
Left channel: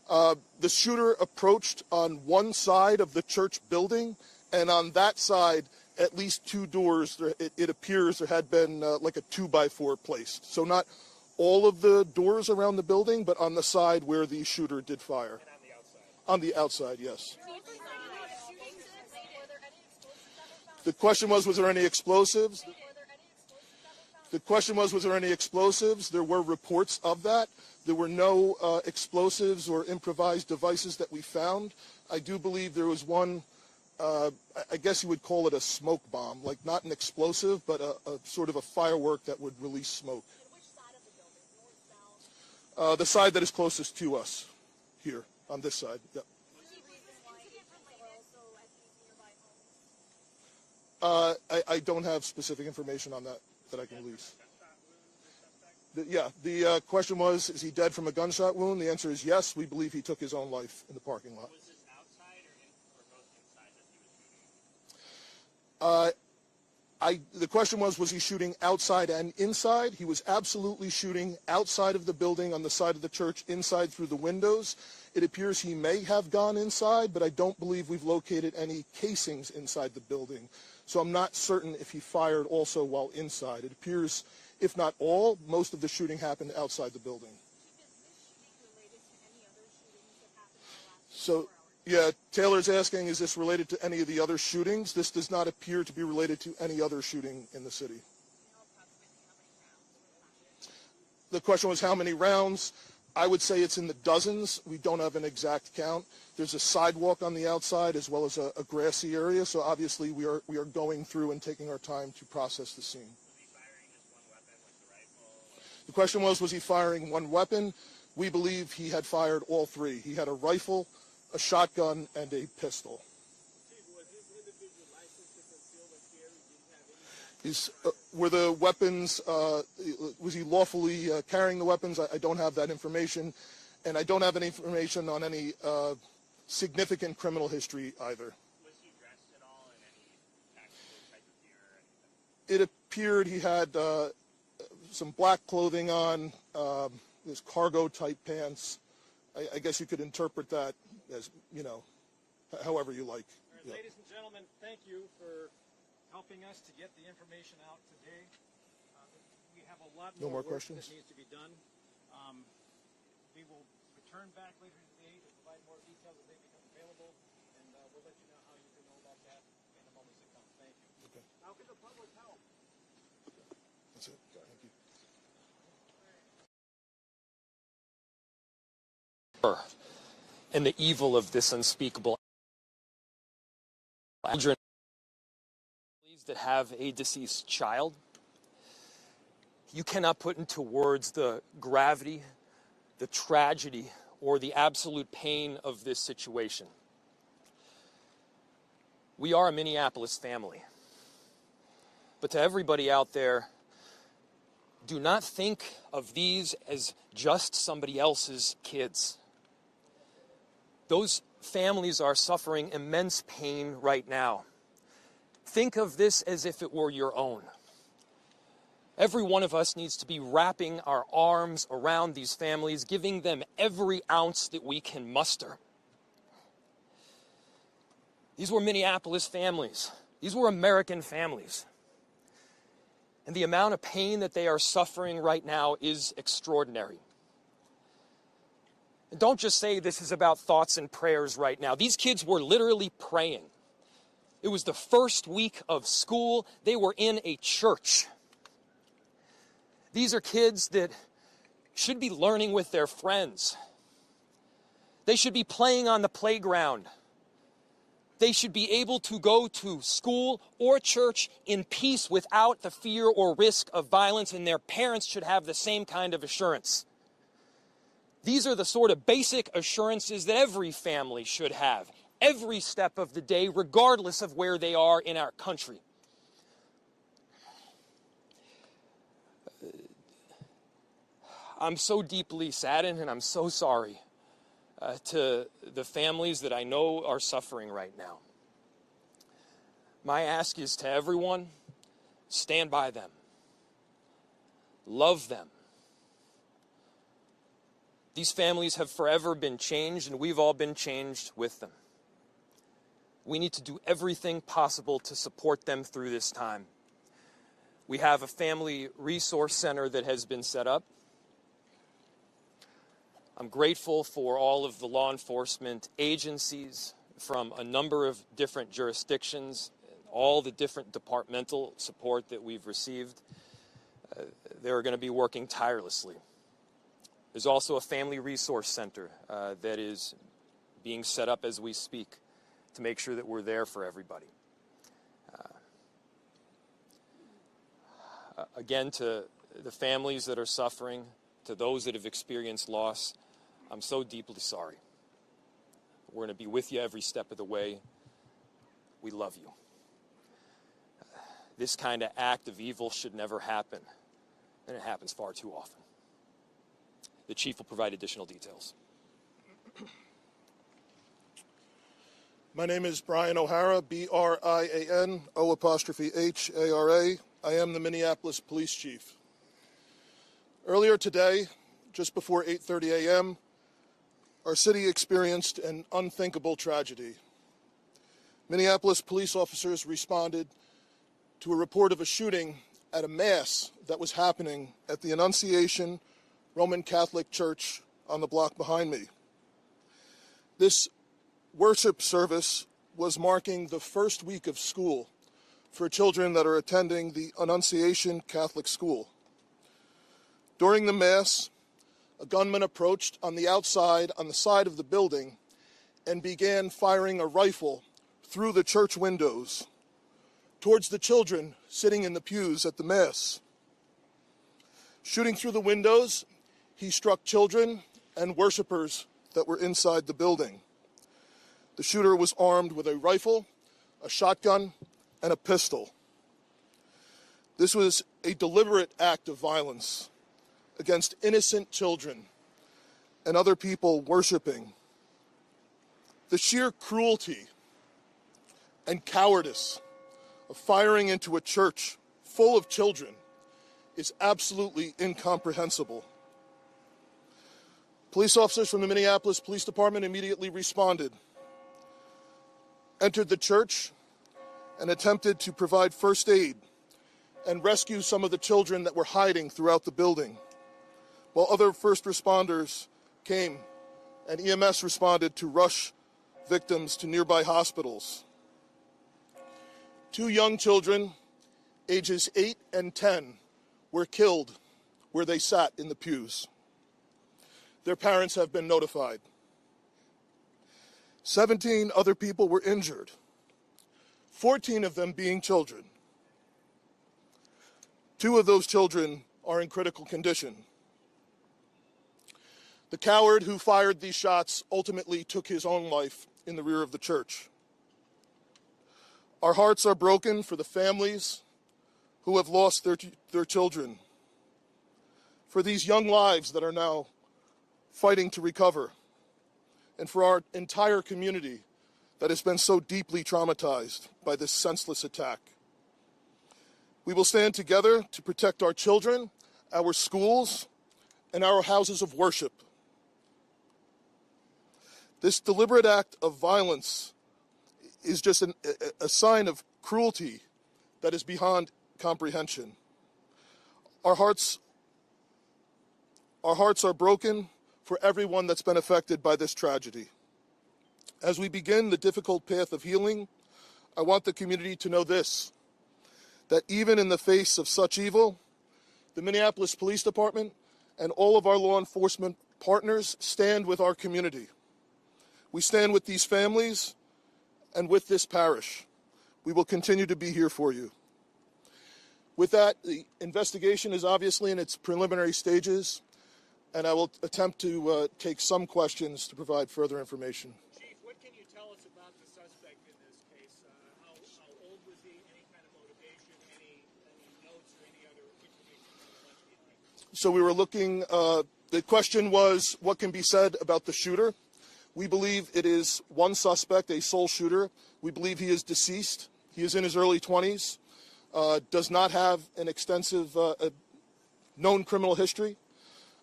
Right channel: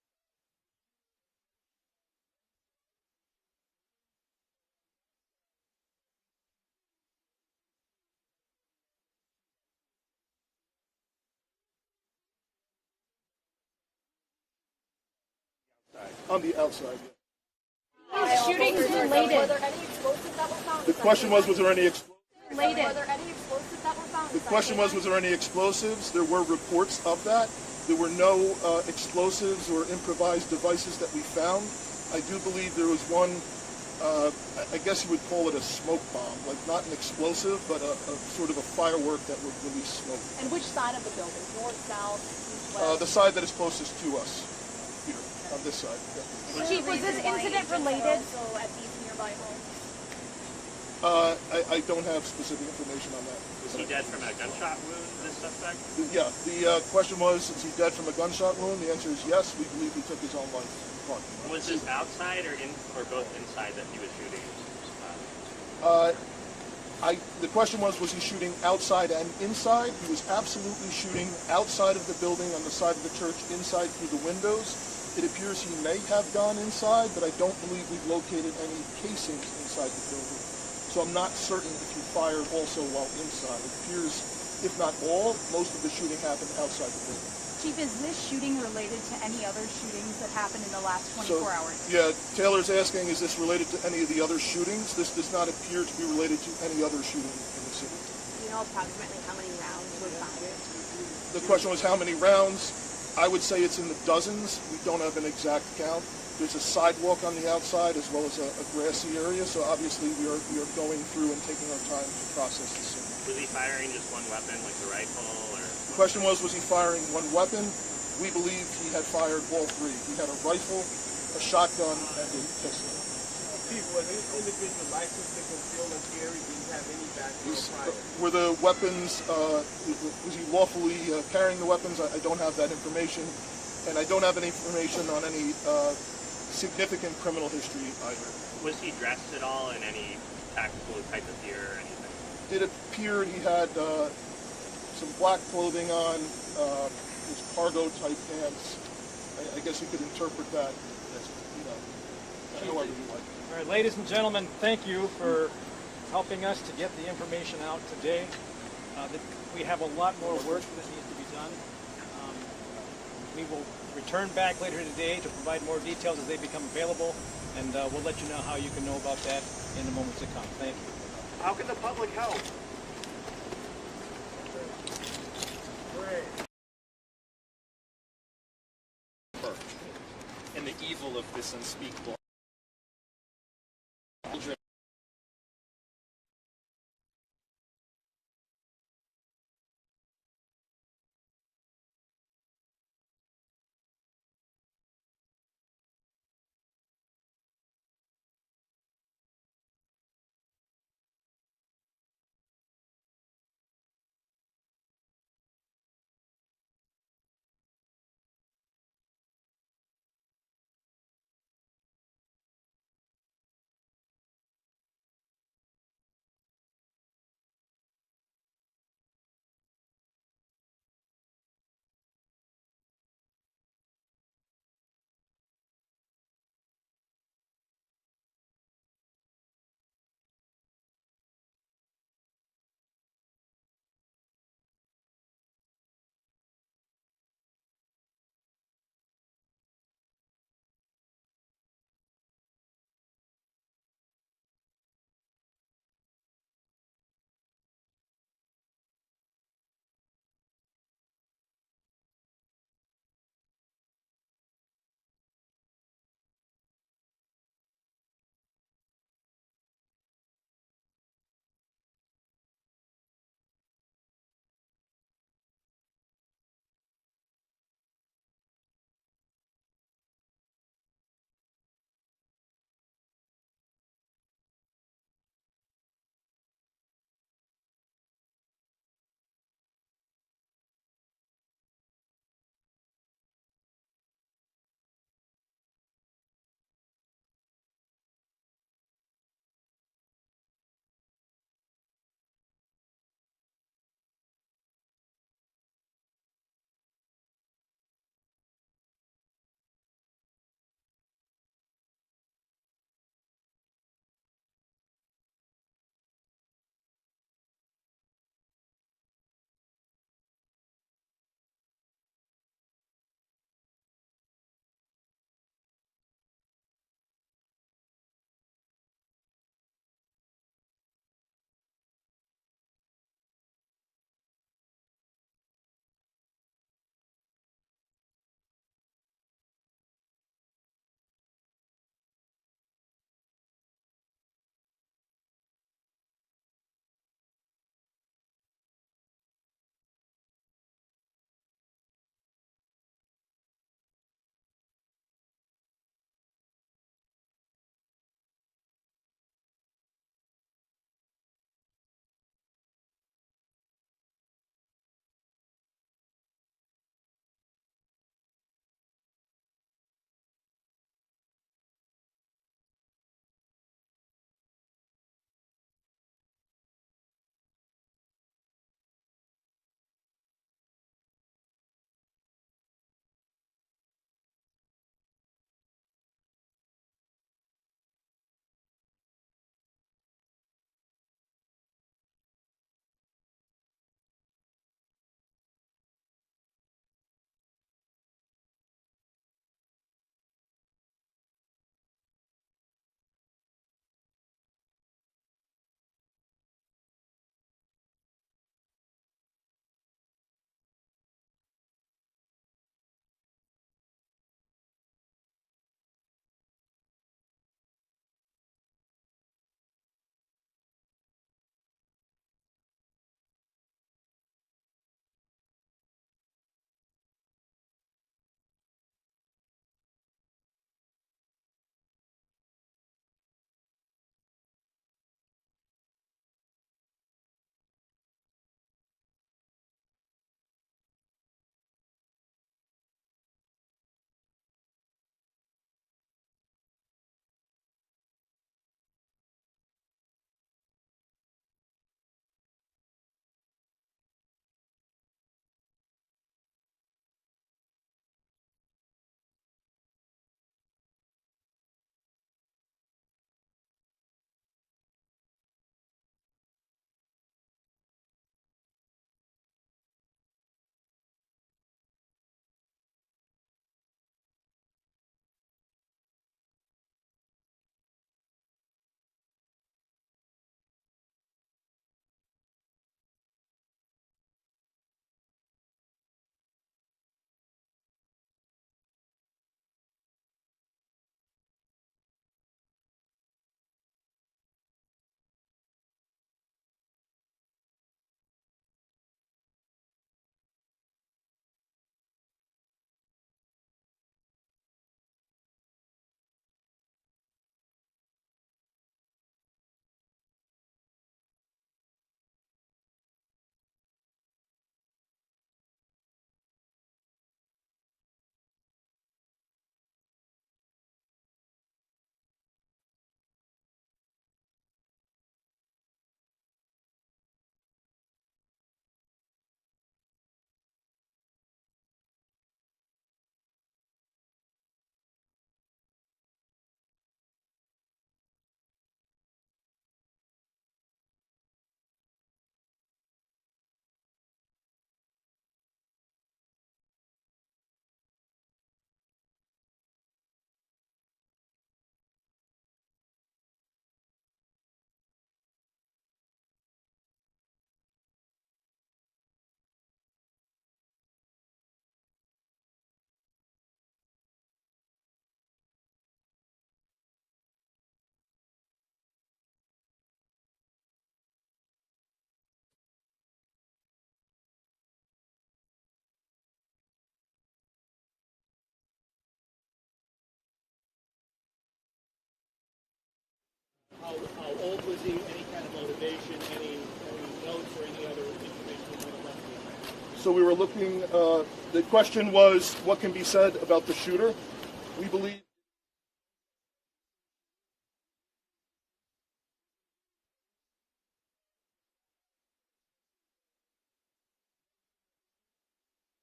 The shooter approached on one side of the church building, and on that side, at least two doors, it appears there had been like a 2x4 placed. So not all of the doors around the building, but on the side where the shooter did fire. On the outside, yes. Shootings related. Were there any explosives that were found? The question was there any explosives? Related. Were there any explosives that were found? The question was there any explosives? There were reports of that. There were no explosives or improvised devices that we found. I do believe there was one, I guess you would call it a smoke bomb, like not an explosive, but a sort of a firework that would release smoke. And which side of the building? North, south, east, west? The side that is closest to us, here, on this side. Yeah. Chief, was this incident related? Also at these nearby homes? I don't have specific information on that. Was he dead from a gunshot wound, this suspect? Yeah, the question was, is he dead from a gunshot wound? The answer is yes. We believe he took his own life in the parking lot. Was this outside or both inside that he was shooting? The question was he shooting outside and inside? He was absolutely shooting outside of the building on the side of the church, inside through the windows. It appears he may have gone inside, but I don't believe we've located any casings inside the building. So I'm not certain if he fired also while inside. It appears, if not all, most of the shooting happened outside the building. Chief, is this shooting related to any other shootings that happened in the last 24 hours? Yeah, Taylor's asking, is this related to any of the other shootings? This does not appear to be related to any other shooting in the city. Do you know approximately how many rounds were fired? The question was how many rounds? I would say it's in the dozens. We don't have an exact count. There's a sidewalk on the outside as well as a grassy area, so obviously we are going through and taking our time to process the scene. Was he firing just one weapon, like the rifle, or? The question was he firing one weapon? We believe he had fired all three. He had a rifle, a shotgun, and a pistol. Chief, was this individual licensed to conceal and carry? Did he have any background? Were the weapons, was he lawfully carrying the weapons? I don't have that information, and I don't have any information on any significant criminal history either. Was he dressed at all in any tactical type of gear or anything? It appeared he had some black clothing on, his cargo type pants. I guess you could interpret that as, however you like. All right, ladies and gentlemen, thank you for helping us to get the information out today. We have a lot more work that needs to be done. We will return back later today to provide more details as they become available, and we'll let you know how you can know about that in the moments to come. Thank you. How can the public help? And the evil of this unspeakable children that have a deceased child. You cannot put into words the gravity, the tragedy, or the absolute pain of this situation. We are a Minneapolis family. But to everybody out there, do not think of these as just somebody else's kids. Those families are suffering immense pain right now. Think of this as if it were your own. Every one of us needs to be wrapping our arms around these families, giving them every ounce that we can muster. These were Minneapolis families. These were American families. And the amount of pain that they are suffering right now is extraordinary. And don't just say this is about thoughts and prayers right now. These kids were literally praying. It was the first week of school. They were in a church. These are kids that should be learning with their friends. They should be playing on the playground. They should be able to go to school or church in peace without the fear or risk of violence, and their parents should have the same kind of assurance. These are the sort of basic assurances that every family should have, every step of the day, regardless of where they are in our country. I'm so deeply saddened, and I'm so sorry to the families that I know are suffering right now. My ask is to everyone, stand by them. Love them. These families have forever been changed, and we've all been changed with them. We need to do everything possible to support them through this time. We have a family resource center that has been set up. I'm grateful for all of the law enforcement agencies from a number of different jurisdictions, all the different departmental support that we've received. They're going to be working tirelessly. There's also a family resource center that is being set up as we speak to make sure that we're there for everybody. Again, to the families that are suffering, to those that have experienced loss, I'm so deeply sorry. We're going to be with you every step of the way. We love you. This kind of act of evil should never happen, and it happens far too often. The chief will provide additional details. My name is Brian O'Hara, B-R-I-A-N, O''H-A-R-A. I am the Minneapolis Police Chief. Earlier today, just before 8:30 a.m., our city experienced an unthinkable tragedy. Minneapolis police officers responded to a report of a shooting at a mass that was happening at the Annunciation Roman Catholic Church on the block behind me. This worship service was marking the first week of school for children that are attending the Annunciation Catholic School. During the Mass, a gunman approached on the outside, on the side of the building, and began firing a rifle through the church windows towards the children sitting in the pews at the Mass. Shooting through the windows, he struck children and worshipers that were inside the building. The shooter was armed with a rifle, a shotgun, and a pistol. This was a deliberate act of violence against innocent children and other people worshiping. The sheer cruelty and cowardice of firing into a church full of children is absolutely incomprehensible. Police officers from the Minneapolis Police Department immediately responded, entered the church, and attempted to provide first aid and rescue some of the children that were hiding throughout the building, while other first responders came and EMS responded to rush victims to nearby hospitals. 2 young children, ages 8 and 10, were killed where they sat in the pews. Their parents have been notified. 17 other people were injured, 14 of them being children. 2 of those children are in critical condition. The coward who fired these shots ultimately took his own life in the rear of the church. Our hearts are broken for the families who have lost their children, for these young lives that are now fighting to recover, and for our entire community that has been so deeply traumatized by this senseless attack. We will stand together to protect our children, our schools, and our houses of worship. This deliberate act of violence is just a sign of cruelty that is beyond comprehension. Our hearts are broken for everyone that's been affected by this tragedy. As we begin the difficult path of healing, I want the community to know this, that even in the face of such evil, the Minneapolis Police Department and all of our law enforcement partners stand with our community. We stand with these families and with this parish. We will continue to be here for you. With that, the investigation is obviously in its preliminary stages, and I will attempt to take some questions to provide further information. Chief, what can you tell us about the suspect in this case? How old was he? Any kind of motivation? Any notes or any other information we might have left behind? So we were looking, the question was, what can be said about the shooter? We believe it is one suspect, a sole shooter. We believe he is deceased. He is in his early 20s, does not have an extensive known criminal history.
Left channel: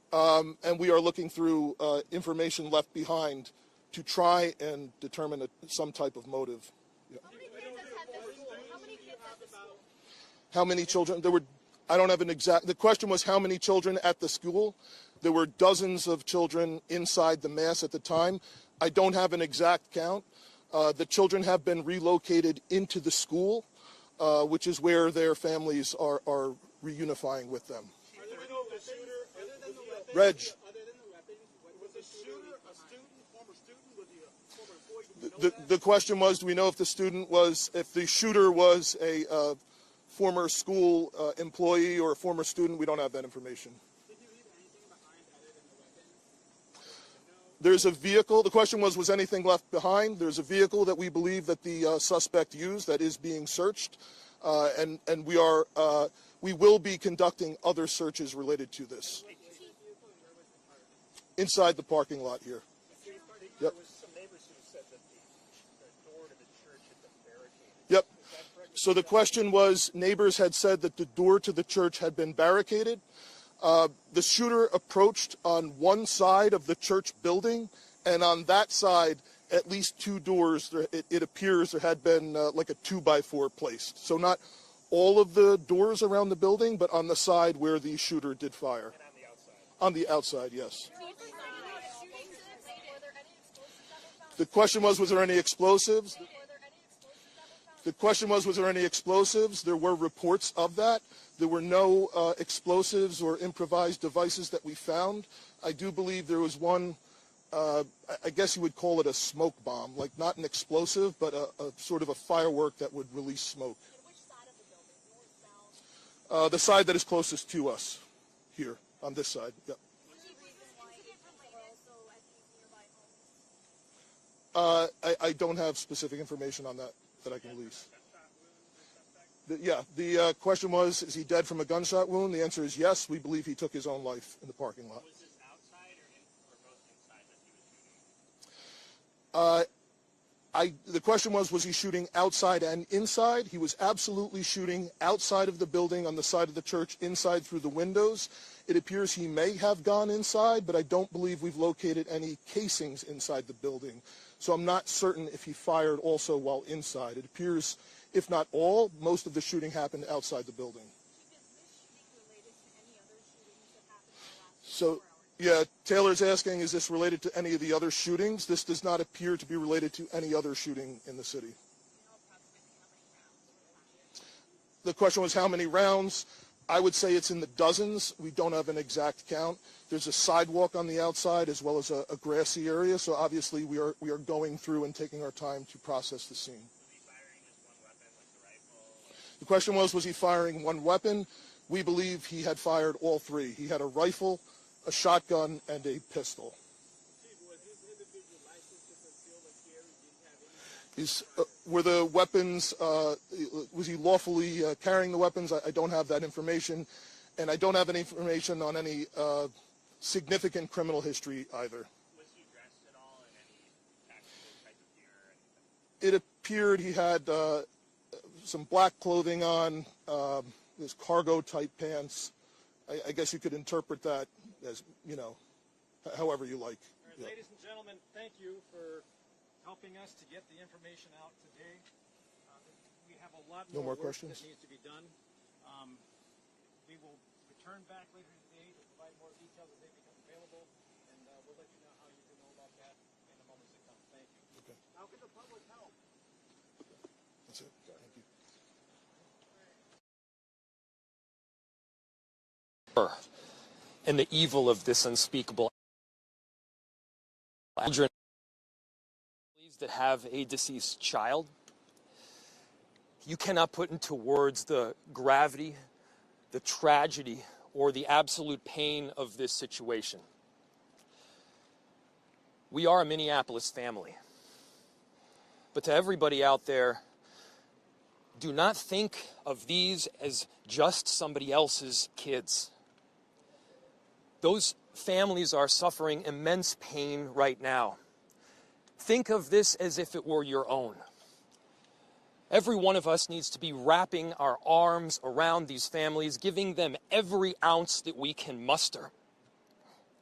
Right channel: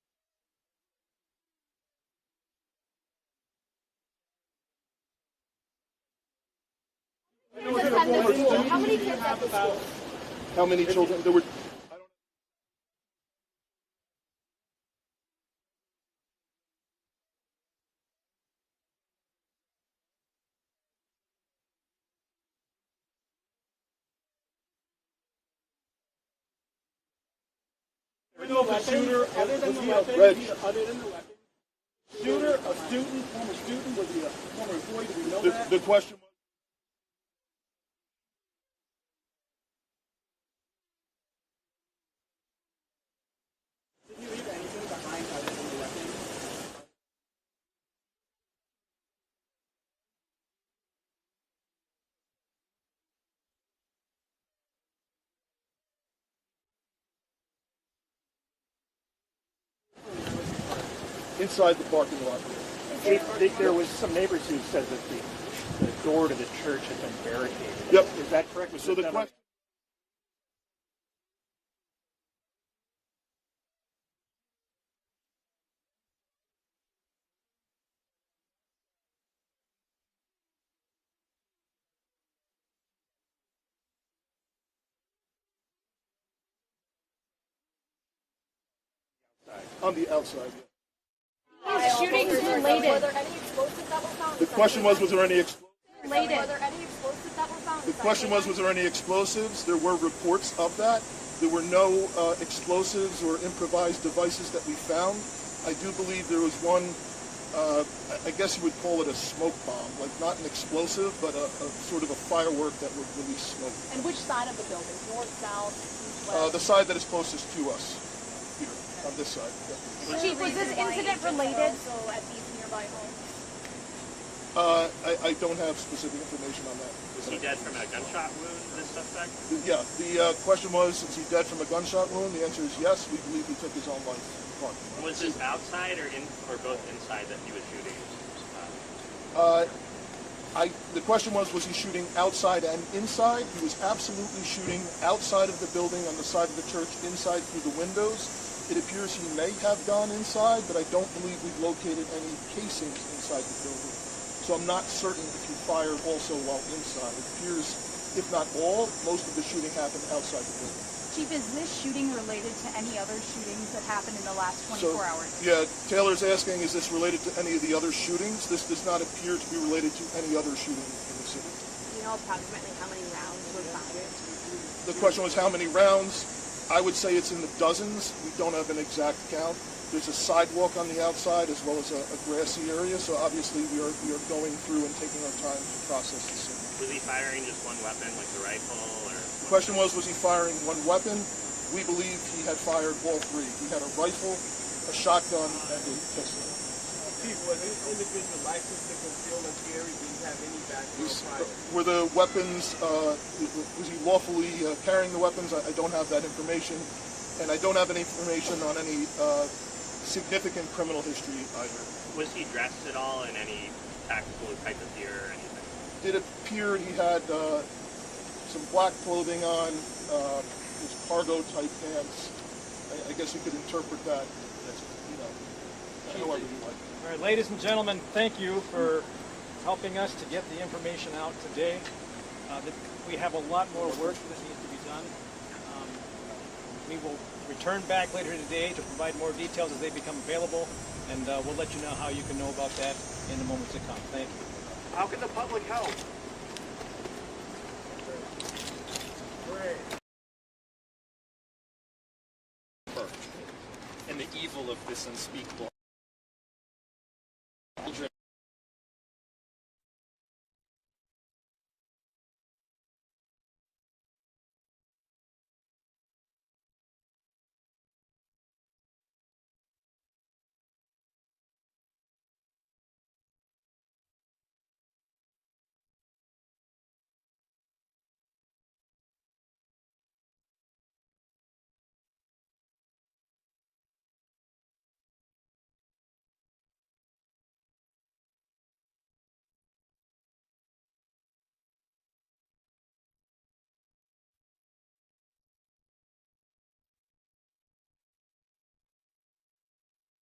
and we are looking through information left behind to try and determine some type of motive. How many kids at the school? How many children? There were, I don't have an exact, the question was how many children at the school? There were dozens of children inside the mass at the time. I don't have an exact count. The children have been relocated into the school, which is where their families are reunifying with them. We know if a shooter, other than the weapons, was a shooter a student, former student, was he a former employee? Do we know that? The question was, do we know if the shooter was a former school employee or a former student? We don't have that information. Did you leave anything behind other than the weapons? There's a vehicle. The question was anything left behind? There's a vehicle that we believe that the suspect used that is being searched, and we will be conducting other searches related to this. Inside the parking lot here. There was some neighbors who said that the door to the church had been barricaded. Yep. Is that correct? So the question was, neighbors had said that the door to the church had been barricaded. The shooter approached on one side of the church building, and on that side, at least two doors, it appears there had been like a 2x4 placed. So not all of the doors around the building, but on the side where the shooter did fire. On the outside, yes. Shootings related. Were there any explosives that were found? The question was there any explosives? Were there any explosives that were found? The question was there any explosives? There were reports of that. There were no explosives or improvised devices that we found. I do believe there was one, I guess you would call it a smoke bomb, like not an explosive, but a sort of a firework that would release smoke. And which side of the building? North, south, east, west? The side that is closest to us, here, on this side. Yeah. Chief, was this incident related? Also at these nearby homes? I don't have specific information on that. Was he dead from a gunshot wound, this suspect? Yeah, the question was, is he dead from a gunshot wound? The answer is yes. We believe he took his own life in the parking lot. Was this outside or both inside that he was shooting? The question was he shooting outside and inside? He was absolutely shooting outside of the building, on the side of the church, inside through the windows. It appears he may have gone inside, but I don't believe we've located any casings inside the building. So I'm not certain if he fired also while inside. It appears, if not all, most of the shooting happened outside the building. Chief, is this shooting related to any other shootings that happened in the last 24 hours? Yeah, Taylor's asking, is this related to any of the other shootings? This does not appear to be related to any other shooting in the city. Do you know approximately how many rounds were fired? The question was how many rounds? I would say it's in the dozens. We don't have an exact count. There's a sidewalk on the outside as well as a grassy area, so obviously we are going through and taking our time to process the scene. Was he firing just one weapon, like the rifle, or? The question was he firing one weapon? We believe he had fired all three. He had a rifle, a shotgun, and a pistol. Chief, was this individual licensed to conceal and carry? Did he have any background? Were the weapons, was he lawfully carrying the weapons? I don't have that information. And I don't have any information on any significant criminal history either. Was he dressed at all in any tactical type of gear or anything? It appeared he had some black clothing on, his cargo type pants. I guess you could interpret that as, however you like. All right, ladies and gentlemen, thank you for helping us to get the information out today. We have a lot more work that needs to be done. We will return back later today to provide more details as they become available, and we'll let you know how you can know about that in the moments to come. Thank you. How can the public help? And the evil of this unspeakable children that have a deceased child. You cannot put into words the gravity, the tragedy, or the absolute pain of this situation. We are a Minneapolis family. But to everybody out there, do not think of these as just somebody else's kids. Those families are suffering immense pain right now. Think of this as if it were your own. Every one of us needs to be wrapping our arms around these families, giving them every ounce that we can muster.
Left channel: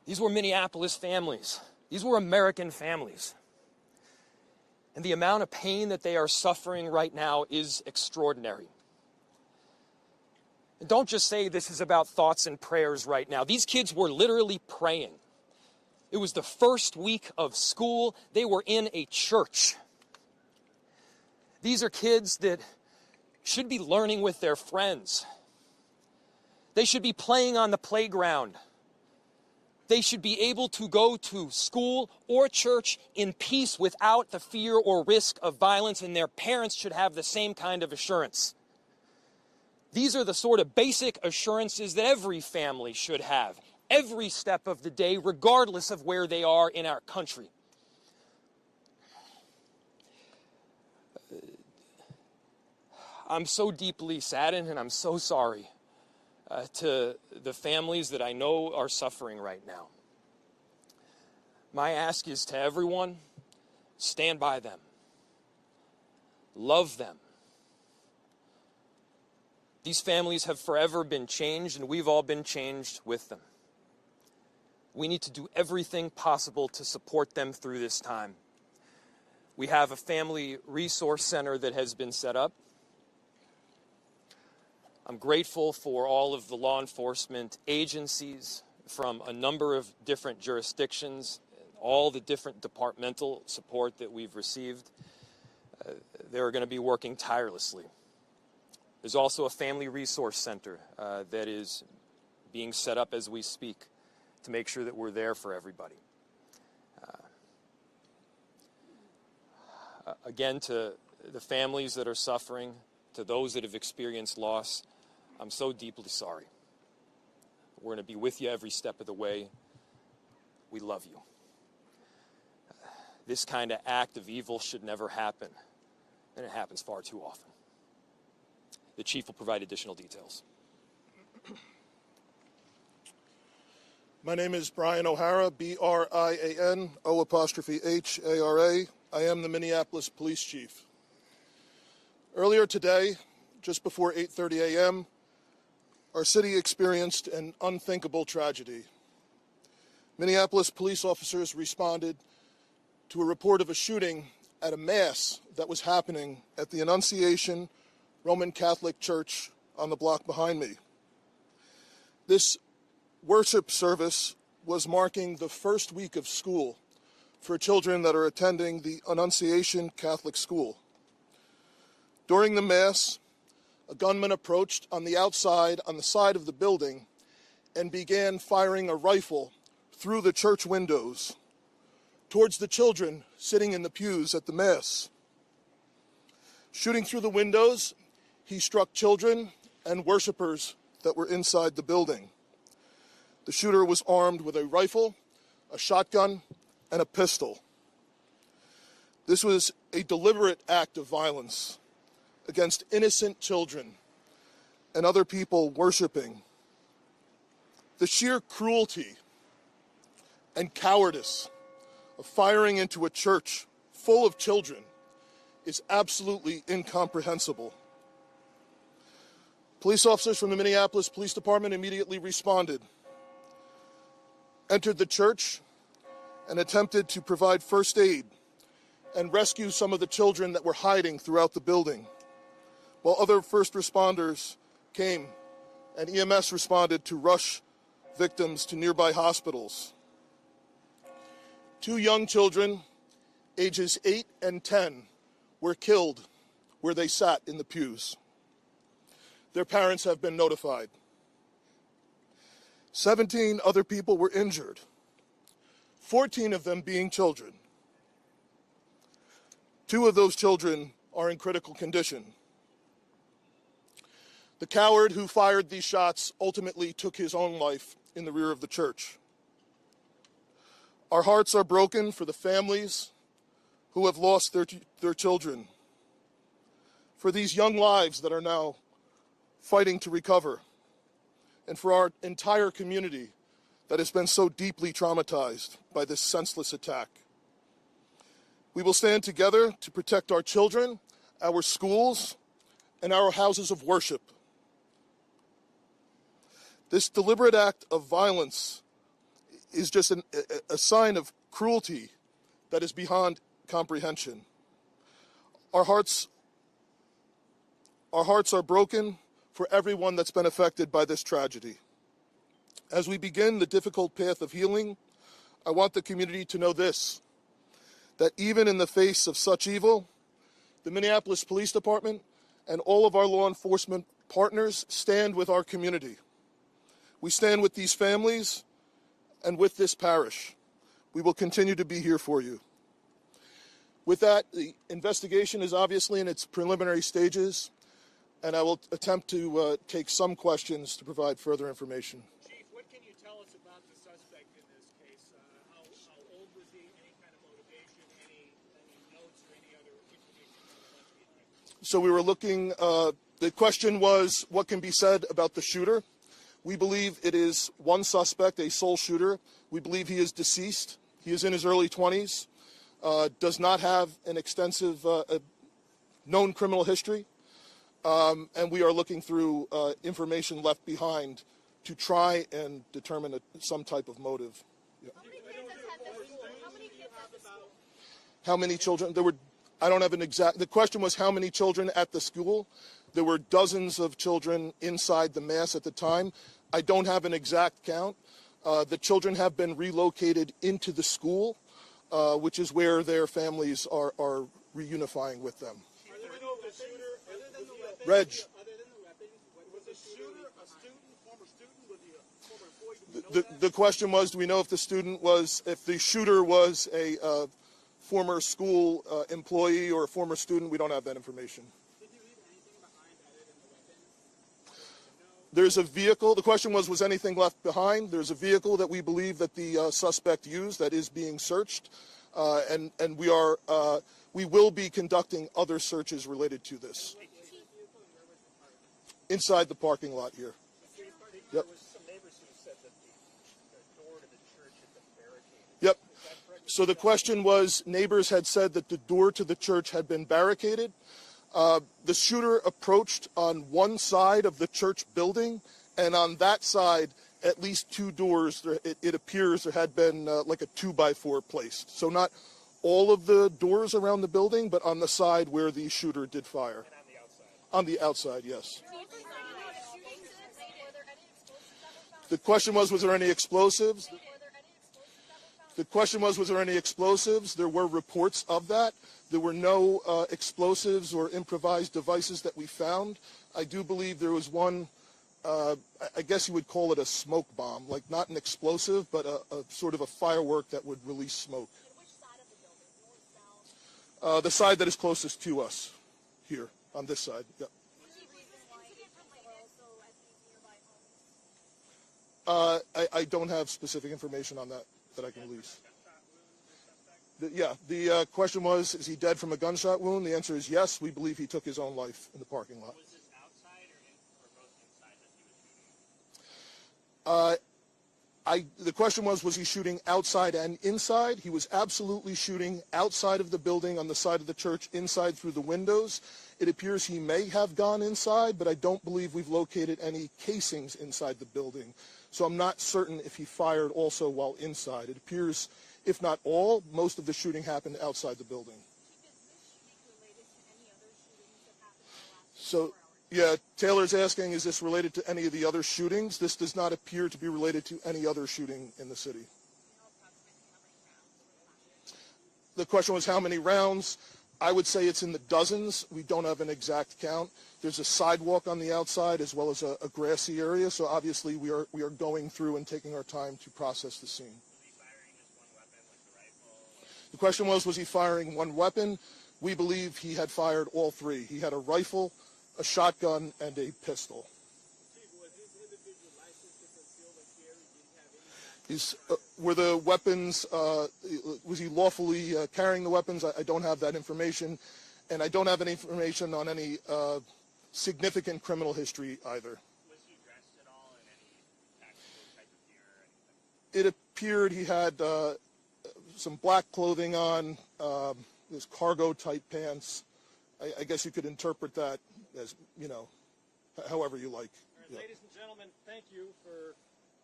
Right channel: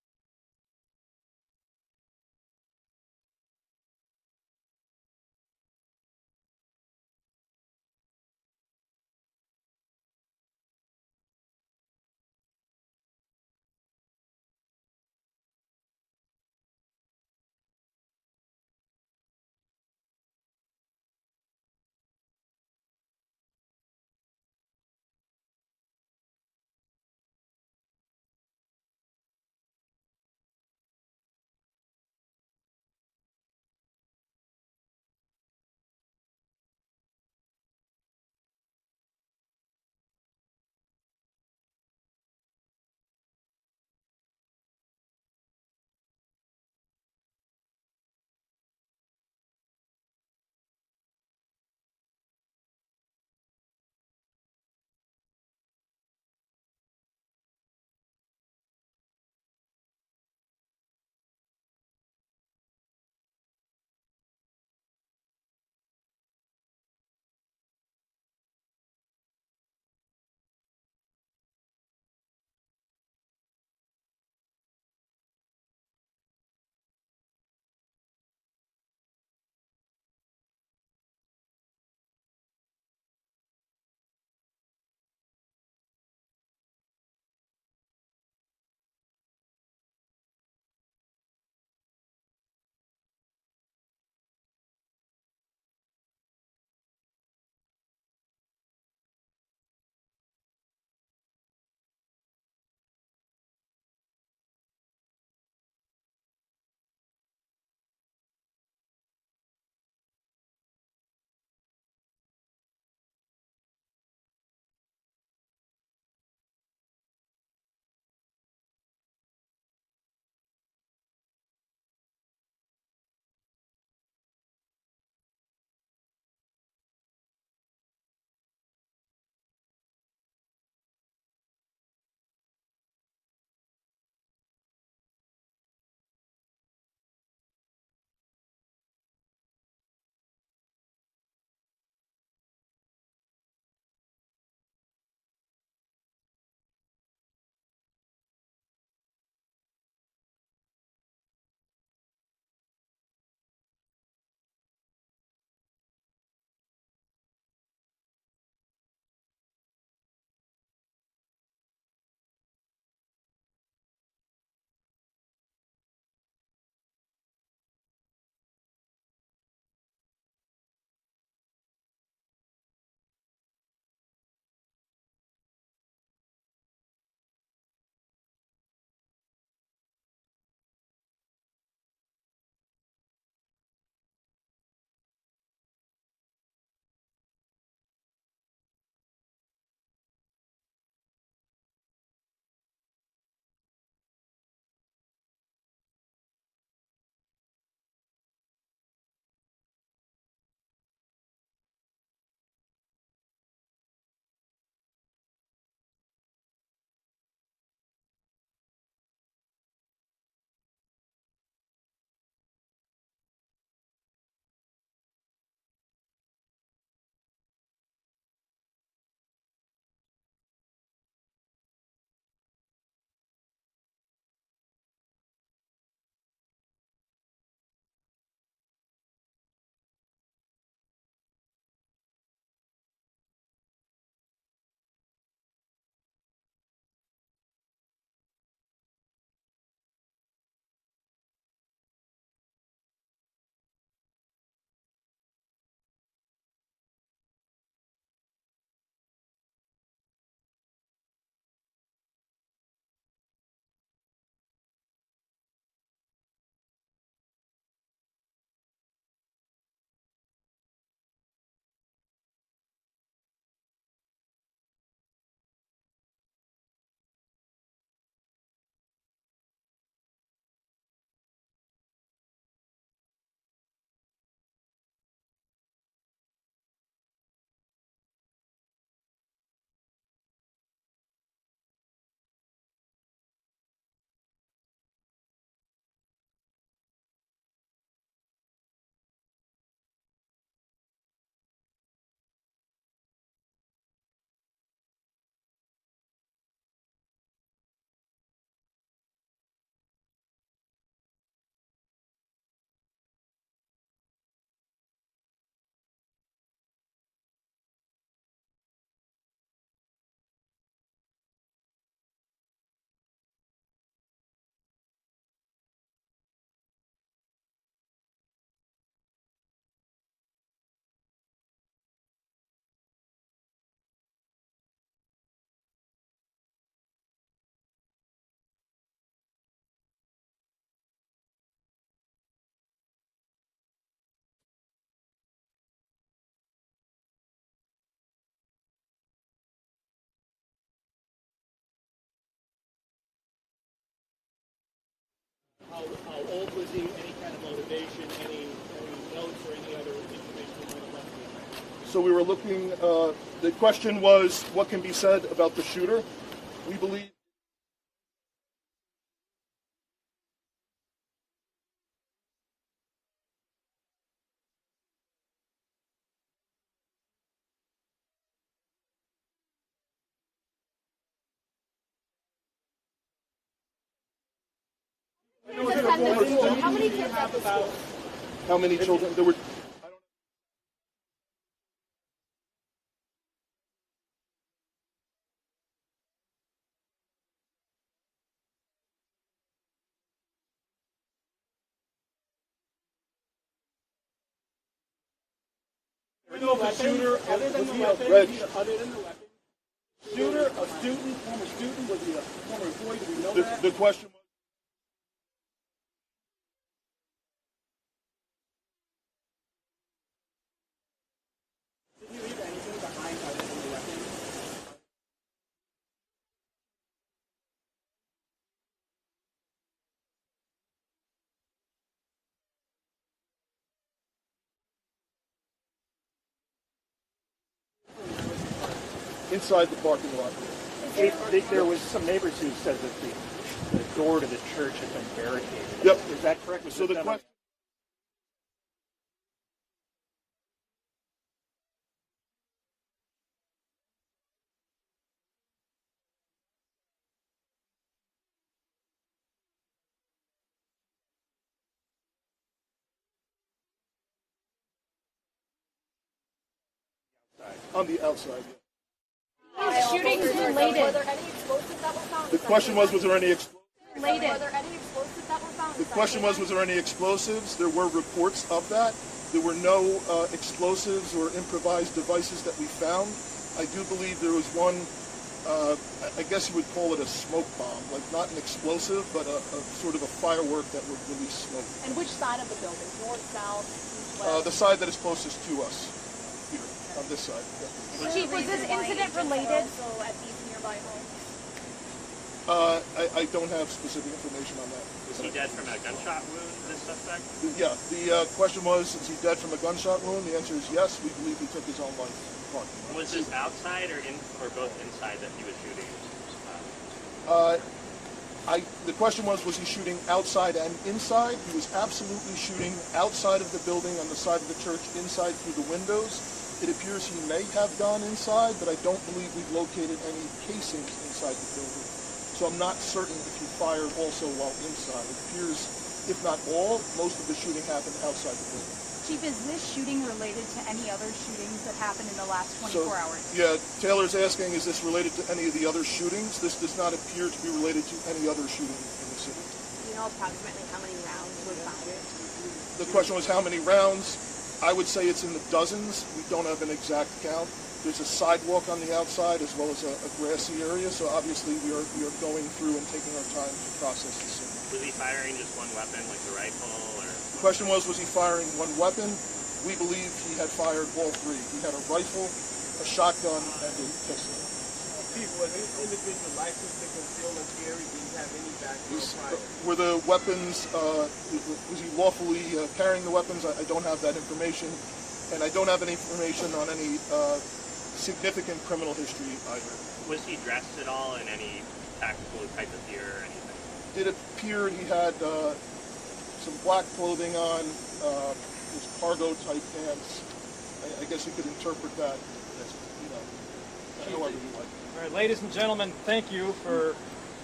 These were Minneapolis families. These were American families. And the amount of pain that they are suffering right now is extraordinary. And don't just say this is about thoughts and prayers right now. These kids were literally praying. It was the first week of school. They were in a church. These are kids that should be learning with their friends. They should be playing on the playground. They should be able to go to school or church in peace without the fear or risk of violence, and their parents should have the same kind of assurance. These are the sort of basic assurances that every family should have, every step of the day, regardless of where they are in our country. I'm so deeply saddened, and I'm so sorry to the families that I know are suffering right now. My ask is to everyone, stand by them. Love them. These families have forever been changed, and we've all been changed with them. We need to do everything possible to support them through this time. We have a family resource center that has been set up. I'm grateful for all of the law enforcement agencies from a number of different jurisdictions, all the different departmental support that we've received. They're going to be working tirelessly. There's also a family resource center that is being set up as we speak to make sure that we're there for everybody. Again, to the families that are suffering, to those that have experienced loss, I'm so deeply sorry. We're going to be with you every step of the way. We love you. This kind of act of evil should never happen, and it happens far too often. The chief will provide additional details. My name is Brian O'Hara, B-R-I-A-N, O''H-A-R-A. I am the Minneapolis Police Chief. Earlier today, just before 8:30 a.m., our city experienced an unthinkable tragedy. Minneapolis police officers responded to a report of a shooting at a mass that was happening at the Annunciation Roman Catholic Church on the block behind me. This worship service was marking the first week of school for children that are attending the Annunciation Catholic School. During the Mass, a gunman approached on the outside, on the side of the building, and began firing a rifle through the church windows towards the children sitting in the pews at the Mass. Shooting through the windows, he struck children and worshipers that were inside the building. The shooter was armed with a rifle, a shotgun, and a pistol. This was a deliberate act of violence against innocent children and other people worshiping. The sheer cruelty and cowardice of firing into a church full of children is absolutely incomprehensible. Police officers from the Minneapolis Police Department immediately responded, entered the church, and attempted to provide first aid and rescue some of the children that were hiding throughout the building, while other first responders came and EMS responded to rush victims to nearby hospitals. 2 young children, ages 8 and 10, were killed where they sat in the pews. Their parents have been notified. 17 other people were injured, 14 of them being children. 2 of those children are in critical condition. The coward who fired these shots ultimately took his own life in the rear of the church. Our hearts are broken for the families who have lost their children, for these young lives that are now fighting to recover, and for our entire community that has been so deeply traumatized by this senseless attack. We will stand together to protect our children, our schools, and our houses of worship. This deliberate act of violence is just a sign of cruelty that is beyond comprehension. Our hearts are broken for everyone that's been affected by this tragedy. As we begin the difficult path of healing, I want the community to know this, that even in the face of such evil, the Minneapolis Police Department and all of our law enforcement partners stand with our community. We stand with these families and with this parish. We will continue to be here for you. With that, the investigation is obviously in its preliminary stages, and I will attempt to take some questions to provide further information. Chief, what can you tell us about the suspect in this case? How old was he? Any kind of motivation? Any notes or any other information you might have left behind? So we were looking, the question was, what can be said about the shooter? We believe it is one suspect, a sole shooter. We believe he is deceased. He is in his early 20s, does not have an extensive known criminal history, and we are looking through information left behind to try and determine some type of motive. How many kids at the school? How many children? There were, I don't have an exact, the question was how many children at the school. There were dozens of children inside the mass at the time. I don't have an exact count. The children have been relocated into the school, which is where their families are reunifying with them. Do we know if the shooter, other than the weapons, was the shooter a student, former student? Was he a former employee? Do we know that? The question was, do we know if the shooter was a former school employee or a former student? We don't have that information. Did he leave anything behind other than the weapons? There's a vehicle. The question was anything left behind? There's a vehicle that we believe that the suspect used that is being searched, and we will be conducting other searches related to this. Inside the parking lot here. There was some neighbors who said that the door to the church had been barricaded. Yep. Is that correct? So the question was, neighbors had said that the door to the church had been barricaded. The shooter approached on one side of the church building, and on that side, at least two doors, it appears there had been like a 2x4 placed. So not all of the doors around the building, but on the side where the shooter did fire. On the outside, yes. Shootings related. Were there any explosives that were found? The question was there any explosives? Were there any explosives that were found? The question was there any explosives? There were reports of that. There were no explosives or improvised devices that we found. I do believe there was one, I guess you would call it a smoke bomb, like not an explosive, but a sort of a firework that would release smoke. And which side of the building? North, south, east, west? The side that is closest to us, here, on this side. Chief, was this incident related? Also at these nearby homes? I don't have specific information on that. Was he dead from a gunshot wound, this suspect? Yeah, the question was, is he dead from a gunshot wound? The answer is yes. We believe he took his own life in the parking lot. Was this outside or both inside that he was shooting? The question was he shooting outside and inside? He was absolutely shooting outside of the building on the side of the church, inside through the windows. It appears he may have gone inside, but I don't believe we've located any casings inside the building. So I'm not certain if he fired also while inside. It appears, if not all, most of the shooting happened outside the building. Chief, is this shooting related to any other shootings that happened in the last 24 hours? Yeah, Taylor's asking, is this related to any of the other shootings? This does not appear to be related to any other shooting in the city. Do you know approximately how many rounds were fired? The question was how many rounds? I would say it's in the dozens. We don't have an exact count. There's a sidewalk on the outside as well as a grassy area, so obviously we are going through and taking our time to process the scene. Was he firing just one weapon, like the rifle, or? The question was he firing one weapon? We believe he had fired all three. He had a rifle, a shotgun, and a pistol. Chief, was this individual licensed to conceal or carry? Did he have any background? Were the weapons, was he lawfully carrying the weapons? I don't have that information, and I don't have any information on any significant criminal history either. Was he dressed at all in any tactical type of gear or anything? It appeared he had some black clothing on, his cargo type pants. I guess you could interpret that as, however you like. All right, ladies and gentlemen, thank you for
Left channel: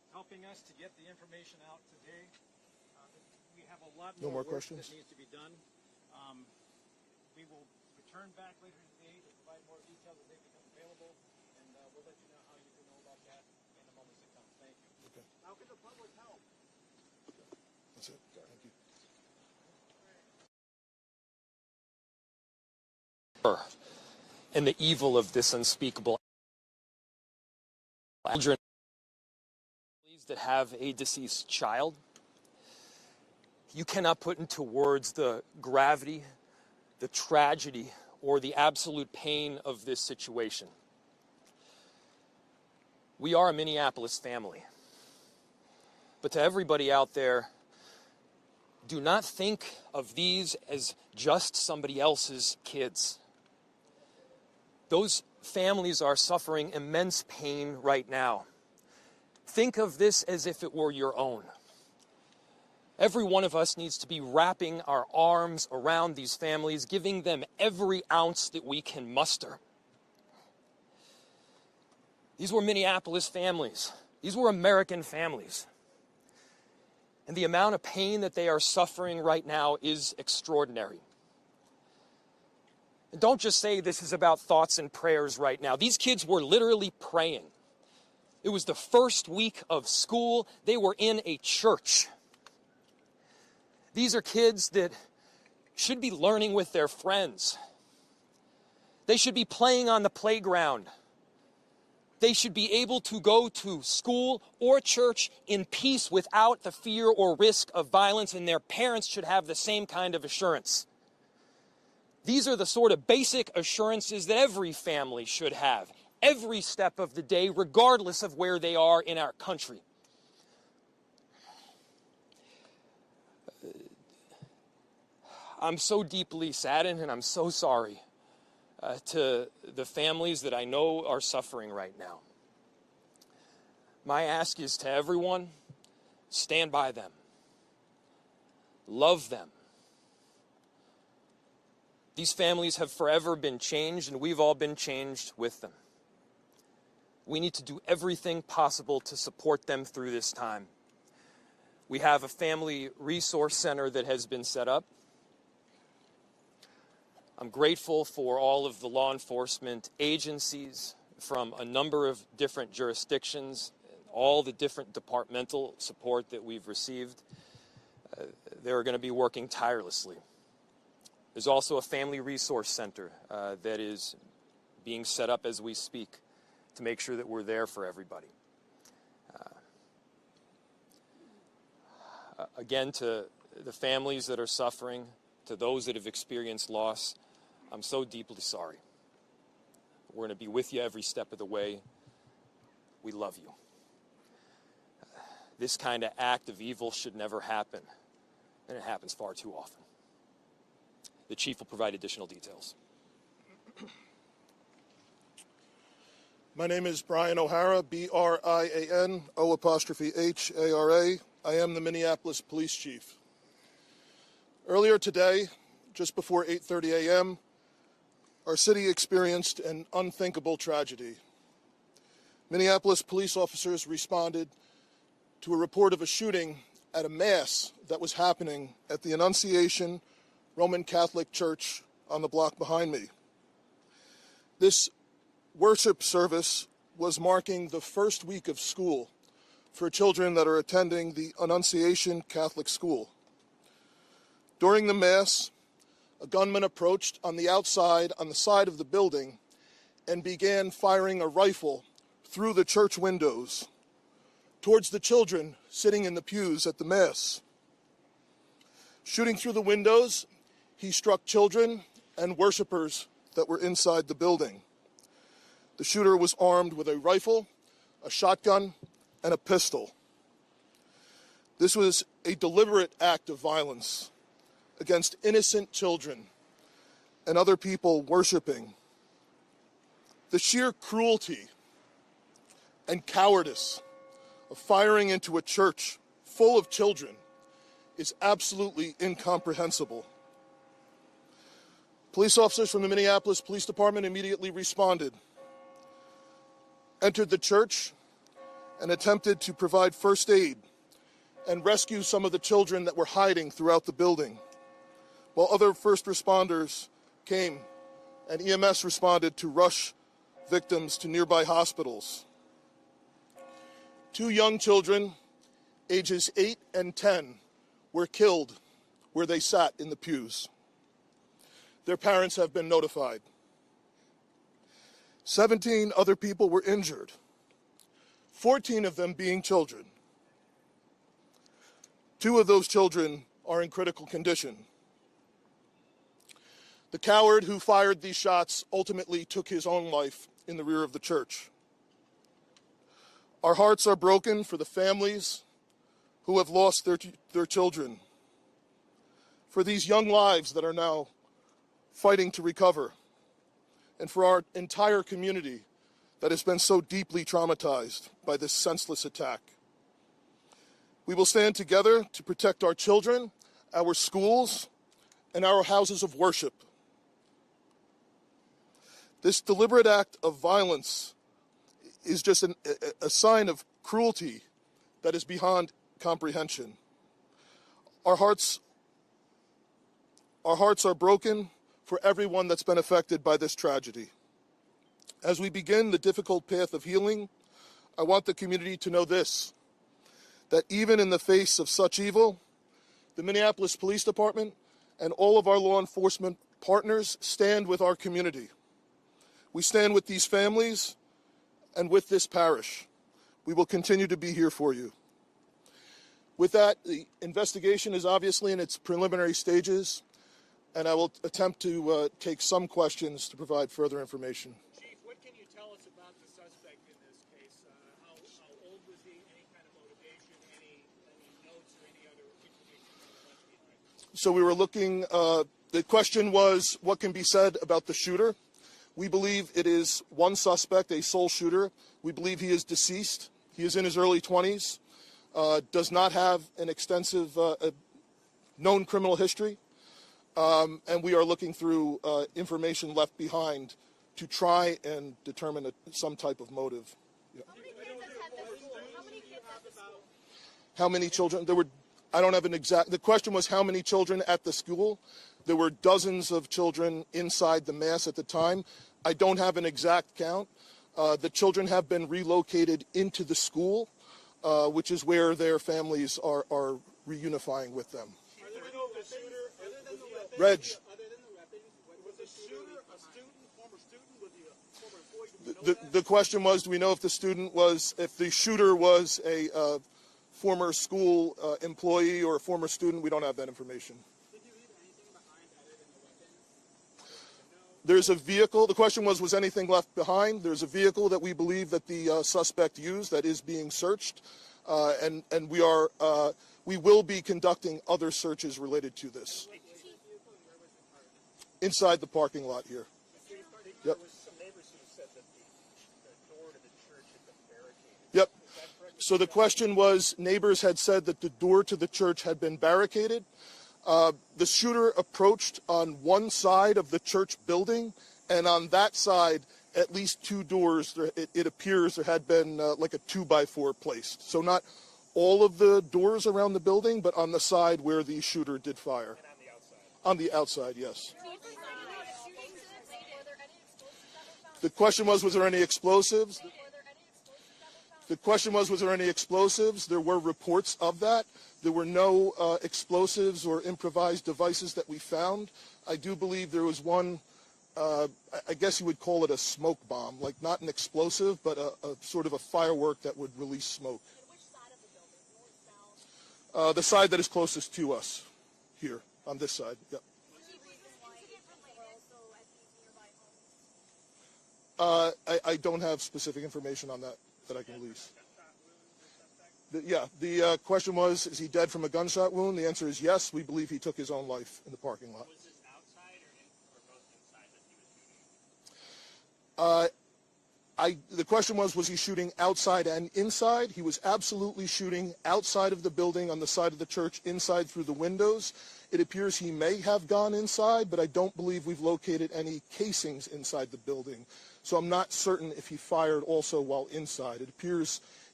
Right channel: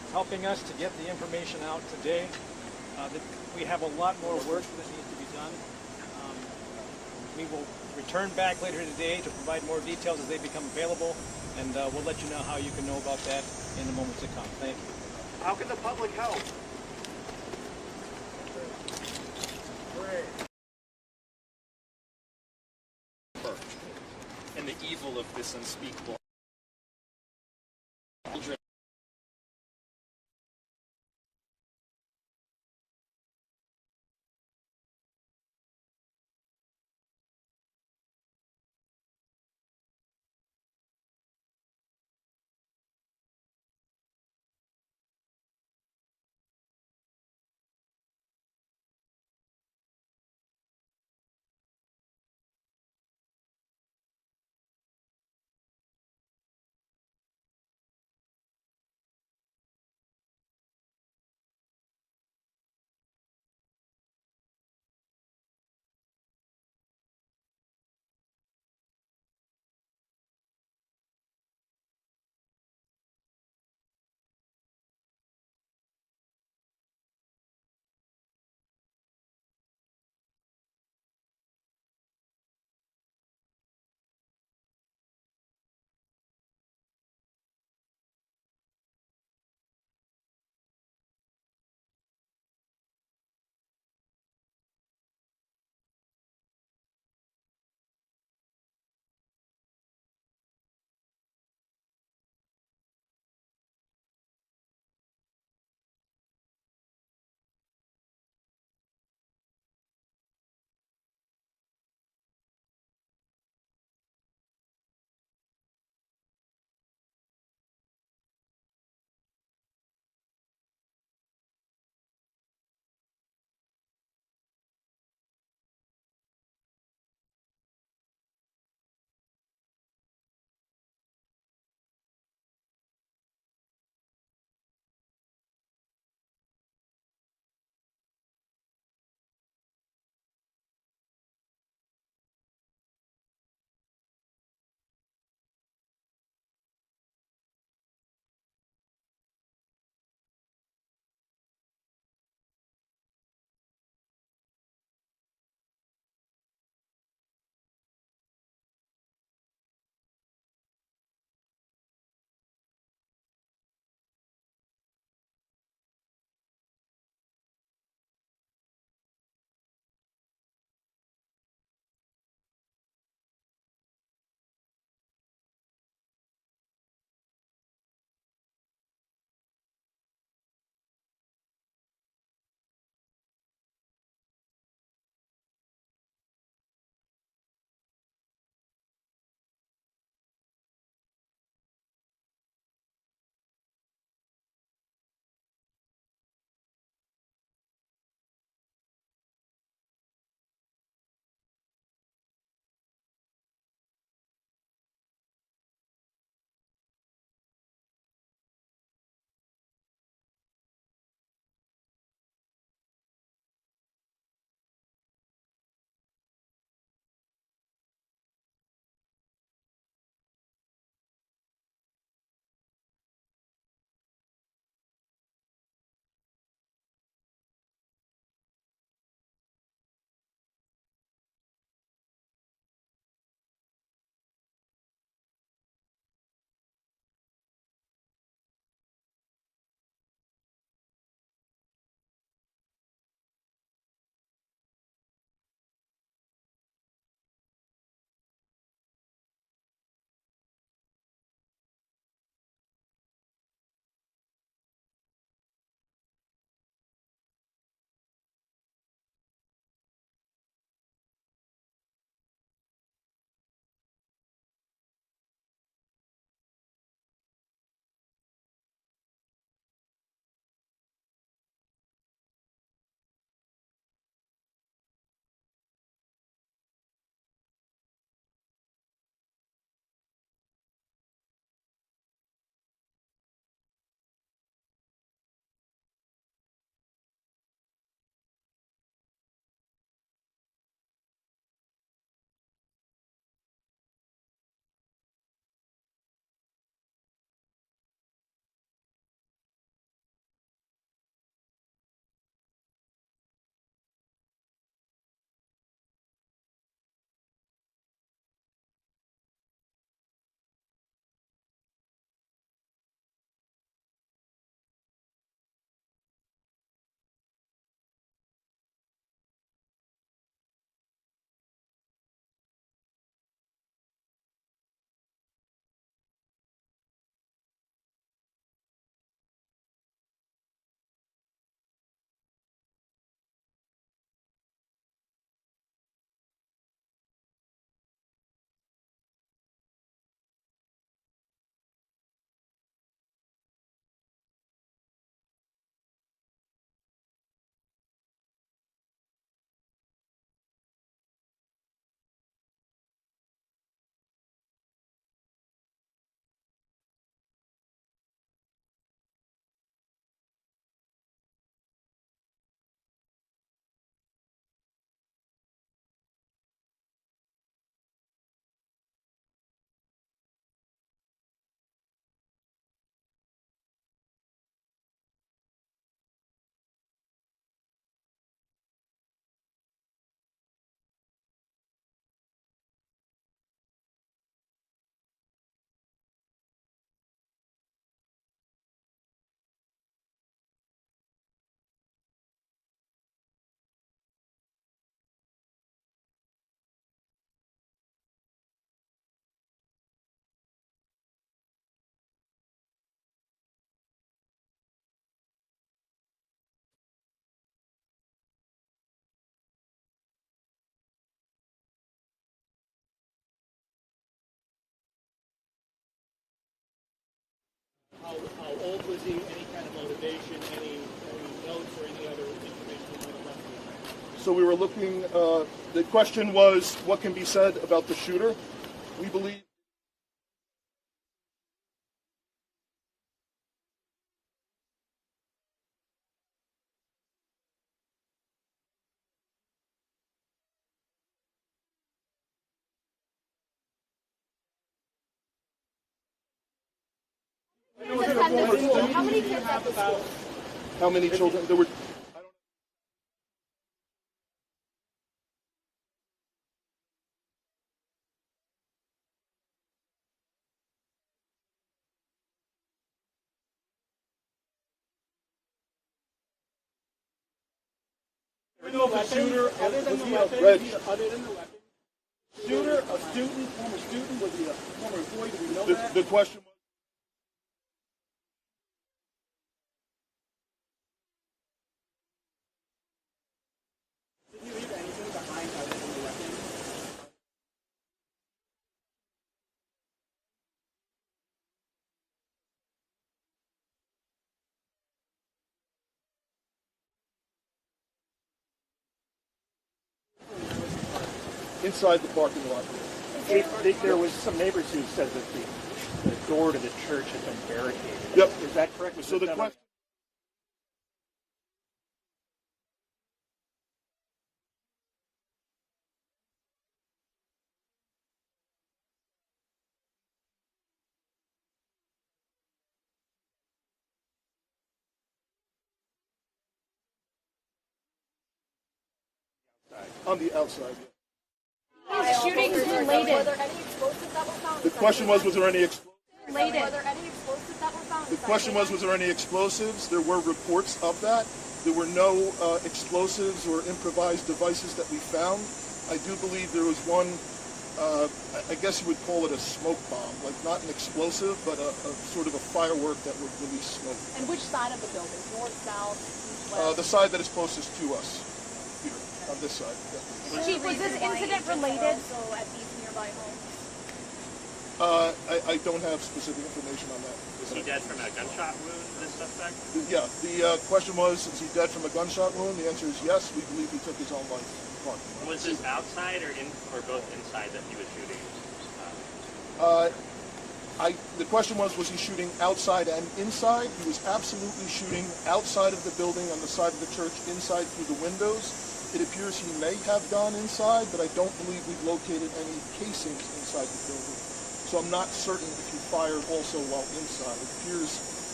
helping us to get the information out today. We have a lot more work that needs to be done. We will return back later today to provide more details as they become available, and we'll let you know how you can know about that in the moments to come. Thank you. How can the public help? And the evil of this unspeakable children that have a deceased child. You cannot put into words the gravity, the tragedy, or the absolute pain of this situation. We are a Minneapolis family. But to everybody out there, do not think of these as just somebody else's kids. Those families are suffering immense pain right now. Think of this as if it were your own. Every one of us needs to be wrapping our arms around these families, giving them every ounce that we can muster. These were Minneapolis families. These were American families. And the amount of pain that they are suffering right now is extraordinary. And don't just say this is about thoughts and prayers right now. These kids were literally praying. It was the first week of school. They were in a church. These are kids that should be learning with their friends. They should be playing on the playground. They should be able to go to school or church in peace without the fear or risk of violence, and their parents should have the same kind of assurance. These are the sort of basic assurances that every family should have, every step of the day, regardless of where they are in our country. I'm so deeply saddened, and I'm so sorry to the families that I know are suffering right now. My ask is to everyone, stand by them. Love them. These families have forever been changed, and we've all been changed with them. We need to do everything possible to support them through this time. We have a family resource center that has been set up. I'm grateful for all of the law enforcement agencies from a number of different jurisdictions, all the different departmental support that we've received. They're going to be working tirelessly. There's also a family resource center that is being set up as we speak to make sure that we're there for everybody. Again, to the families that are suffering, to those that have experienced loss, I'm so deeply sorry. We're going to be with you every step of the way. We love you. This kind of act of evil should never happen, and it happens far too often. The chief will provide additional details. My name is Brian O'Hara, B-R-I-A-N, O''H-A-R-A. I am the Minneapolis Police Chief. Earlier today, just before 8:30 a.m., our city experienced an unthinkable tragedy. Minneapolis police officers responded to a report of a shooting at a mass that was happening at the Annunciation Roman Catholic Church on the block behind me. This worship service was marking the first week of school for children that are attending the Annunciation Catholic School. During the mass, a gunman approached on the outside, on the side of the building, and began firing a rifle through the church windows towards the children sitting in the pews at the mass. Shooting through the windows, he struck children and worshipers that were inside the building. The shooter was armed with a rifle, a shotgun, and a pistol. This was a deliberate act of violence against innocent children and other people worshiping. The sheer cruelty and cowardice of firing into a church full of children is absolutely incomprehensible. Police officers from the Minneapolis Police Department immediately responded, entered the church, and attempted to provide first aid and rescue some of the children that were hiding throughout the building, while other first responders came and EMS responded to rush victims to nearby hospitals. 2 young children, ages 8 and 10, were killed where they sat in the pews. Their parents have been notified. 17 other people were injured, 14 of them being children. 2 of those children are in critical condition. The coward who fired these shots ultimately took his own life in the rear of the church. Our hearts are broken for the families who have lost their children, for these young lives that are now fighting to recover, and for our entire community that has been so deeply traumatized by this senseless attack. We will stand together to protect our children, our schools, and our houses of worship. This deliberate act of violence is just a sign of cruelty that is beyond comprehension. Our hearts are broken for everyone that's been affected by this tragedy. As we begin the difficult path of healing, I want the community to know this, that even in the face of such evil, the Minneapolis Police Department and all of our law enforcement partners stand with our community. We stand with these families and with this parish. We will continue to be here for you. With that, the investigation is obviously in its preliminary stages, and I will attempt to take some questions to provide further information. Chief, what can you tell us about the suspect in this case? How old was he? Any kind of motivation? Any notes or any other information you might have left behind? So we were looking, the question was, what can be said about the shooter? We believe it is one suspect, a sole shooter. We believe he is deceased. He is in his early 20s, does not have an extensive known criminal history, and we are looking through information left behind to try and determine some type of motive. Yeah. How many kids at the school? How many children? I don't have an exact, the question was how many children at the school. There were dozens of children inside the mass at the time. I don't have an exact count. The children have been relocated into the school, which is where their families are reunifying with them. We know the shooter, other than the weapons, was the shooter a student, former student, was he a former employee? Do we know that? The question was, do we know if the shooter was a former school employee or a former student? We don't have that information. Did he leave anything behind other than the weapons? There's a vehicle. The question was anything left behind? There's a vehicle that we believe that the suspect used that is being searched, and we will be conducting other searches related to this. Inside the parking lot here. There was some neighbors who said that the door to the church had been barricaded. Yep. Is that correct? So the question was, neighbors had said that the door to the church had been barricaded. The shooter approached on one side of the church building, and on that side, at least 2 doors, it appears there had been like a 2x4 placed. So not all of the doors around the building, but on the side where the shooter did fire. And on the outside, yes. Shootings related. Were there any explosives that were found? The question was there any explosives? Related. Were there any explosives that were found? The question was there any explosives? There were reports of that. There were no explosives or improvised devices that we found. I do believe there was one, I guess you would call it a smoke bomb, like not an explosive, but a sort of a firework that would release smoke. And which side of the building? North, south, east, west? The side that is closest to us, here, on this side. Yeah. Chief, was this incident related? Also at these nearby homes. I don't have specific information on that. Was he dead from a gunshot wound, this suspect? Yeah, the question was, is he dead from a gunshot wound? The answer is yes. We believe he took his own life in the parking lot. Was this outside or both inside that he was shooting? The question was he shooting outside and inside? He was absolutely shooting outside of the building, on the side of the church, inside through the windows. It appears he may have gone inside, but I don't believe we've located any casings inside the building. So I'm not certain if he fired also while inside. It appears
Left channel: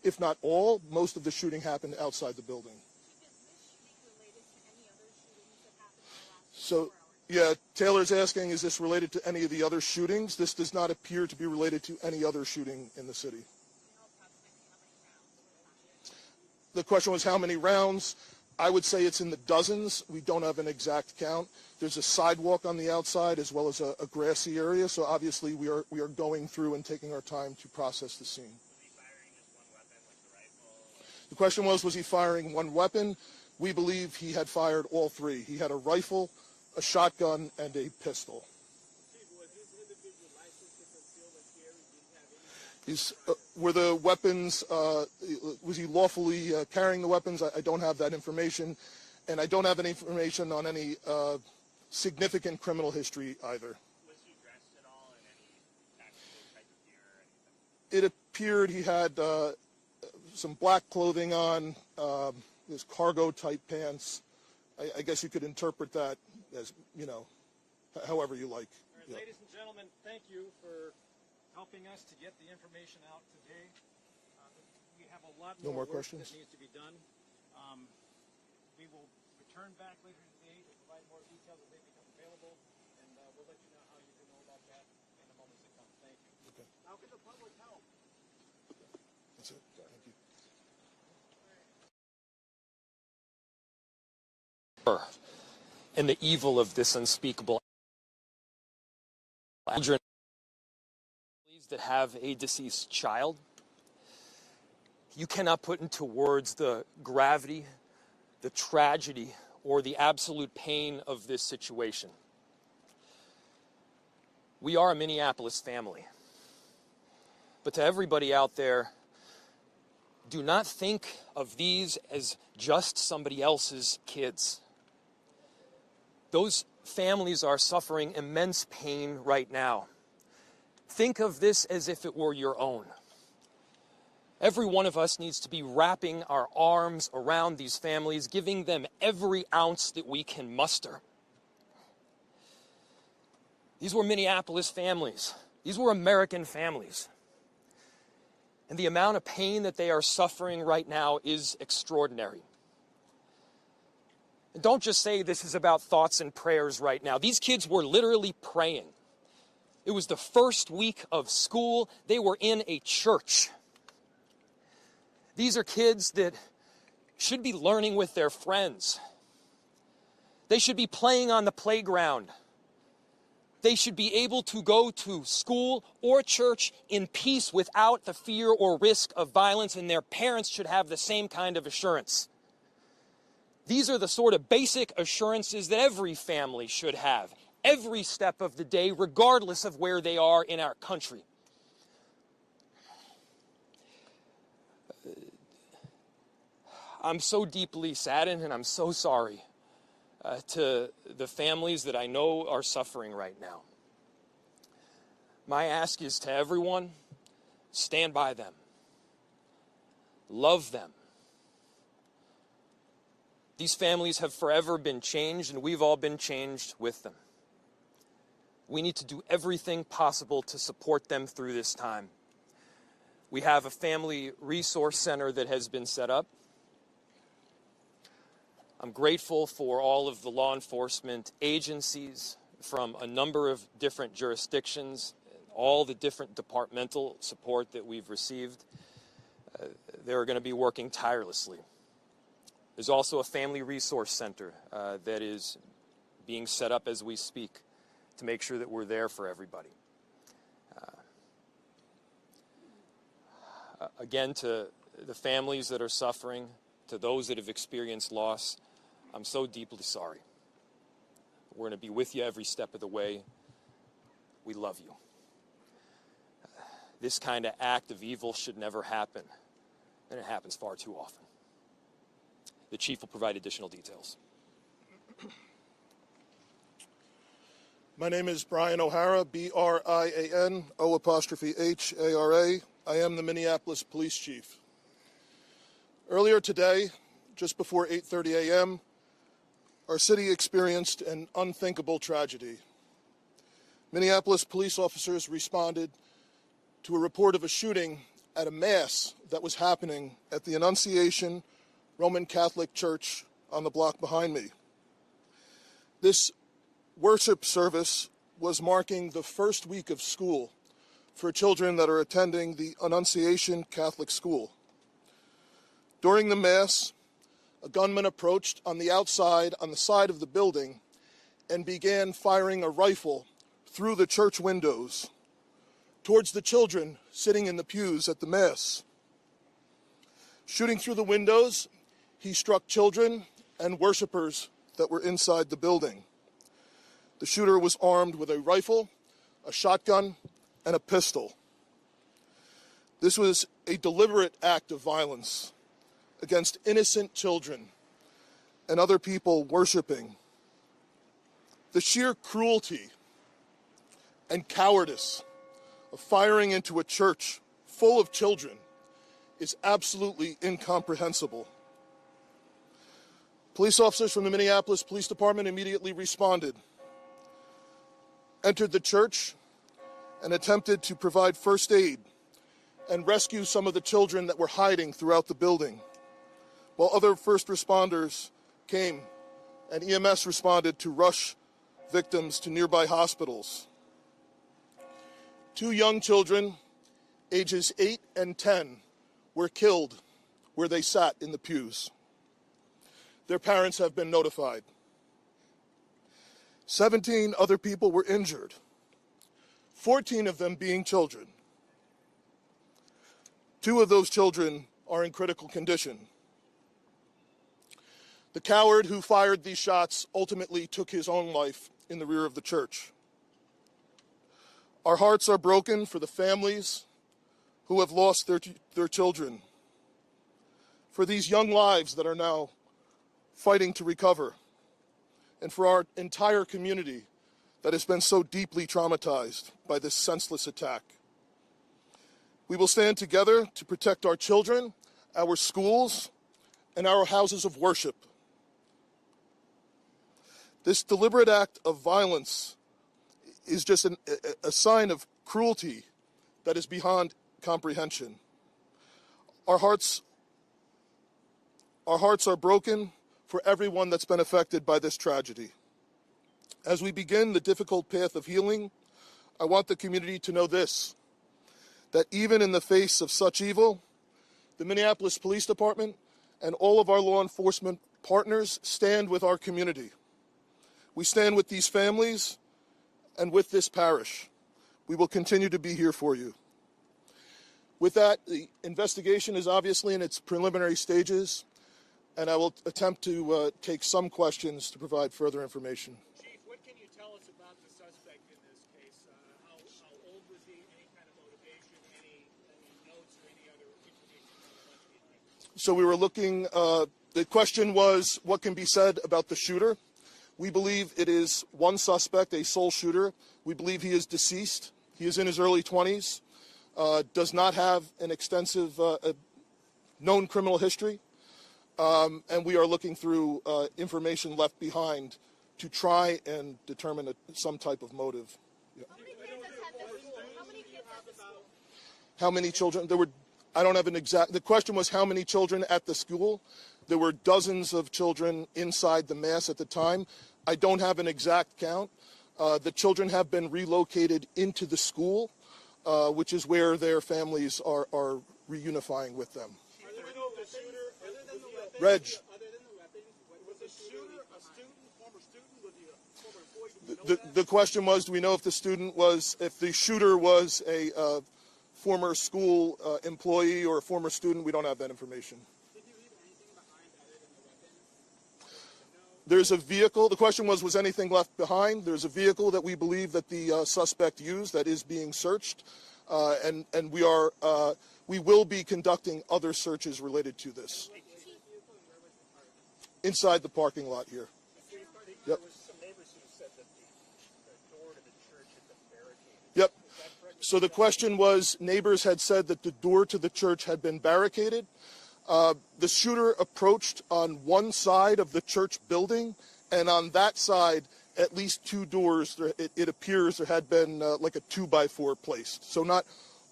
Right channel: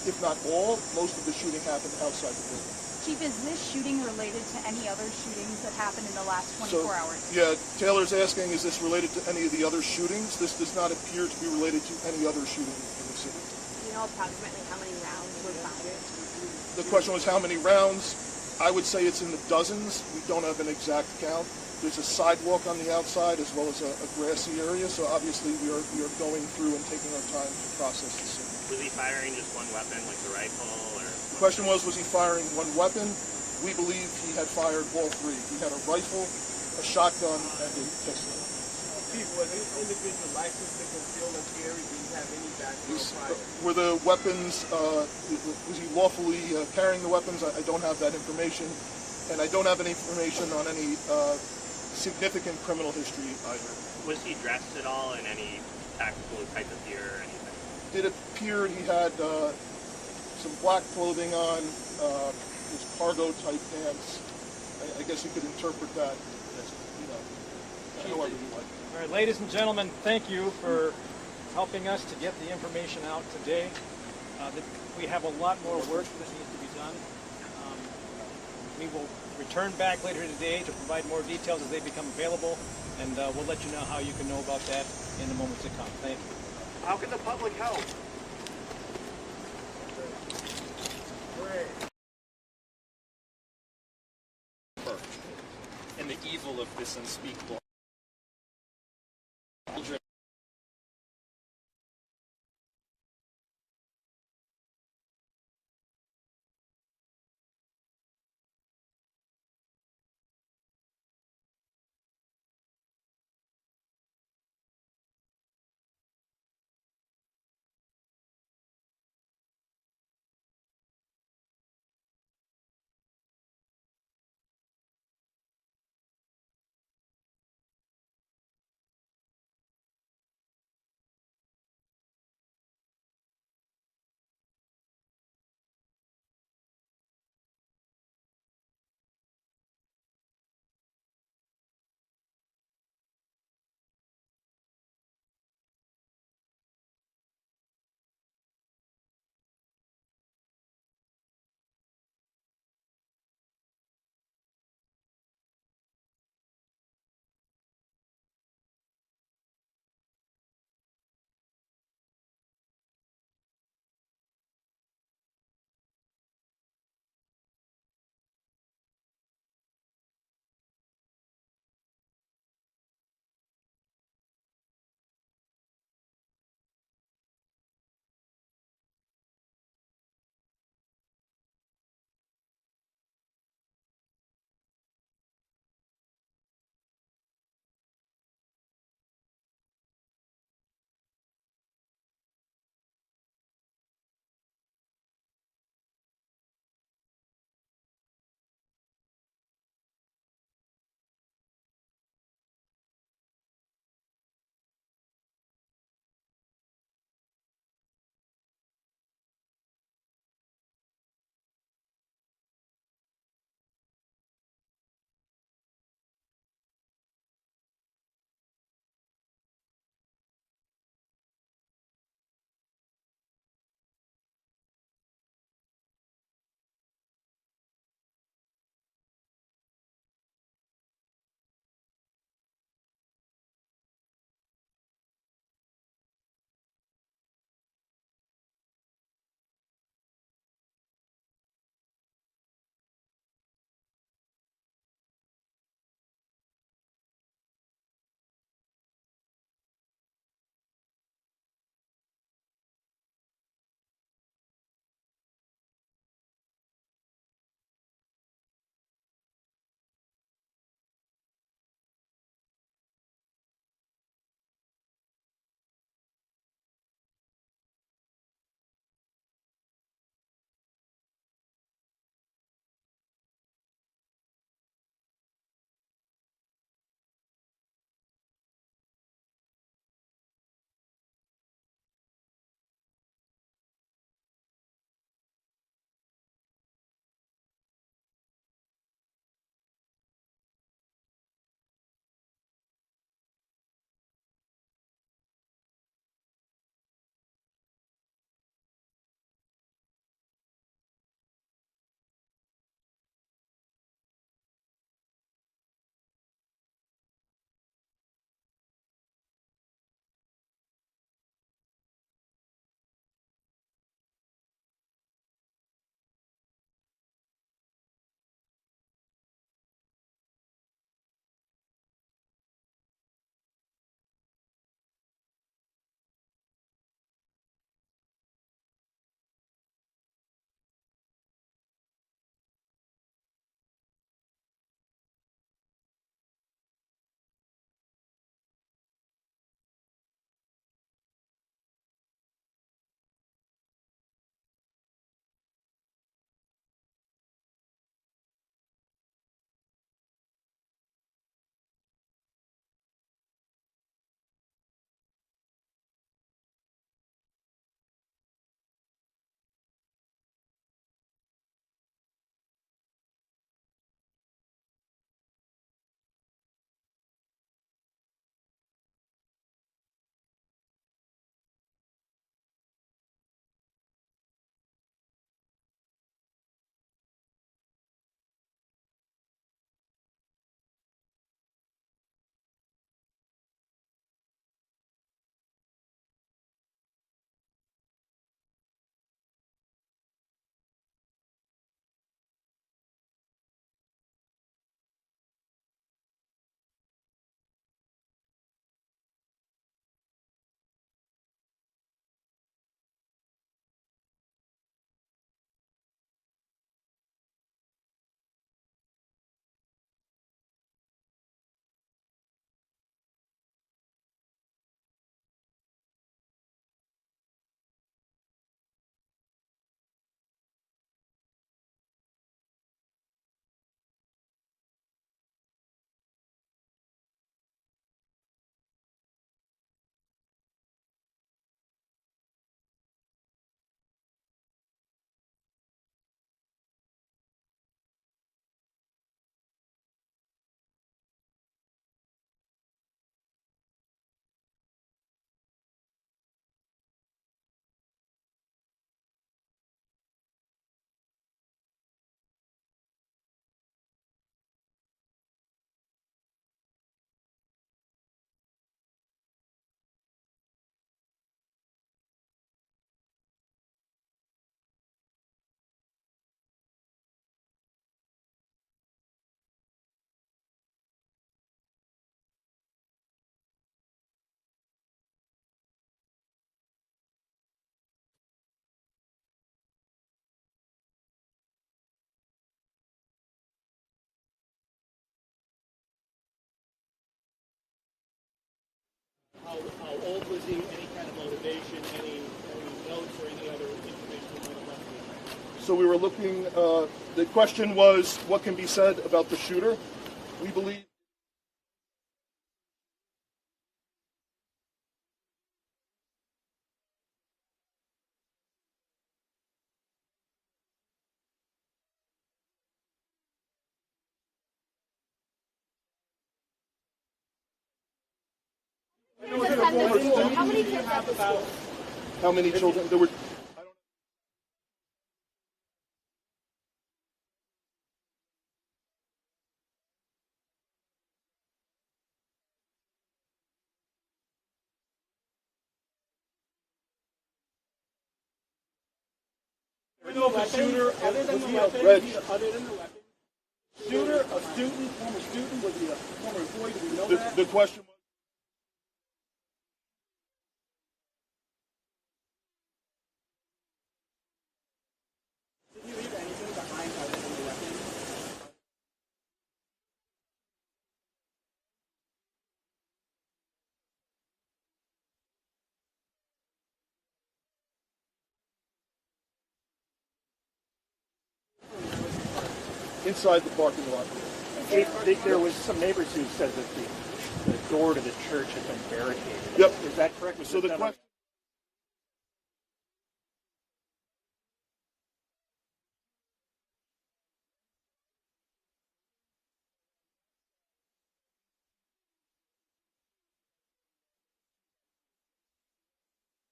if not all, most of the shooting happened outside the building. Chief, is this shooting related to any other shootings that happened in the last 24 hours? Yeah, Taylor's asking, is this related to any of the other shootings? This does not appear to be related to any other shooting in the city. Do you know approximately how many rounds were fired? The question was how many rounds? I would say it's in the dozens. We don't have an exact count. There's a sidewalk on the outside as well as a grassy area, so obviously we are going through and taking our time to process the scene. Was he firing just one weapon, like the rifle, or? The question was he firing one weapon? We believe he had fired all three. He had a rifle, a shotgun, and a pistol. Chief, was this individual licensed to conceal and carry? Did he have any background? Were the weapons, was he lawfully carrying the weapons? I don't have that information. And I don't have any information on any significant criminal history either. Was he dressed at all in any tactical type of gear or anything? It appeared he had some black clothing on, his cargo type pants. I guess you could interpret that as, however you like. All right, ladies and gentlemen, thank you for helping us to get the information out today. We have a lot more work that needs to be done. We will return back later today to provide more details as they become available, and we'll let you know how you can know about that in the moments to come. Thank you. How can the public help? And the evil of this unspeakable children that have a deceased child. You cannot put into words the gravity, the tragedy, or the absolute pain of this situation. We are a Minneapolis family. But to everybody out there, do not think of these as just somebody else's kids. Those families are suffering immense pain right now. Think of this as if it were your own. Every one of us needs to be wrapping our arms around these families, giving them every ounce that we can muster. These were Minneapolis families. These were American families. And the amount of pain that they are suffering right now is extraordinary. And don't just say this is about thoughts and prayers right now. These kids were literally praying. It was the first week of school. They were in a church. These are kids that should be learning with their friends. They should be playing on the playground. They should be able to go to school or church in peace without the fear or risk of violence, and their parents should have the same kind of assurance. These are the sort of basic assurances that every family should have, every step of the day, regardless of where they are in our country. I'm so deeply saddened, and I'm so sorry to the families that I know are suffering right now. My ask is to everyone, stand by them. Love them. These families have forever been changed, and we've all been changed with them. We need to do everything possible to support them through this time. We have a family resource center that has been set up. I'm grateful for all of the law enforcement agencies from a number of different jurisdictions, all the different departmental support that we've received. They're going to be working tirelessly. There's also a family resource center that is being set up as we speak to make sure that we're there for everybody. Again, to the families that are suffering, to those that have experienced loss, I'm so deeply sorry. We're going to be with you every step of the way. We love you. This kind of act of evil should never happen, and it happens far too often. The chief will provide additional details. My name is Brian O'Hara, B-R-I-A-N, O''H-A-R-A. I am the Minneapolis Police Chief. Earlier today, just before 8:30 a.m., our city experienced an unthinkable tragedy. Minneapolis police officers responded to a report of a shooting at a mass that was happening at the Annunciation Roman Catholic Church on the block behind me. This worship service was marking the first week of school for children that are attending the Annunciation Catholic School. During the Mass, a gunman approached on the outside, on the side of the building, and began firing a rifle through the church windows towards the children sitting in the pews at the Mass. Shooting through the windows, he struck children and worshipers that were inside the building. The shooter was armed with a rifle, a shotgun, and a pistol. This was a deliberate act of violence against innocent children and other people worshiping. The sheer cruelty and cowardice of firing into a church full of children is absolutely incomprehensible. Police officers from the Minneapolis Police Department immediately responded, entered the church, and attempted to provide first aid and rescue some of the children that were hiding throughout the building, while other first responders came and EMS responded to rush victims to nearby hospitals. 2 young children, ages 8 and 10, were killed where they sat in the pews. Their parents have been notified. 17 other people were injured, 14 of them being children. 2 of those children are in critical condition. The coward who fired these shots ultimately took his own life in the rear of the church. Our hearts are broken for the families who have lost their children, for these young lives that are now fighting to recover, and for our entire community that has been so deeply traumatized by this senseless attack. We will stand together to protect our children, our schools, and our houses of worship. This deliberate act of violence is just a sign of cruelty that is beyond comprehension. Our hearts are broken for everyone that's been affected by this tragedy. As we begin the difficult path of healing, I want the community to know this, that even in the face of such evil, the Minneapolis Police Department and all of our law enforcement partners stand with our community. We stand with these families and with this parish. We will continue to be here for you. With that, the investigation is obviously in its preliminary stages, and I will attempt to take some questions to provide further information. Chief, what can you tell us about the suspect in this case? How old was he? Any kind of motivation? Any notes or any other information we might have left behind? So we were looking, the question was, what can be said about the shooter? We believe it is one suspect, a sole shooter. We believe he is deceased. He is in his early 20s, does not have an extensive known criminal history, and we are looking through information left behind to try and determine some type of motive. How many kids at the school? How many children? There were, I don't have an exact, the question was how many children at the school. There were dozens of children inside the Mass at the time. I don't have an exact count. The children have been relocated into the school, which is where their families are reunifying with them. Other than the weapons, was the shooter a student, former student? Was he a former employee? Do we know that? The question was, do we know if the shooter was a former school employee or a former student? We don't have that information. Did he leave anything behind other than the weapons? There's a vehicle. The question was anything left behind? There's a vehicle that we believe that the suspect used that is being searched, and we will be conducting other searches related to this. Inside the parking lot here. There was some neighbors who said that the door to the church had been barricaded. Yep. Is that correct? So the question was, neighbors had said that the door to the church had been barricaded. The shooter approached on one side of the church building, and on that side, at least 2 doors, it appears there had been like a 2x4 placed. So not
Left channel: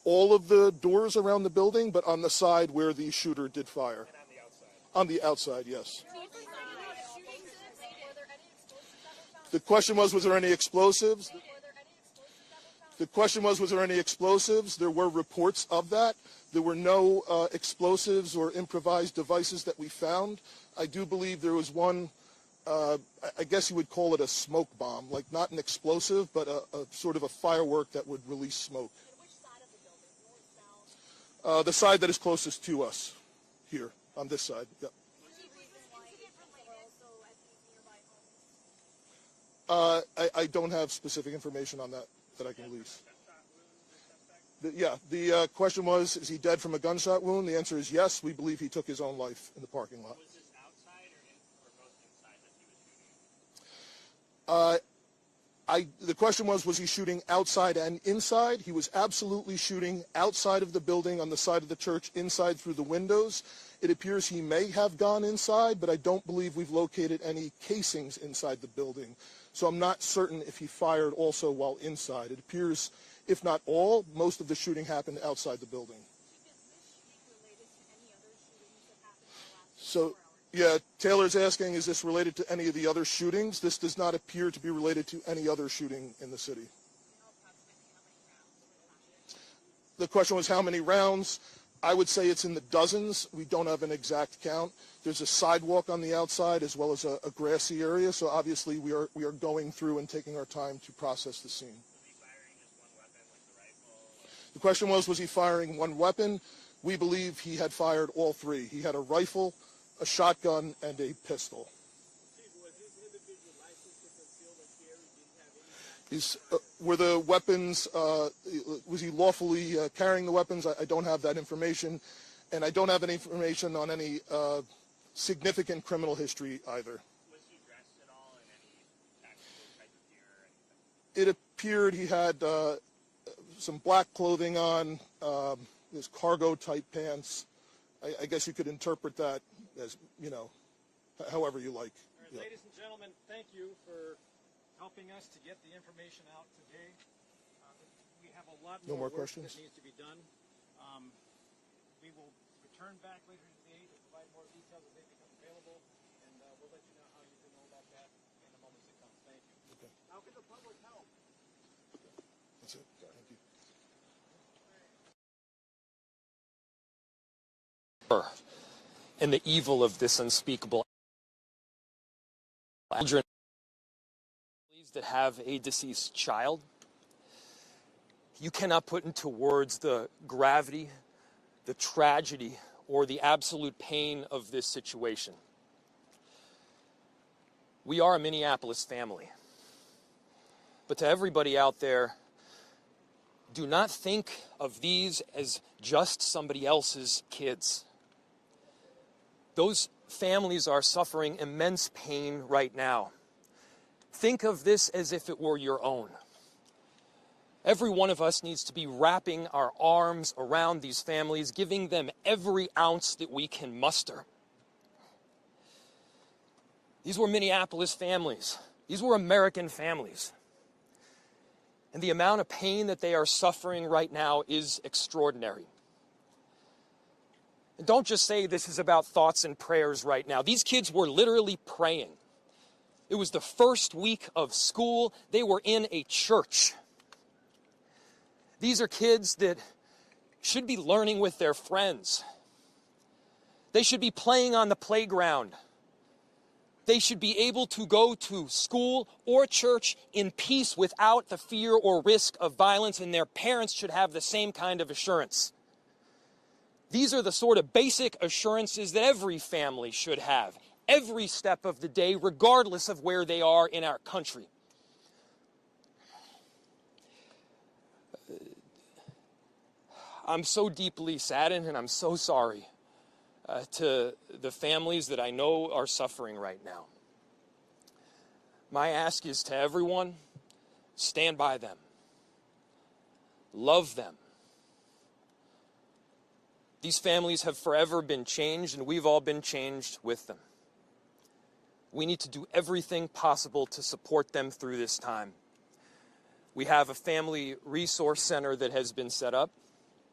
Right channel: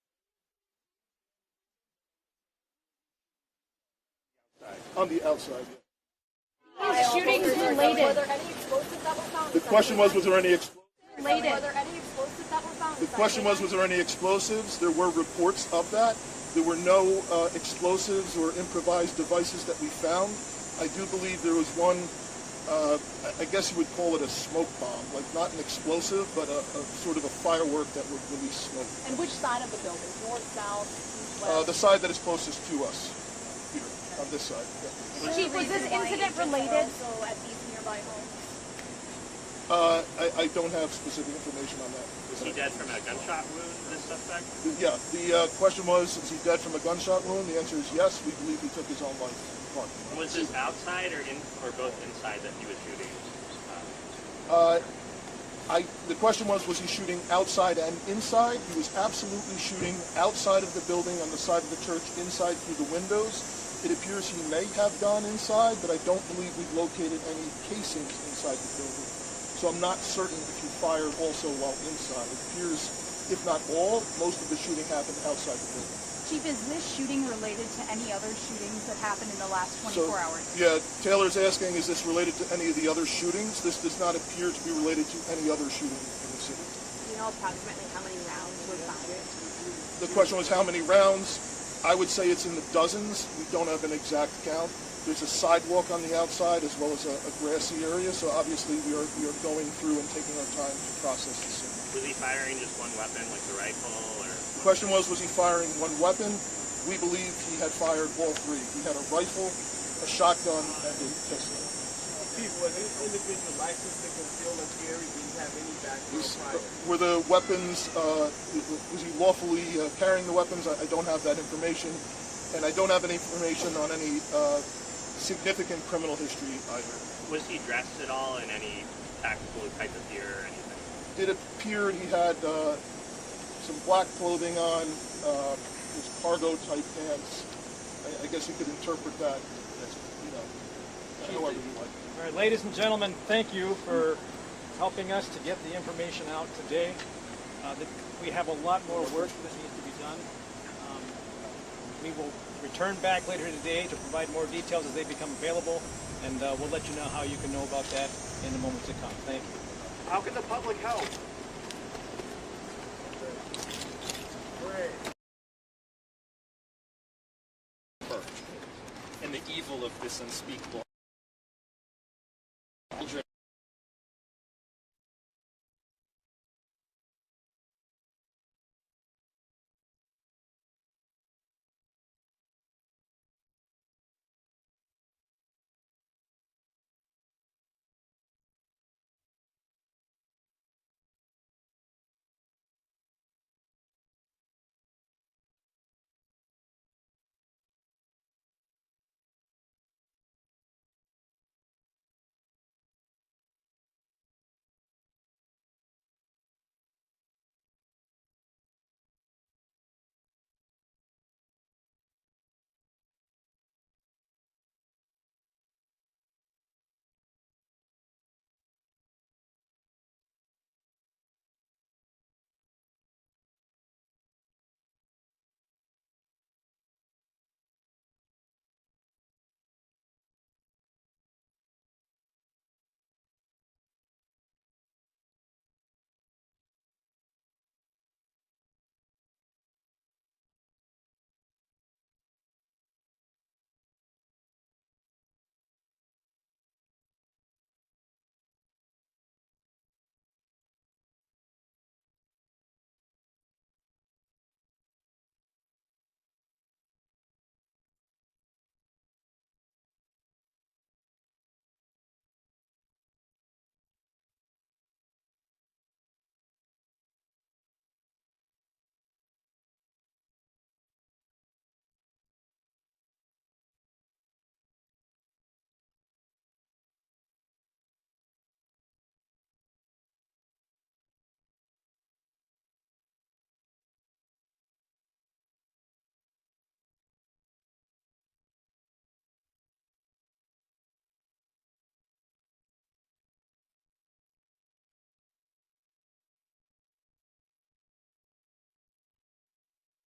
all of the doors around the building, but on the side where the shooter did fire. On the outside, yes. Shootings related. Were there any explosives that were found? The question was there any explosives? Related. Were there any explosives that were found? The question was there any explosives? There were reports of that. There were no explosives or improvised devices that we found. I do believe there was one, I guess you would call it a smoke bomb, like not an explosive, but a sort of a firework that would release smoke. And which side of the building? North, south, west? The side that is closest to us, here, on this side. Yeah. Chief, was this incident related? Also at these nearby homes? I don't have specific information on that. Was he dead from a gunshot wound, this suspect? Yeah, the question was, is he dead from a gunshot wound? The answer is yes. We believe he took his own life in the parking lot. Was this outside or both inside that he was shooting? The question was he shooting outside and inside? He was absolutely shooting outside of the building, on the side of the church, inside through the windows. It appears he may have gone inside, but I don't believe we've located any casings inside the building. So I'm not certain if he fired also while inside. It appears, if not all, most of the shooting happened outside the building. Chief, is this shooting related to any other shootings that happened in the last 24 hours? Yeah, Taylor's asking, is this related to any of the other shootings? This does not appear to be related to any other shooting in the city. Do you know approximately how many rounds were fired? The question was how many rounds? I would say it's in the dozens. We don't have an exact count. There's a sidewalk on the outside as well as a grassy area, so obviously we are going through and taking our time to process the scene. Was he firing just one weapon, like the rifle, or? The question was he firing one weapon? We believe he had fired all three. He had a rifle, a shotgun, and a pistol. Chief, was this individual licensed to conceal or carry? Did he have any background prior? Were the weapons, was he lawfully carrying the weapons? I don't have that information. And I don't have any information on any significant criminal history either. Was he dressed at all in any tactical type of gear or anything? It appeared he had some black clothing on, his cargo type pants. I guess you could interpret that as, however you like. All right, ladies and gentlemen, thank you for helping us to get the information out today. We have a lot more work that needs to be done. We will return back later today to provide more details as they become available, and we'll let you know how you can know about that in the moments to come. Thank you. How can the public help? And the evil of this unspeakable children that have a deceased child. You cannot put into words the gravity, the tragedy, or the absolute pain of this situation. We are a Minneapolis family. But to everybody out there, do not think of these as just somebody else's kids. Those families are suffering immense pain right now. Think of this as if it were your own. Every one of us needs to be wrapping our arms around these families, giving them every ounce that we can muster. These were Minneapolis families. These were American families. And the amount of pain that they are suffering right now is extraordinary. And don't just say this is about thoughts and prayers right now. These kids were literally praying. It was the first week of school. They were in a church. These are kids that should be learning with their friends. They should be playing on the playground. They should be able to go to school or church in peace without the fear or risk of violence, and their parents should have the same kind of assurance. These are the sort of basic assurances that every family should have, every step of the day, regardless of where they are in our country. I'm so deeply saddened, and I'm so sorry to the families that I know are suffering right now. My ask is to everyone, stand by them. Love them. These families have forever been changed, and we've all been changed with them. We need to do everything possible to support them through this time. We have a family resource center that has been set up.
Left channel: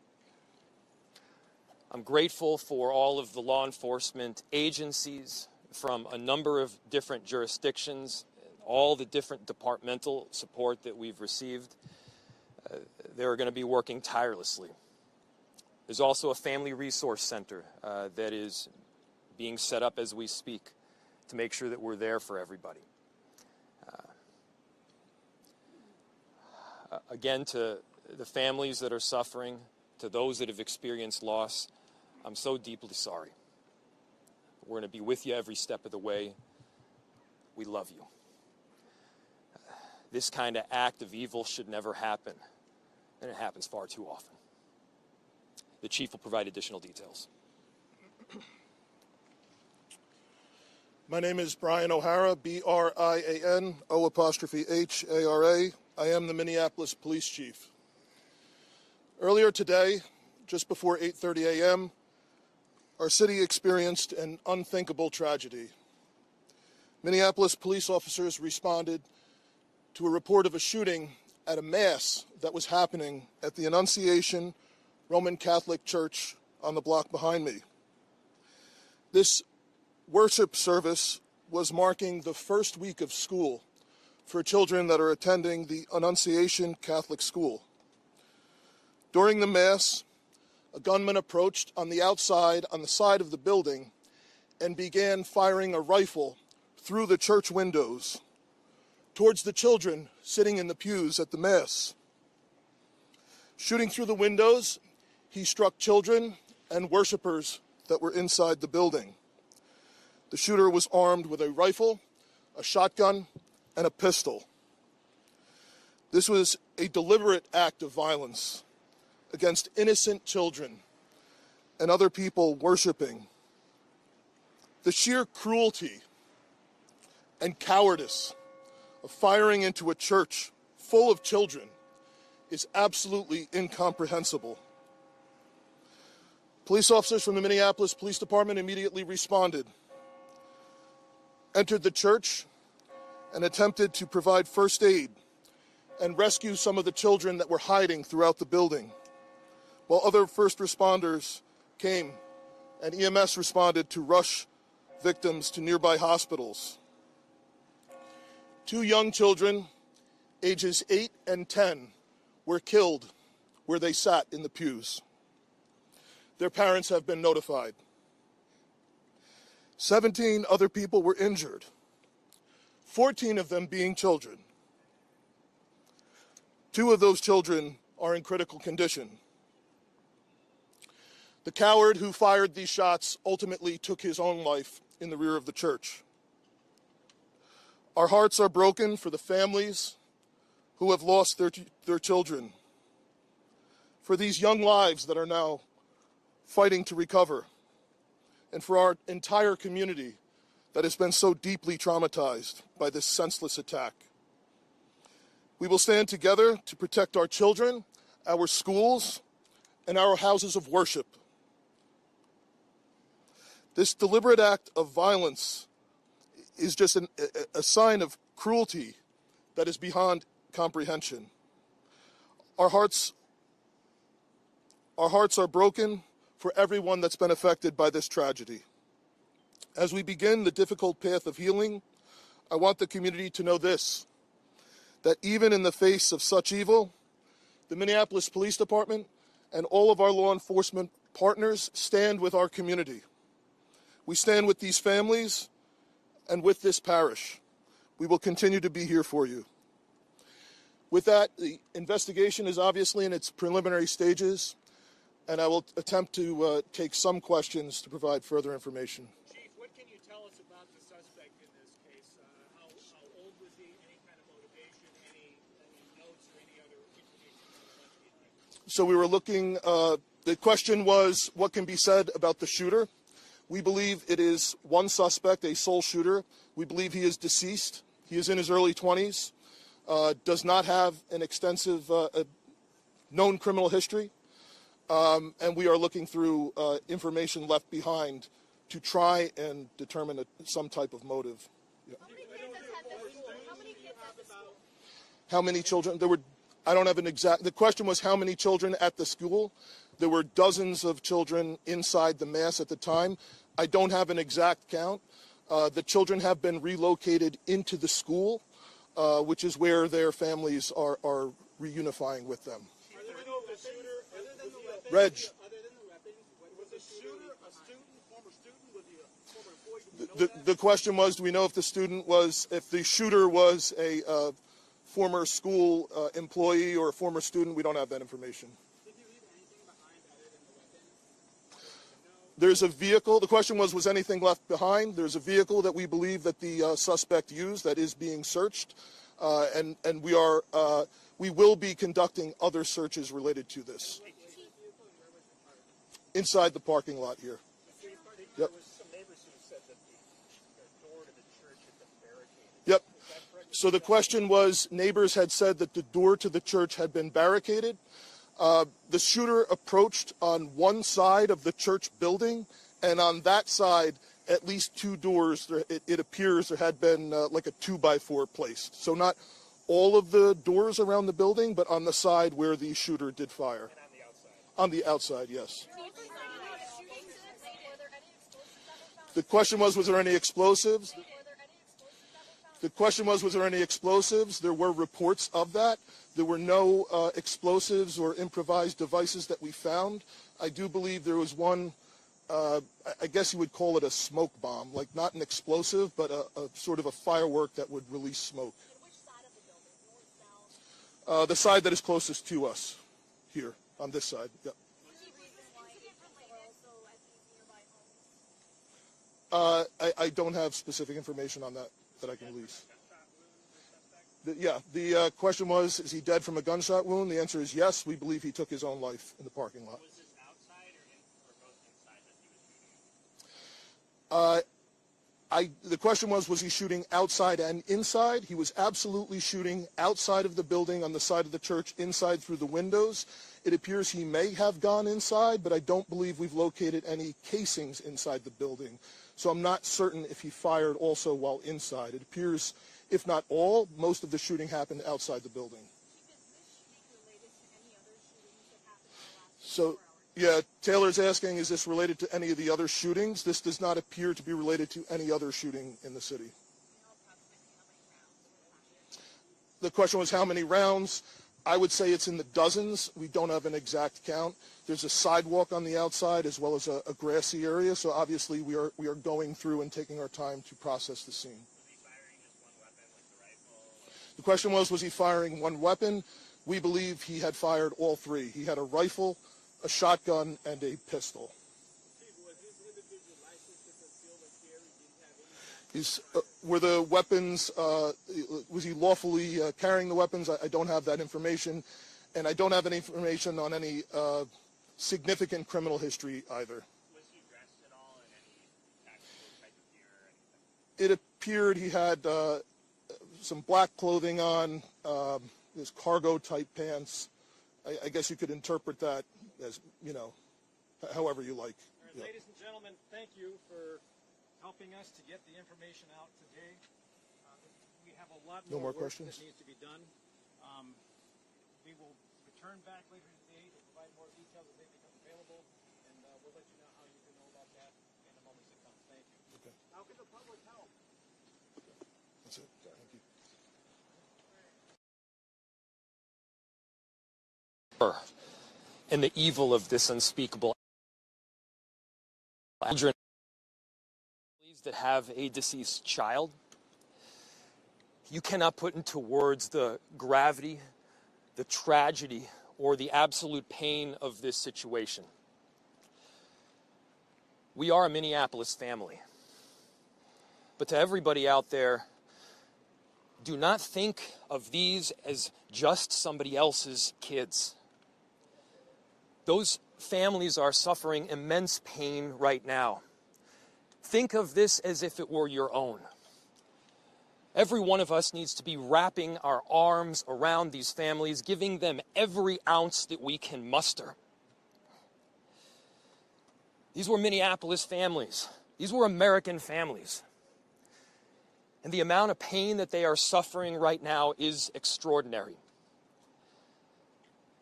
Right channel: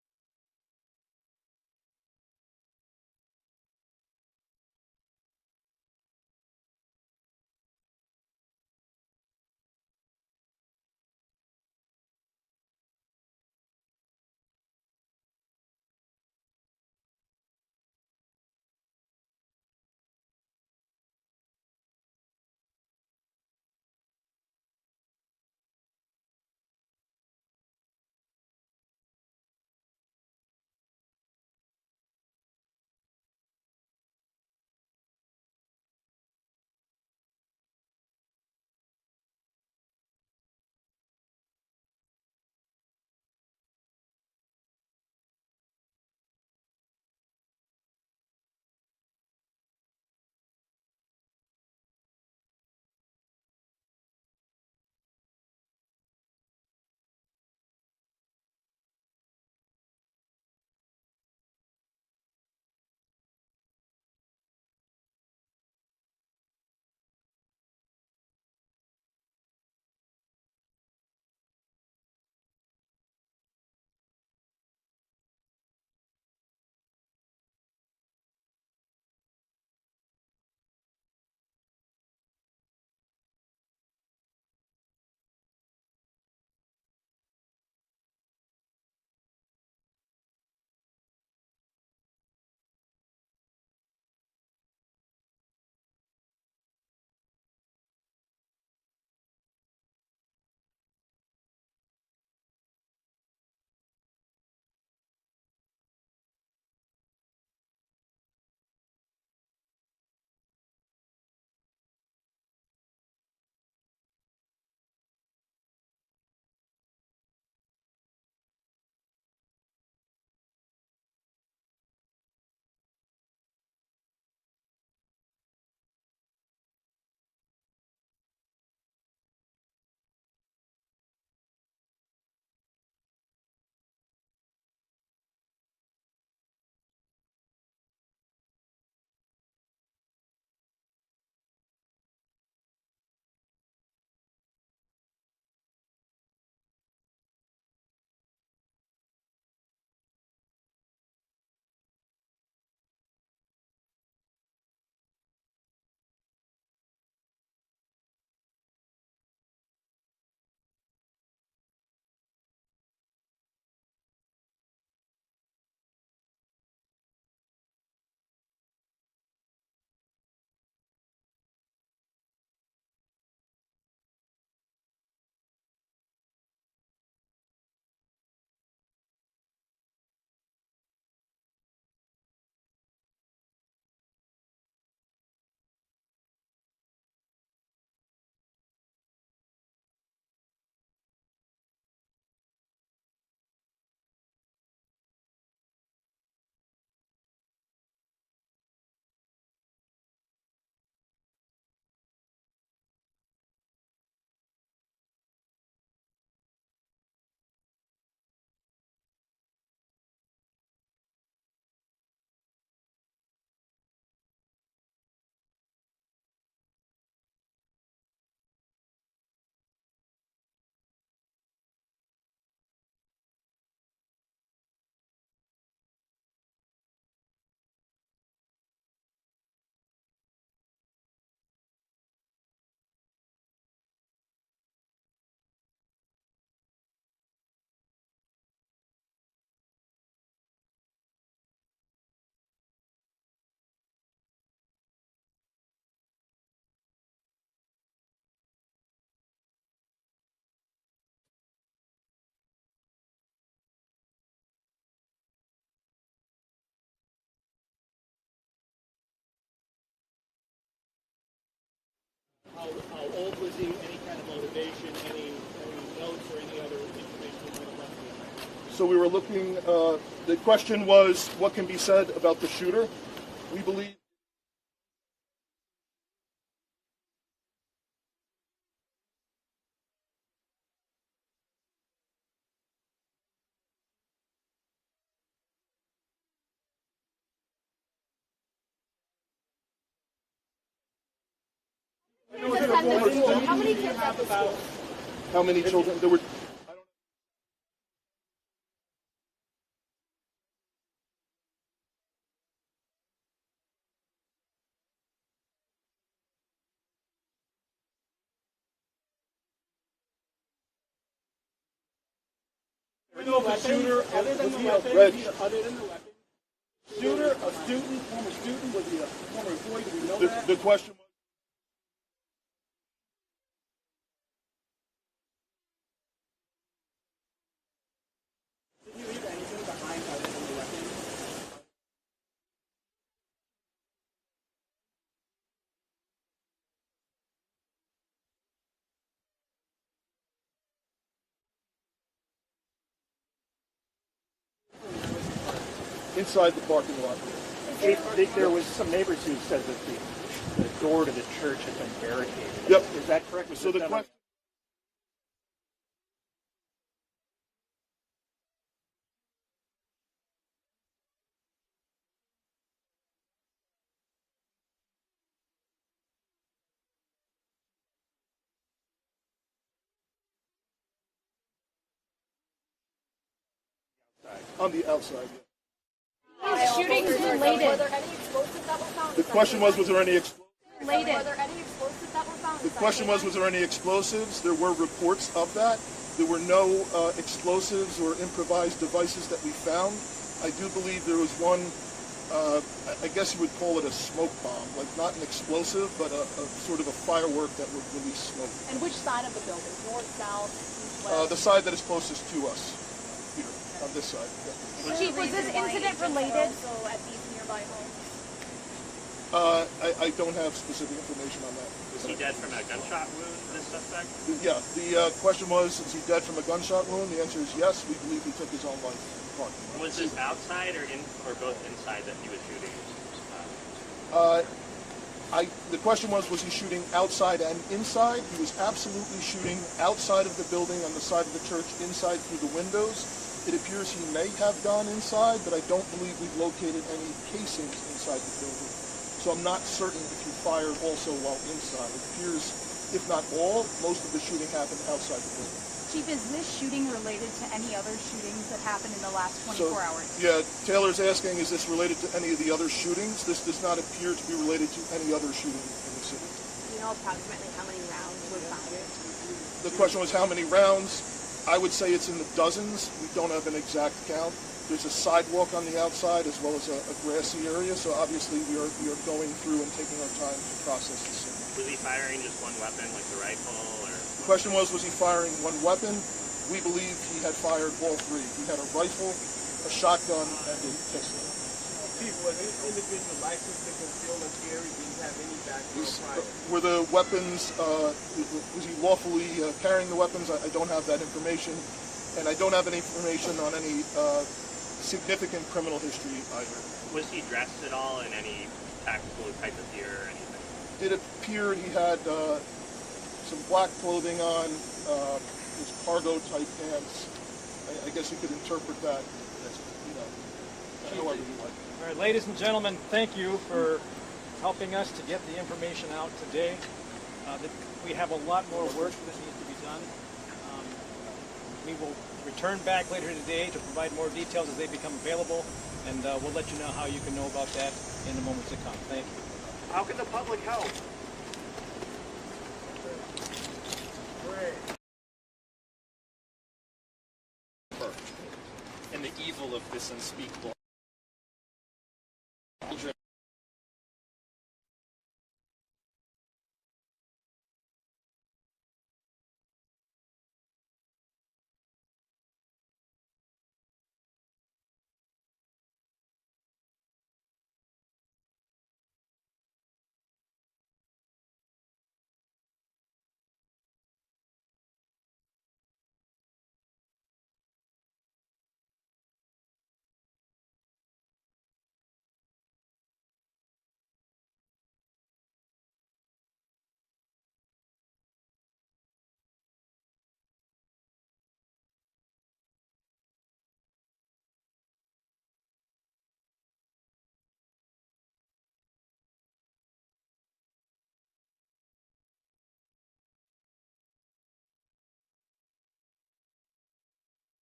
I'm grateful for all of the law enforcement agencies from a number of different jurisdictions, all the different departmental support that we've received. They're going to be working tirelessly. There's also a family resource center that is being set up as we speak to make sure that we're there for everybody. Again, to the families that are suffering, to those that have experienced loss, I'm so deeply sorry. We're going to be with you every step of the way. We love you. This kind of act of evil should never happen, and it happens far too often. The chief will provide additional details. My name is Brian O'Hara, B-R-I-A-N, O''H-A-R-A. I am the Minneapolis Police Chief. Earlier today, just before 8:30 a.m., our city experienced an unthinkable tragedy. Minneapolis police officers responded to a report of a shooting at a mass that was happening at the Annunciation Roman Catholic Church on the block behind me. This worship service was marking the first week of school for children that are attending the Annunciation Catholic School. During the Mass, a gunman approached on the outside, on the side of the building, and began firing a rifle through the church windows towards the children sitting in the pews at the Mass. Shooting through the windows, he struck children and worshipers that were inside the building. The shooter was armed with a rifle, a shotgun, and a pistol. This was a deliberate act of violence against innocent children and other people worshiping. The sheer cruelty and cowardice of firing into a church full of children is absolutely incomprehensible. Police officers from the Minneapolis Police Department immediately responded, entered the church, and attempted to provide first aid and rescue some of the children that were hiding throughout the building, while other first responders came and EMS responded to rush victims to nearby hospitals. 2 young children, ages 8 and 10, were killed where they sat in the pews. Their parents have been notified. 17 other people were injured, 14 of them being children. 2 of those children are in critical condition. The coward who fired these shots ultimately took his own life in the rear of the church. Our hearts are broken for the families who have lost their children, for these young lives that are now fighting to recover, and for our entire community that has been so deeply traumatized by this senseless attack. We will stand together to protect our children, our schools, and our houses of worship. This deliberate act of violence is just a sign of cruelty that is beyond comprehension. Our hearts are broken for everyone that's been affected by this tragedy. As we begin the difficult path of healing, I want the community to know this, that even in the face of such evil, the Minneapolis Police Department and all of our law enforcement partners stand with our community. We stand with these families and with this parish. We will continue to be here for you. With that, the investigation is obviously in its preliminary stages, and I will attempt to take some questions to provide further information. Chief, what can you tell us about the suspect in this case? How old was he? Any kind of motivation? Any notes or any other information you might have left behind? So we were looking, the question was, what can be said about the shooter? We believe it is one suspect, a sole shooter. We believe he is deceased. He is in his early 20s, does not have an extensive known criminal history, and we are looking through information left behind to try and determine some type of motive. Yeah. How many kids at the school? How many children? There were, I don't have an exact, the question was how many children at the school. There were dozens of children inside the mass at the time. I don't have an exact count. The children have been relocated into the school, which is where their families are reunifying with them. We know the shooter, other than the weapons, was the shooter a student, former student, was he a former employee? Do we know that? The question was, do we know if the shooter was a former school employee or a former student? We don't have that information. Did you leave anything behind other than the weapons? There's a vehicle. The question was anything left behind? There's a vehicle that we believe that the suspect used that is being searched, and we will be conducting other searches related to this. Inside the parking lot here. There was some neighbors who said that the door to the church had been barricaded. Yep. Is that correct? So the question was, neighbors had said that the door to the church had been barricaded. The shooter approached on one side of the church building, and on that side, at least two doors, it appears there had been like a 2x4 placed. So not all of the doors around the building, but on the side where the shooter did fire. And on the outside? On the outside, yes. Shootings related. Were there any explosives that were found? The question was there any explosives? Were there any explosives that were found? The question was there any explosives? There were reports of that. There were no explosives or improvised devices that we found. I do believe there was one, I guess you would call it a smoke bomb, like not an explosive, but a sort of a firework that would release smoke. And which side of the building? North, south, east, west? The side that is closest to us, here, on this side. Yeah. Chief, was this incident related? Also at these nearby homes? I don't have specific information on that. Was he dead from a gunshot wound, this suspect? Yeah, the question was, is he dead from a gunshot wound? The answer is yes. We believe he took his own life in the parking lot. Was this outside or both inside that he was shooting? The question was he shooting outside and inside? He was absolutely shooting outside of the building on the side of the church, inside through the windows. It appears he may have gone inside, but I don't believe we've located any casings inside the building. So I'm not certain if he fired also while inside. It appears, if not all, most of the shooting happened outside the building. Chief, is this shooting related to any other shootings that happened in the last 24 hours? Yeah, Taylor's asking, is this related to any of the other shootings? This does not appear to be related to any other shooting in the city. Do you know approximately how many rounds were fired? The question was how many rounds? I would say it's in the dozens. We don't have an exact count. There's a sidewalk on the outside as well as a grassy area, so obviously we are going through and taking our time to process the scene. Was he firing just one weapon, like the rifle, or? The question was he firing one weapon? We believe he had fired all three. He had a rifle, a shotgun, and a pistol. Chief, was this individual licensed to conceal and carry? Did he have any background? Were the weapons, was he lawfully carrying the weapons? I don't have that information, and I don't have any information on any significant criminal history either. Was he dressed at all in any tactical type of gear or anything? It appeared he had some black clothing on, his cargo type pants. I guess you could interpret that as, however you like. All right, ladies and gentlemen, thank you for helping us to get the information out today. We have a lot more work that needs to be done. We will return back later today to provide more details as they become available, and we'll let you know how you can know about that in the moments to come. Thank you. How can the public help? And the evil of this unspeakable children that have a deceased child. You cannot put into words the gravity, the tragedy, or the absolute pain of this situation. We are a Minneapolis family. But to everybody out there, do not think of these as just somebody else's kids. Those families are suffering immense pain right now. Think of this as if it were your own. Every one of us needs to be wrapping our arms around these families, giving them every ounce that we can muster. These were Minneapolis families. These were American families. And the amount of pain that they are suffering right now is extraordinary.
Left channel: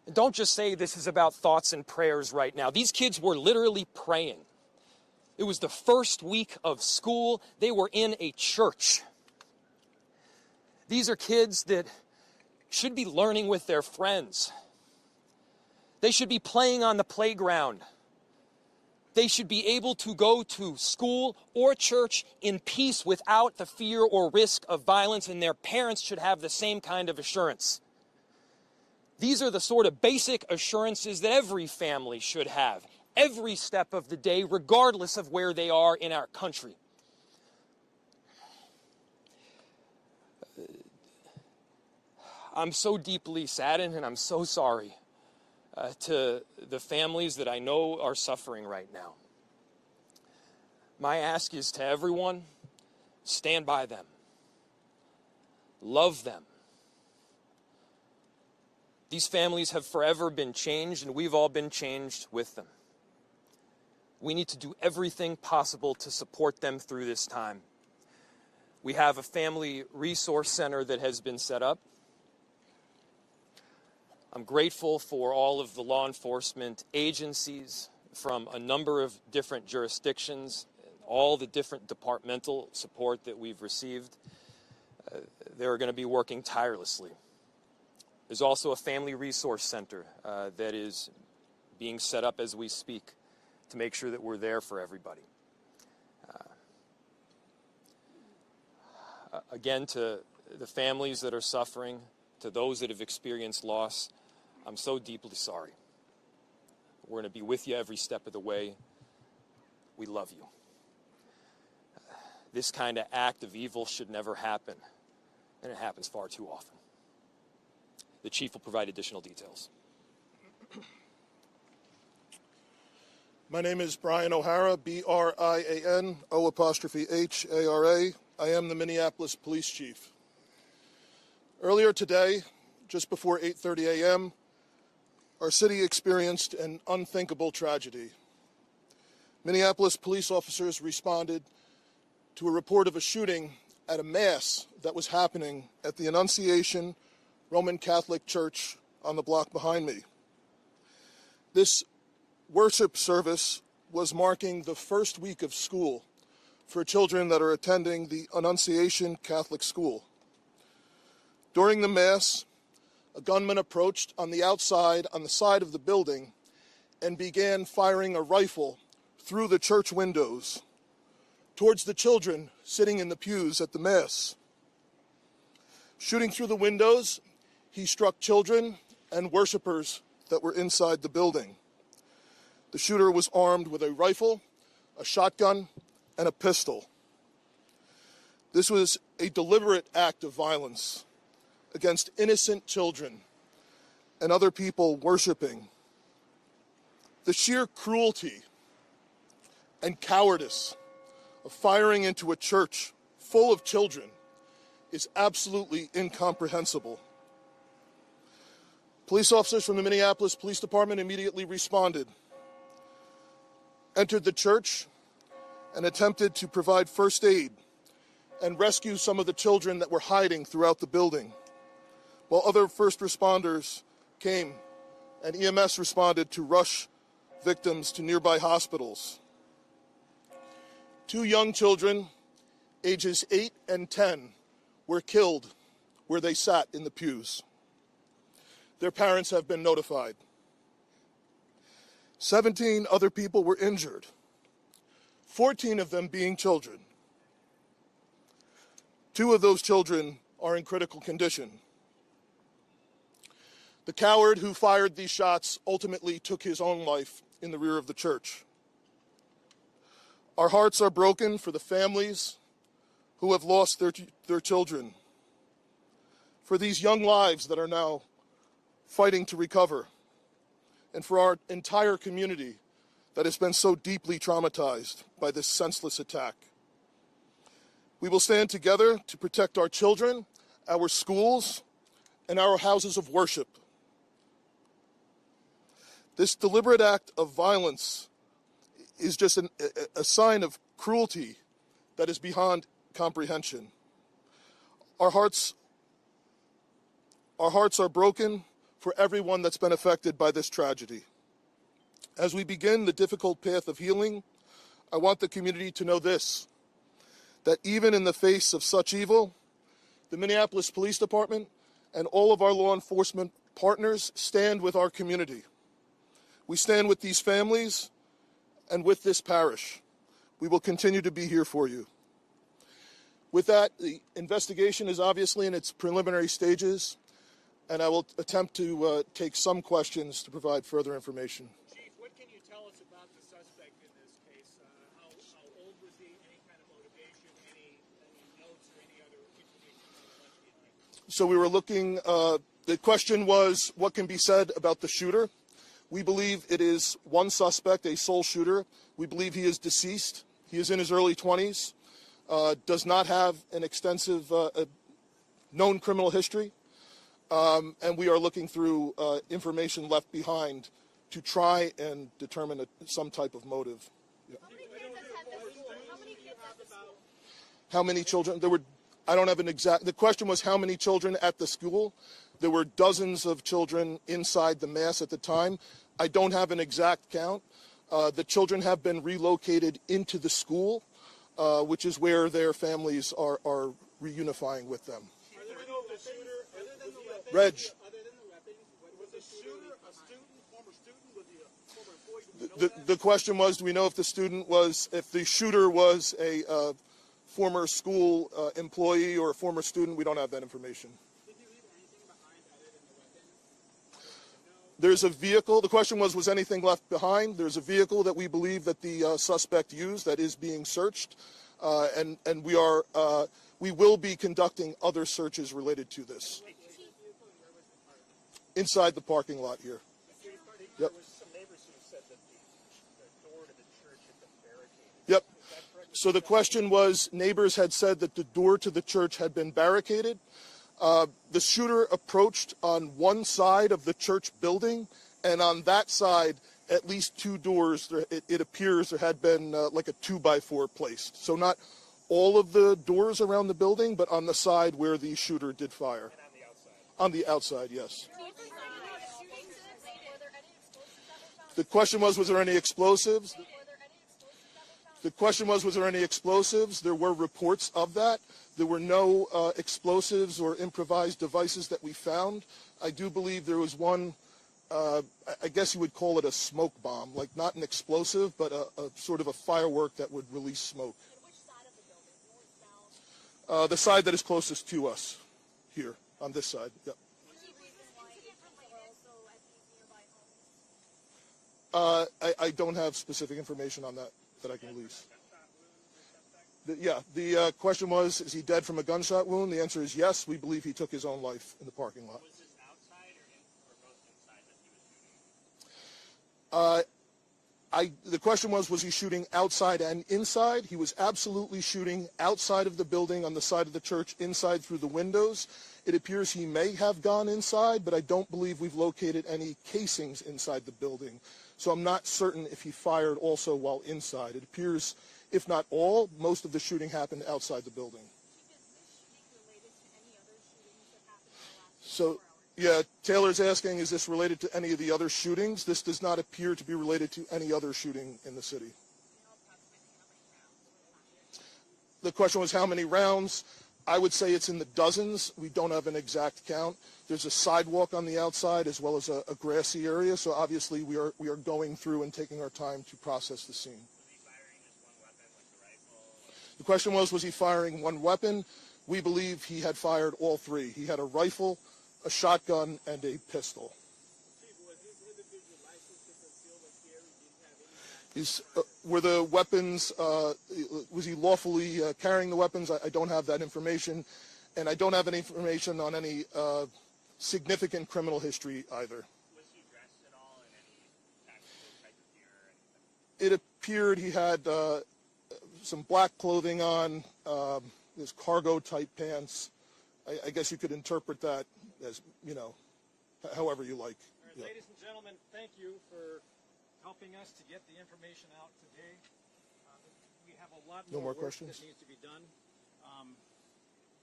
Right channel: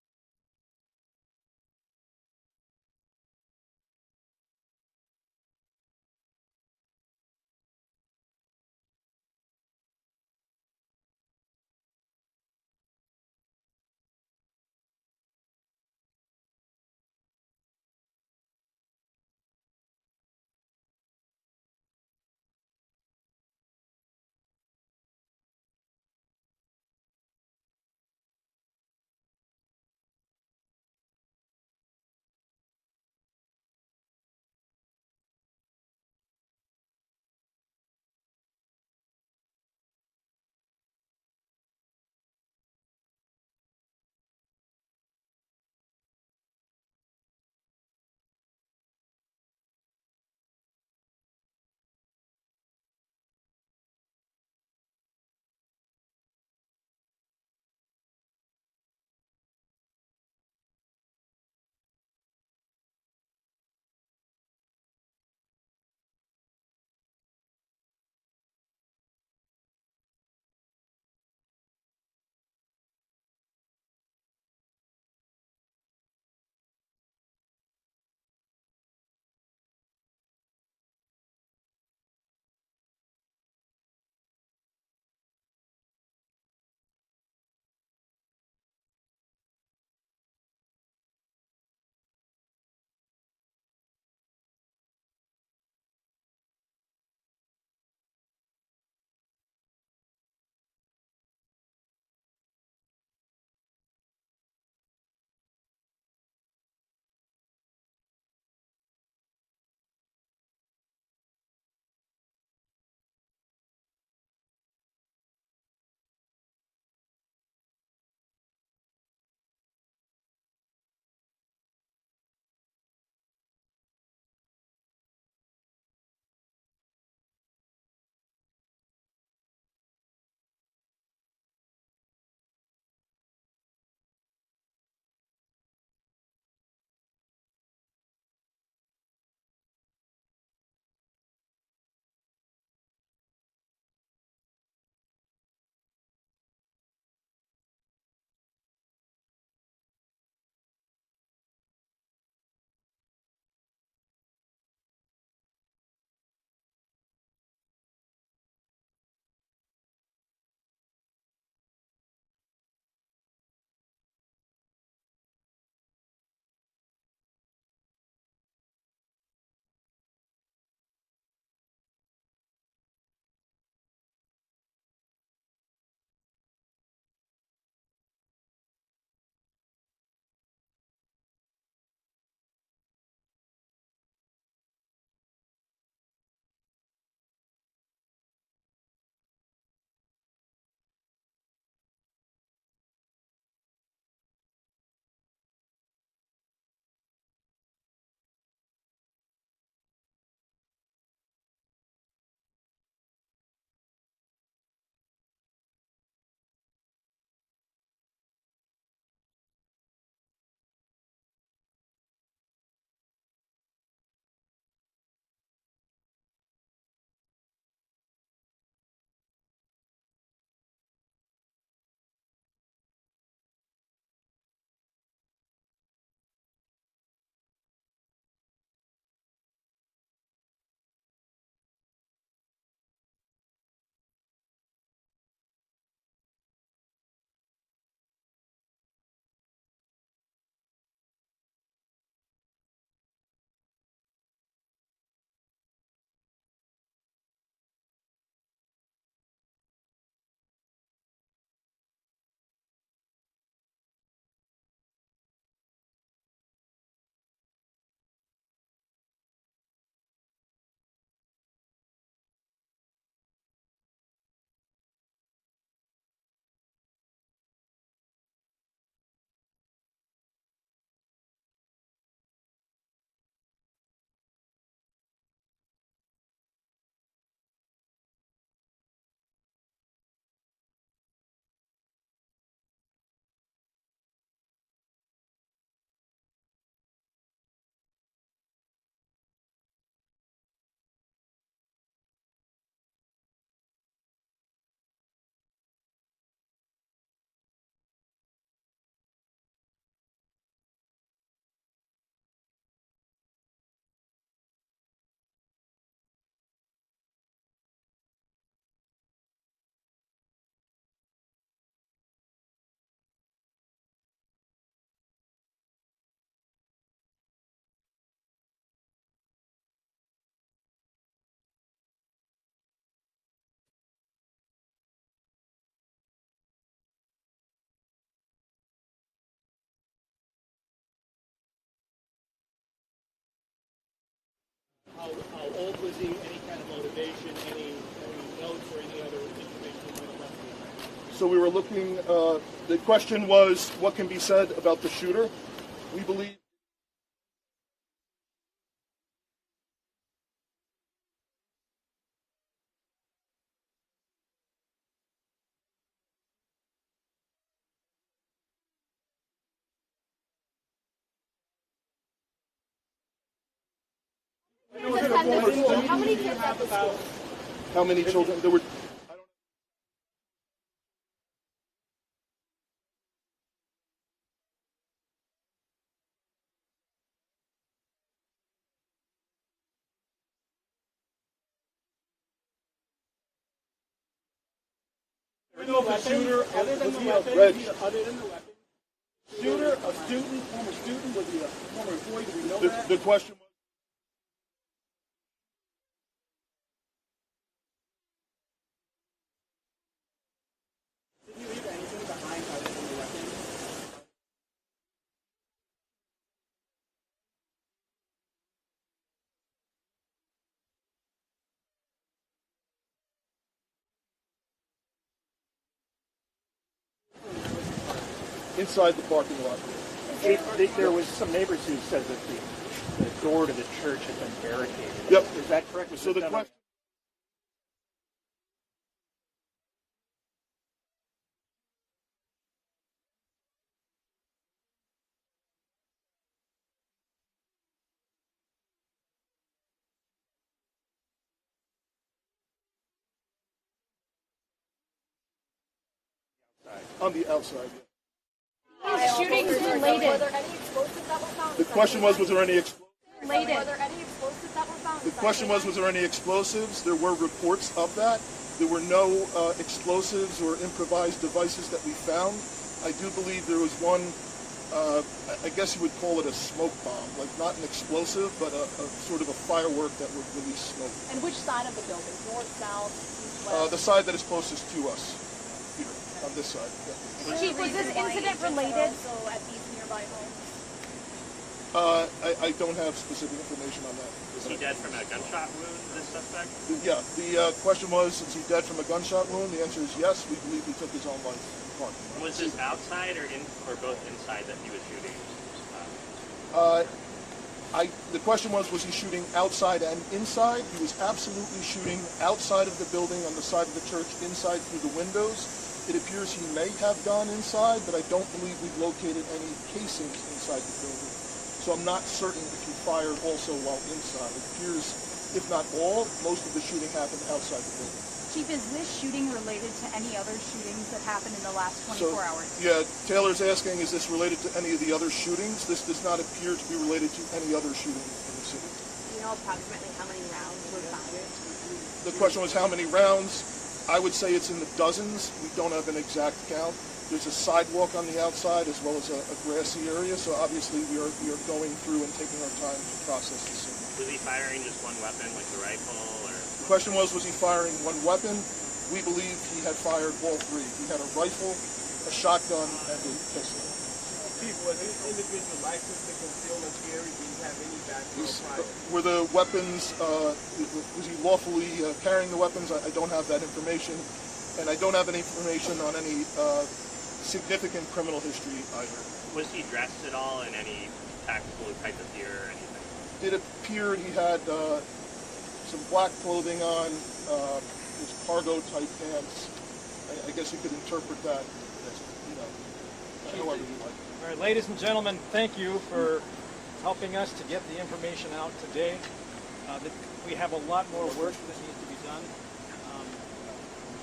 And don't just say this is about thoughts and prayers right now. These kids were literally praying. It was the first week of school. They were in a church. These are kids that should be learning with their friends. They should be playing on the playground. They should be able to go to school or church in peace without the fear or risk of violence, and their parents should have the same kind of assurance. These are the sort of basic assurances that every family should have, every step of the day, regardless of where they are in our country. I'm so deeply saddened, and I'm so sorry to the families that I know are suffering right now. My ask is to everyone, stand by them. Love them. These families have forever been changed, and we've all been changed with them. We need to do everything possible to support them through this time. We have a family resource center that has been set up. I'm grateful for all of the law enforcement agencies from a number of different jurisdictions, all the different departmental support that we've received. They're going to be working tirelessly. There's also a family resource center that is being set up as we speak to make sure that we're there for everybody. Again, to the families that are suffering, to those that have experienced loss, I'm so deeply sorry. We're going to be with you every step of the way. We love you. This kind of act of evil should never happen, and it happens far too often. The chief will provide additional details. My name is Brian O'Hara, B-R-I-A-N, O''H-A-R-A. I am the Minneapolis Police Chief. Earlier today, just before 8:30 a.m., our city experienced an unthinkable tragedy. Minneapolis police officers responded to a report of a shooting at a mass that was happening at the Annunciation Roman Catholic Church on the block behind me. This worship service was marking the first week of school for children that are attending the Annunciation Catholic School. During the Mass, a gunman approached on the outside, on the side of the building, and began firing a rifle through the church windows towards the children sitting in the pews at the Mass. Shooting through the windows, he struck children and worshipers that were inside the building. The shooter was armed with a rifle, a shotgun, and a pistol. This was a deliberate act of violence against innocent children and other people worshiping. The sheer cruelty and cowardice of firing into a church full of children is absolutely incomprehensible. Police officers from the Minneapolis Police Department immediately responded, entered the church, and attempted to provide first aid and rescue some of the children that were hiding throughout the building, while other first responders came and EMS responded to rush victims to nearby hospitals. 2 young children, ages 8 and 10, were killed where they sat in the pews. Their parents have been notified. 17 other people were injured, 14 of them being children. 2 of those children are in critical condition. The coward who fired these shots ultimately took his own life in the rear of the church. Our hearts are broken for the families who have lost their children, for these young lives that are now fighting to recover, and for our entire community that has been so deeply traumatized by this senseless attack. We will stand together to protect our children, our schools, and our houses of worship. This deliberate act of violence is just a sign of cruelty that is beyond comprehension. Our hearts are broken for everyone that's been affected by this tragedy. As we begin the difficult path of healing, I want the community to know this, that even in the face of such evil, the Minneapolis Police Department and all of our law enforcement partners stand with our community. We stand with these families and with this parish. We will continue to be here for you. With that, the investigation is obviously in its preliminary stages, and I will attempt to take some questions to provide further information. Chief, what can you tell us about the suspect in this case? How old was he? Any kind of motivation? Any notes or any other information you might have left behind? So we were looking, the question was, what can be said about the shooter? We believe it is one suspect, a sole shooter. We believe he is deceased. He is in his early 20s, does not have an extensive known criminal history, and we are looking through information left behind to try and determine some type of motive. How many kids at the school? How many children? There were, I don't have an exact, the question was how many children at the school. There were dozens of children inside the mass at the time. I don't have an exact count. The children have been relocated into the school, which is where their families are reunifying with them. Do we know if the shooter, other than the weapons, was the shooter a student, former student? Was he a former employee? Do we know that? The question was, do we know if the shooter was a former school employee or a former student? We don't have that information. Did you leave anything behind other than the weapons? There's a vehicle. The question was anything left behind? There's a vehicle that we believe that the suspect used that is being searched, and we will be conducting other searches related to this inside the parking lot here. There was some neighbors who said that the door to the church had been barricaded. Yep. Is that correct? So the question was, neighbors had said that the door to the church had been barricaded. The shooter approached on one side of the church building, and on that side, at least two doors, it appears there had been like a 2x4 placed. So not all of the doors around the building, but on the side where the shooter did fire. And on the outside, yes. Shootings related. Were there any explosives that were found? The question was there any explosives? Were there any explosives that were found? The question was there any explosives? There were reports of that. There were no explosives or improvised devices that we found. I do believe there was one, I guess you would call it a smoke bomb, like not an explosive, but a sort of a firework that would release smoke. And which side of the building? North, south, east, west? The side that is closest to us, here, on this side. Yeah. Chief, was this incident related? So at these nearby homes? I don't have specific information on that. Was he dead from a gunshot wound, this suspect? Yeah, the question was, is he dead from a gunshot wound? The answer is yes. We believe he took his own life in the parking lot. Was this outside or both inside that he was shooting? The question was he shooting outside and inside? He was absolutely shooting outside of the building, on the side of the church, inside through the windows. It appears he may have gone inside, but I don't believe we've located any casings inside the building. So I'm not certain if he fired also while inside. It appears, if not all, most of the shooting happened outside the building. Chief, is this shooting related to any other shootings that happened in the last 24 hours? Yeah, Taylor's asking, is this related to any of the other shootings? This does not appear to be related to any other shooting in the city. Do you know approximately how many rounds were fired? The question was how many rounds? I would say it's in the dozens. We don't have an exact count. There's a sidewalk on the outside as well as a grassy area, so obviously we are going through and taking our time to process the scene. Was he firing just one weapon, like the rifle, or? The question was he firing one weapon? We believe he had fired all three. He had a rifle, a shotgun, and a pistol. Chief, was this individual licensed to conceal and carry? Do you have any background? Were the weapons, was he lawfully carrying the weapons? I don't have that information, and I don't have any information on any significant criminal history either. Was he dressed at all in any tactical type of gear or anything? It appeared he had some black clothing on, his cargo type pants. I guess you could interpret that as, however you like. All right, ladies and gentlemen, thank you for helping us to get the information out today. We have a lot more work that needs to be done.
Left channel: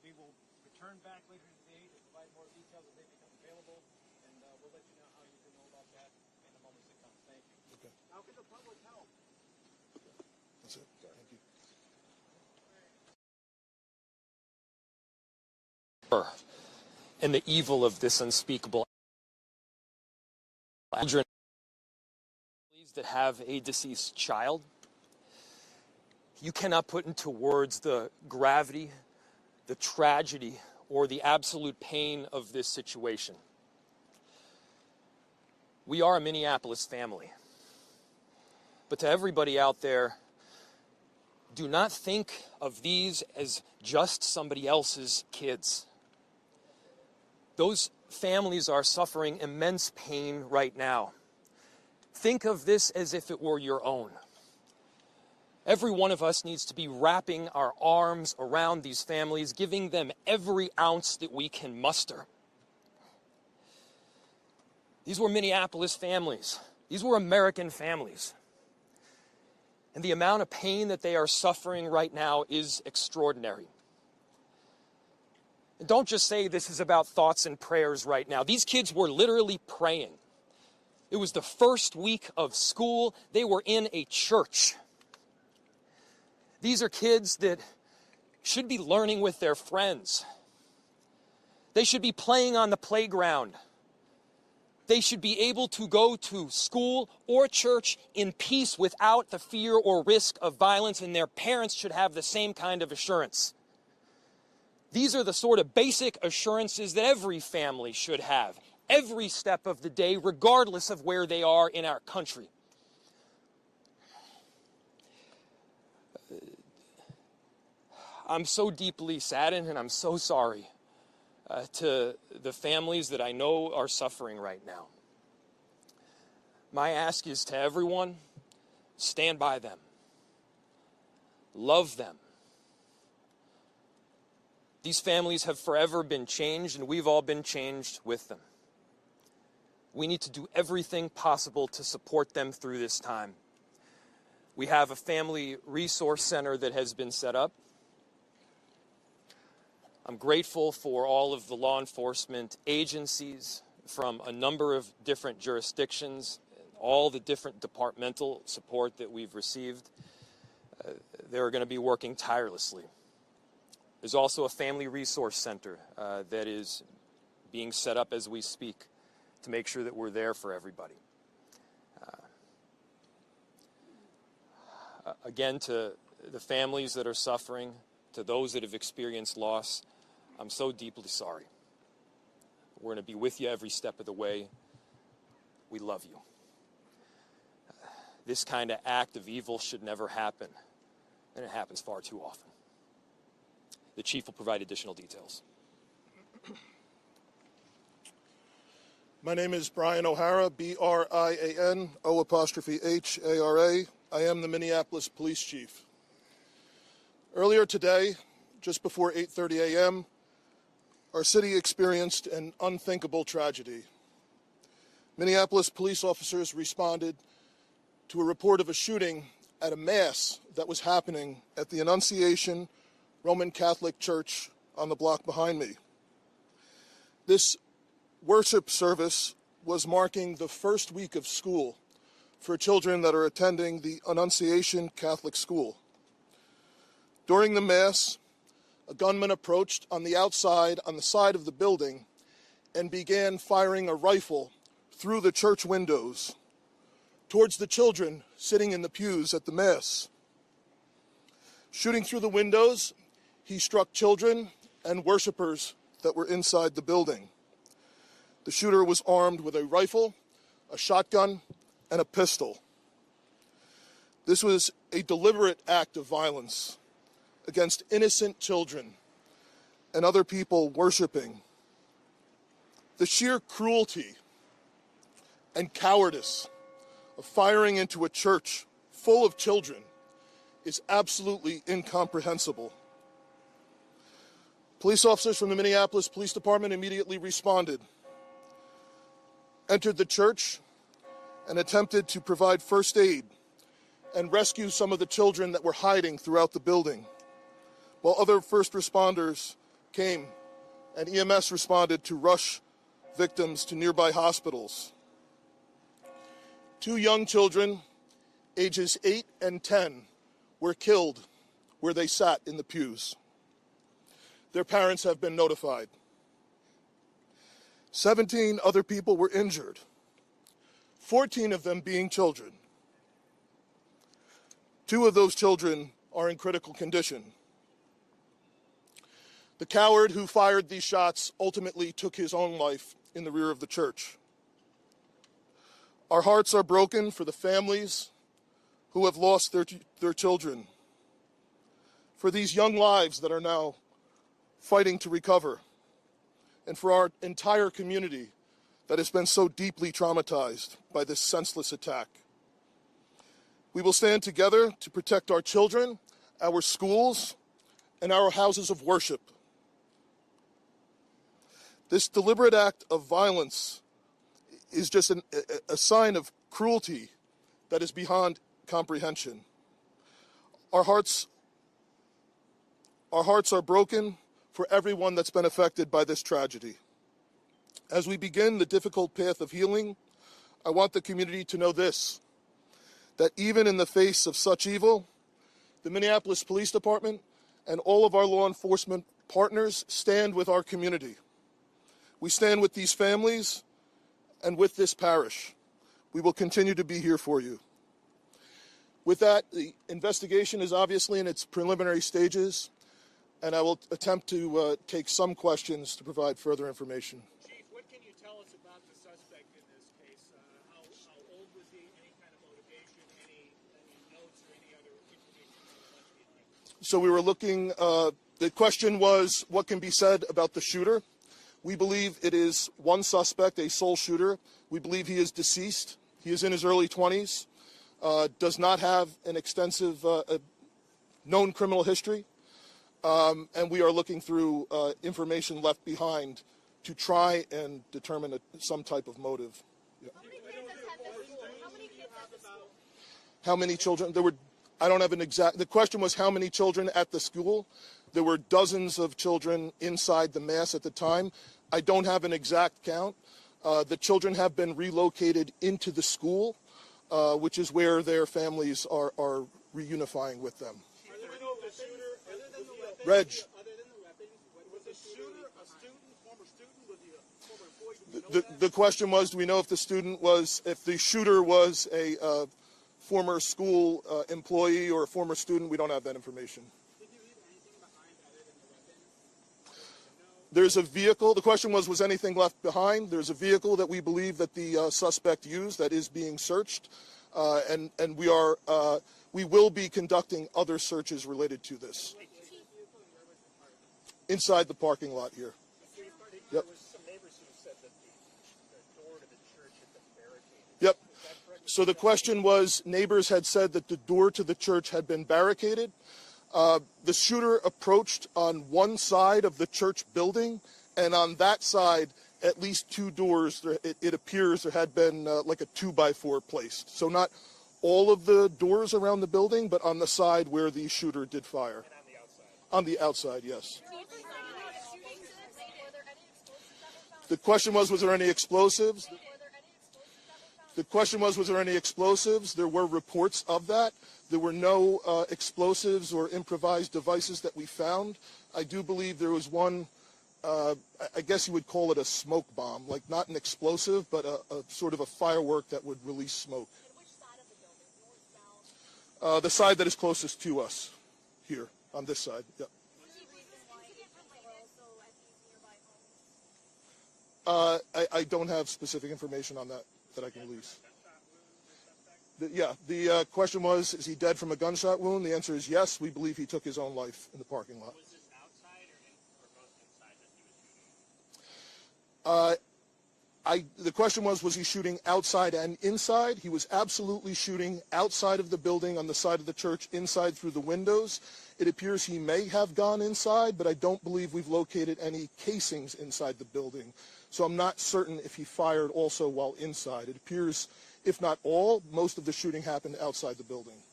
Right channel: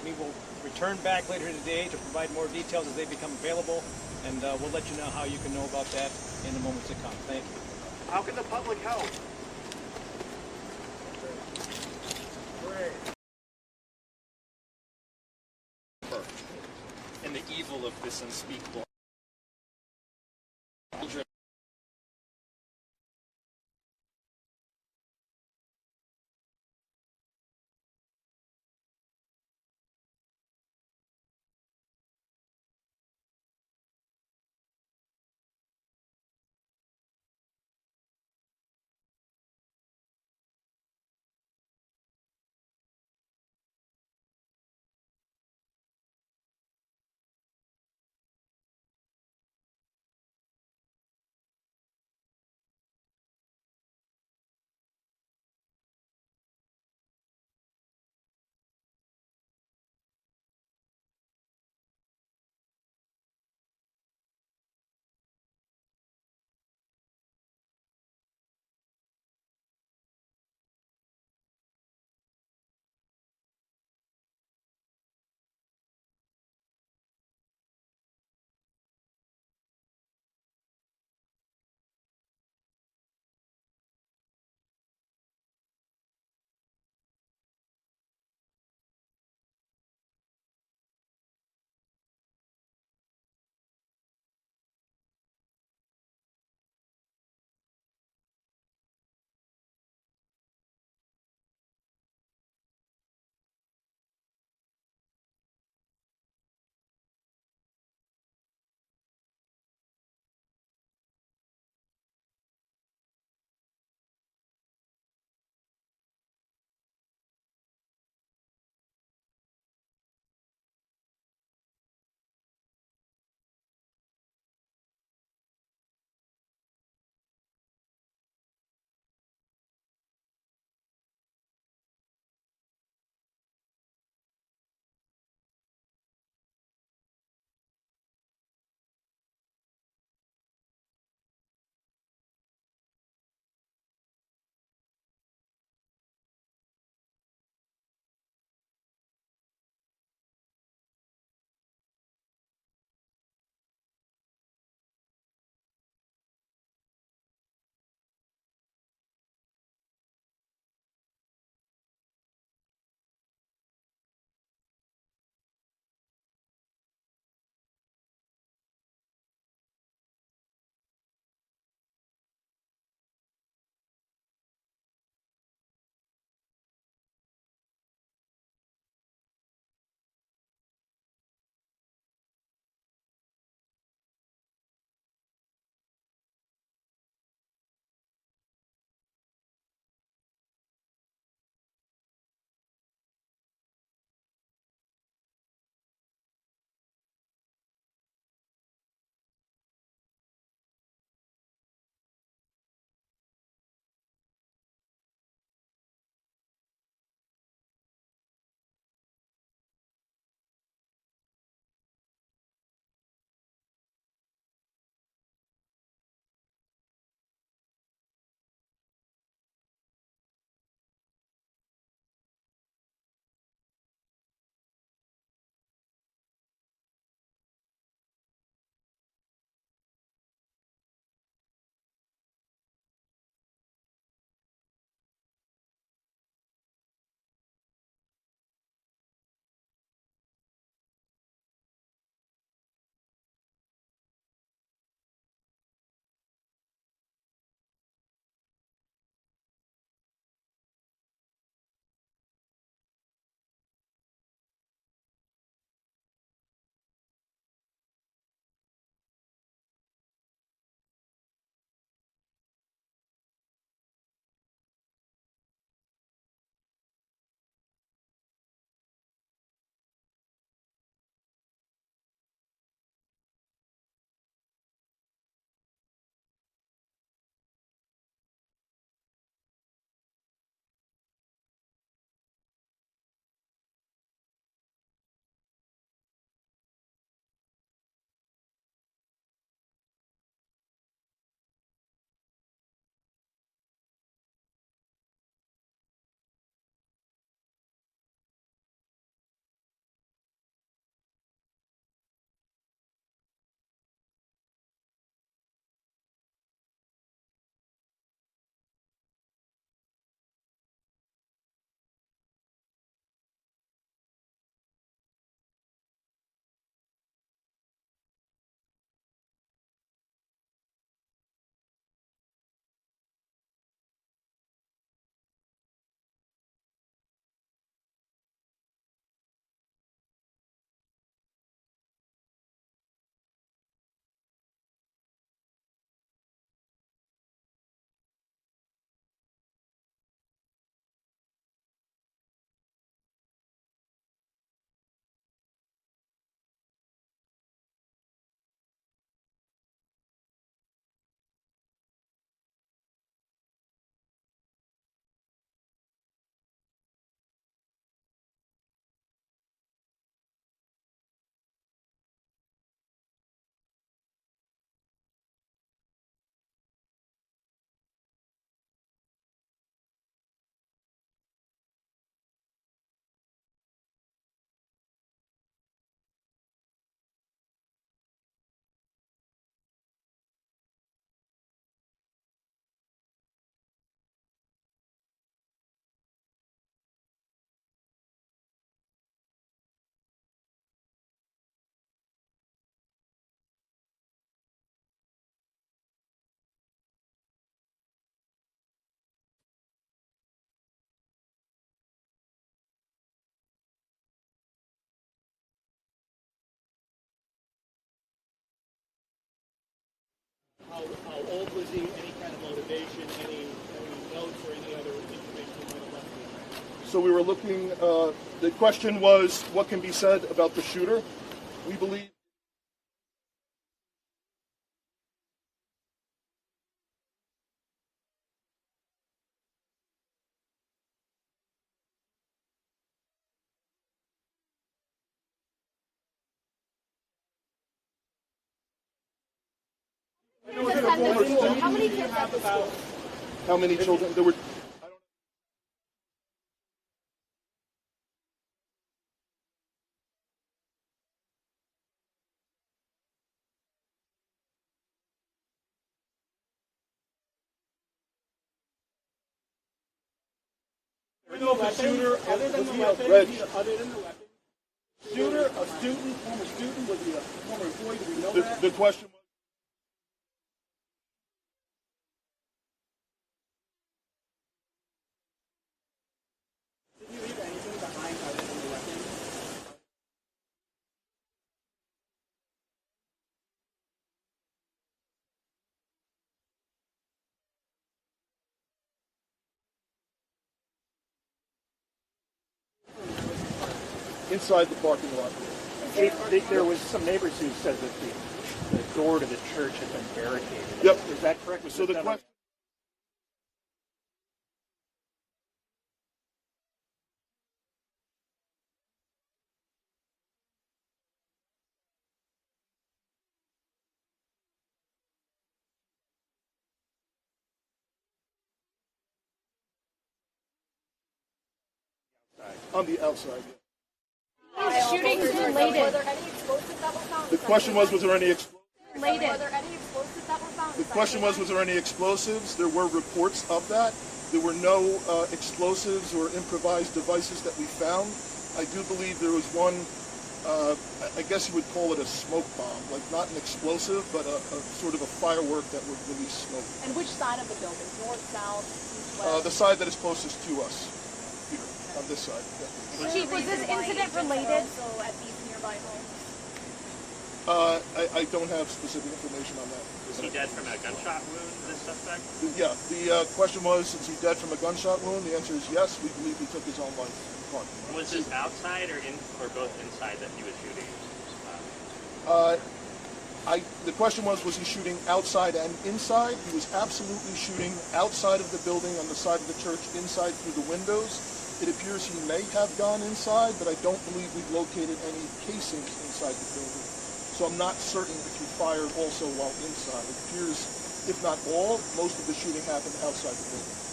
We will return back later today to provide more details as they become available, and we'll let you know how you can know about that in the moments to come. Thank you. How can the public help? And the evil of this unspeakable children that have a deceased child. You cannot put into words the gravity, the tragedy, or the absolute pain of this situation. We are a Minneapolis family. But to everybody out there, do not think of these as just somebody else's kids. Those families are suffering immense pain right now. Think of this as if it were your own. Every one of us needs to be wrapping our arms around these families, giving them every ounce that we can muster. These were Minneapolis families. These were American families. And the amount of pain that they are suffering right now is extraordinary. And don't just say this is about thoughts and prayers right now. These kids were literally praying. It was the first week of school. They were in a church. These are kids that should be learning with their friends. They should be playing on the playground. They should be able to go to school or church in peace without the fear or risk of violence, and their parents should have the same kind of assurance. These are the sort of basic assurances that every family should have, every step of the day, regardless of where they are in our country. I'm so deeply saddened, and I'm so sorry to the families that I know are suffering right now. My ask is to everyone, stand by them. Love them. These families have forever been changed, and we've all been changed with them. We need to do everything possible to support them through this time. We have a family resource center that has been set up. I'm grateful for all of the law enforcement agencies from a number of different jurisdictions, all the different departmental support that we've received. They're going to be working tirelessly. There's also a family resource center that is being set up as we speak to make sure that we're there for everybody. Again, to the families that are suffering, to those that have experienced loss, I'm so deeply sorry. We're going to be with you every step of the way. We love you. This kind of act of evil should never happen, and it happens far too often. The chief will provide additional details. My name is Brian O'Hara, B-R-I-A-N, O''H-A-R-A. I am the Minneapolis Police Chief. Earlier today, just before 8:30 a.m., our city experienced an unthinkable tragedy. Minneapolis police officers responded to a report of a shooting at a mass that was happening at the Annunciation Roman Catholic Church on the block behind me. This worship service was marking the first week of school for children that are attending the Annunciation Catholic School. During the Mass, a gunman approached on the outside, on the side of the building, and began firing a rifle through the church windows towards the children sitting in the pews at the Mass. Shooting through the windows, he struck children and worshipers that were inside the building. The shooter was armed with a rifle, a shotgun, and a pistol. This was a deliberate act of violence against innocent children and other people worshiping. The sheer cruelty and cowardice of firing into a church full of children is absolutely incomprehensible. Police officers from the Minneapolis Police Department immediately responded, entered the church, and attempted to provide first aid and rescue some of the children that were hiding throughout the building, while other first responders came and EMS responded to rush victims to nearby hospitals. 2 young children, ages 8 and 10, were killed where they sat in the pews. Their parents have been notified. 17 other people were injured, 14 of them being children. 2 of those children are in critical condition. The coward who fired these shots ultimately took his own life in the rear of the church. Our hearts are broken for the families who have lost their children, for these young lives that are now fighting to recover, and for our entire community that has been so deeply traumatized by this senseless attack. We will stand together to protect our children, our schools, and our houses of worship. This deliberate act of violence is just a sign of cruelty that is beyond comprehension. Our hearts are broken for everyone that's been affected by this tragedy. As we begin the difficult path of healing, I want the community to know this, that even in the face of such evil, the Minneapolis Police Department and all of our law enforcement partners stand with our community. We stand with these families and with this parish. We will continue to be here for you. With that, the investigation is obviously in its preliminary stages, and I will attempt to take some questions to provide further information. Chief, what can you tell us about the suspect in this case? How old was he? Any kind of motivation? Any notes or any other information you might have left behind? So we were looking, the question was, what can be said about the shooter? We believe it is one suspect, a sole shooter. We believe he is deceased. He is in his early 20s, does not have an extensive known criminal history, and we are looking through information left behind to try and determine some type of motive. Yeah. How many kids at the school? How many children? There were, I don't have an exact, the question was how many children at the school. There were dozens of children inside the mass at the time. I don't have an exact count. The children have been relocated into the school, which is where their families are reunifying with them. Other than the weapons, was the shooter a student, former student? Was he a former employee? Do we know that? The question was, do we know if the shooter was a former school employee or a former student? We don't have that information. Did you leave anything behind other than the weapons? There's a vehicle. The question was anything left behind? There's a vehicle that we believe that the suspect used that is being searched, and we will be conducting other searches related to this. Inside the parking lot here. There was some neighbors who said that the door to the church had been barricaded. Yep. Is that correct? So the question was, neighbors had said that the door to the church had been barricaded. The shooter approached on one side of the church building, and on that side, at least 2 doors, it appears there had been like a 2x4 placed. So not all of the doors around the building, but on the side where the shooter did fire. And on the outside, yes. Shootings related. Were there any explosives that were found? The question was there any explosives? Were there any explosives that were found? The question was there any explosives? There were reports of that. There were no explosives or improvised devices that we found. I do believe there was one, I guess you would call it a smoke bomb, like not an explosive, but a sort of a firework that would release smoke. And which side of the building? North, south, east, west? The side that is closest to us, here, on this side. Chief, was this incident related? Also at these nearby homes? I don't have specific information on that. Was he dead from a gunshot wound, this suspect? Yeah, the question was, is he dead from a gunshot wound? The answer is yes. We believe he took his own life in the parking lot. Was this outside or both inside that he was shooting? The question was he shooting outside and inside? He was absolutely shooting outside of the building on the side of the church, inside through the windows. It appears he may have gone inside, but I don't believe we've located any casings inside the building. So I'm not certain if he fired also while inside. It appears, if not all, most of the shooting happened outside the building.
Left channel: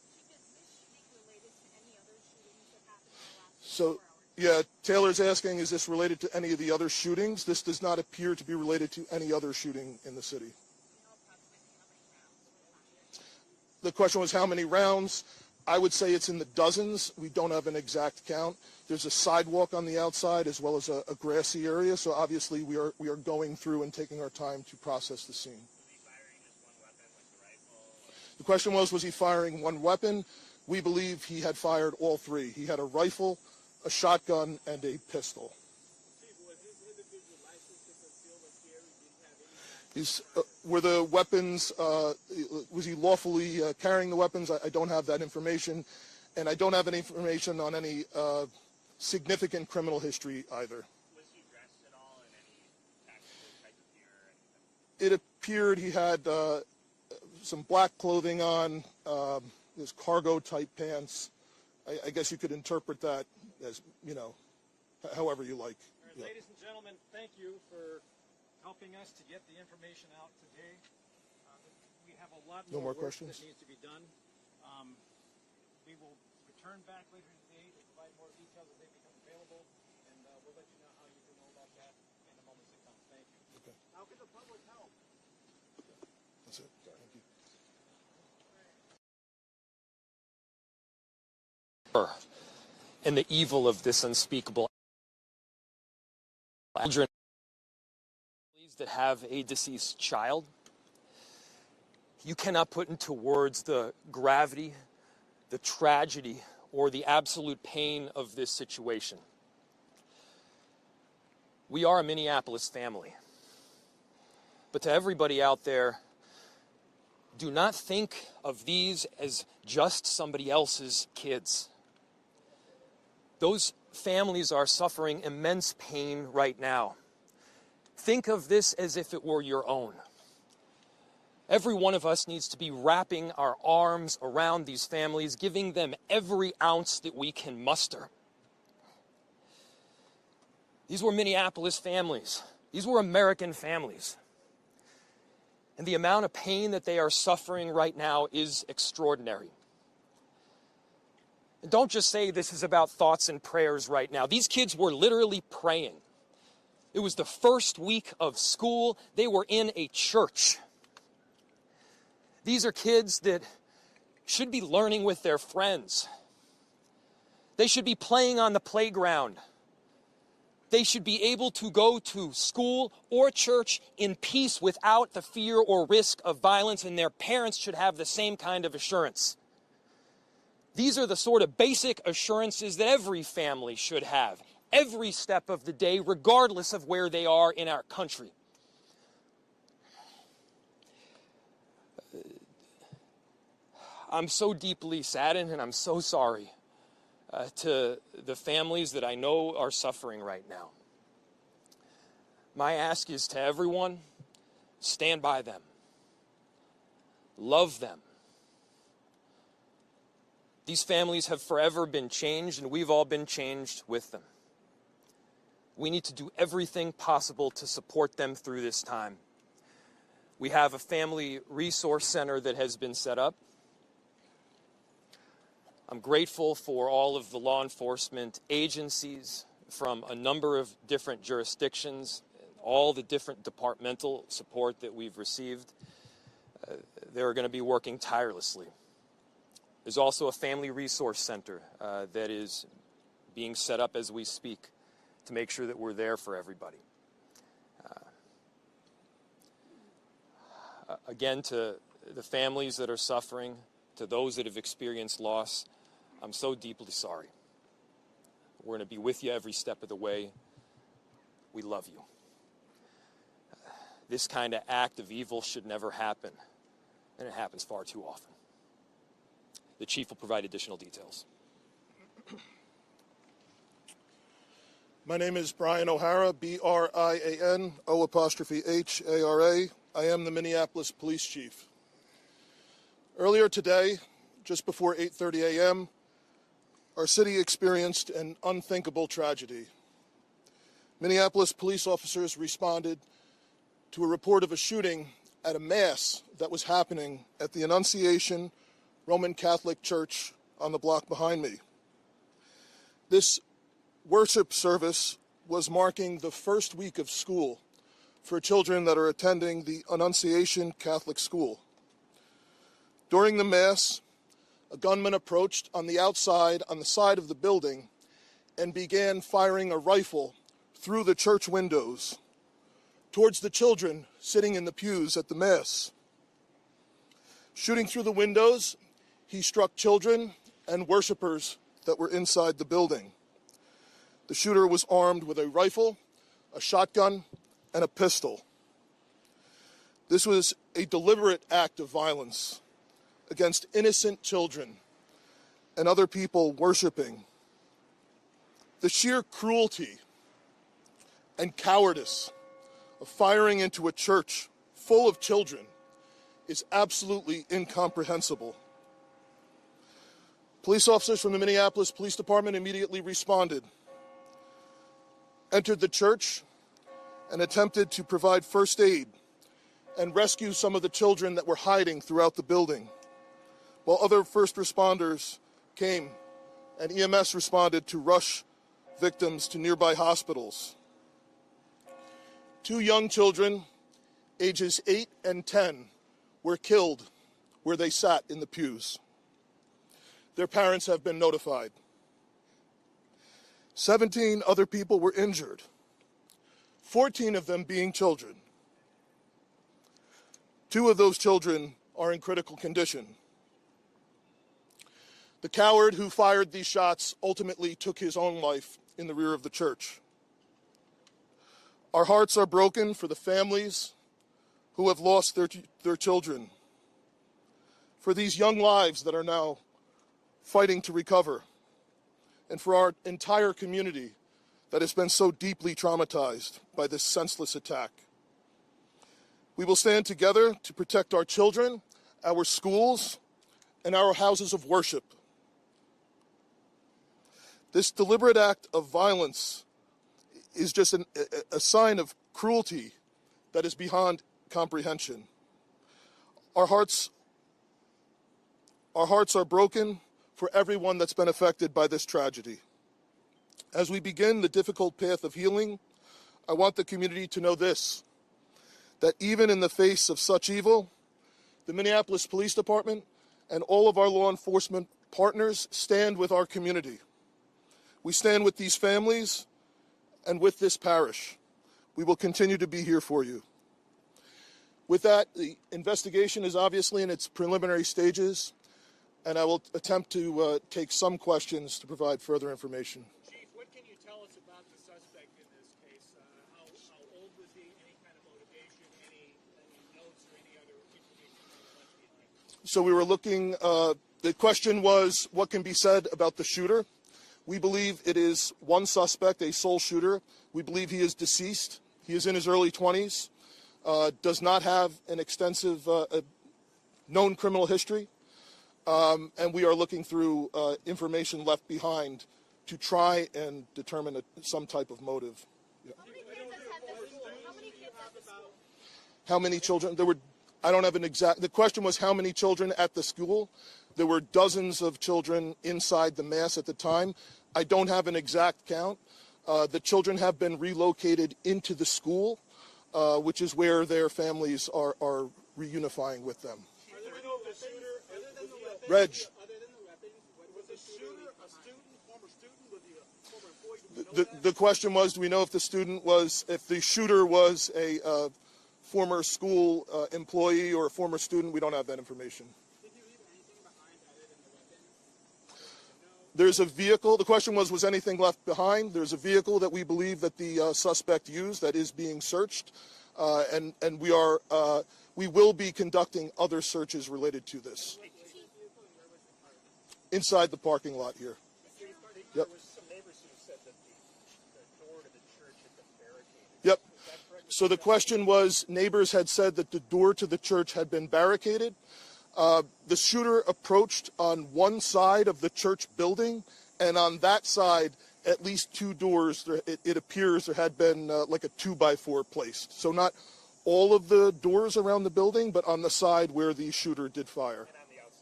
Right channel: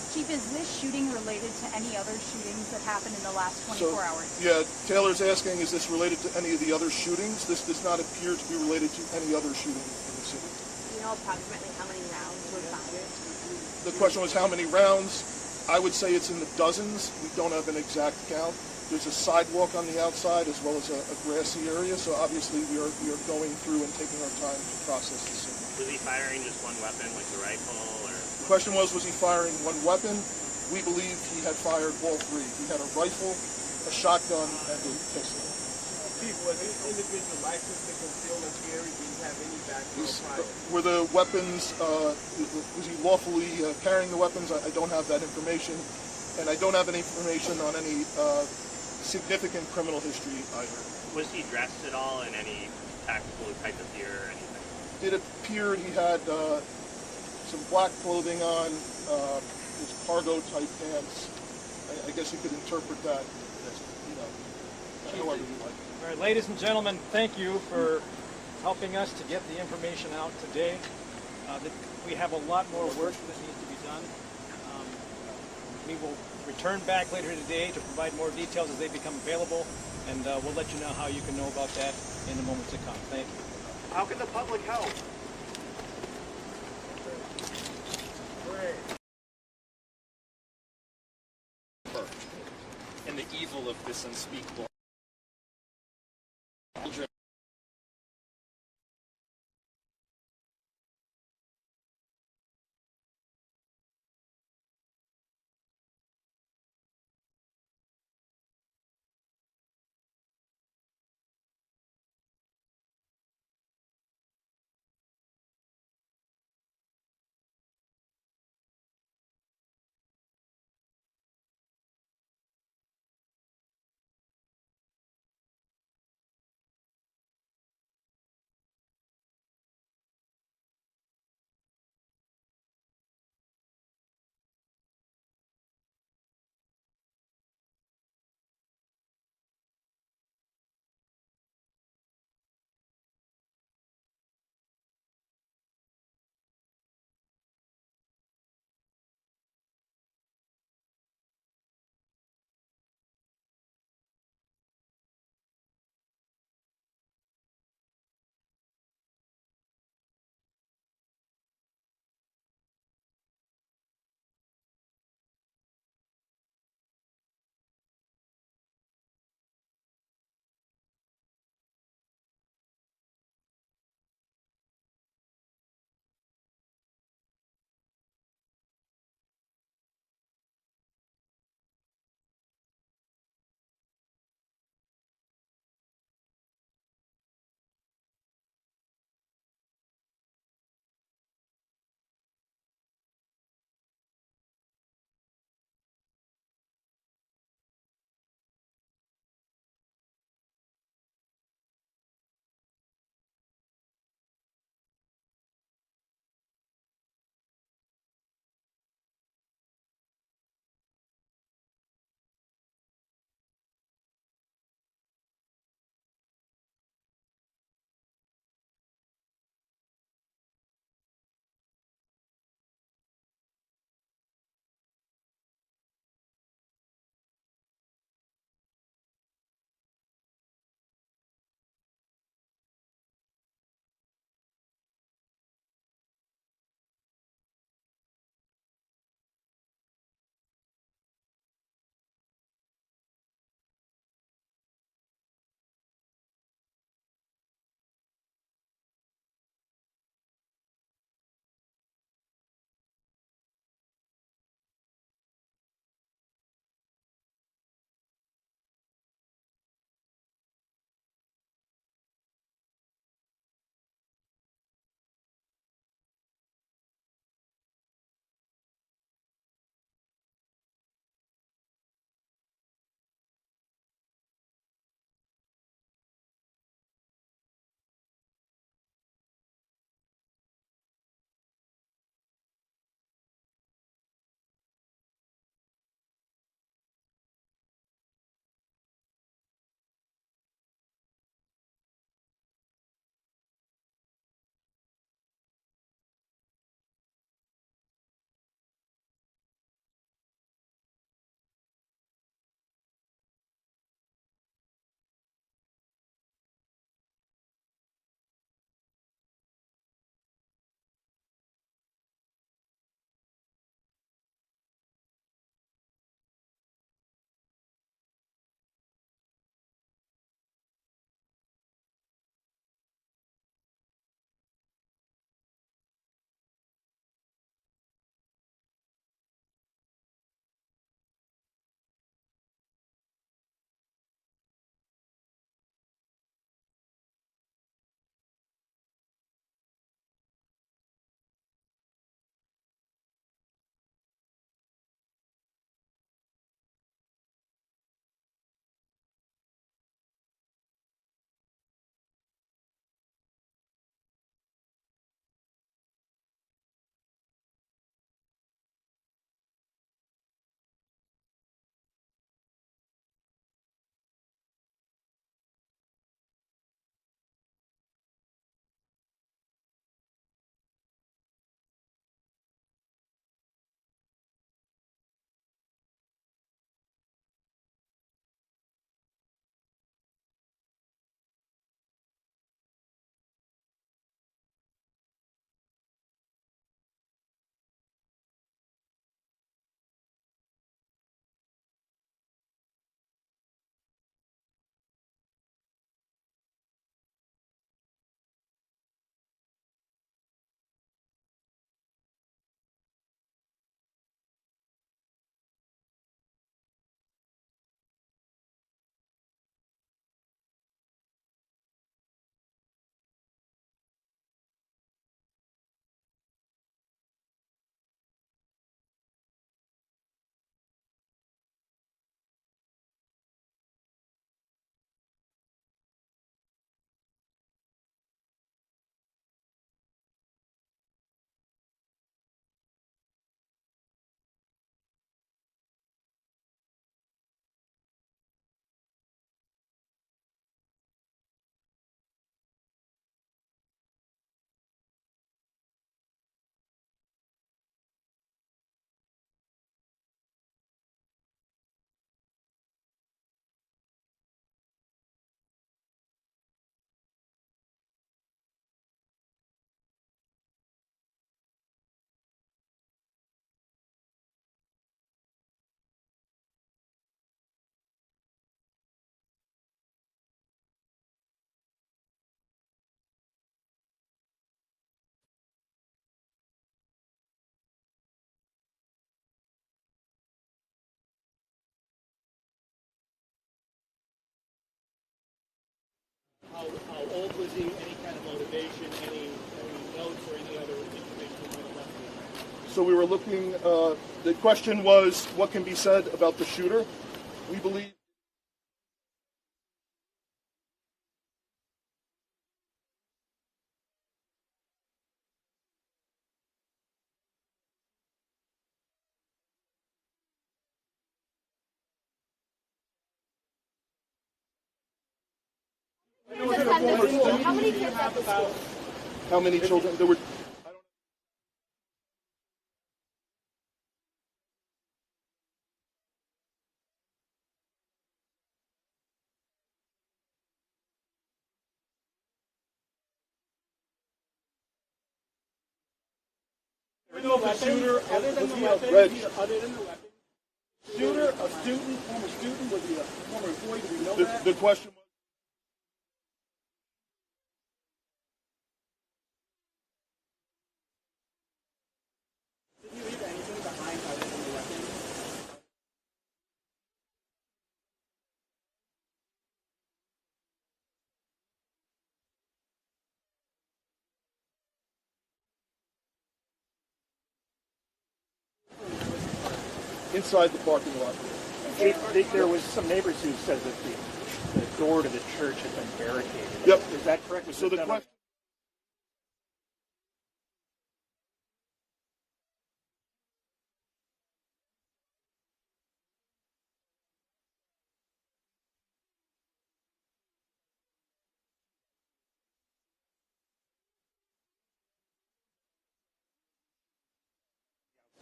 Chief, is this shooting related to any other shootings that happened in the last 24 hours? Yeah, Taylor's asking, is this related to any of the other shootings? This does not appear to be related to any other shooting in the city. Do you know approximately how many rounds were fired? The question was how many rounds? I would say it's in the dozens. We don't have an exact count. There's a sidewalk on the outside as well as a grassy area, so obviously we are going through and taking our time to process the scene. Was he firing just one weapon, like the rifle, or? The question was he firing one weapon? We believe he had fired all three. He had a rifle, a shotgun, and a pistol. Chief, was this individual licensed to conceal and carry? Did he have any background? Were the weapons, was he lawfully carrying the weapons? I don't have that information, and I don't have any information on any significant criminal history either. Was he dressed at all in any tactical type of gear or anything? It appeared he had some black clothing on, his cargo type pants. I guess you could interpret that as, however you like. All right, ladies and gentlemen, thank you for helping us to get the information out today. We have a lot more work that needs to be done. We will return back later today to provide more details as they become available, and we'll let you know how you can know about that in the moments to come. Thank you. How can the public help? And the evil of this unspeakable children that have a deceased child. You cannot put into words the gravity, the tragedy, or the absolute pain of this situation. We are a Minneapolis family. But to everybody out there, do not think of these as just somebody else's kids. Those families are suffering immense pain right now. Think of this as if it were your own. Every one of us needs to be wrapping our arms around these families, giving them every ounce that we can muster. These were Minneapolis families. These were American families. And the amount of pain that they are suffering right now is extraordinary. And don't just say this is about thoughts and prayers right now. These kids were literally praying. It was the first week of school. They were in a church. These are kids that should be learning with their friends. They should be playing on the playground. They should be able to go to school or church in peace without the fear or risk of violence, and their parents should have the same kind of assurance. These are the sort of basic assurances that every family should have, every step of the day, regardless of where they are in our country. I'm so deeply saddened, and I'm so sorry to the families that I know are suffering right now. My ask is to everyone, stand by them. Love them. These families have forever been changed, and we've all been changed with them. We need to do everything possible to support them through this time. We have a family resource center that has been set up. I'm grateful for all of the law enforcement agencies from a number of different jurisdictions, all the different departmental support that we've received. They're going to be working tirelessly. There's also a family resource center that is being set up as we speak to make sure that we're there for everybody. Again, to the families that are suffering, to those that have experienced loss, I'm so deeply sorry. We're going to be with you every step of the way. We love you. This kind of act of evil should never happen, and it happens far too often. The chief will provide additional details. My name is Brian O'Hara, B-R-I-A-N, O''H-A-R-A. I am the Minneapolis Police Chief. Earlier today, just before 8:30 a.m., our city experienced an unthinkable tragedy. Minneapolis police officers responded to a report of a shooting at a mass that was happening at the Annunciation Roman Catholic church on the block behind me. This worship service was marking the first week of school for children that are attending the Annunciation Catholic School. During the Mass, a gunman approached on the outside, on the side of the building, and began firing a rifle through the church windows towards the children sitting in the pews at the Mass. Shooting through the windows, he struck children and worshipers that were inside the building. The shooter was armed with a rifle, a shotgun, and a pistol. This was a deliberate act of violence against innocent children and other people worshiping. The sheer cruelty and cowardice of firing into a church full of children is absolutely incomprehensible. Police officers from the Minneapolis Police Department immediately responded, entered the church, and attempted to provide first aid and rescue some of the children that were hiding throughout the building, while other first responders came and EMS responded to rush victims to nearby hospitals. 2 young children, ages 8 and 10, were killed where they sat in the pews. Their parents have been notified. 17 other people were injured, 14 of them being children. 2 of those children are in critical condition. The coward who fired these shots ultimately took his own life in the rear of the church. Our hearts are broken for the families who have lost their children, for these young lives that are now fighting to recover, and for our entire community that has been so deeply traumatized by this senseless attack. We will stand together to protect our children, our schools, and our houses of worship. This deliberate act of violence is just a sign of cruelty that is beyond comprehension. Our hearts are broken for everyone that's been affected by this tragedy. As we begin the difficult path of healing, I want the community to know this, that even in the face of such evil, the Minneapolis Police Department and all of our law enforcement partners stand with our community. We stand with these families and with this parish. We will continue to be here for you. With that, the investigation is obviously in its preliminary stages, and I will attempt to take some questions to provide further information. Chief, what can you tell us about the suspect in this case? How old was he? Any kind of motivation? Any notes or any other information you might have left behind? So we were looking, the question was, what can be said about the shooter? We believe it is one suspect, a sole shooter. We believe he is deceased. He is in his early 20s, does not have an extensive known criminal history, and we are looking through information left behind to try and determine some type of motive. How many kids at the school? How many children? There were, I don't have an exact, the question was how many children at the school. There were dozens of children inside the Mass at the time. I don't have an exact count. The children have been relocated into the school, which is where their families are reunifying with them. Shooter, other than the weapons, was the shooter a student, former student? Was he a former employee? Do we know that? The question was, do we know if if the shooter was a former school employee or a former student? We don't have that information. Did he leave anything behind other than the weapons? There's a vehicle. The question was anything left behind? There's a vehicle that we believe that the suspect used that is being searched, and we will be conducting other searches related to this. Inside the parking lot here. There was some neighbors who said that the door to the church had been barricaded. Yep. Is that correct? So the question was, neighbors had said that the door to the church had been barricaded. The shooter approached on one side of the church building, and on that side, at least 2 doors, it appears there had been like a 2x4 placed. So not all of the doors around the building, but on the side where the shooter did fire.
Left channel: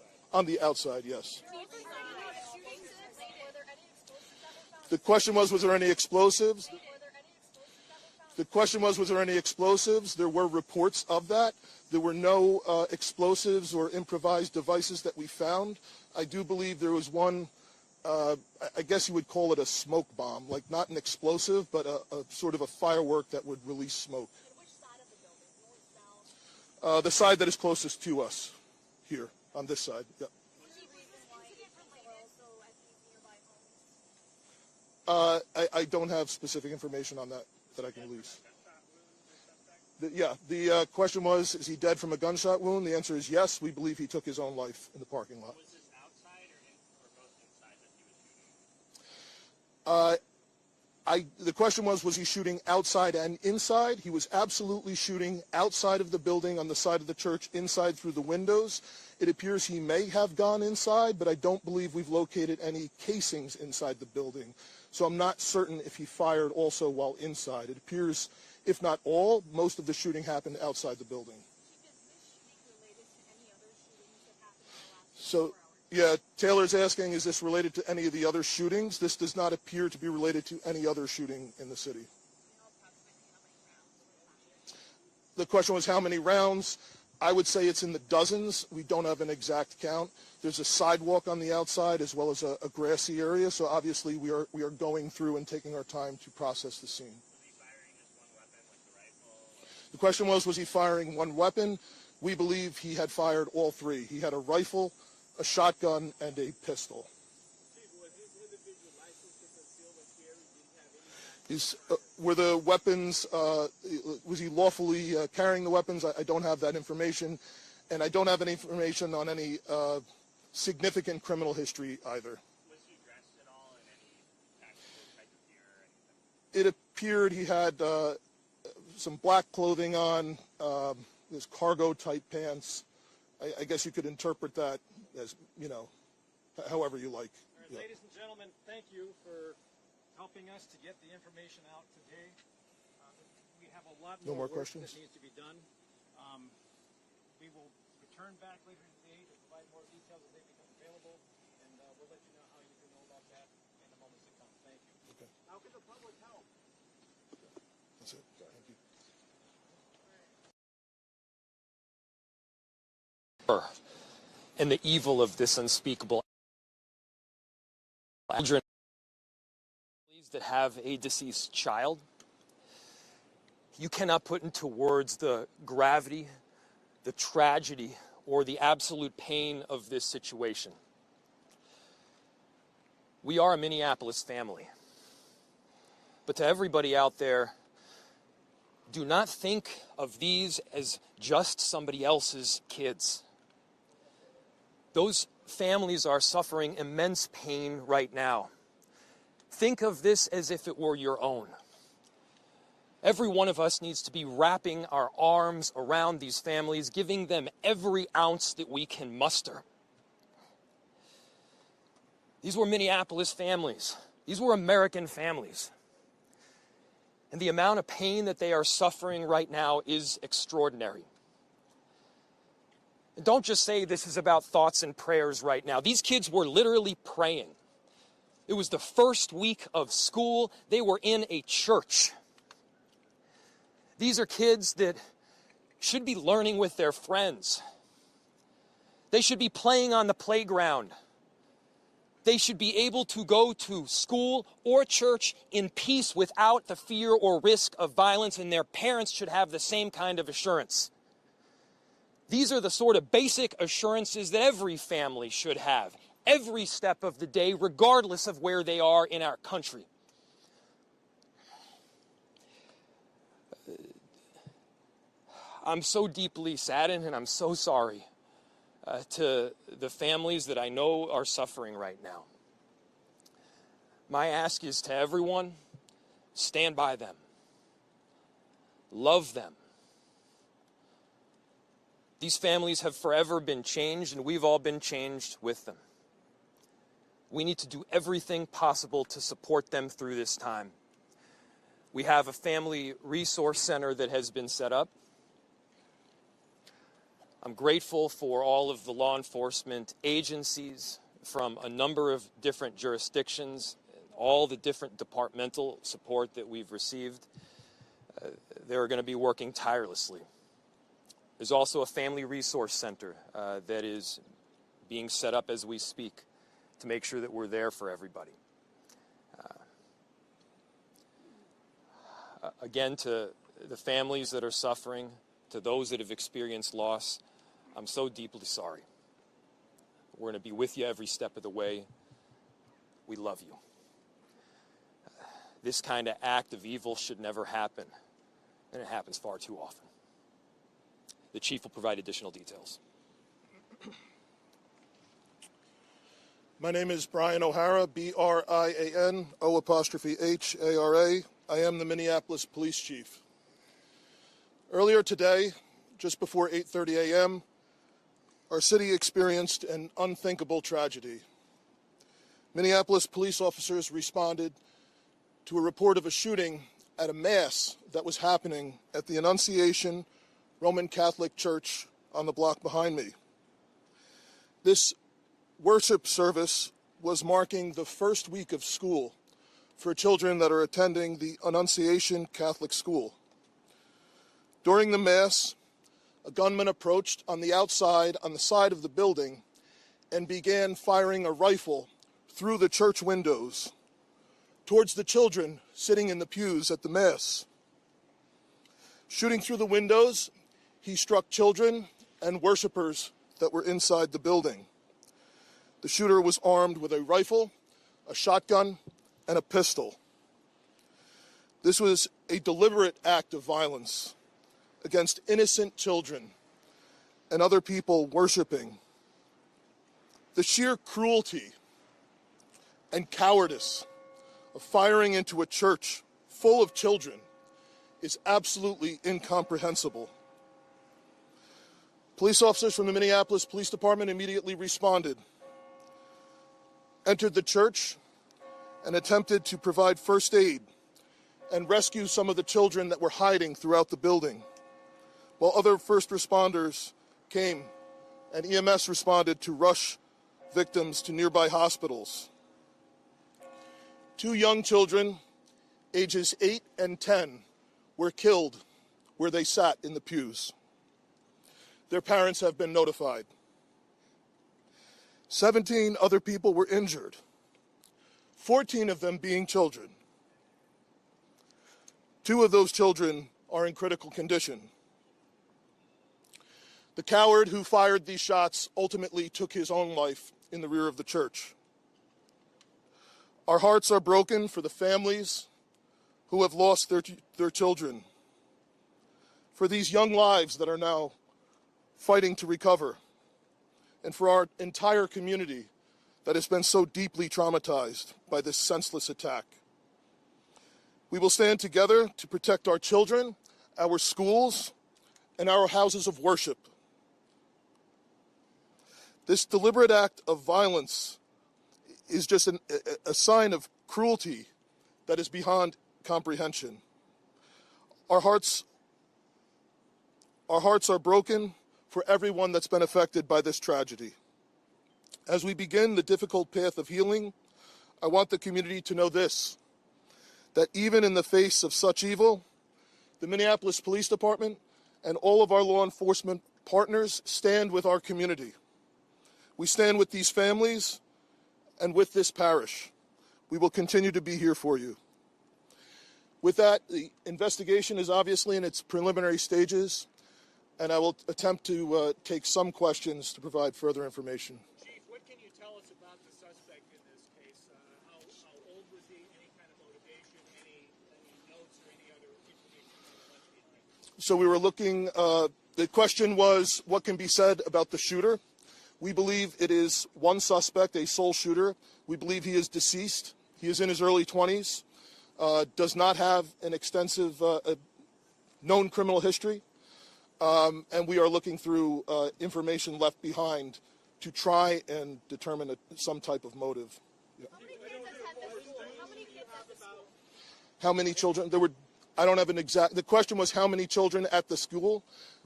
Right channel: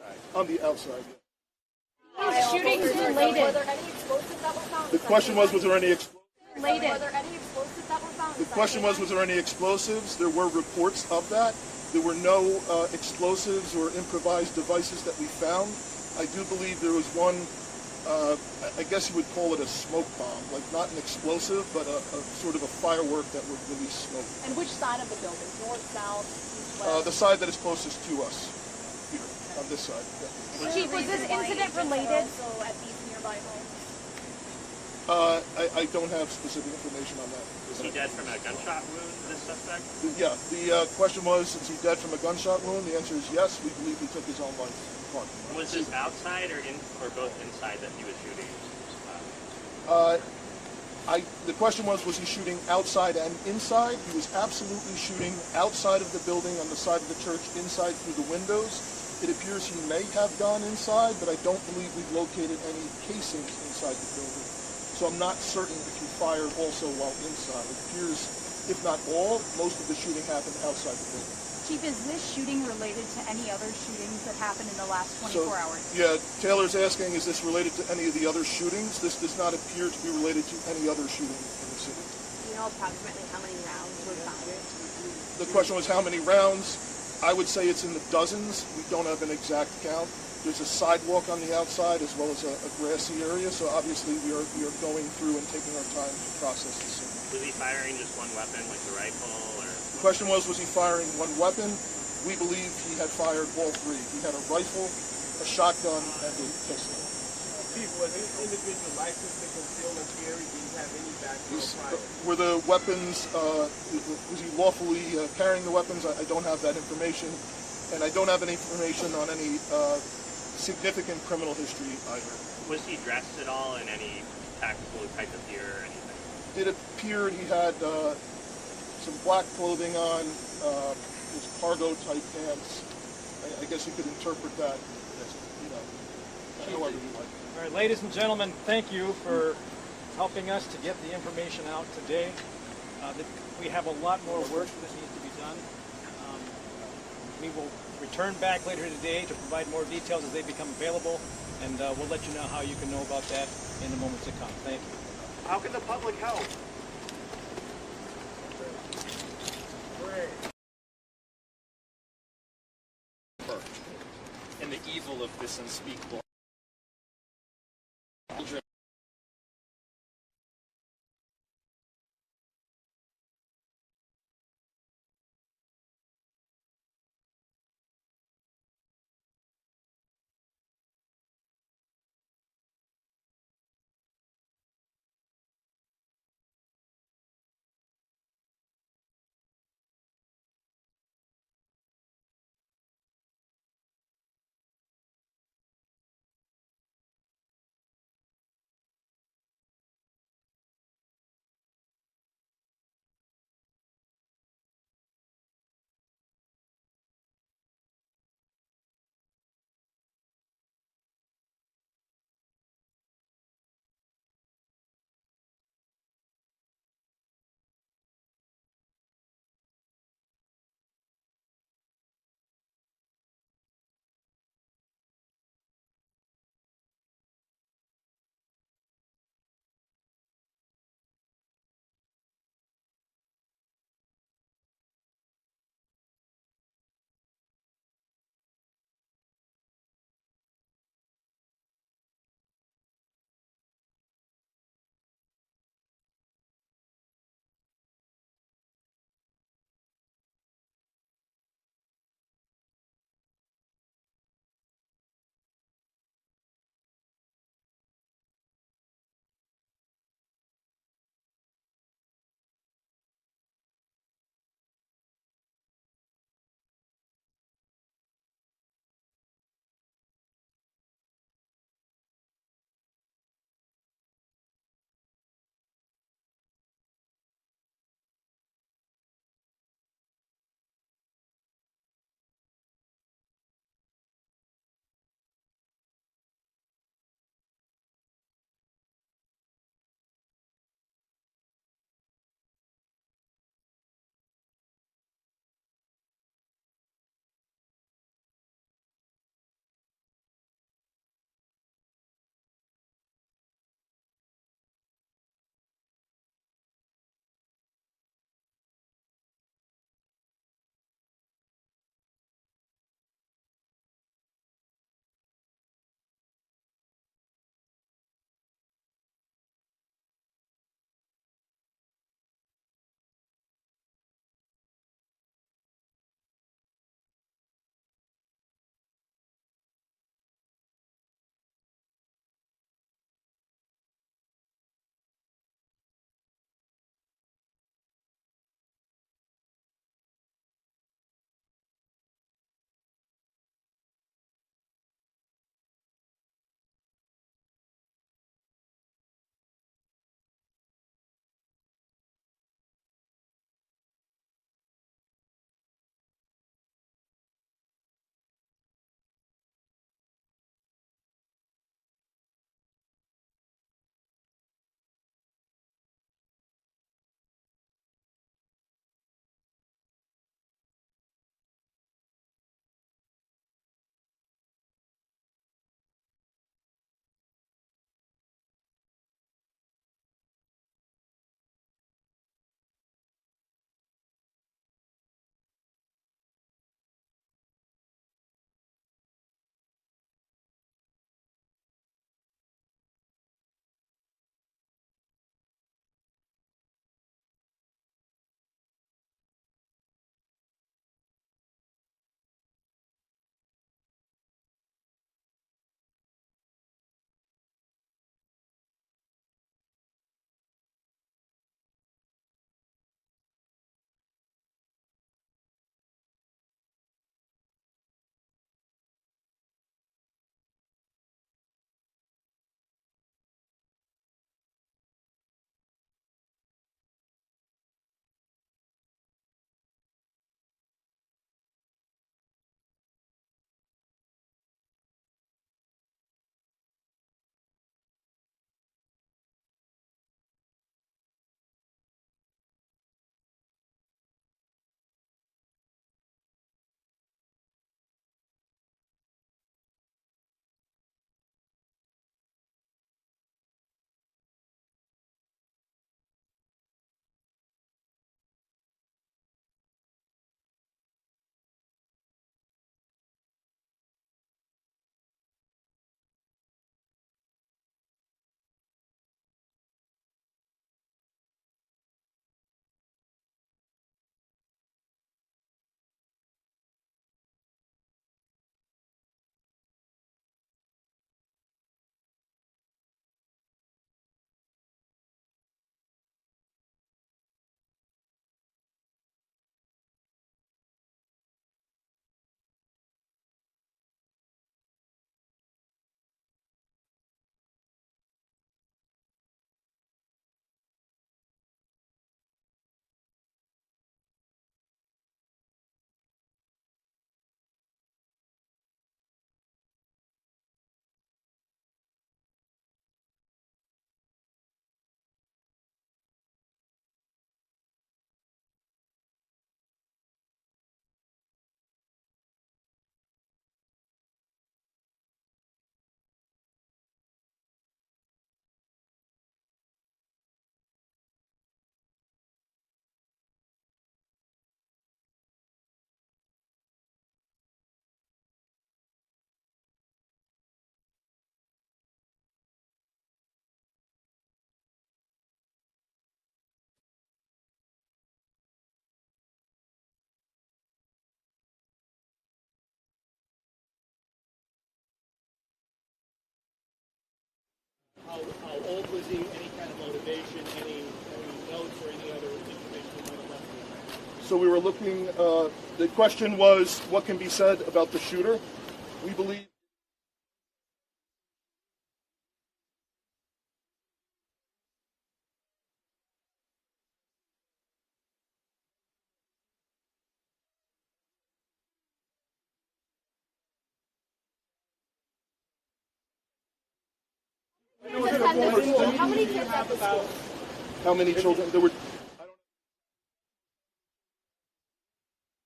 On the outside, yes. Shootings related. Were there any explosives that were found? The question was there any explosives? Were there any explosives that were found? The question was there any explosives? There were reports of that. There were no explosives or improvised devices that we found. I do believe there was one, I guess you would call it a smoke bomb, like not an explosive, but a sort of a firework that would release smoke. And which side of the building? North, south, east, west? The side that is closest to us, here, on this side. Chief, was this incident related? Also at these nearby homes? I don't have specific information on that. Was he dead from a gunshot wound, this suspect? Yeah, the question was, is he dead from a gunshot wound? The answer is yes. We believe he took his own life in the parking lot. Was this outside or both inside that he was shooting? The question was he shooting outside and inside? He was absolutely shooting outside of the building, on the side of the church, inside through the windows. It appears he may have gone inside, but I don't believe we've located any casings inside the building. So I'm not certain if he fired also while inside. It appears, if not all, most of the shooting happened outside the building. Chief, is this shooting related to any other shootings that happened in the last 24 hours? Yeah, Taylor's asking, is this related to any of the other shootings? This does not appear to be related to any other shooting in the city. Do you know approximately how many rounds were fired? The question was how many rounds? I would say it's in the dozens. We don't have an exact count. There's a sidewalk on the outside as well as a grassy area, so obviously we are going through and taking our time to process the scene. Was he firing just one weapon, like the rifle, or? The question was he firing one weapon? We believe he had fired all three. He had a rifle, a shotgun, and a pistol. Chief, was this individual licensed to conceal and carry? Did he have any background? Were the weapons, was he lawfully carrying the weapons? I don't have that information. And I don't have any information on any significant criminal history either. Was he dressed at all in any tactical type of gear or anything? It appeared he had some black clothing on, his cargo type pants. I guess you could interpret that as, however you like. All right, ladies and gentlemen, thank you for helping us to get the information out today. We have a lot more work that needs to be done. We will return back later today to provide more details as they become available, and we'll let you know how you can know about that in the moments to come. Thank you. How can the public help? And the evil of this unspeakable children that have a deceased child. You cannot put into words the gravity, the tragedy, or the absolute pain of this situation. We are a Minneapolis family. But to everybody out there, do not think of these as just somebody else's kids. Those families are suffering immense pain right now. Think of this as if it were your own. Every one of us needs to be wrapping our arms around these families, giving them every ounce that we can muster. These were Minneapolis families. These were American families. And the amount of pain that they are suffering right now is extraordinary. And don't just say this is about thoughts and prayers right now. These kids were literally praying. It was the first week of school. They were in a church. These are kids that should be learning with their friends. They should be playing on the playground. They should be able to go to school or church in peace without the fear or risk of violence, and their parents should have the same kind of assurance. These are the sort of basic assurances that every family should have, every step of the day, regardless of where they are in our country. I'm so deeply saddened, and I'm so sorry to the families that I know are suffering right now. My ask is to everyone, stand by them. Love them. These families have forever been changed, and we've all been changed with them. We need to do everything possible to support them through this time. We have a family resource center that has been set up. I'm grateful for all of the law enforcement agencies from a number of different jurisdictions, all the different departmental support that we've received. They're going to be working tirelessly. There's also a family resource center that is being set up as we speak to make sure that we're there for everybody. Again, to the families that are suffering, to those that have experienced loss, I'm so deeply sorry. We're going to be with you every step of the way. We love you. This kind of act of evil should never happen, and it happens far too often. The chief will provide additional details. My name is Brian O'Hara, B-R-I-A-N, O''H-A-R-A. I am the Minneapolis Police Chief. Earlier today, just before 8:30 a.m., our city experienced an unthinkable tragedy. Minneapolis police officers responded to a report of a shooting at a mass that was happening at the Annunciation Catholic Church on the block behind me. This worship service was marking the first week of school for children that are attending the Annunciation Catholic School. During the Mass, a gunman approached on the outside, on the side of the building, and began firing a rifle through the church windows towards the children sitting in the pews at the Mass. Shooting through the windows, he struck children and worshipers that were inside the building. The shooter was armed with a rifle, a shotgun, and a pistol. This was a deliberate act of violence against innocent children and other people worshiping. The sheer cruelty and cowardice of firing into a church full of children is absolutely incomprehensible. Police officers from the Minneapolis Police Department immediately responded, entered the church, and attempted to provide first aid and rescue some of the children that were hiding throughout the building, while other first responders came and EMS responded to rush victims to nearby hospitals. 2 young children, ages 8 and 10, were killed where they sat in the pews. Their parents have been notified. 17 other people were injured, 14 of them being children. 2 of those children are in critical condition. The coward who fired these shots ultimately took his own life in the rear of the church. Our hearts are broken for the families who have lost their children, for these young lives that are now fighting to recover, and for our entire community that has been so deeply traumatized by this senseless attack. We will stand together to protect our children, our schools, and our houses of worship. This deliberate act of violence is just a sign of cruelty that is beyond comprehension. Our hearts are broken for everyone that's been affected by this tragedy. As we begin the difficult path of healing, I want the community to know this, that even in the face of such evil, the Minneapolis Police Department and all of our law enforcement partners stand with our community. We stand with these families and with this parish. We will continue to be here for you. With that, the investigation is obviously in its preliminary stages, and I will attempt to take some questions to provide further information. Chief, what can you tell us about the suspect in this case? How old was he? Any kind of motivation? Any notes or any other information you might have left behind? So we were looking, the question was, what can be said about the shooter? We believe it is one suspect, a sole shooter. We believe he is deceased. He is in his early 20s, does not have an extensive known criminal history, and we are looking through information left behind to try and determine some type of motive. Yeah. How many kids at the school? How many children? There were. I don't have an exact. The question was how many children at the school.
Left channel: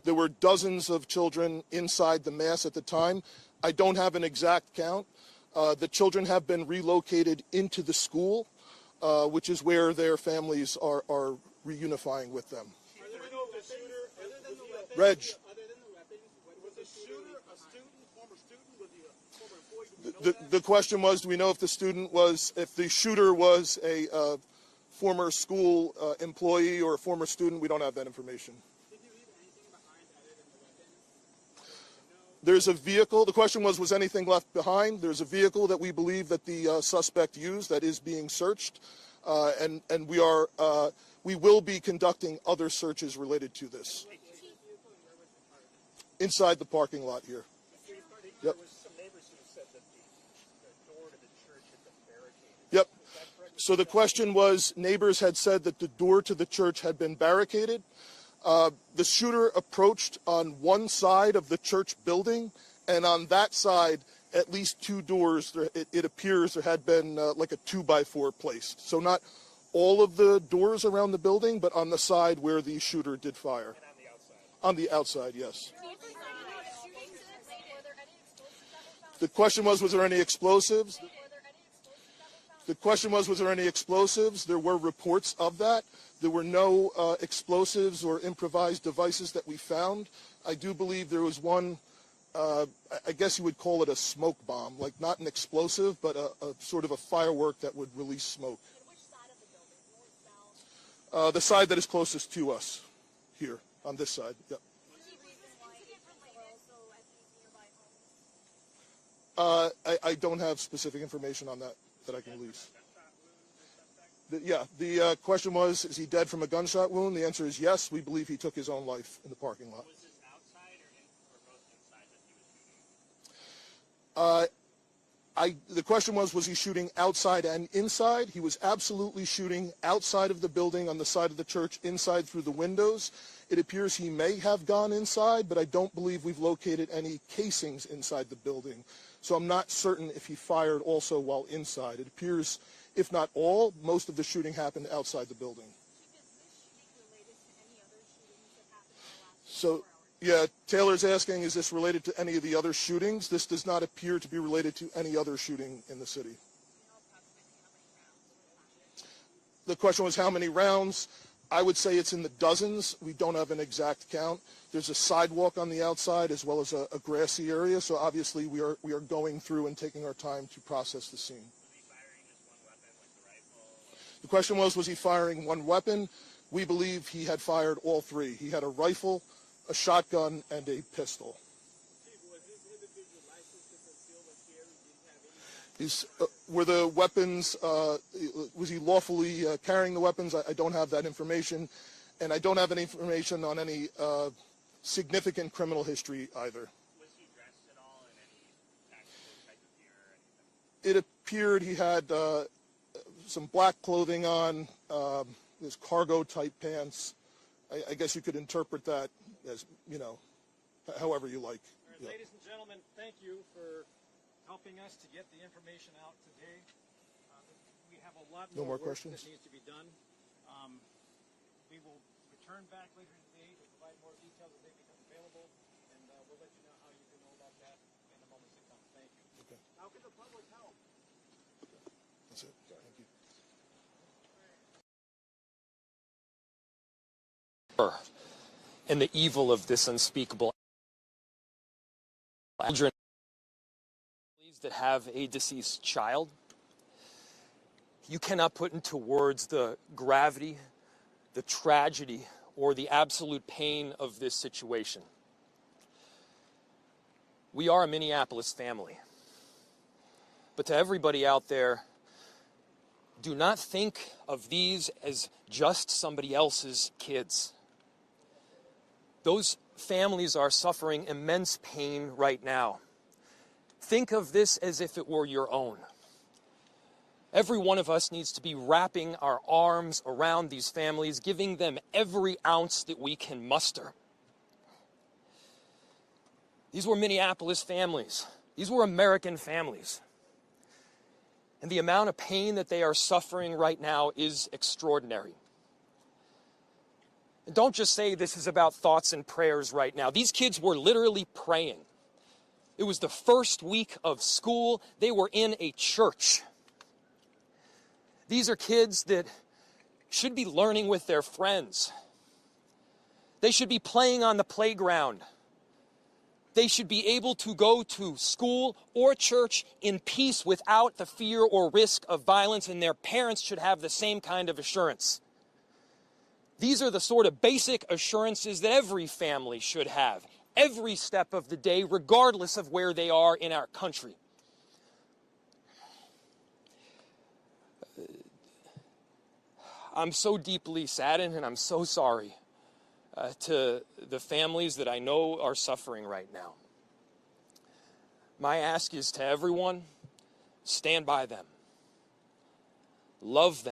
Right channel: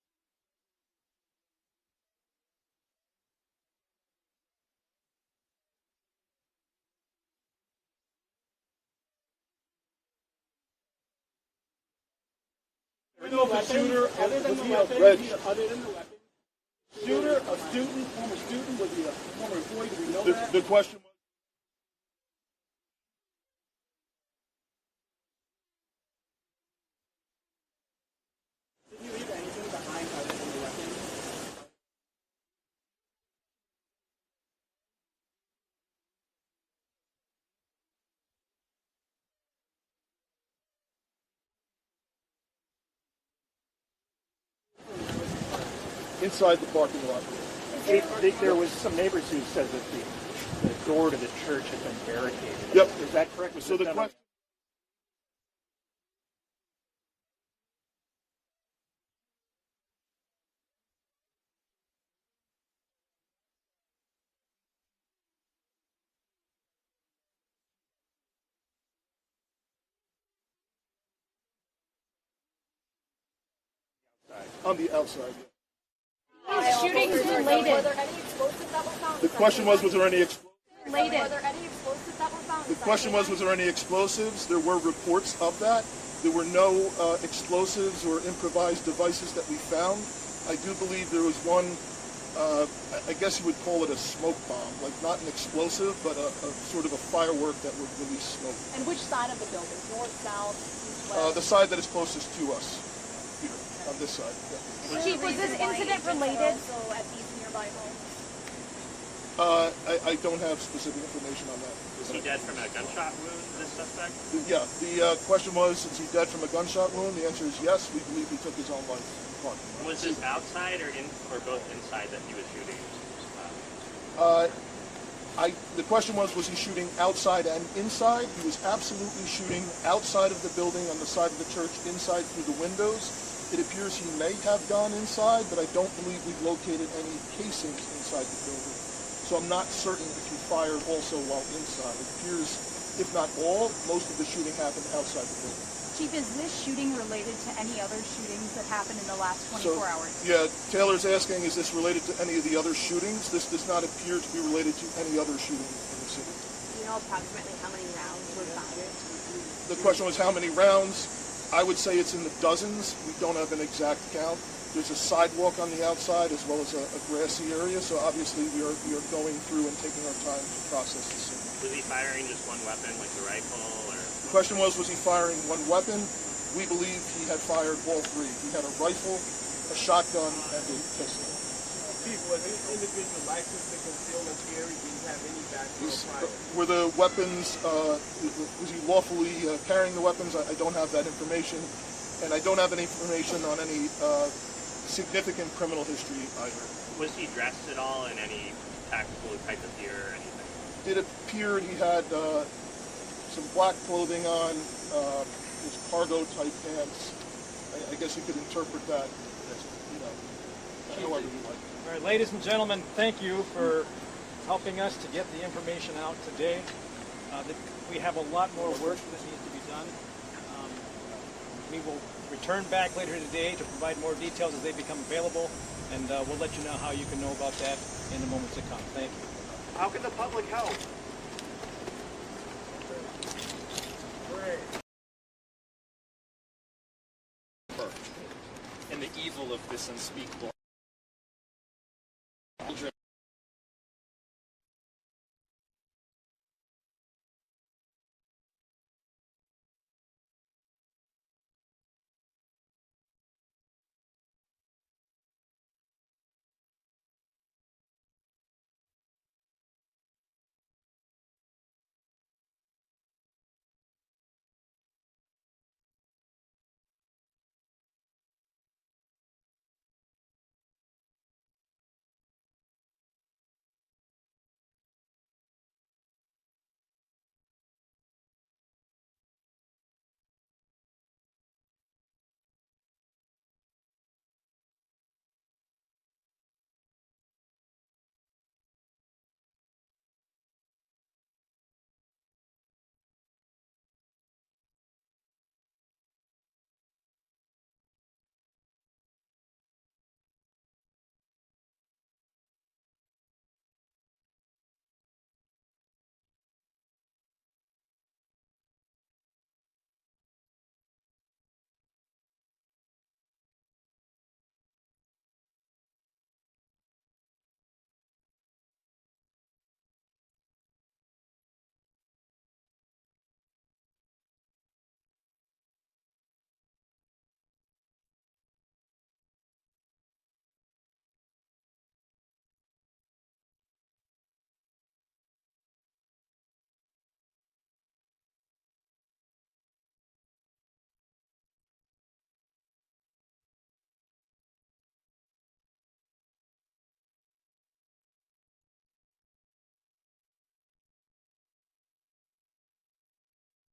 There were dozens of children inside the mass at the time. I don't have an exact count. The children have been relocated into the school, which is where their families are reunifying with them. We know if the shooter, other than the weapons, was the shooter a student, former student, was he a former employee? Do we know that? The question was, do we know if the shooter was a former school employee or a former student? We don't have that information. Did you leave anything behind other than the weapons? There's a vehicle. The question was anything left behind? There's a vehicle that we believe that the suspect used that is being searched, and we will be conducting other searches related to this inside the parking lot. There was some neighbors who said that the door to the church had been barricaded. Yep. Is that correct? So the question was, neighbors had said that the door to the church had been barricaded. The shooter approached on one side of the church building, and on that side, at least two doors, it appears there had been like a 2x4 placed. So not all of the doors around the building, but on the side where the shooter did fire. And on the outside. On the outside, yes. Shootings related. Were there any explosives that were found? The question was there any explosives? Were there any explosives that were found? The question was there any explosives? There were reports of that. There were no explosives or improvised devices that we found. I do believe there was one, I guess you would call it a smoke bomb, like not an explosive, but a sort of a firework that would release smoke. And which side of the building? North, south, east, west? The side that is closest to us, here, on this side. Yeah. Chief, was this incident related? Also at these nearby homes? I don't have specific information on that. Was he dead from a gunshot wound, this suspect? Yeah, the question was, is he dead from a gunshot wound? The answer is yes. We believe he took his own life in the parking lot. Was this outside or both inside that he was shooting? The question was he shooting outside and inside? He was absolutely shooting outside of the building on the side of the church, inside through the windows. It appears he may have gone inside, but I don't believe we've located any casings inside the building. So I'm not certain if he fired also while inside. It appears, if not all, most of the shooting happened outside the building. Chief, is this shooting related to any other shootings that happened in the last 24 hours? Yeah, Taylor's asking, is this related to any of the other shootings? This does not appear to be related to any other shooting in the city. Do you know approximately how many rounds were fired? The question was how many rounds? I would say it's in the dozens. We don't have an exact count. There's a sidewalk on the outside as well as a grassy area, so obviously we are going through and taking our time to process the scene. Was he firing just one weapon, like the rifle, or? The question was he firing one weapon? We believe he had fired all three. He had a rifle, a shotgun, and a pistol. Chief, was this individual licensed to conceal and carry? Did he have any background? Were the weapons, was he lawfully carrying the weapons? I don't have that information, and I don't have any information on any significant criminal history either. Was he dressed at all in any tactical type of gear or anything? It appeared he had some black clothing on, his cargo type pants. I guess you could interpret that as, however you like. All right, ladies and gentlemen, thank you for helping us to get the information out today. We have a lot more work that needs to be done. We will return back later today to provide more details as they become available, and we'll let you know how you can know about that in the moments to come. Thank you. How can the public help? And the evil of this unspeakable that have a deceased child. You cannot put into words the gravity, the tragedy, or the absolute pain of this situation. We are a Minneapolis family. But to everybody out there, do not think of these as just somebody else's kids. Those families are suffering immense pain right now. Think of this as if it were your own. Every one of us needs to be wrapping our arms around these families, giving them every ounce that we can muster. These were Minneapolis families. These were American families. And the amount of pain that they are suffering right now is extraordinary. And don't just say this is about thoughts and prayers right now. These kids were literally praying. It was the first week of school. They were in a church. These are kids that should be learning with their friends. They should be playing on the playground. They should be able to go to school or church in peace without the fear or risk of violence, and their parents should have the same kind of assurance. These are the sort of basic assurances that every family should have, every step of the day, regardless of where they are in our country. I'm so deeply saddened, and I'm so sorry to the families that I know are suffering right now. My ask is to everyone, stand by them, love them.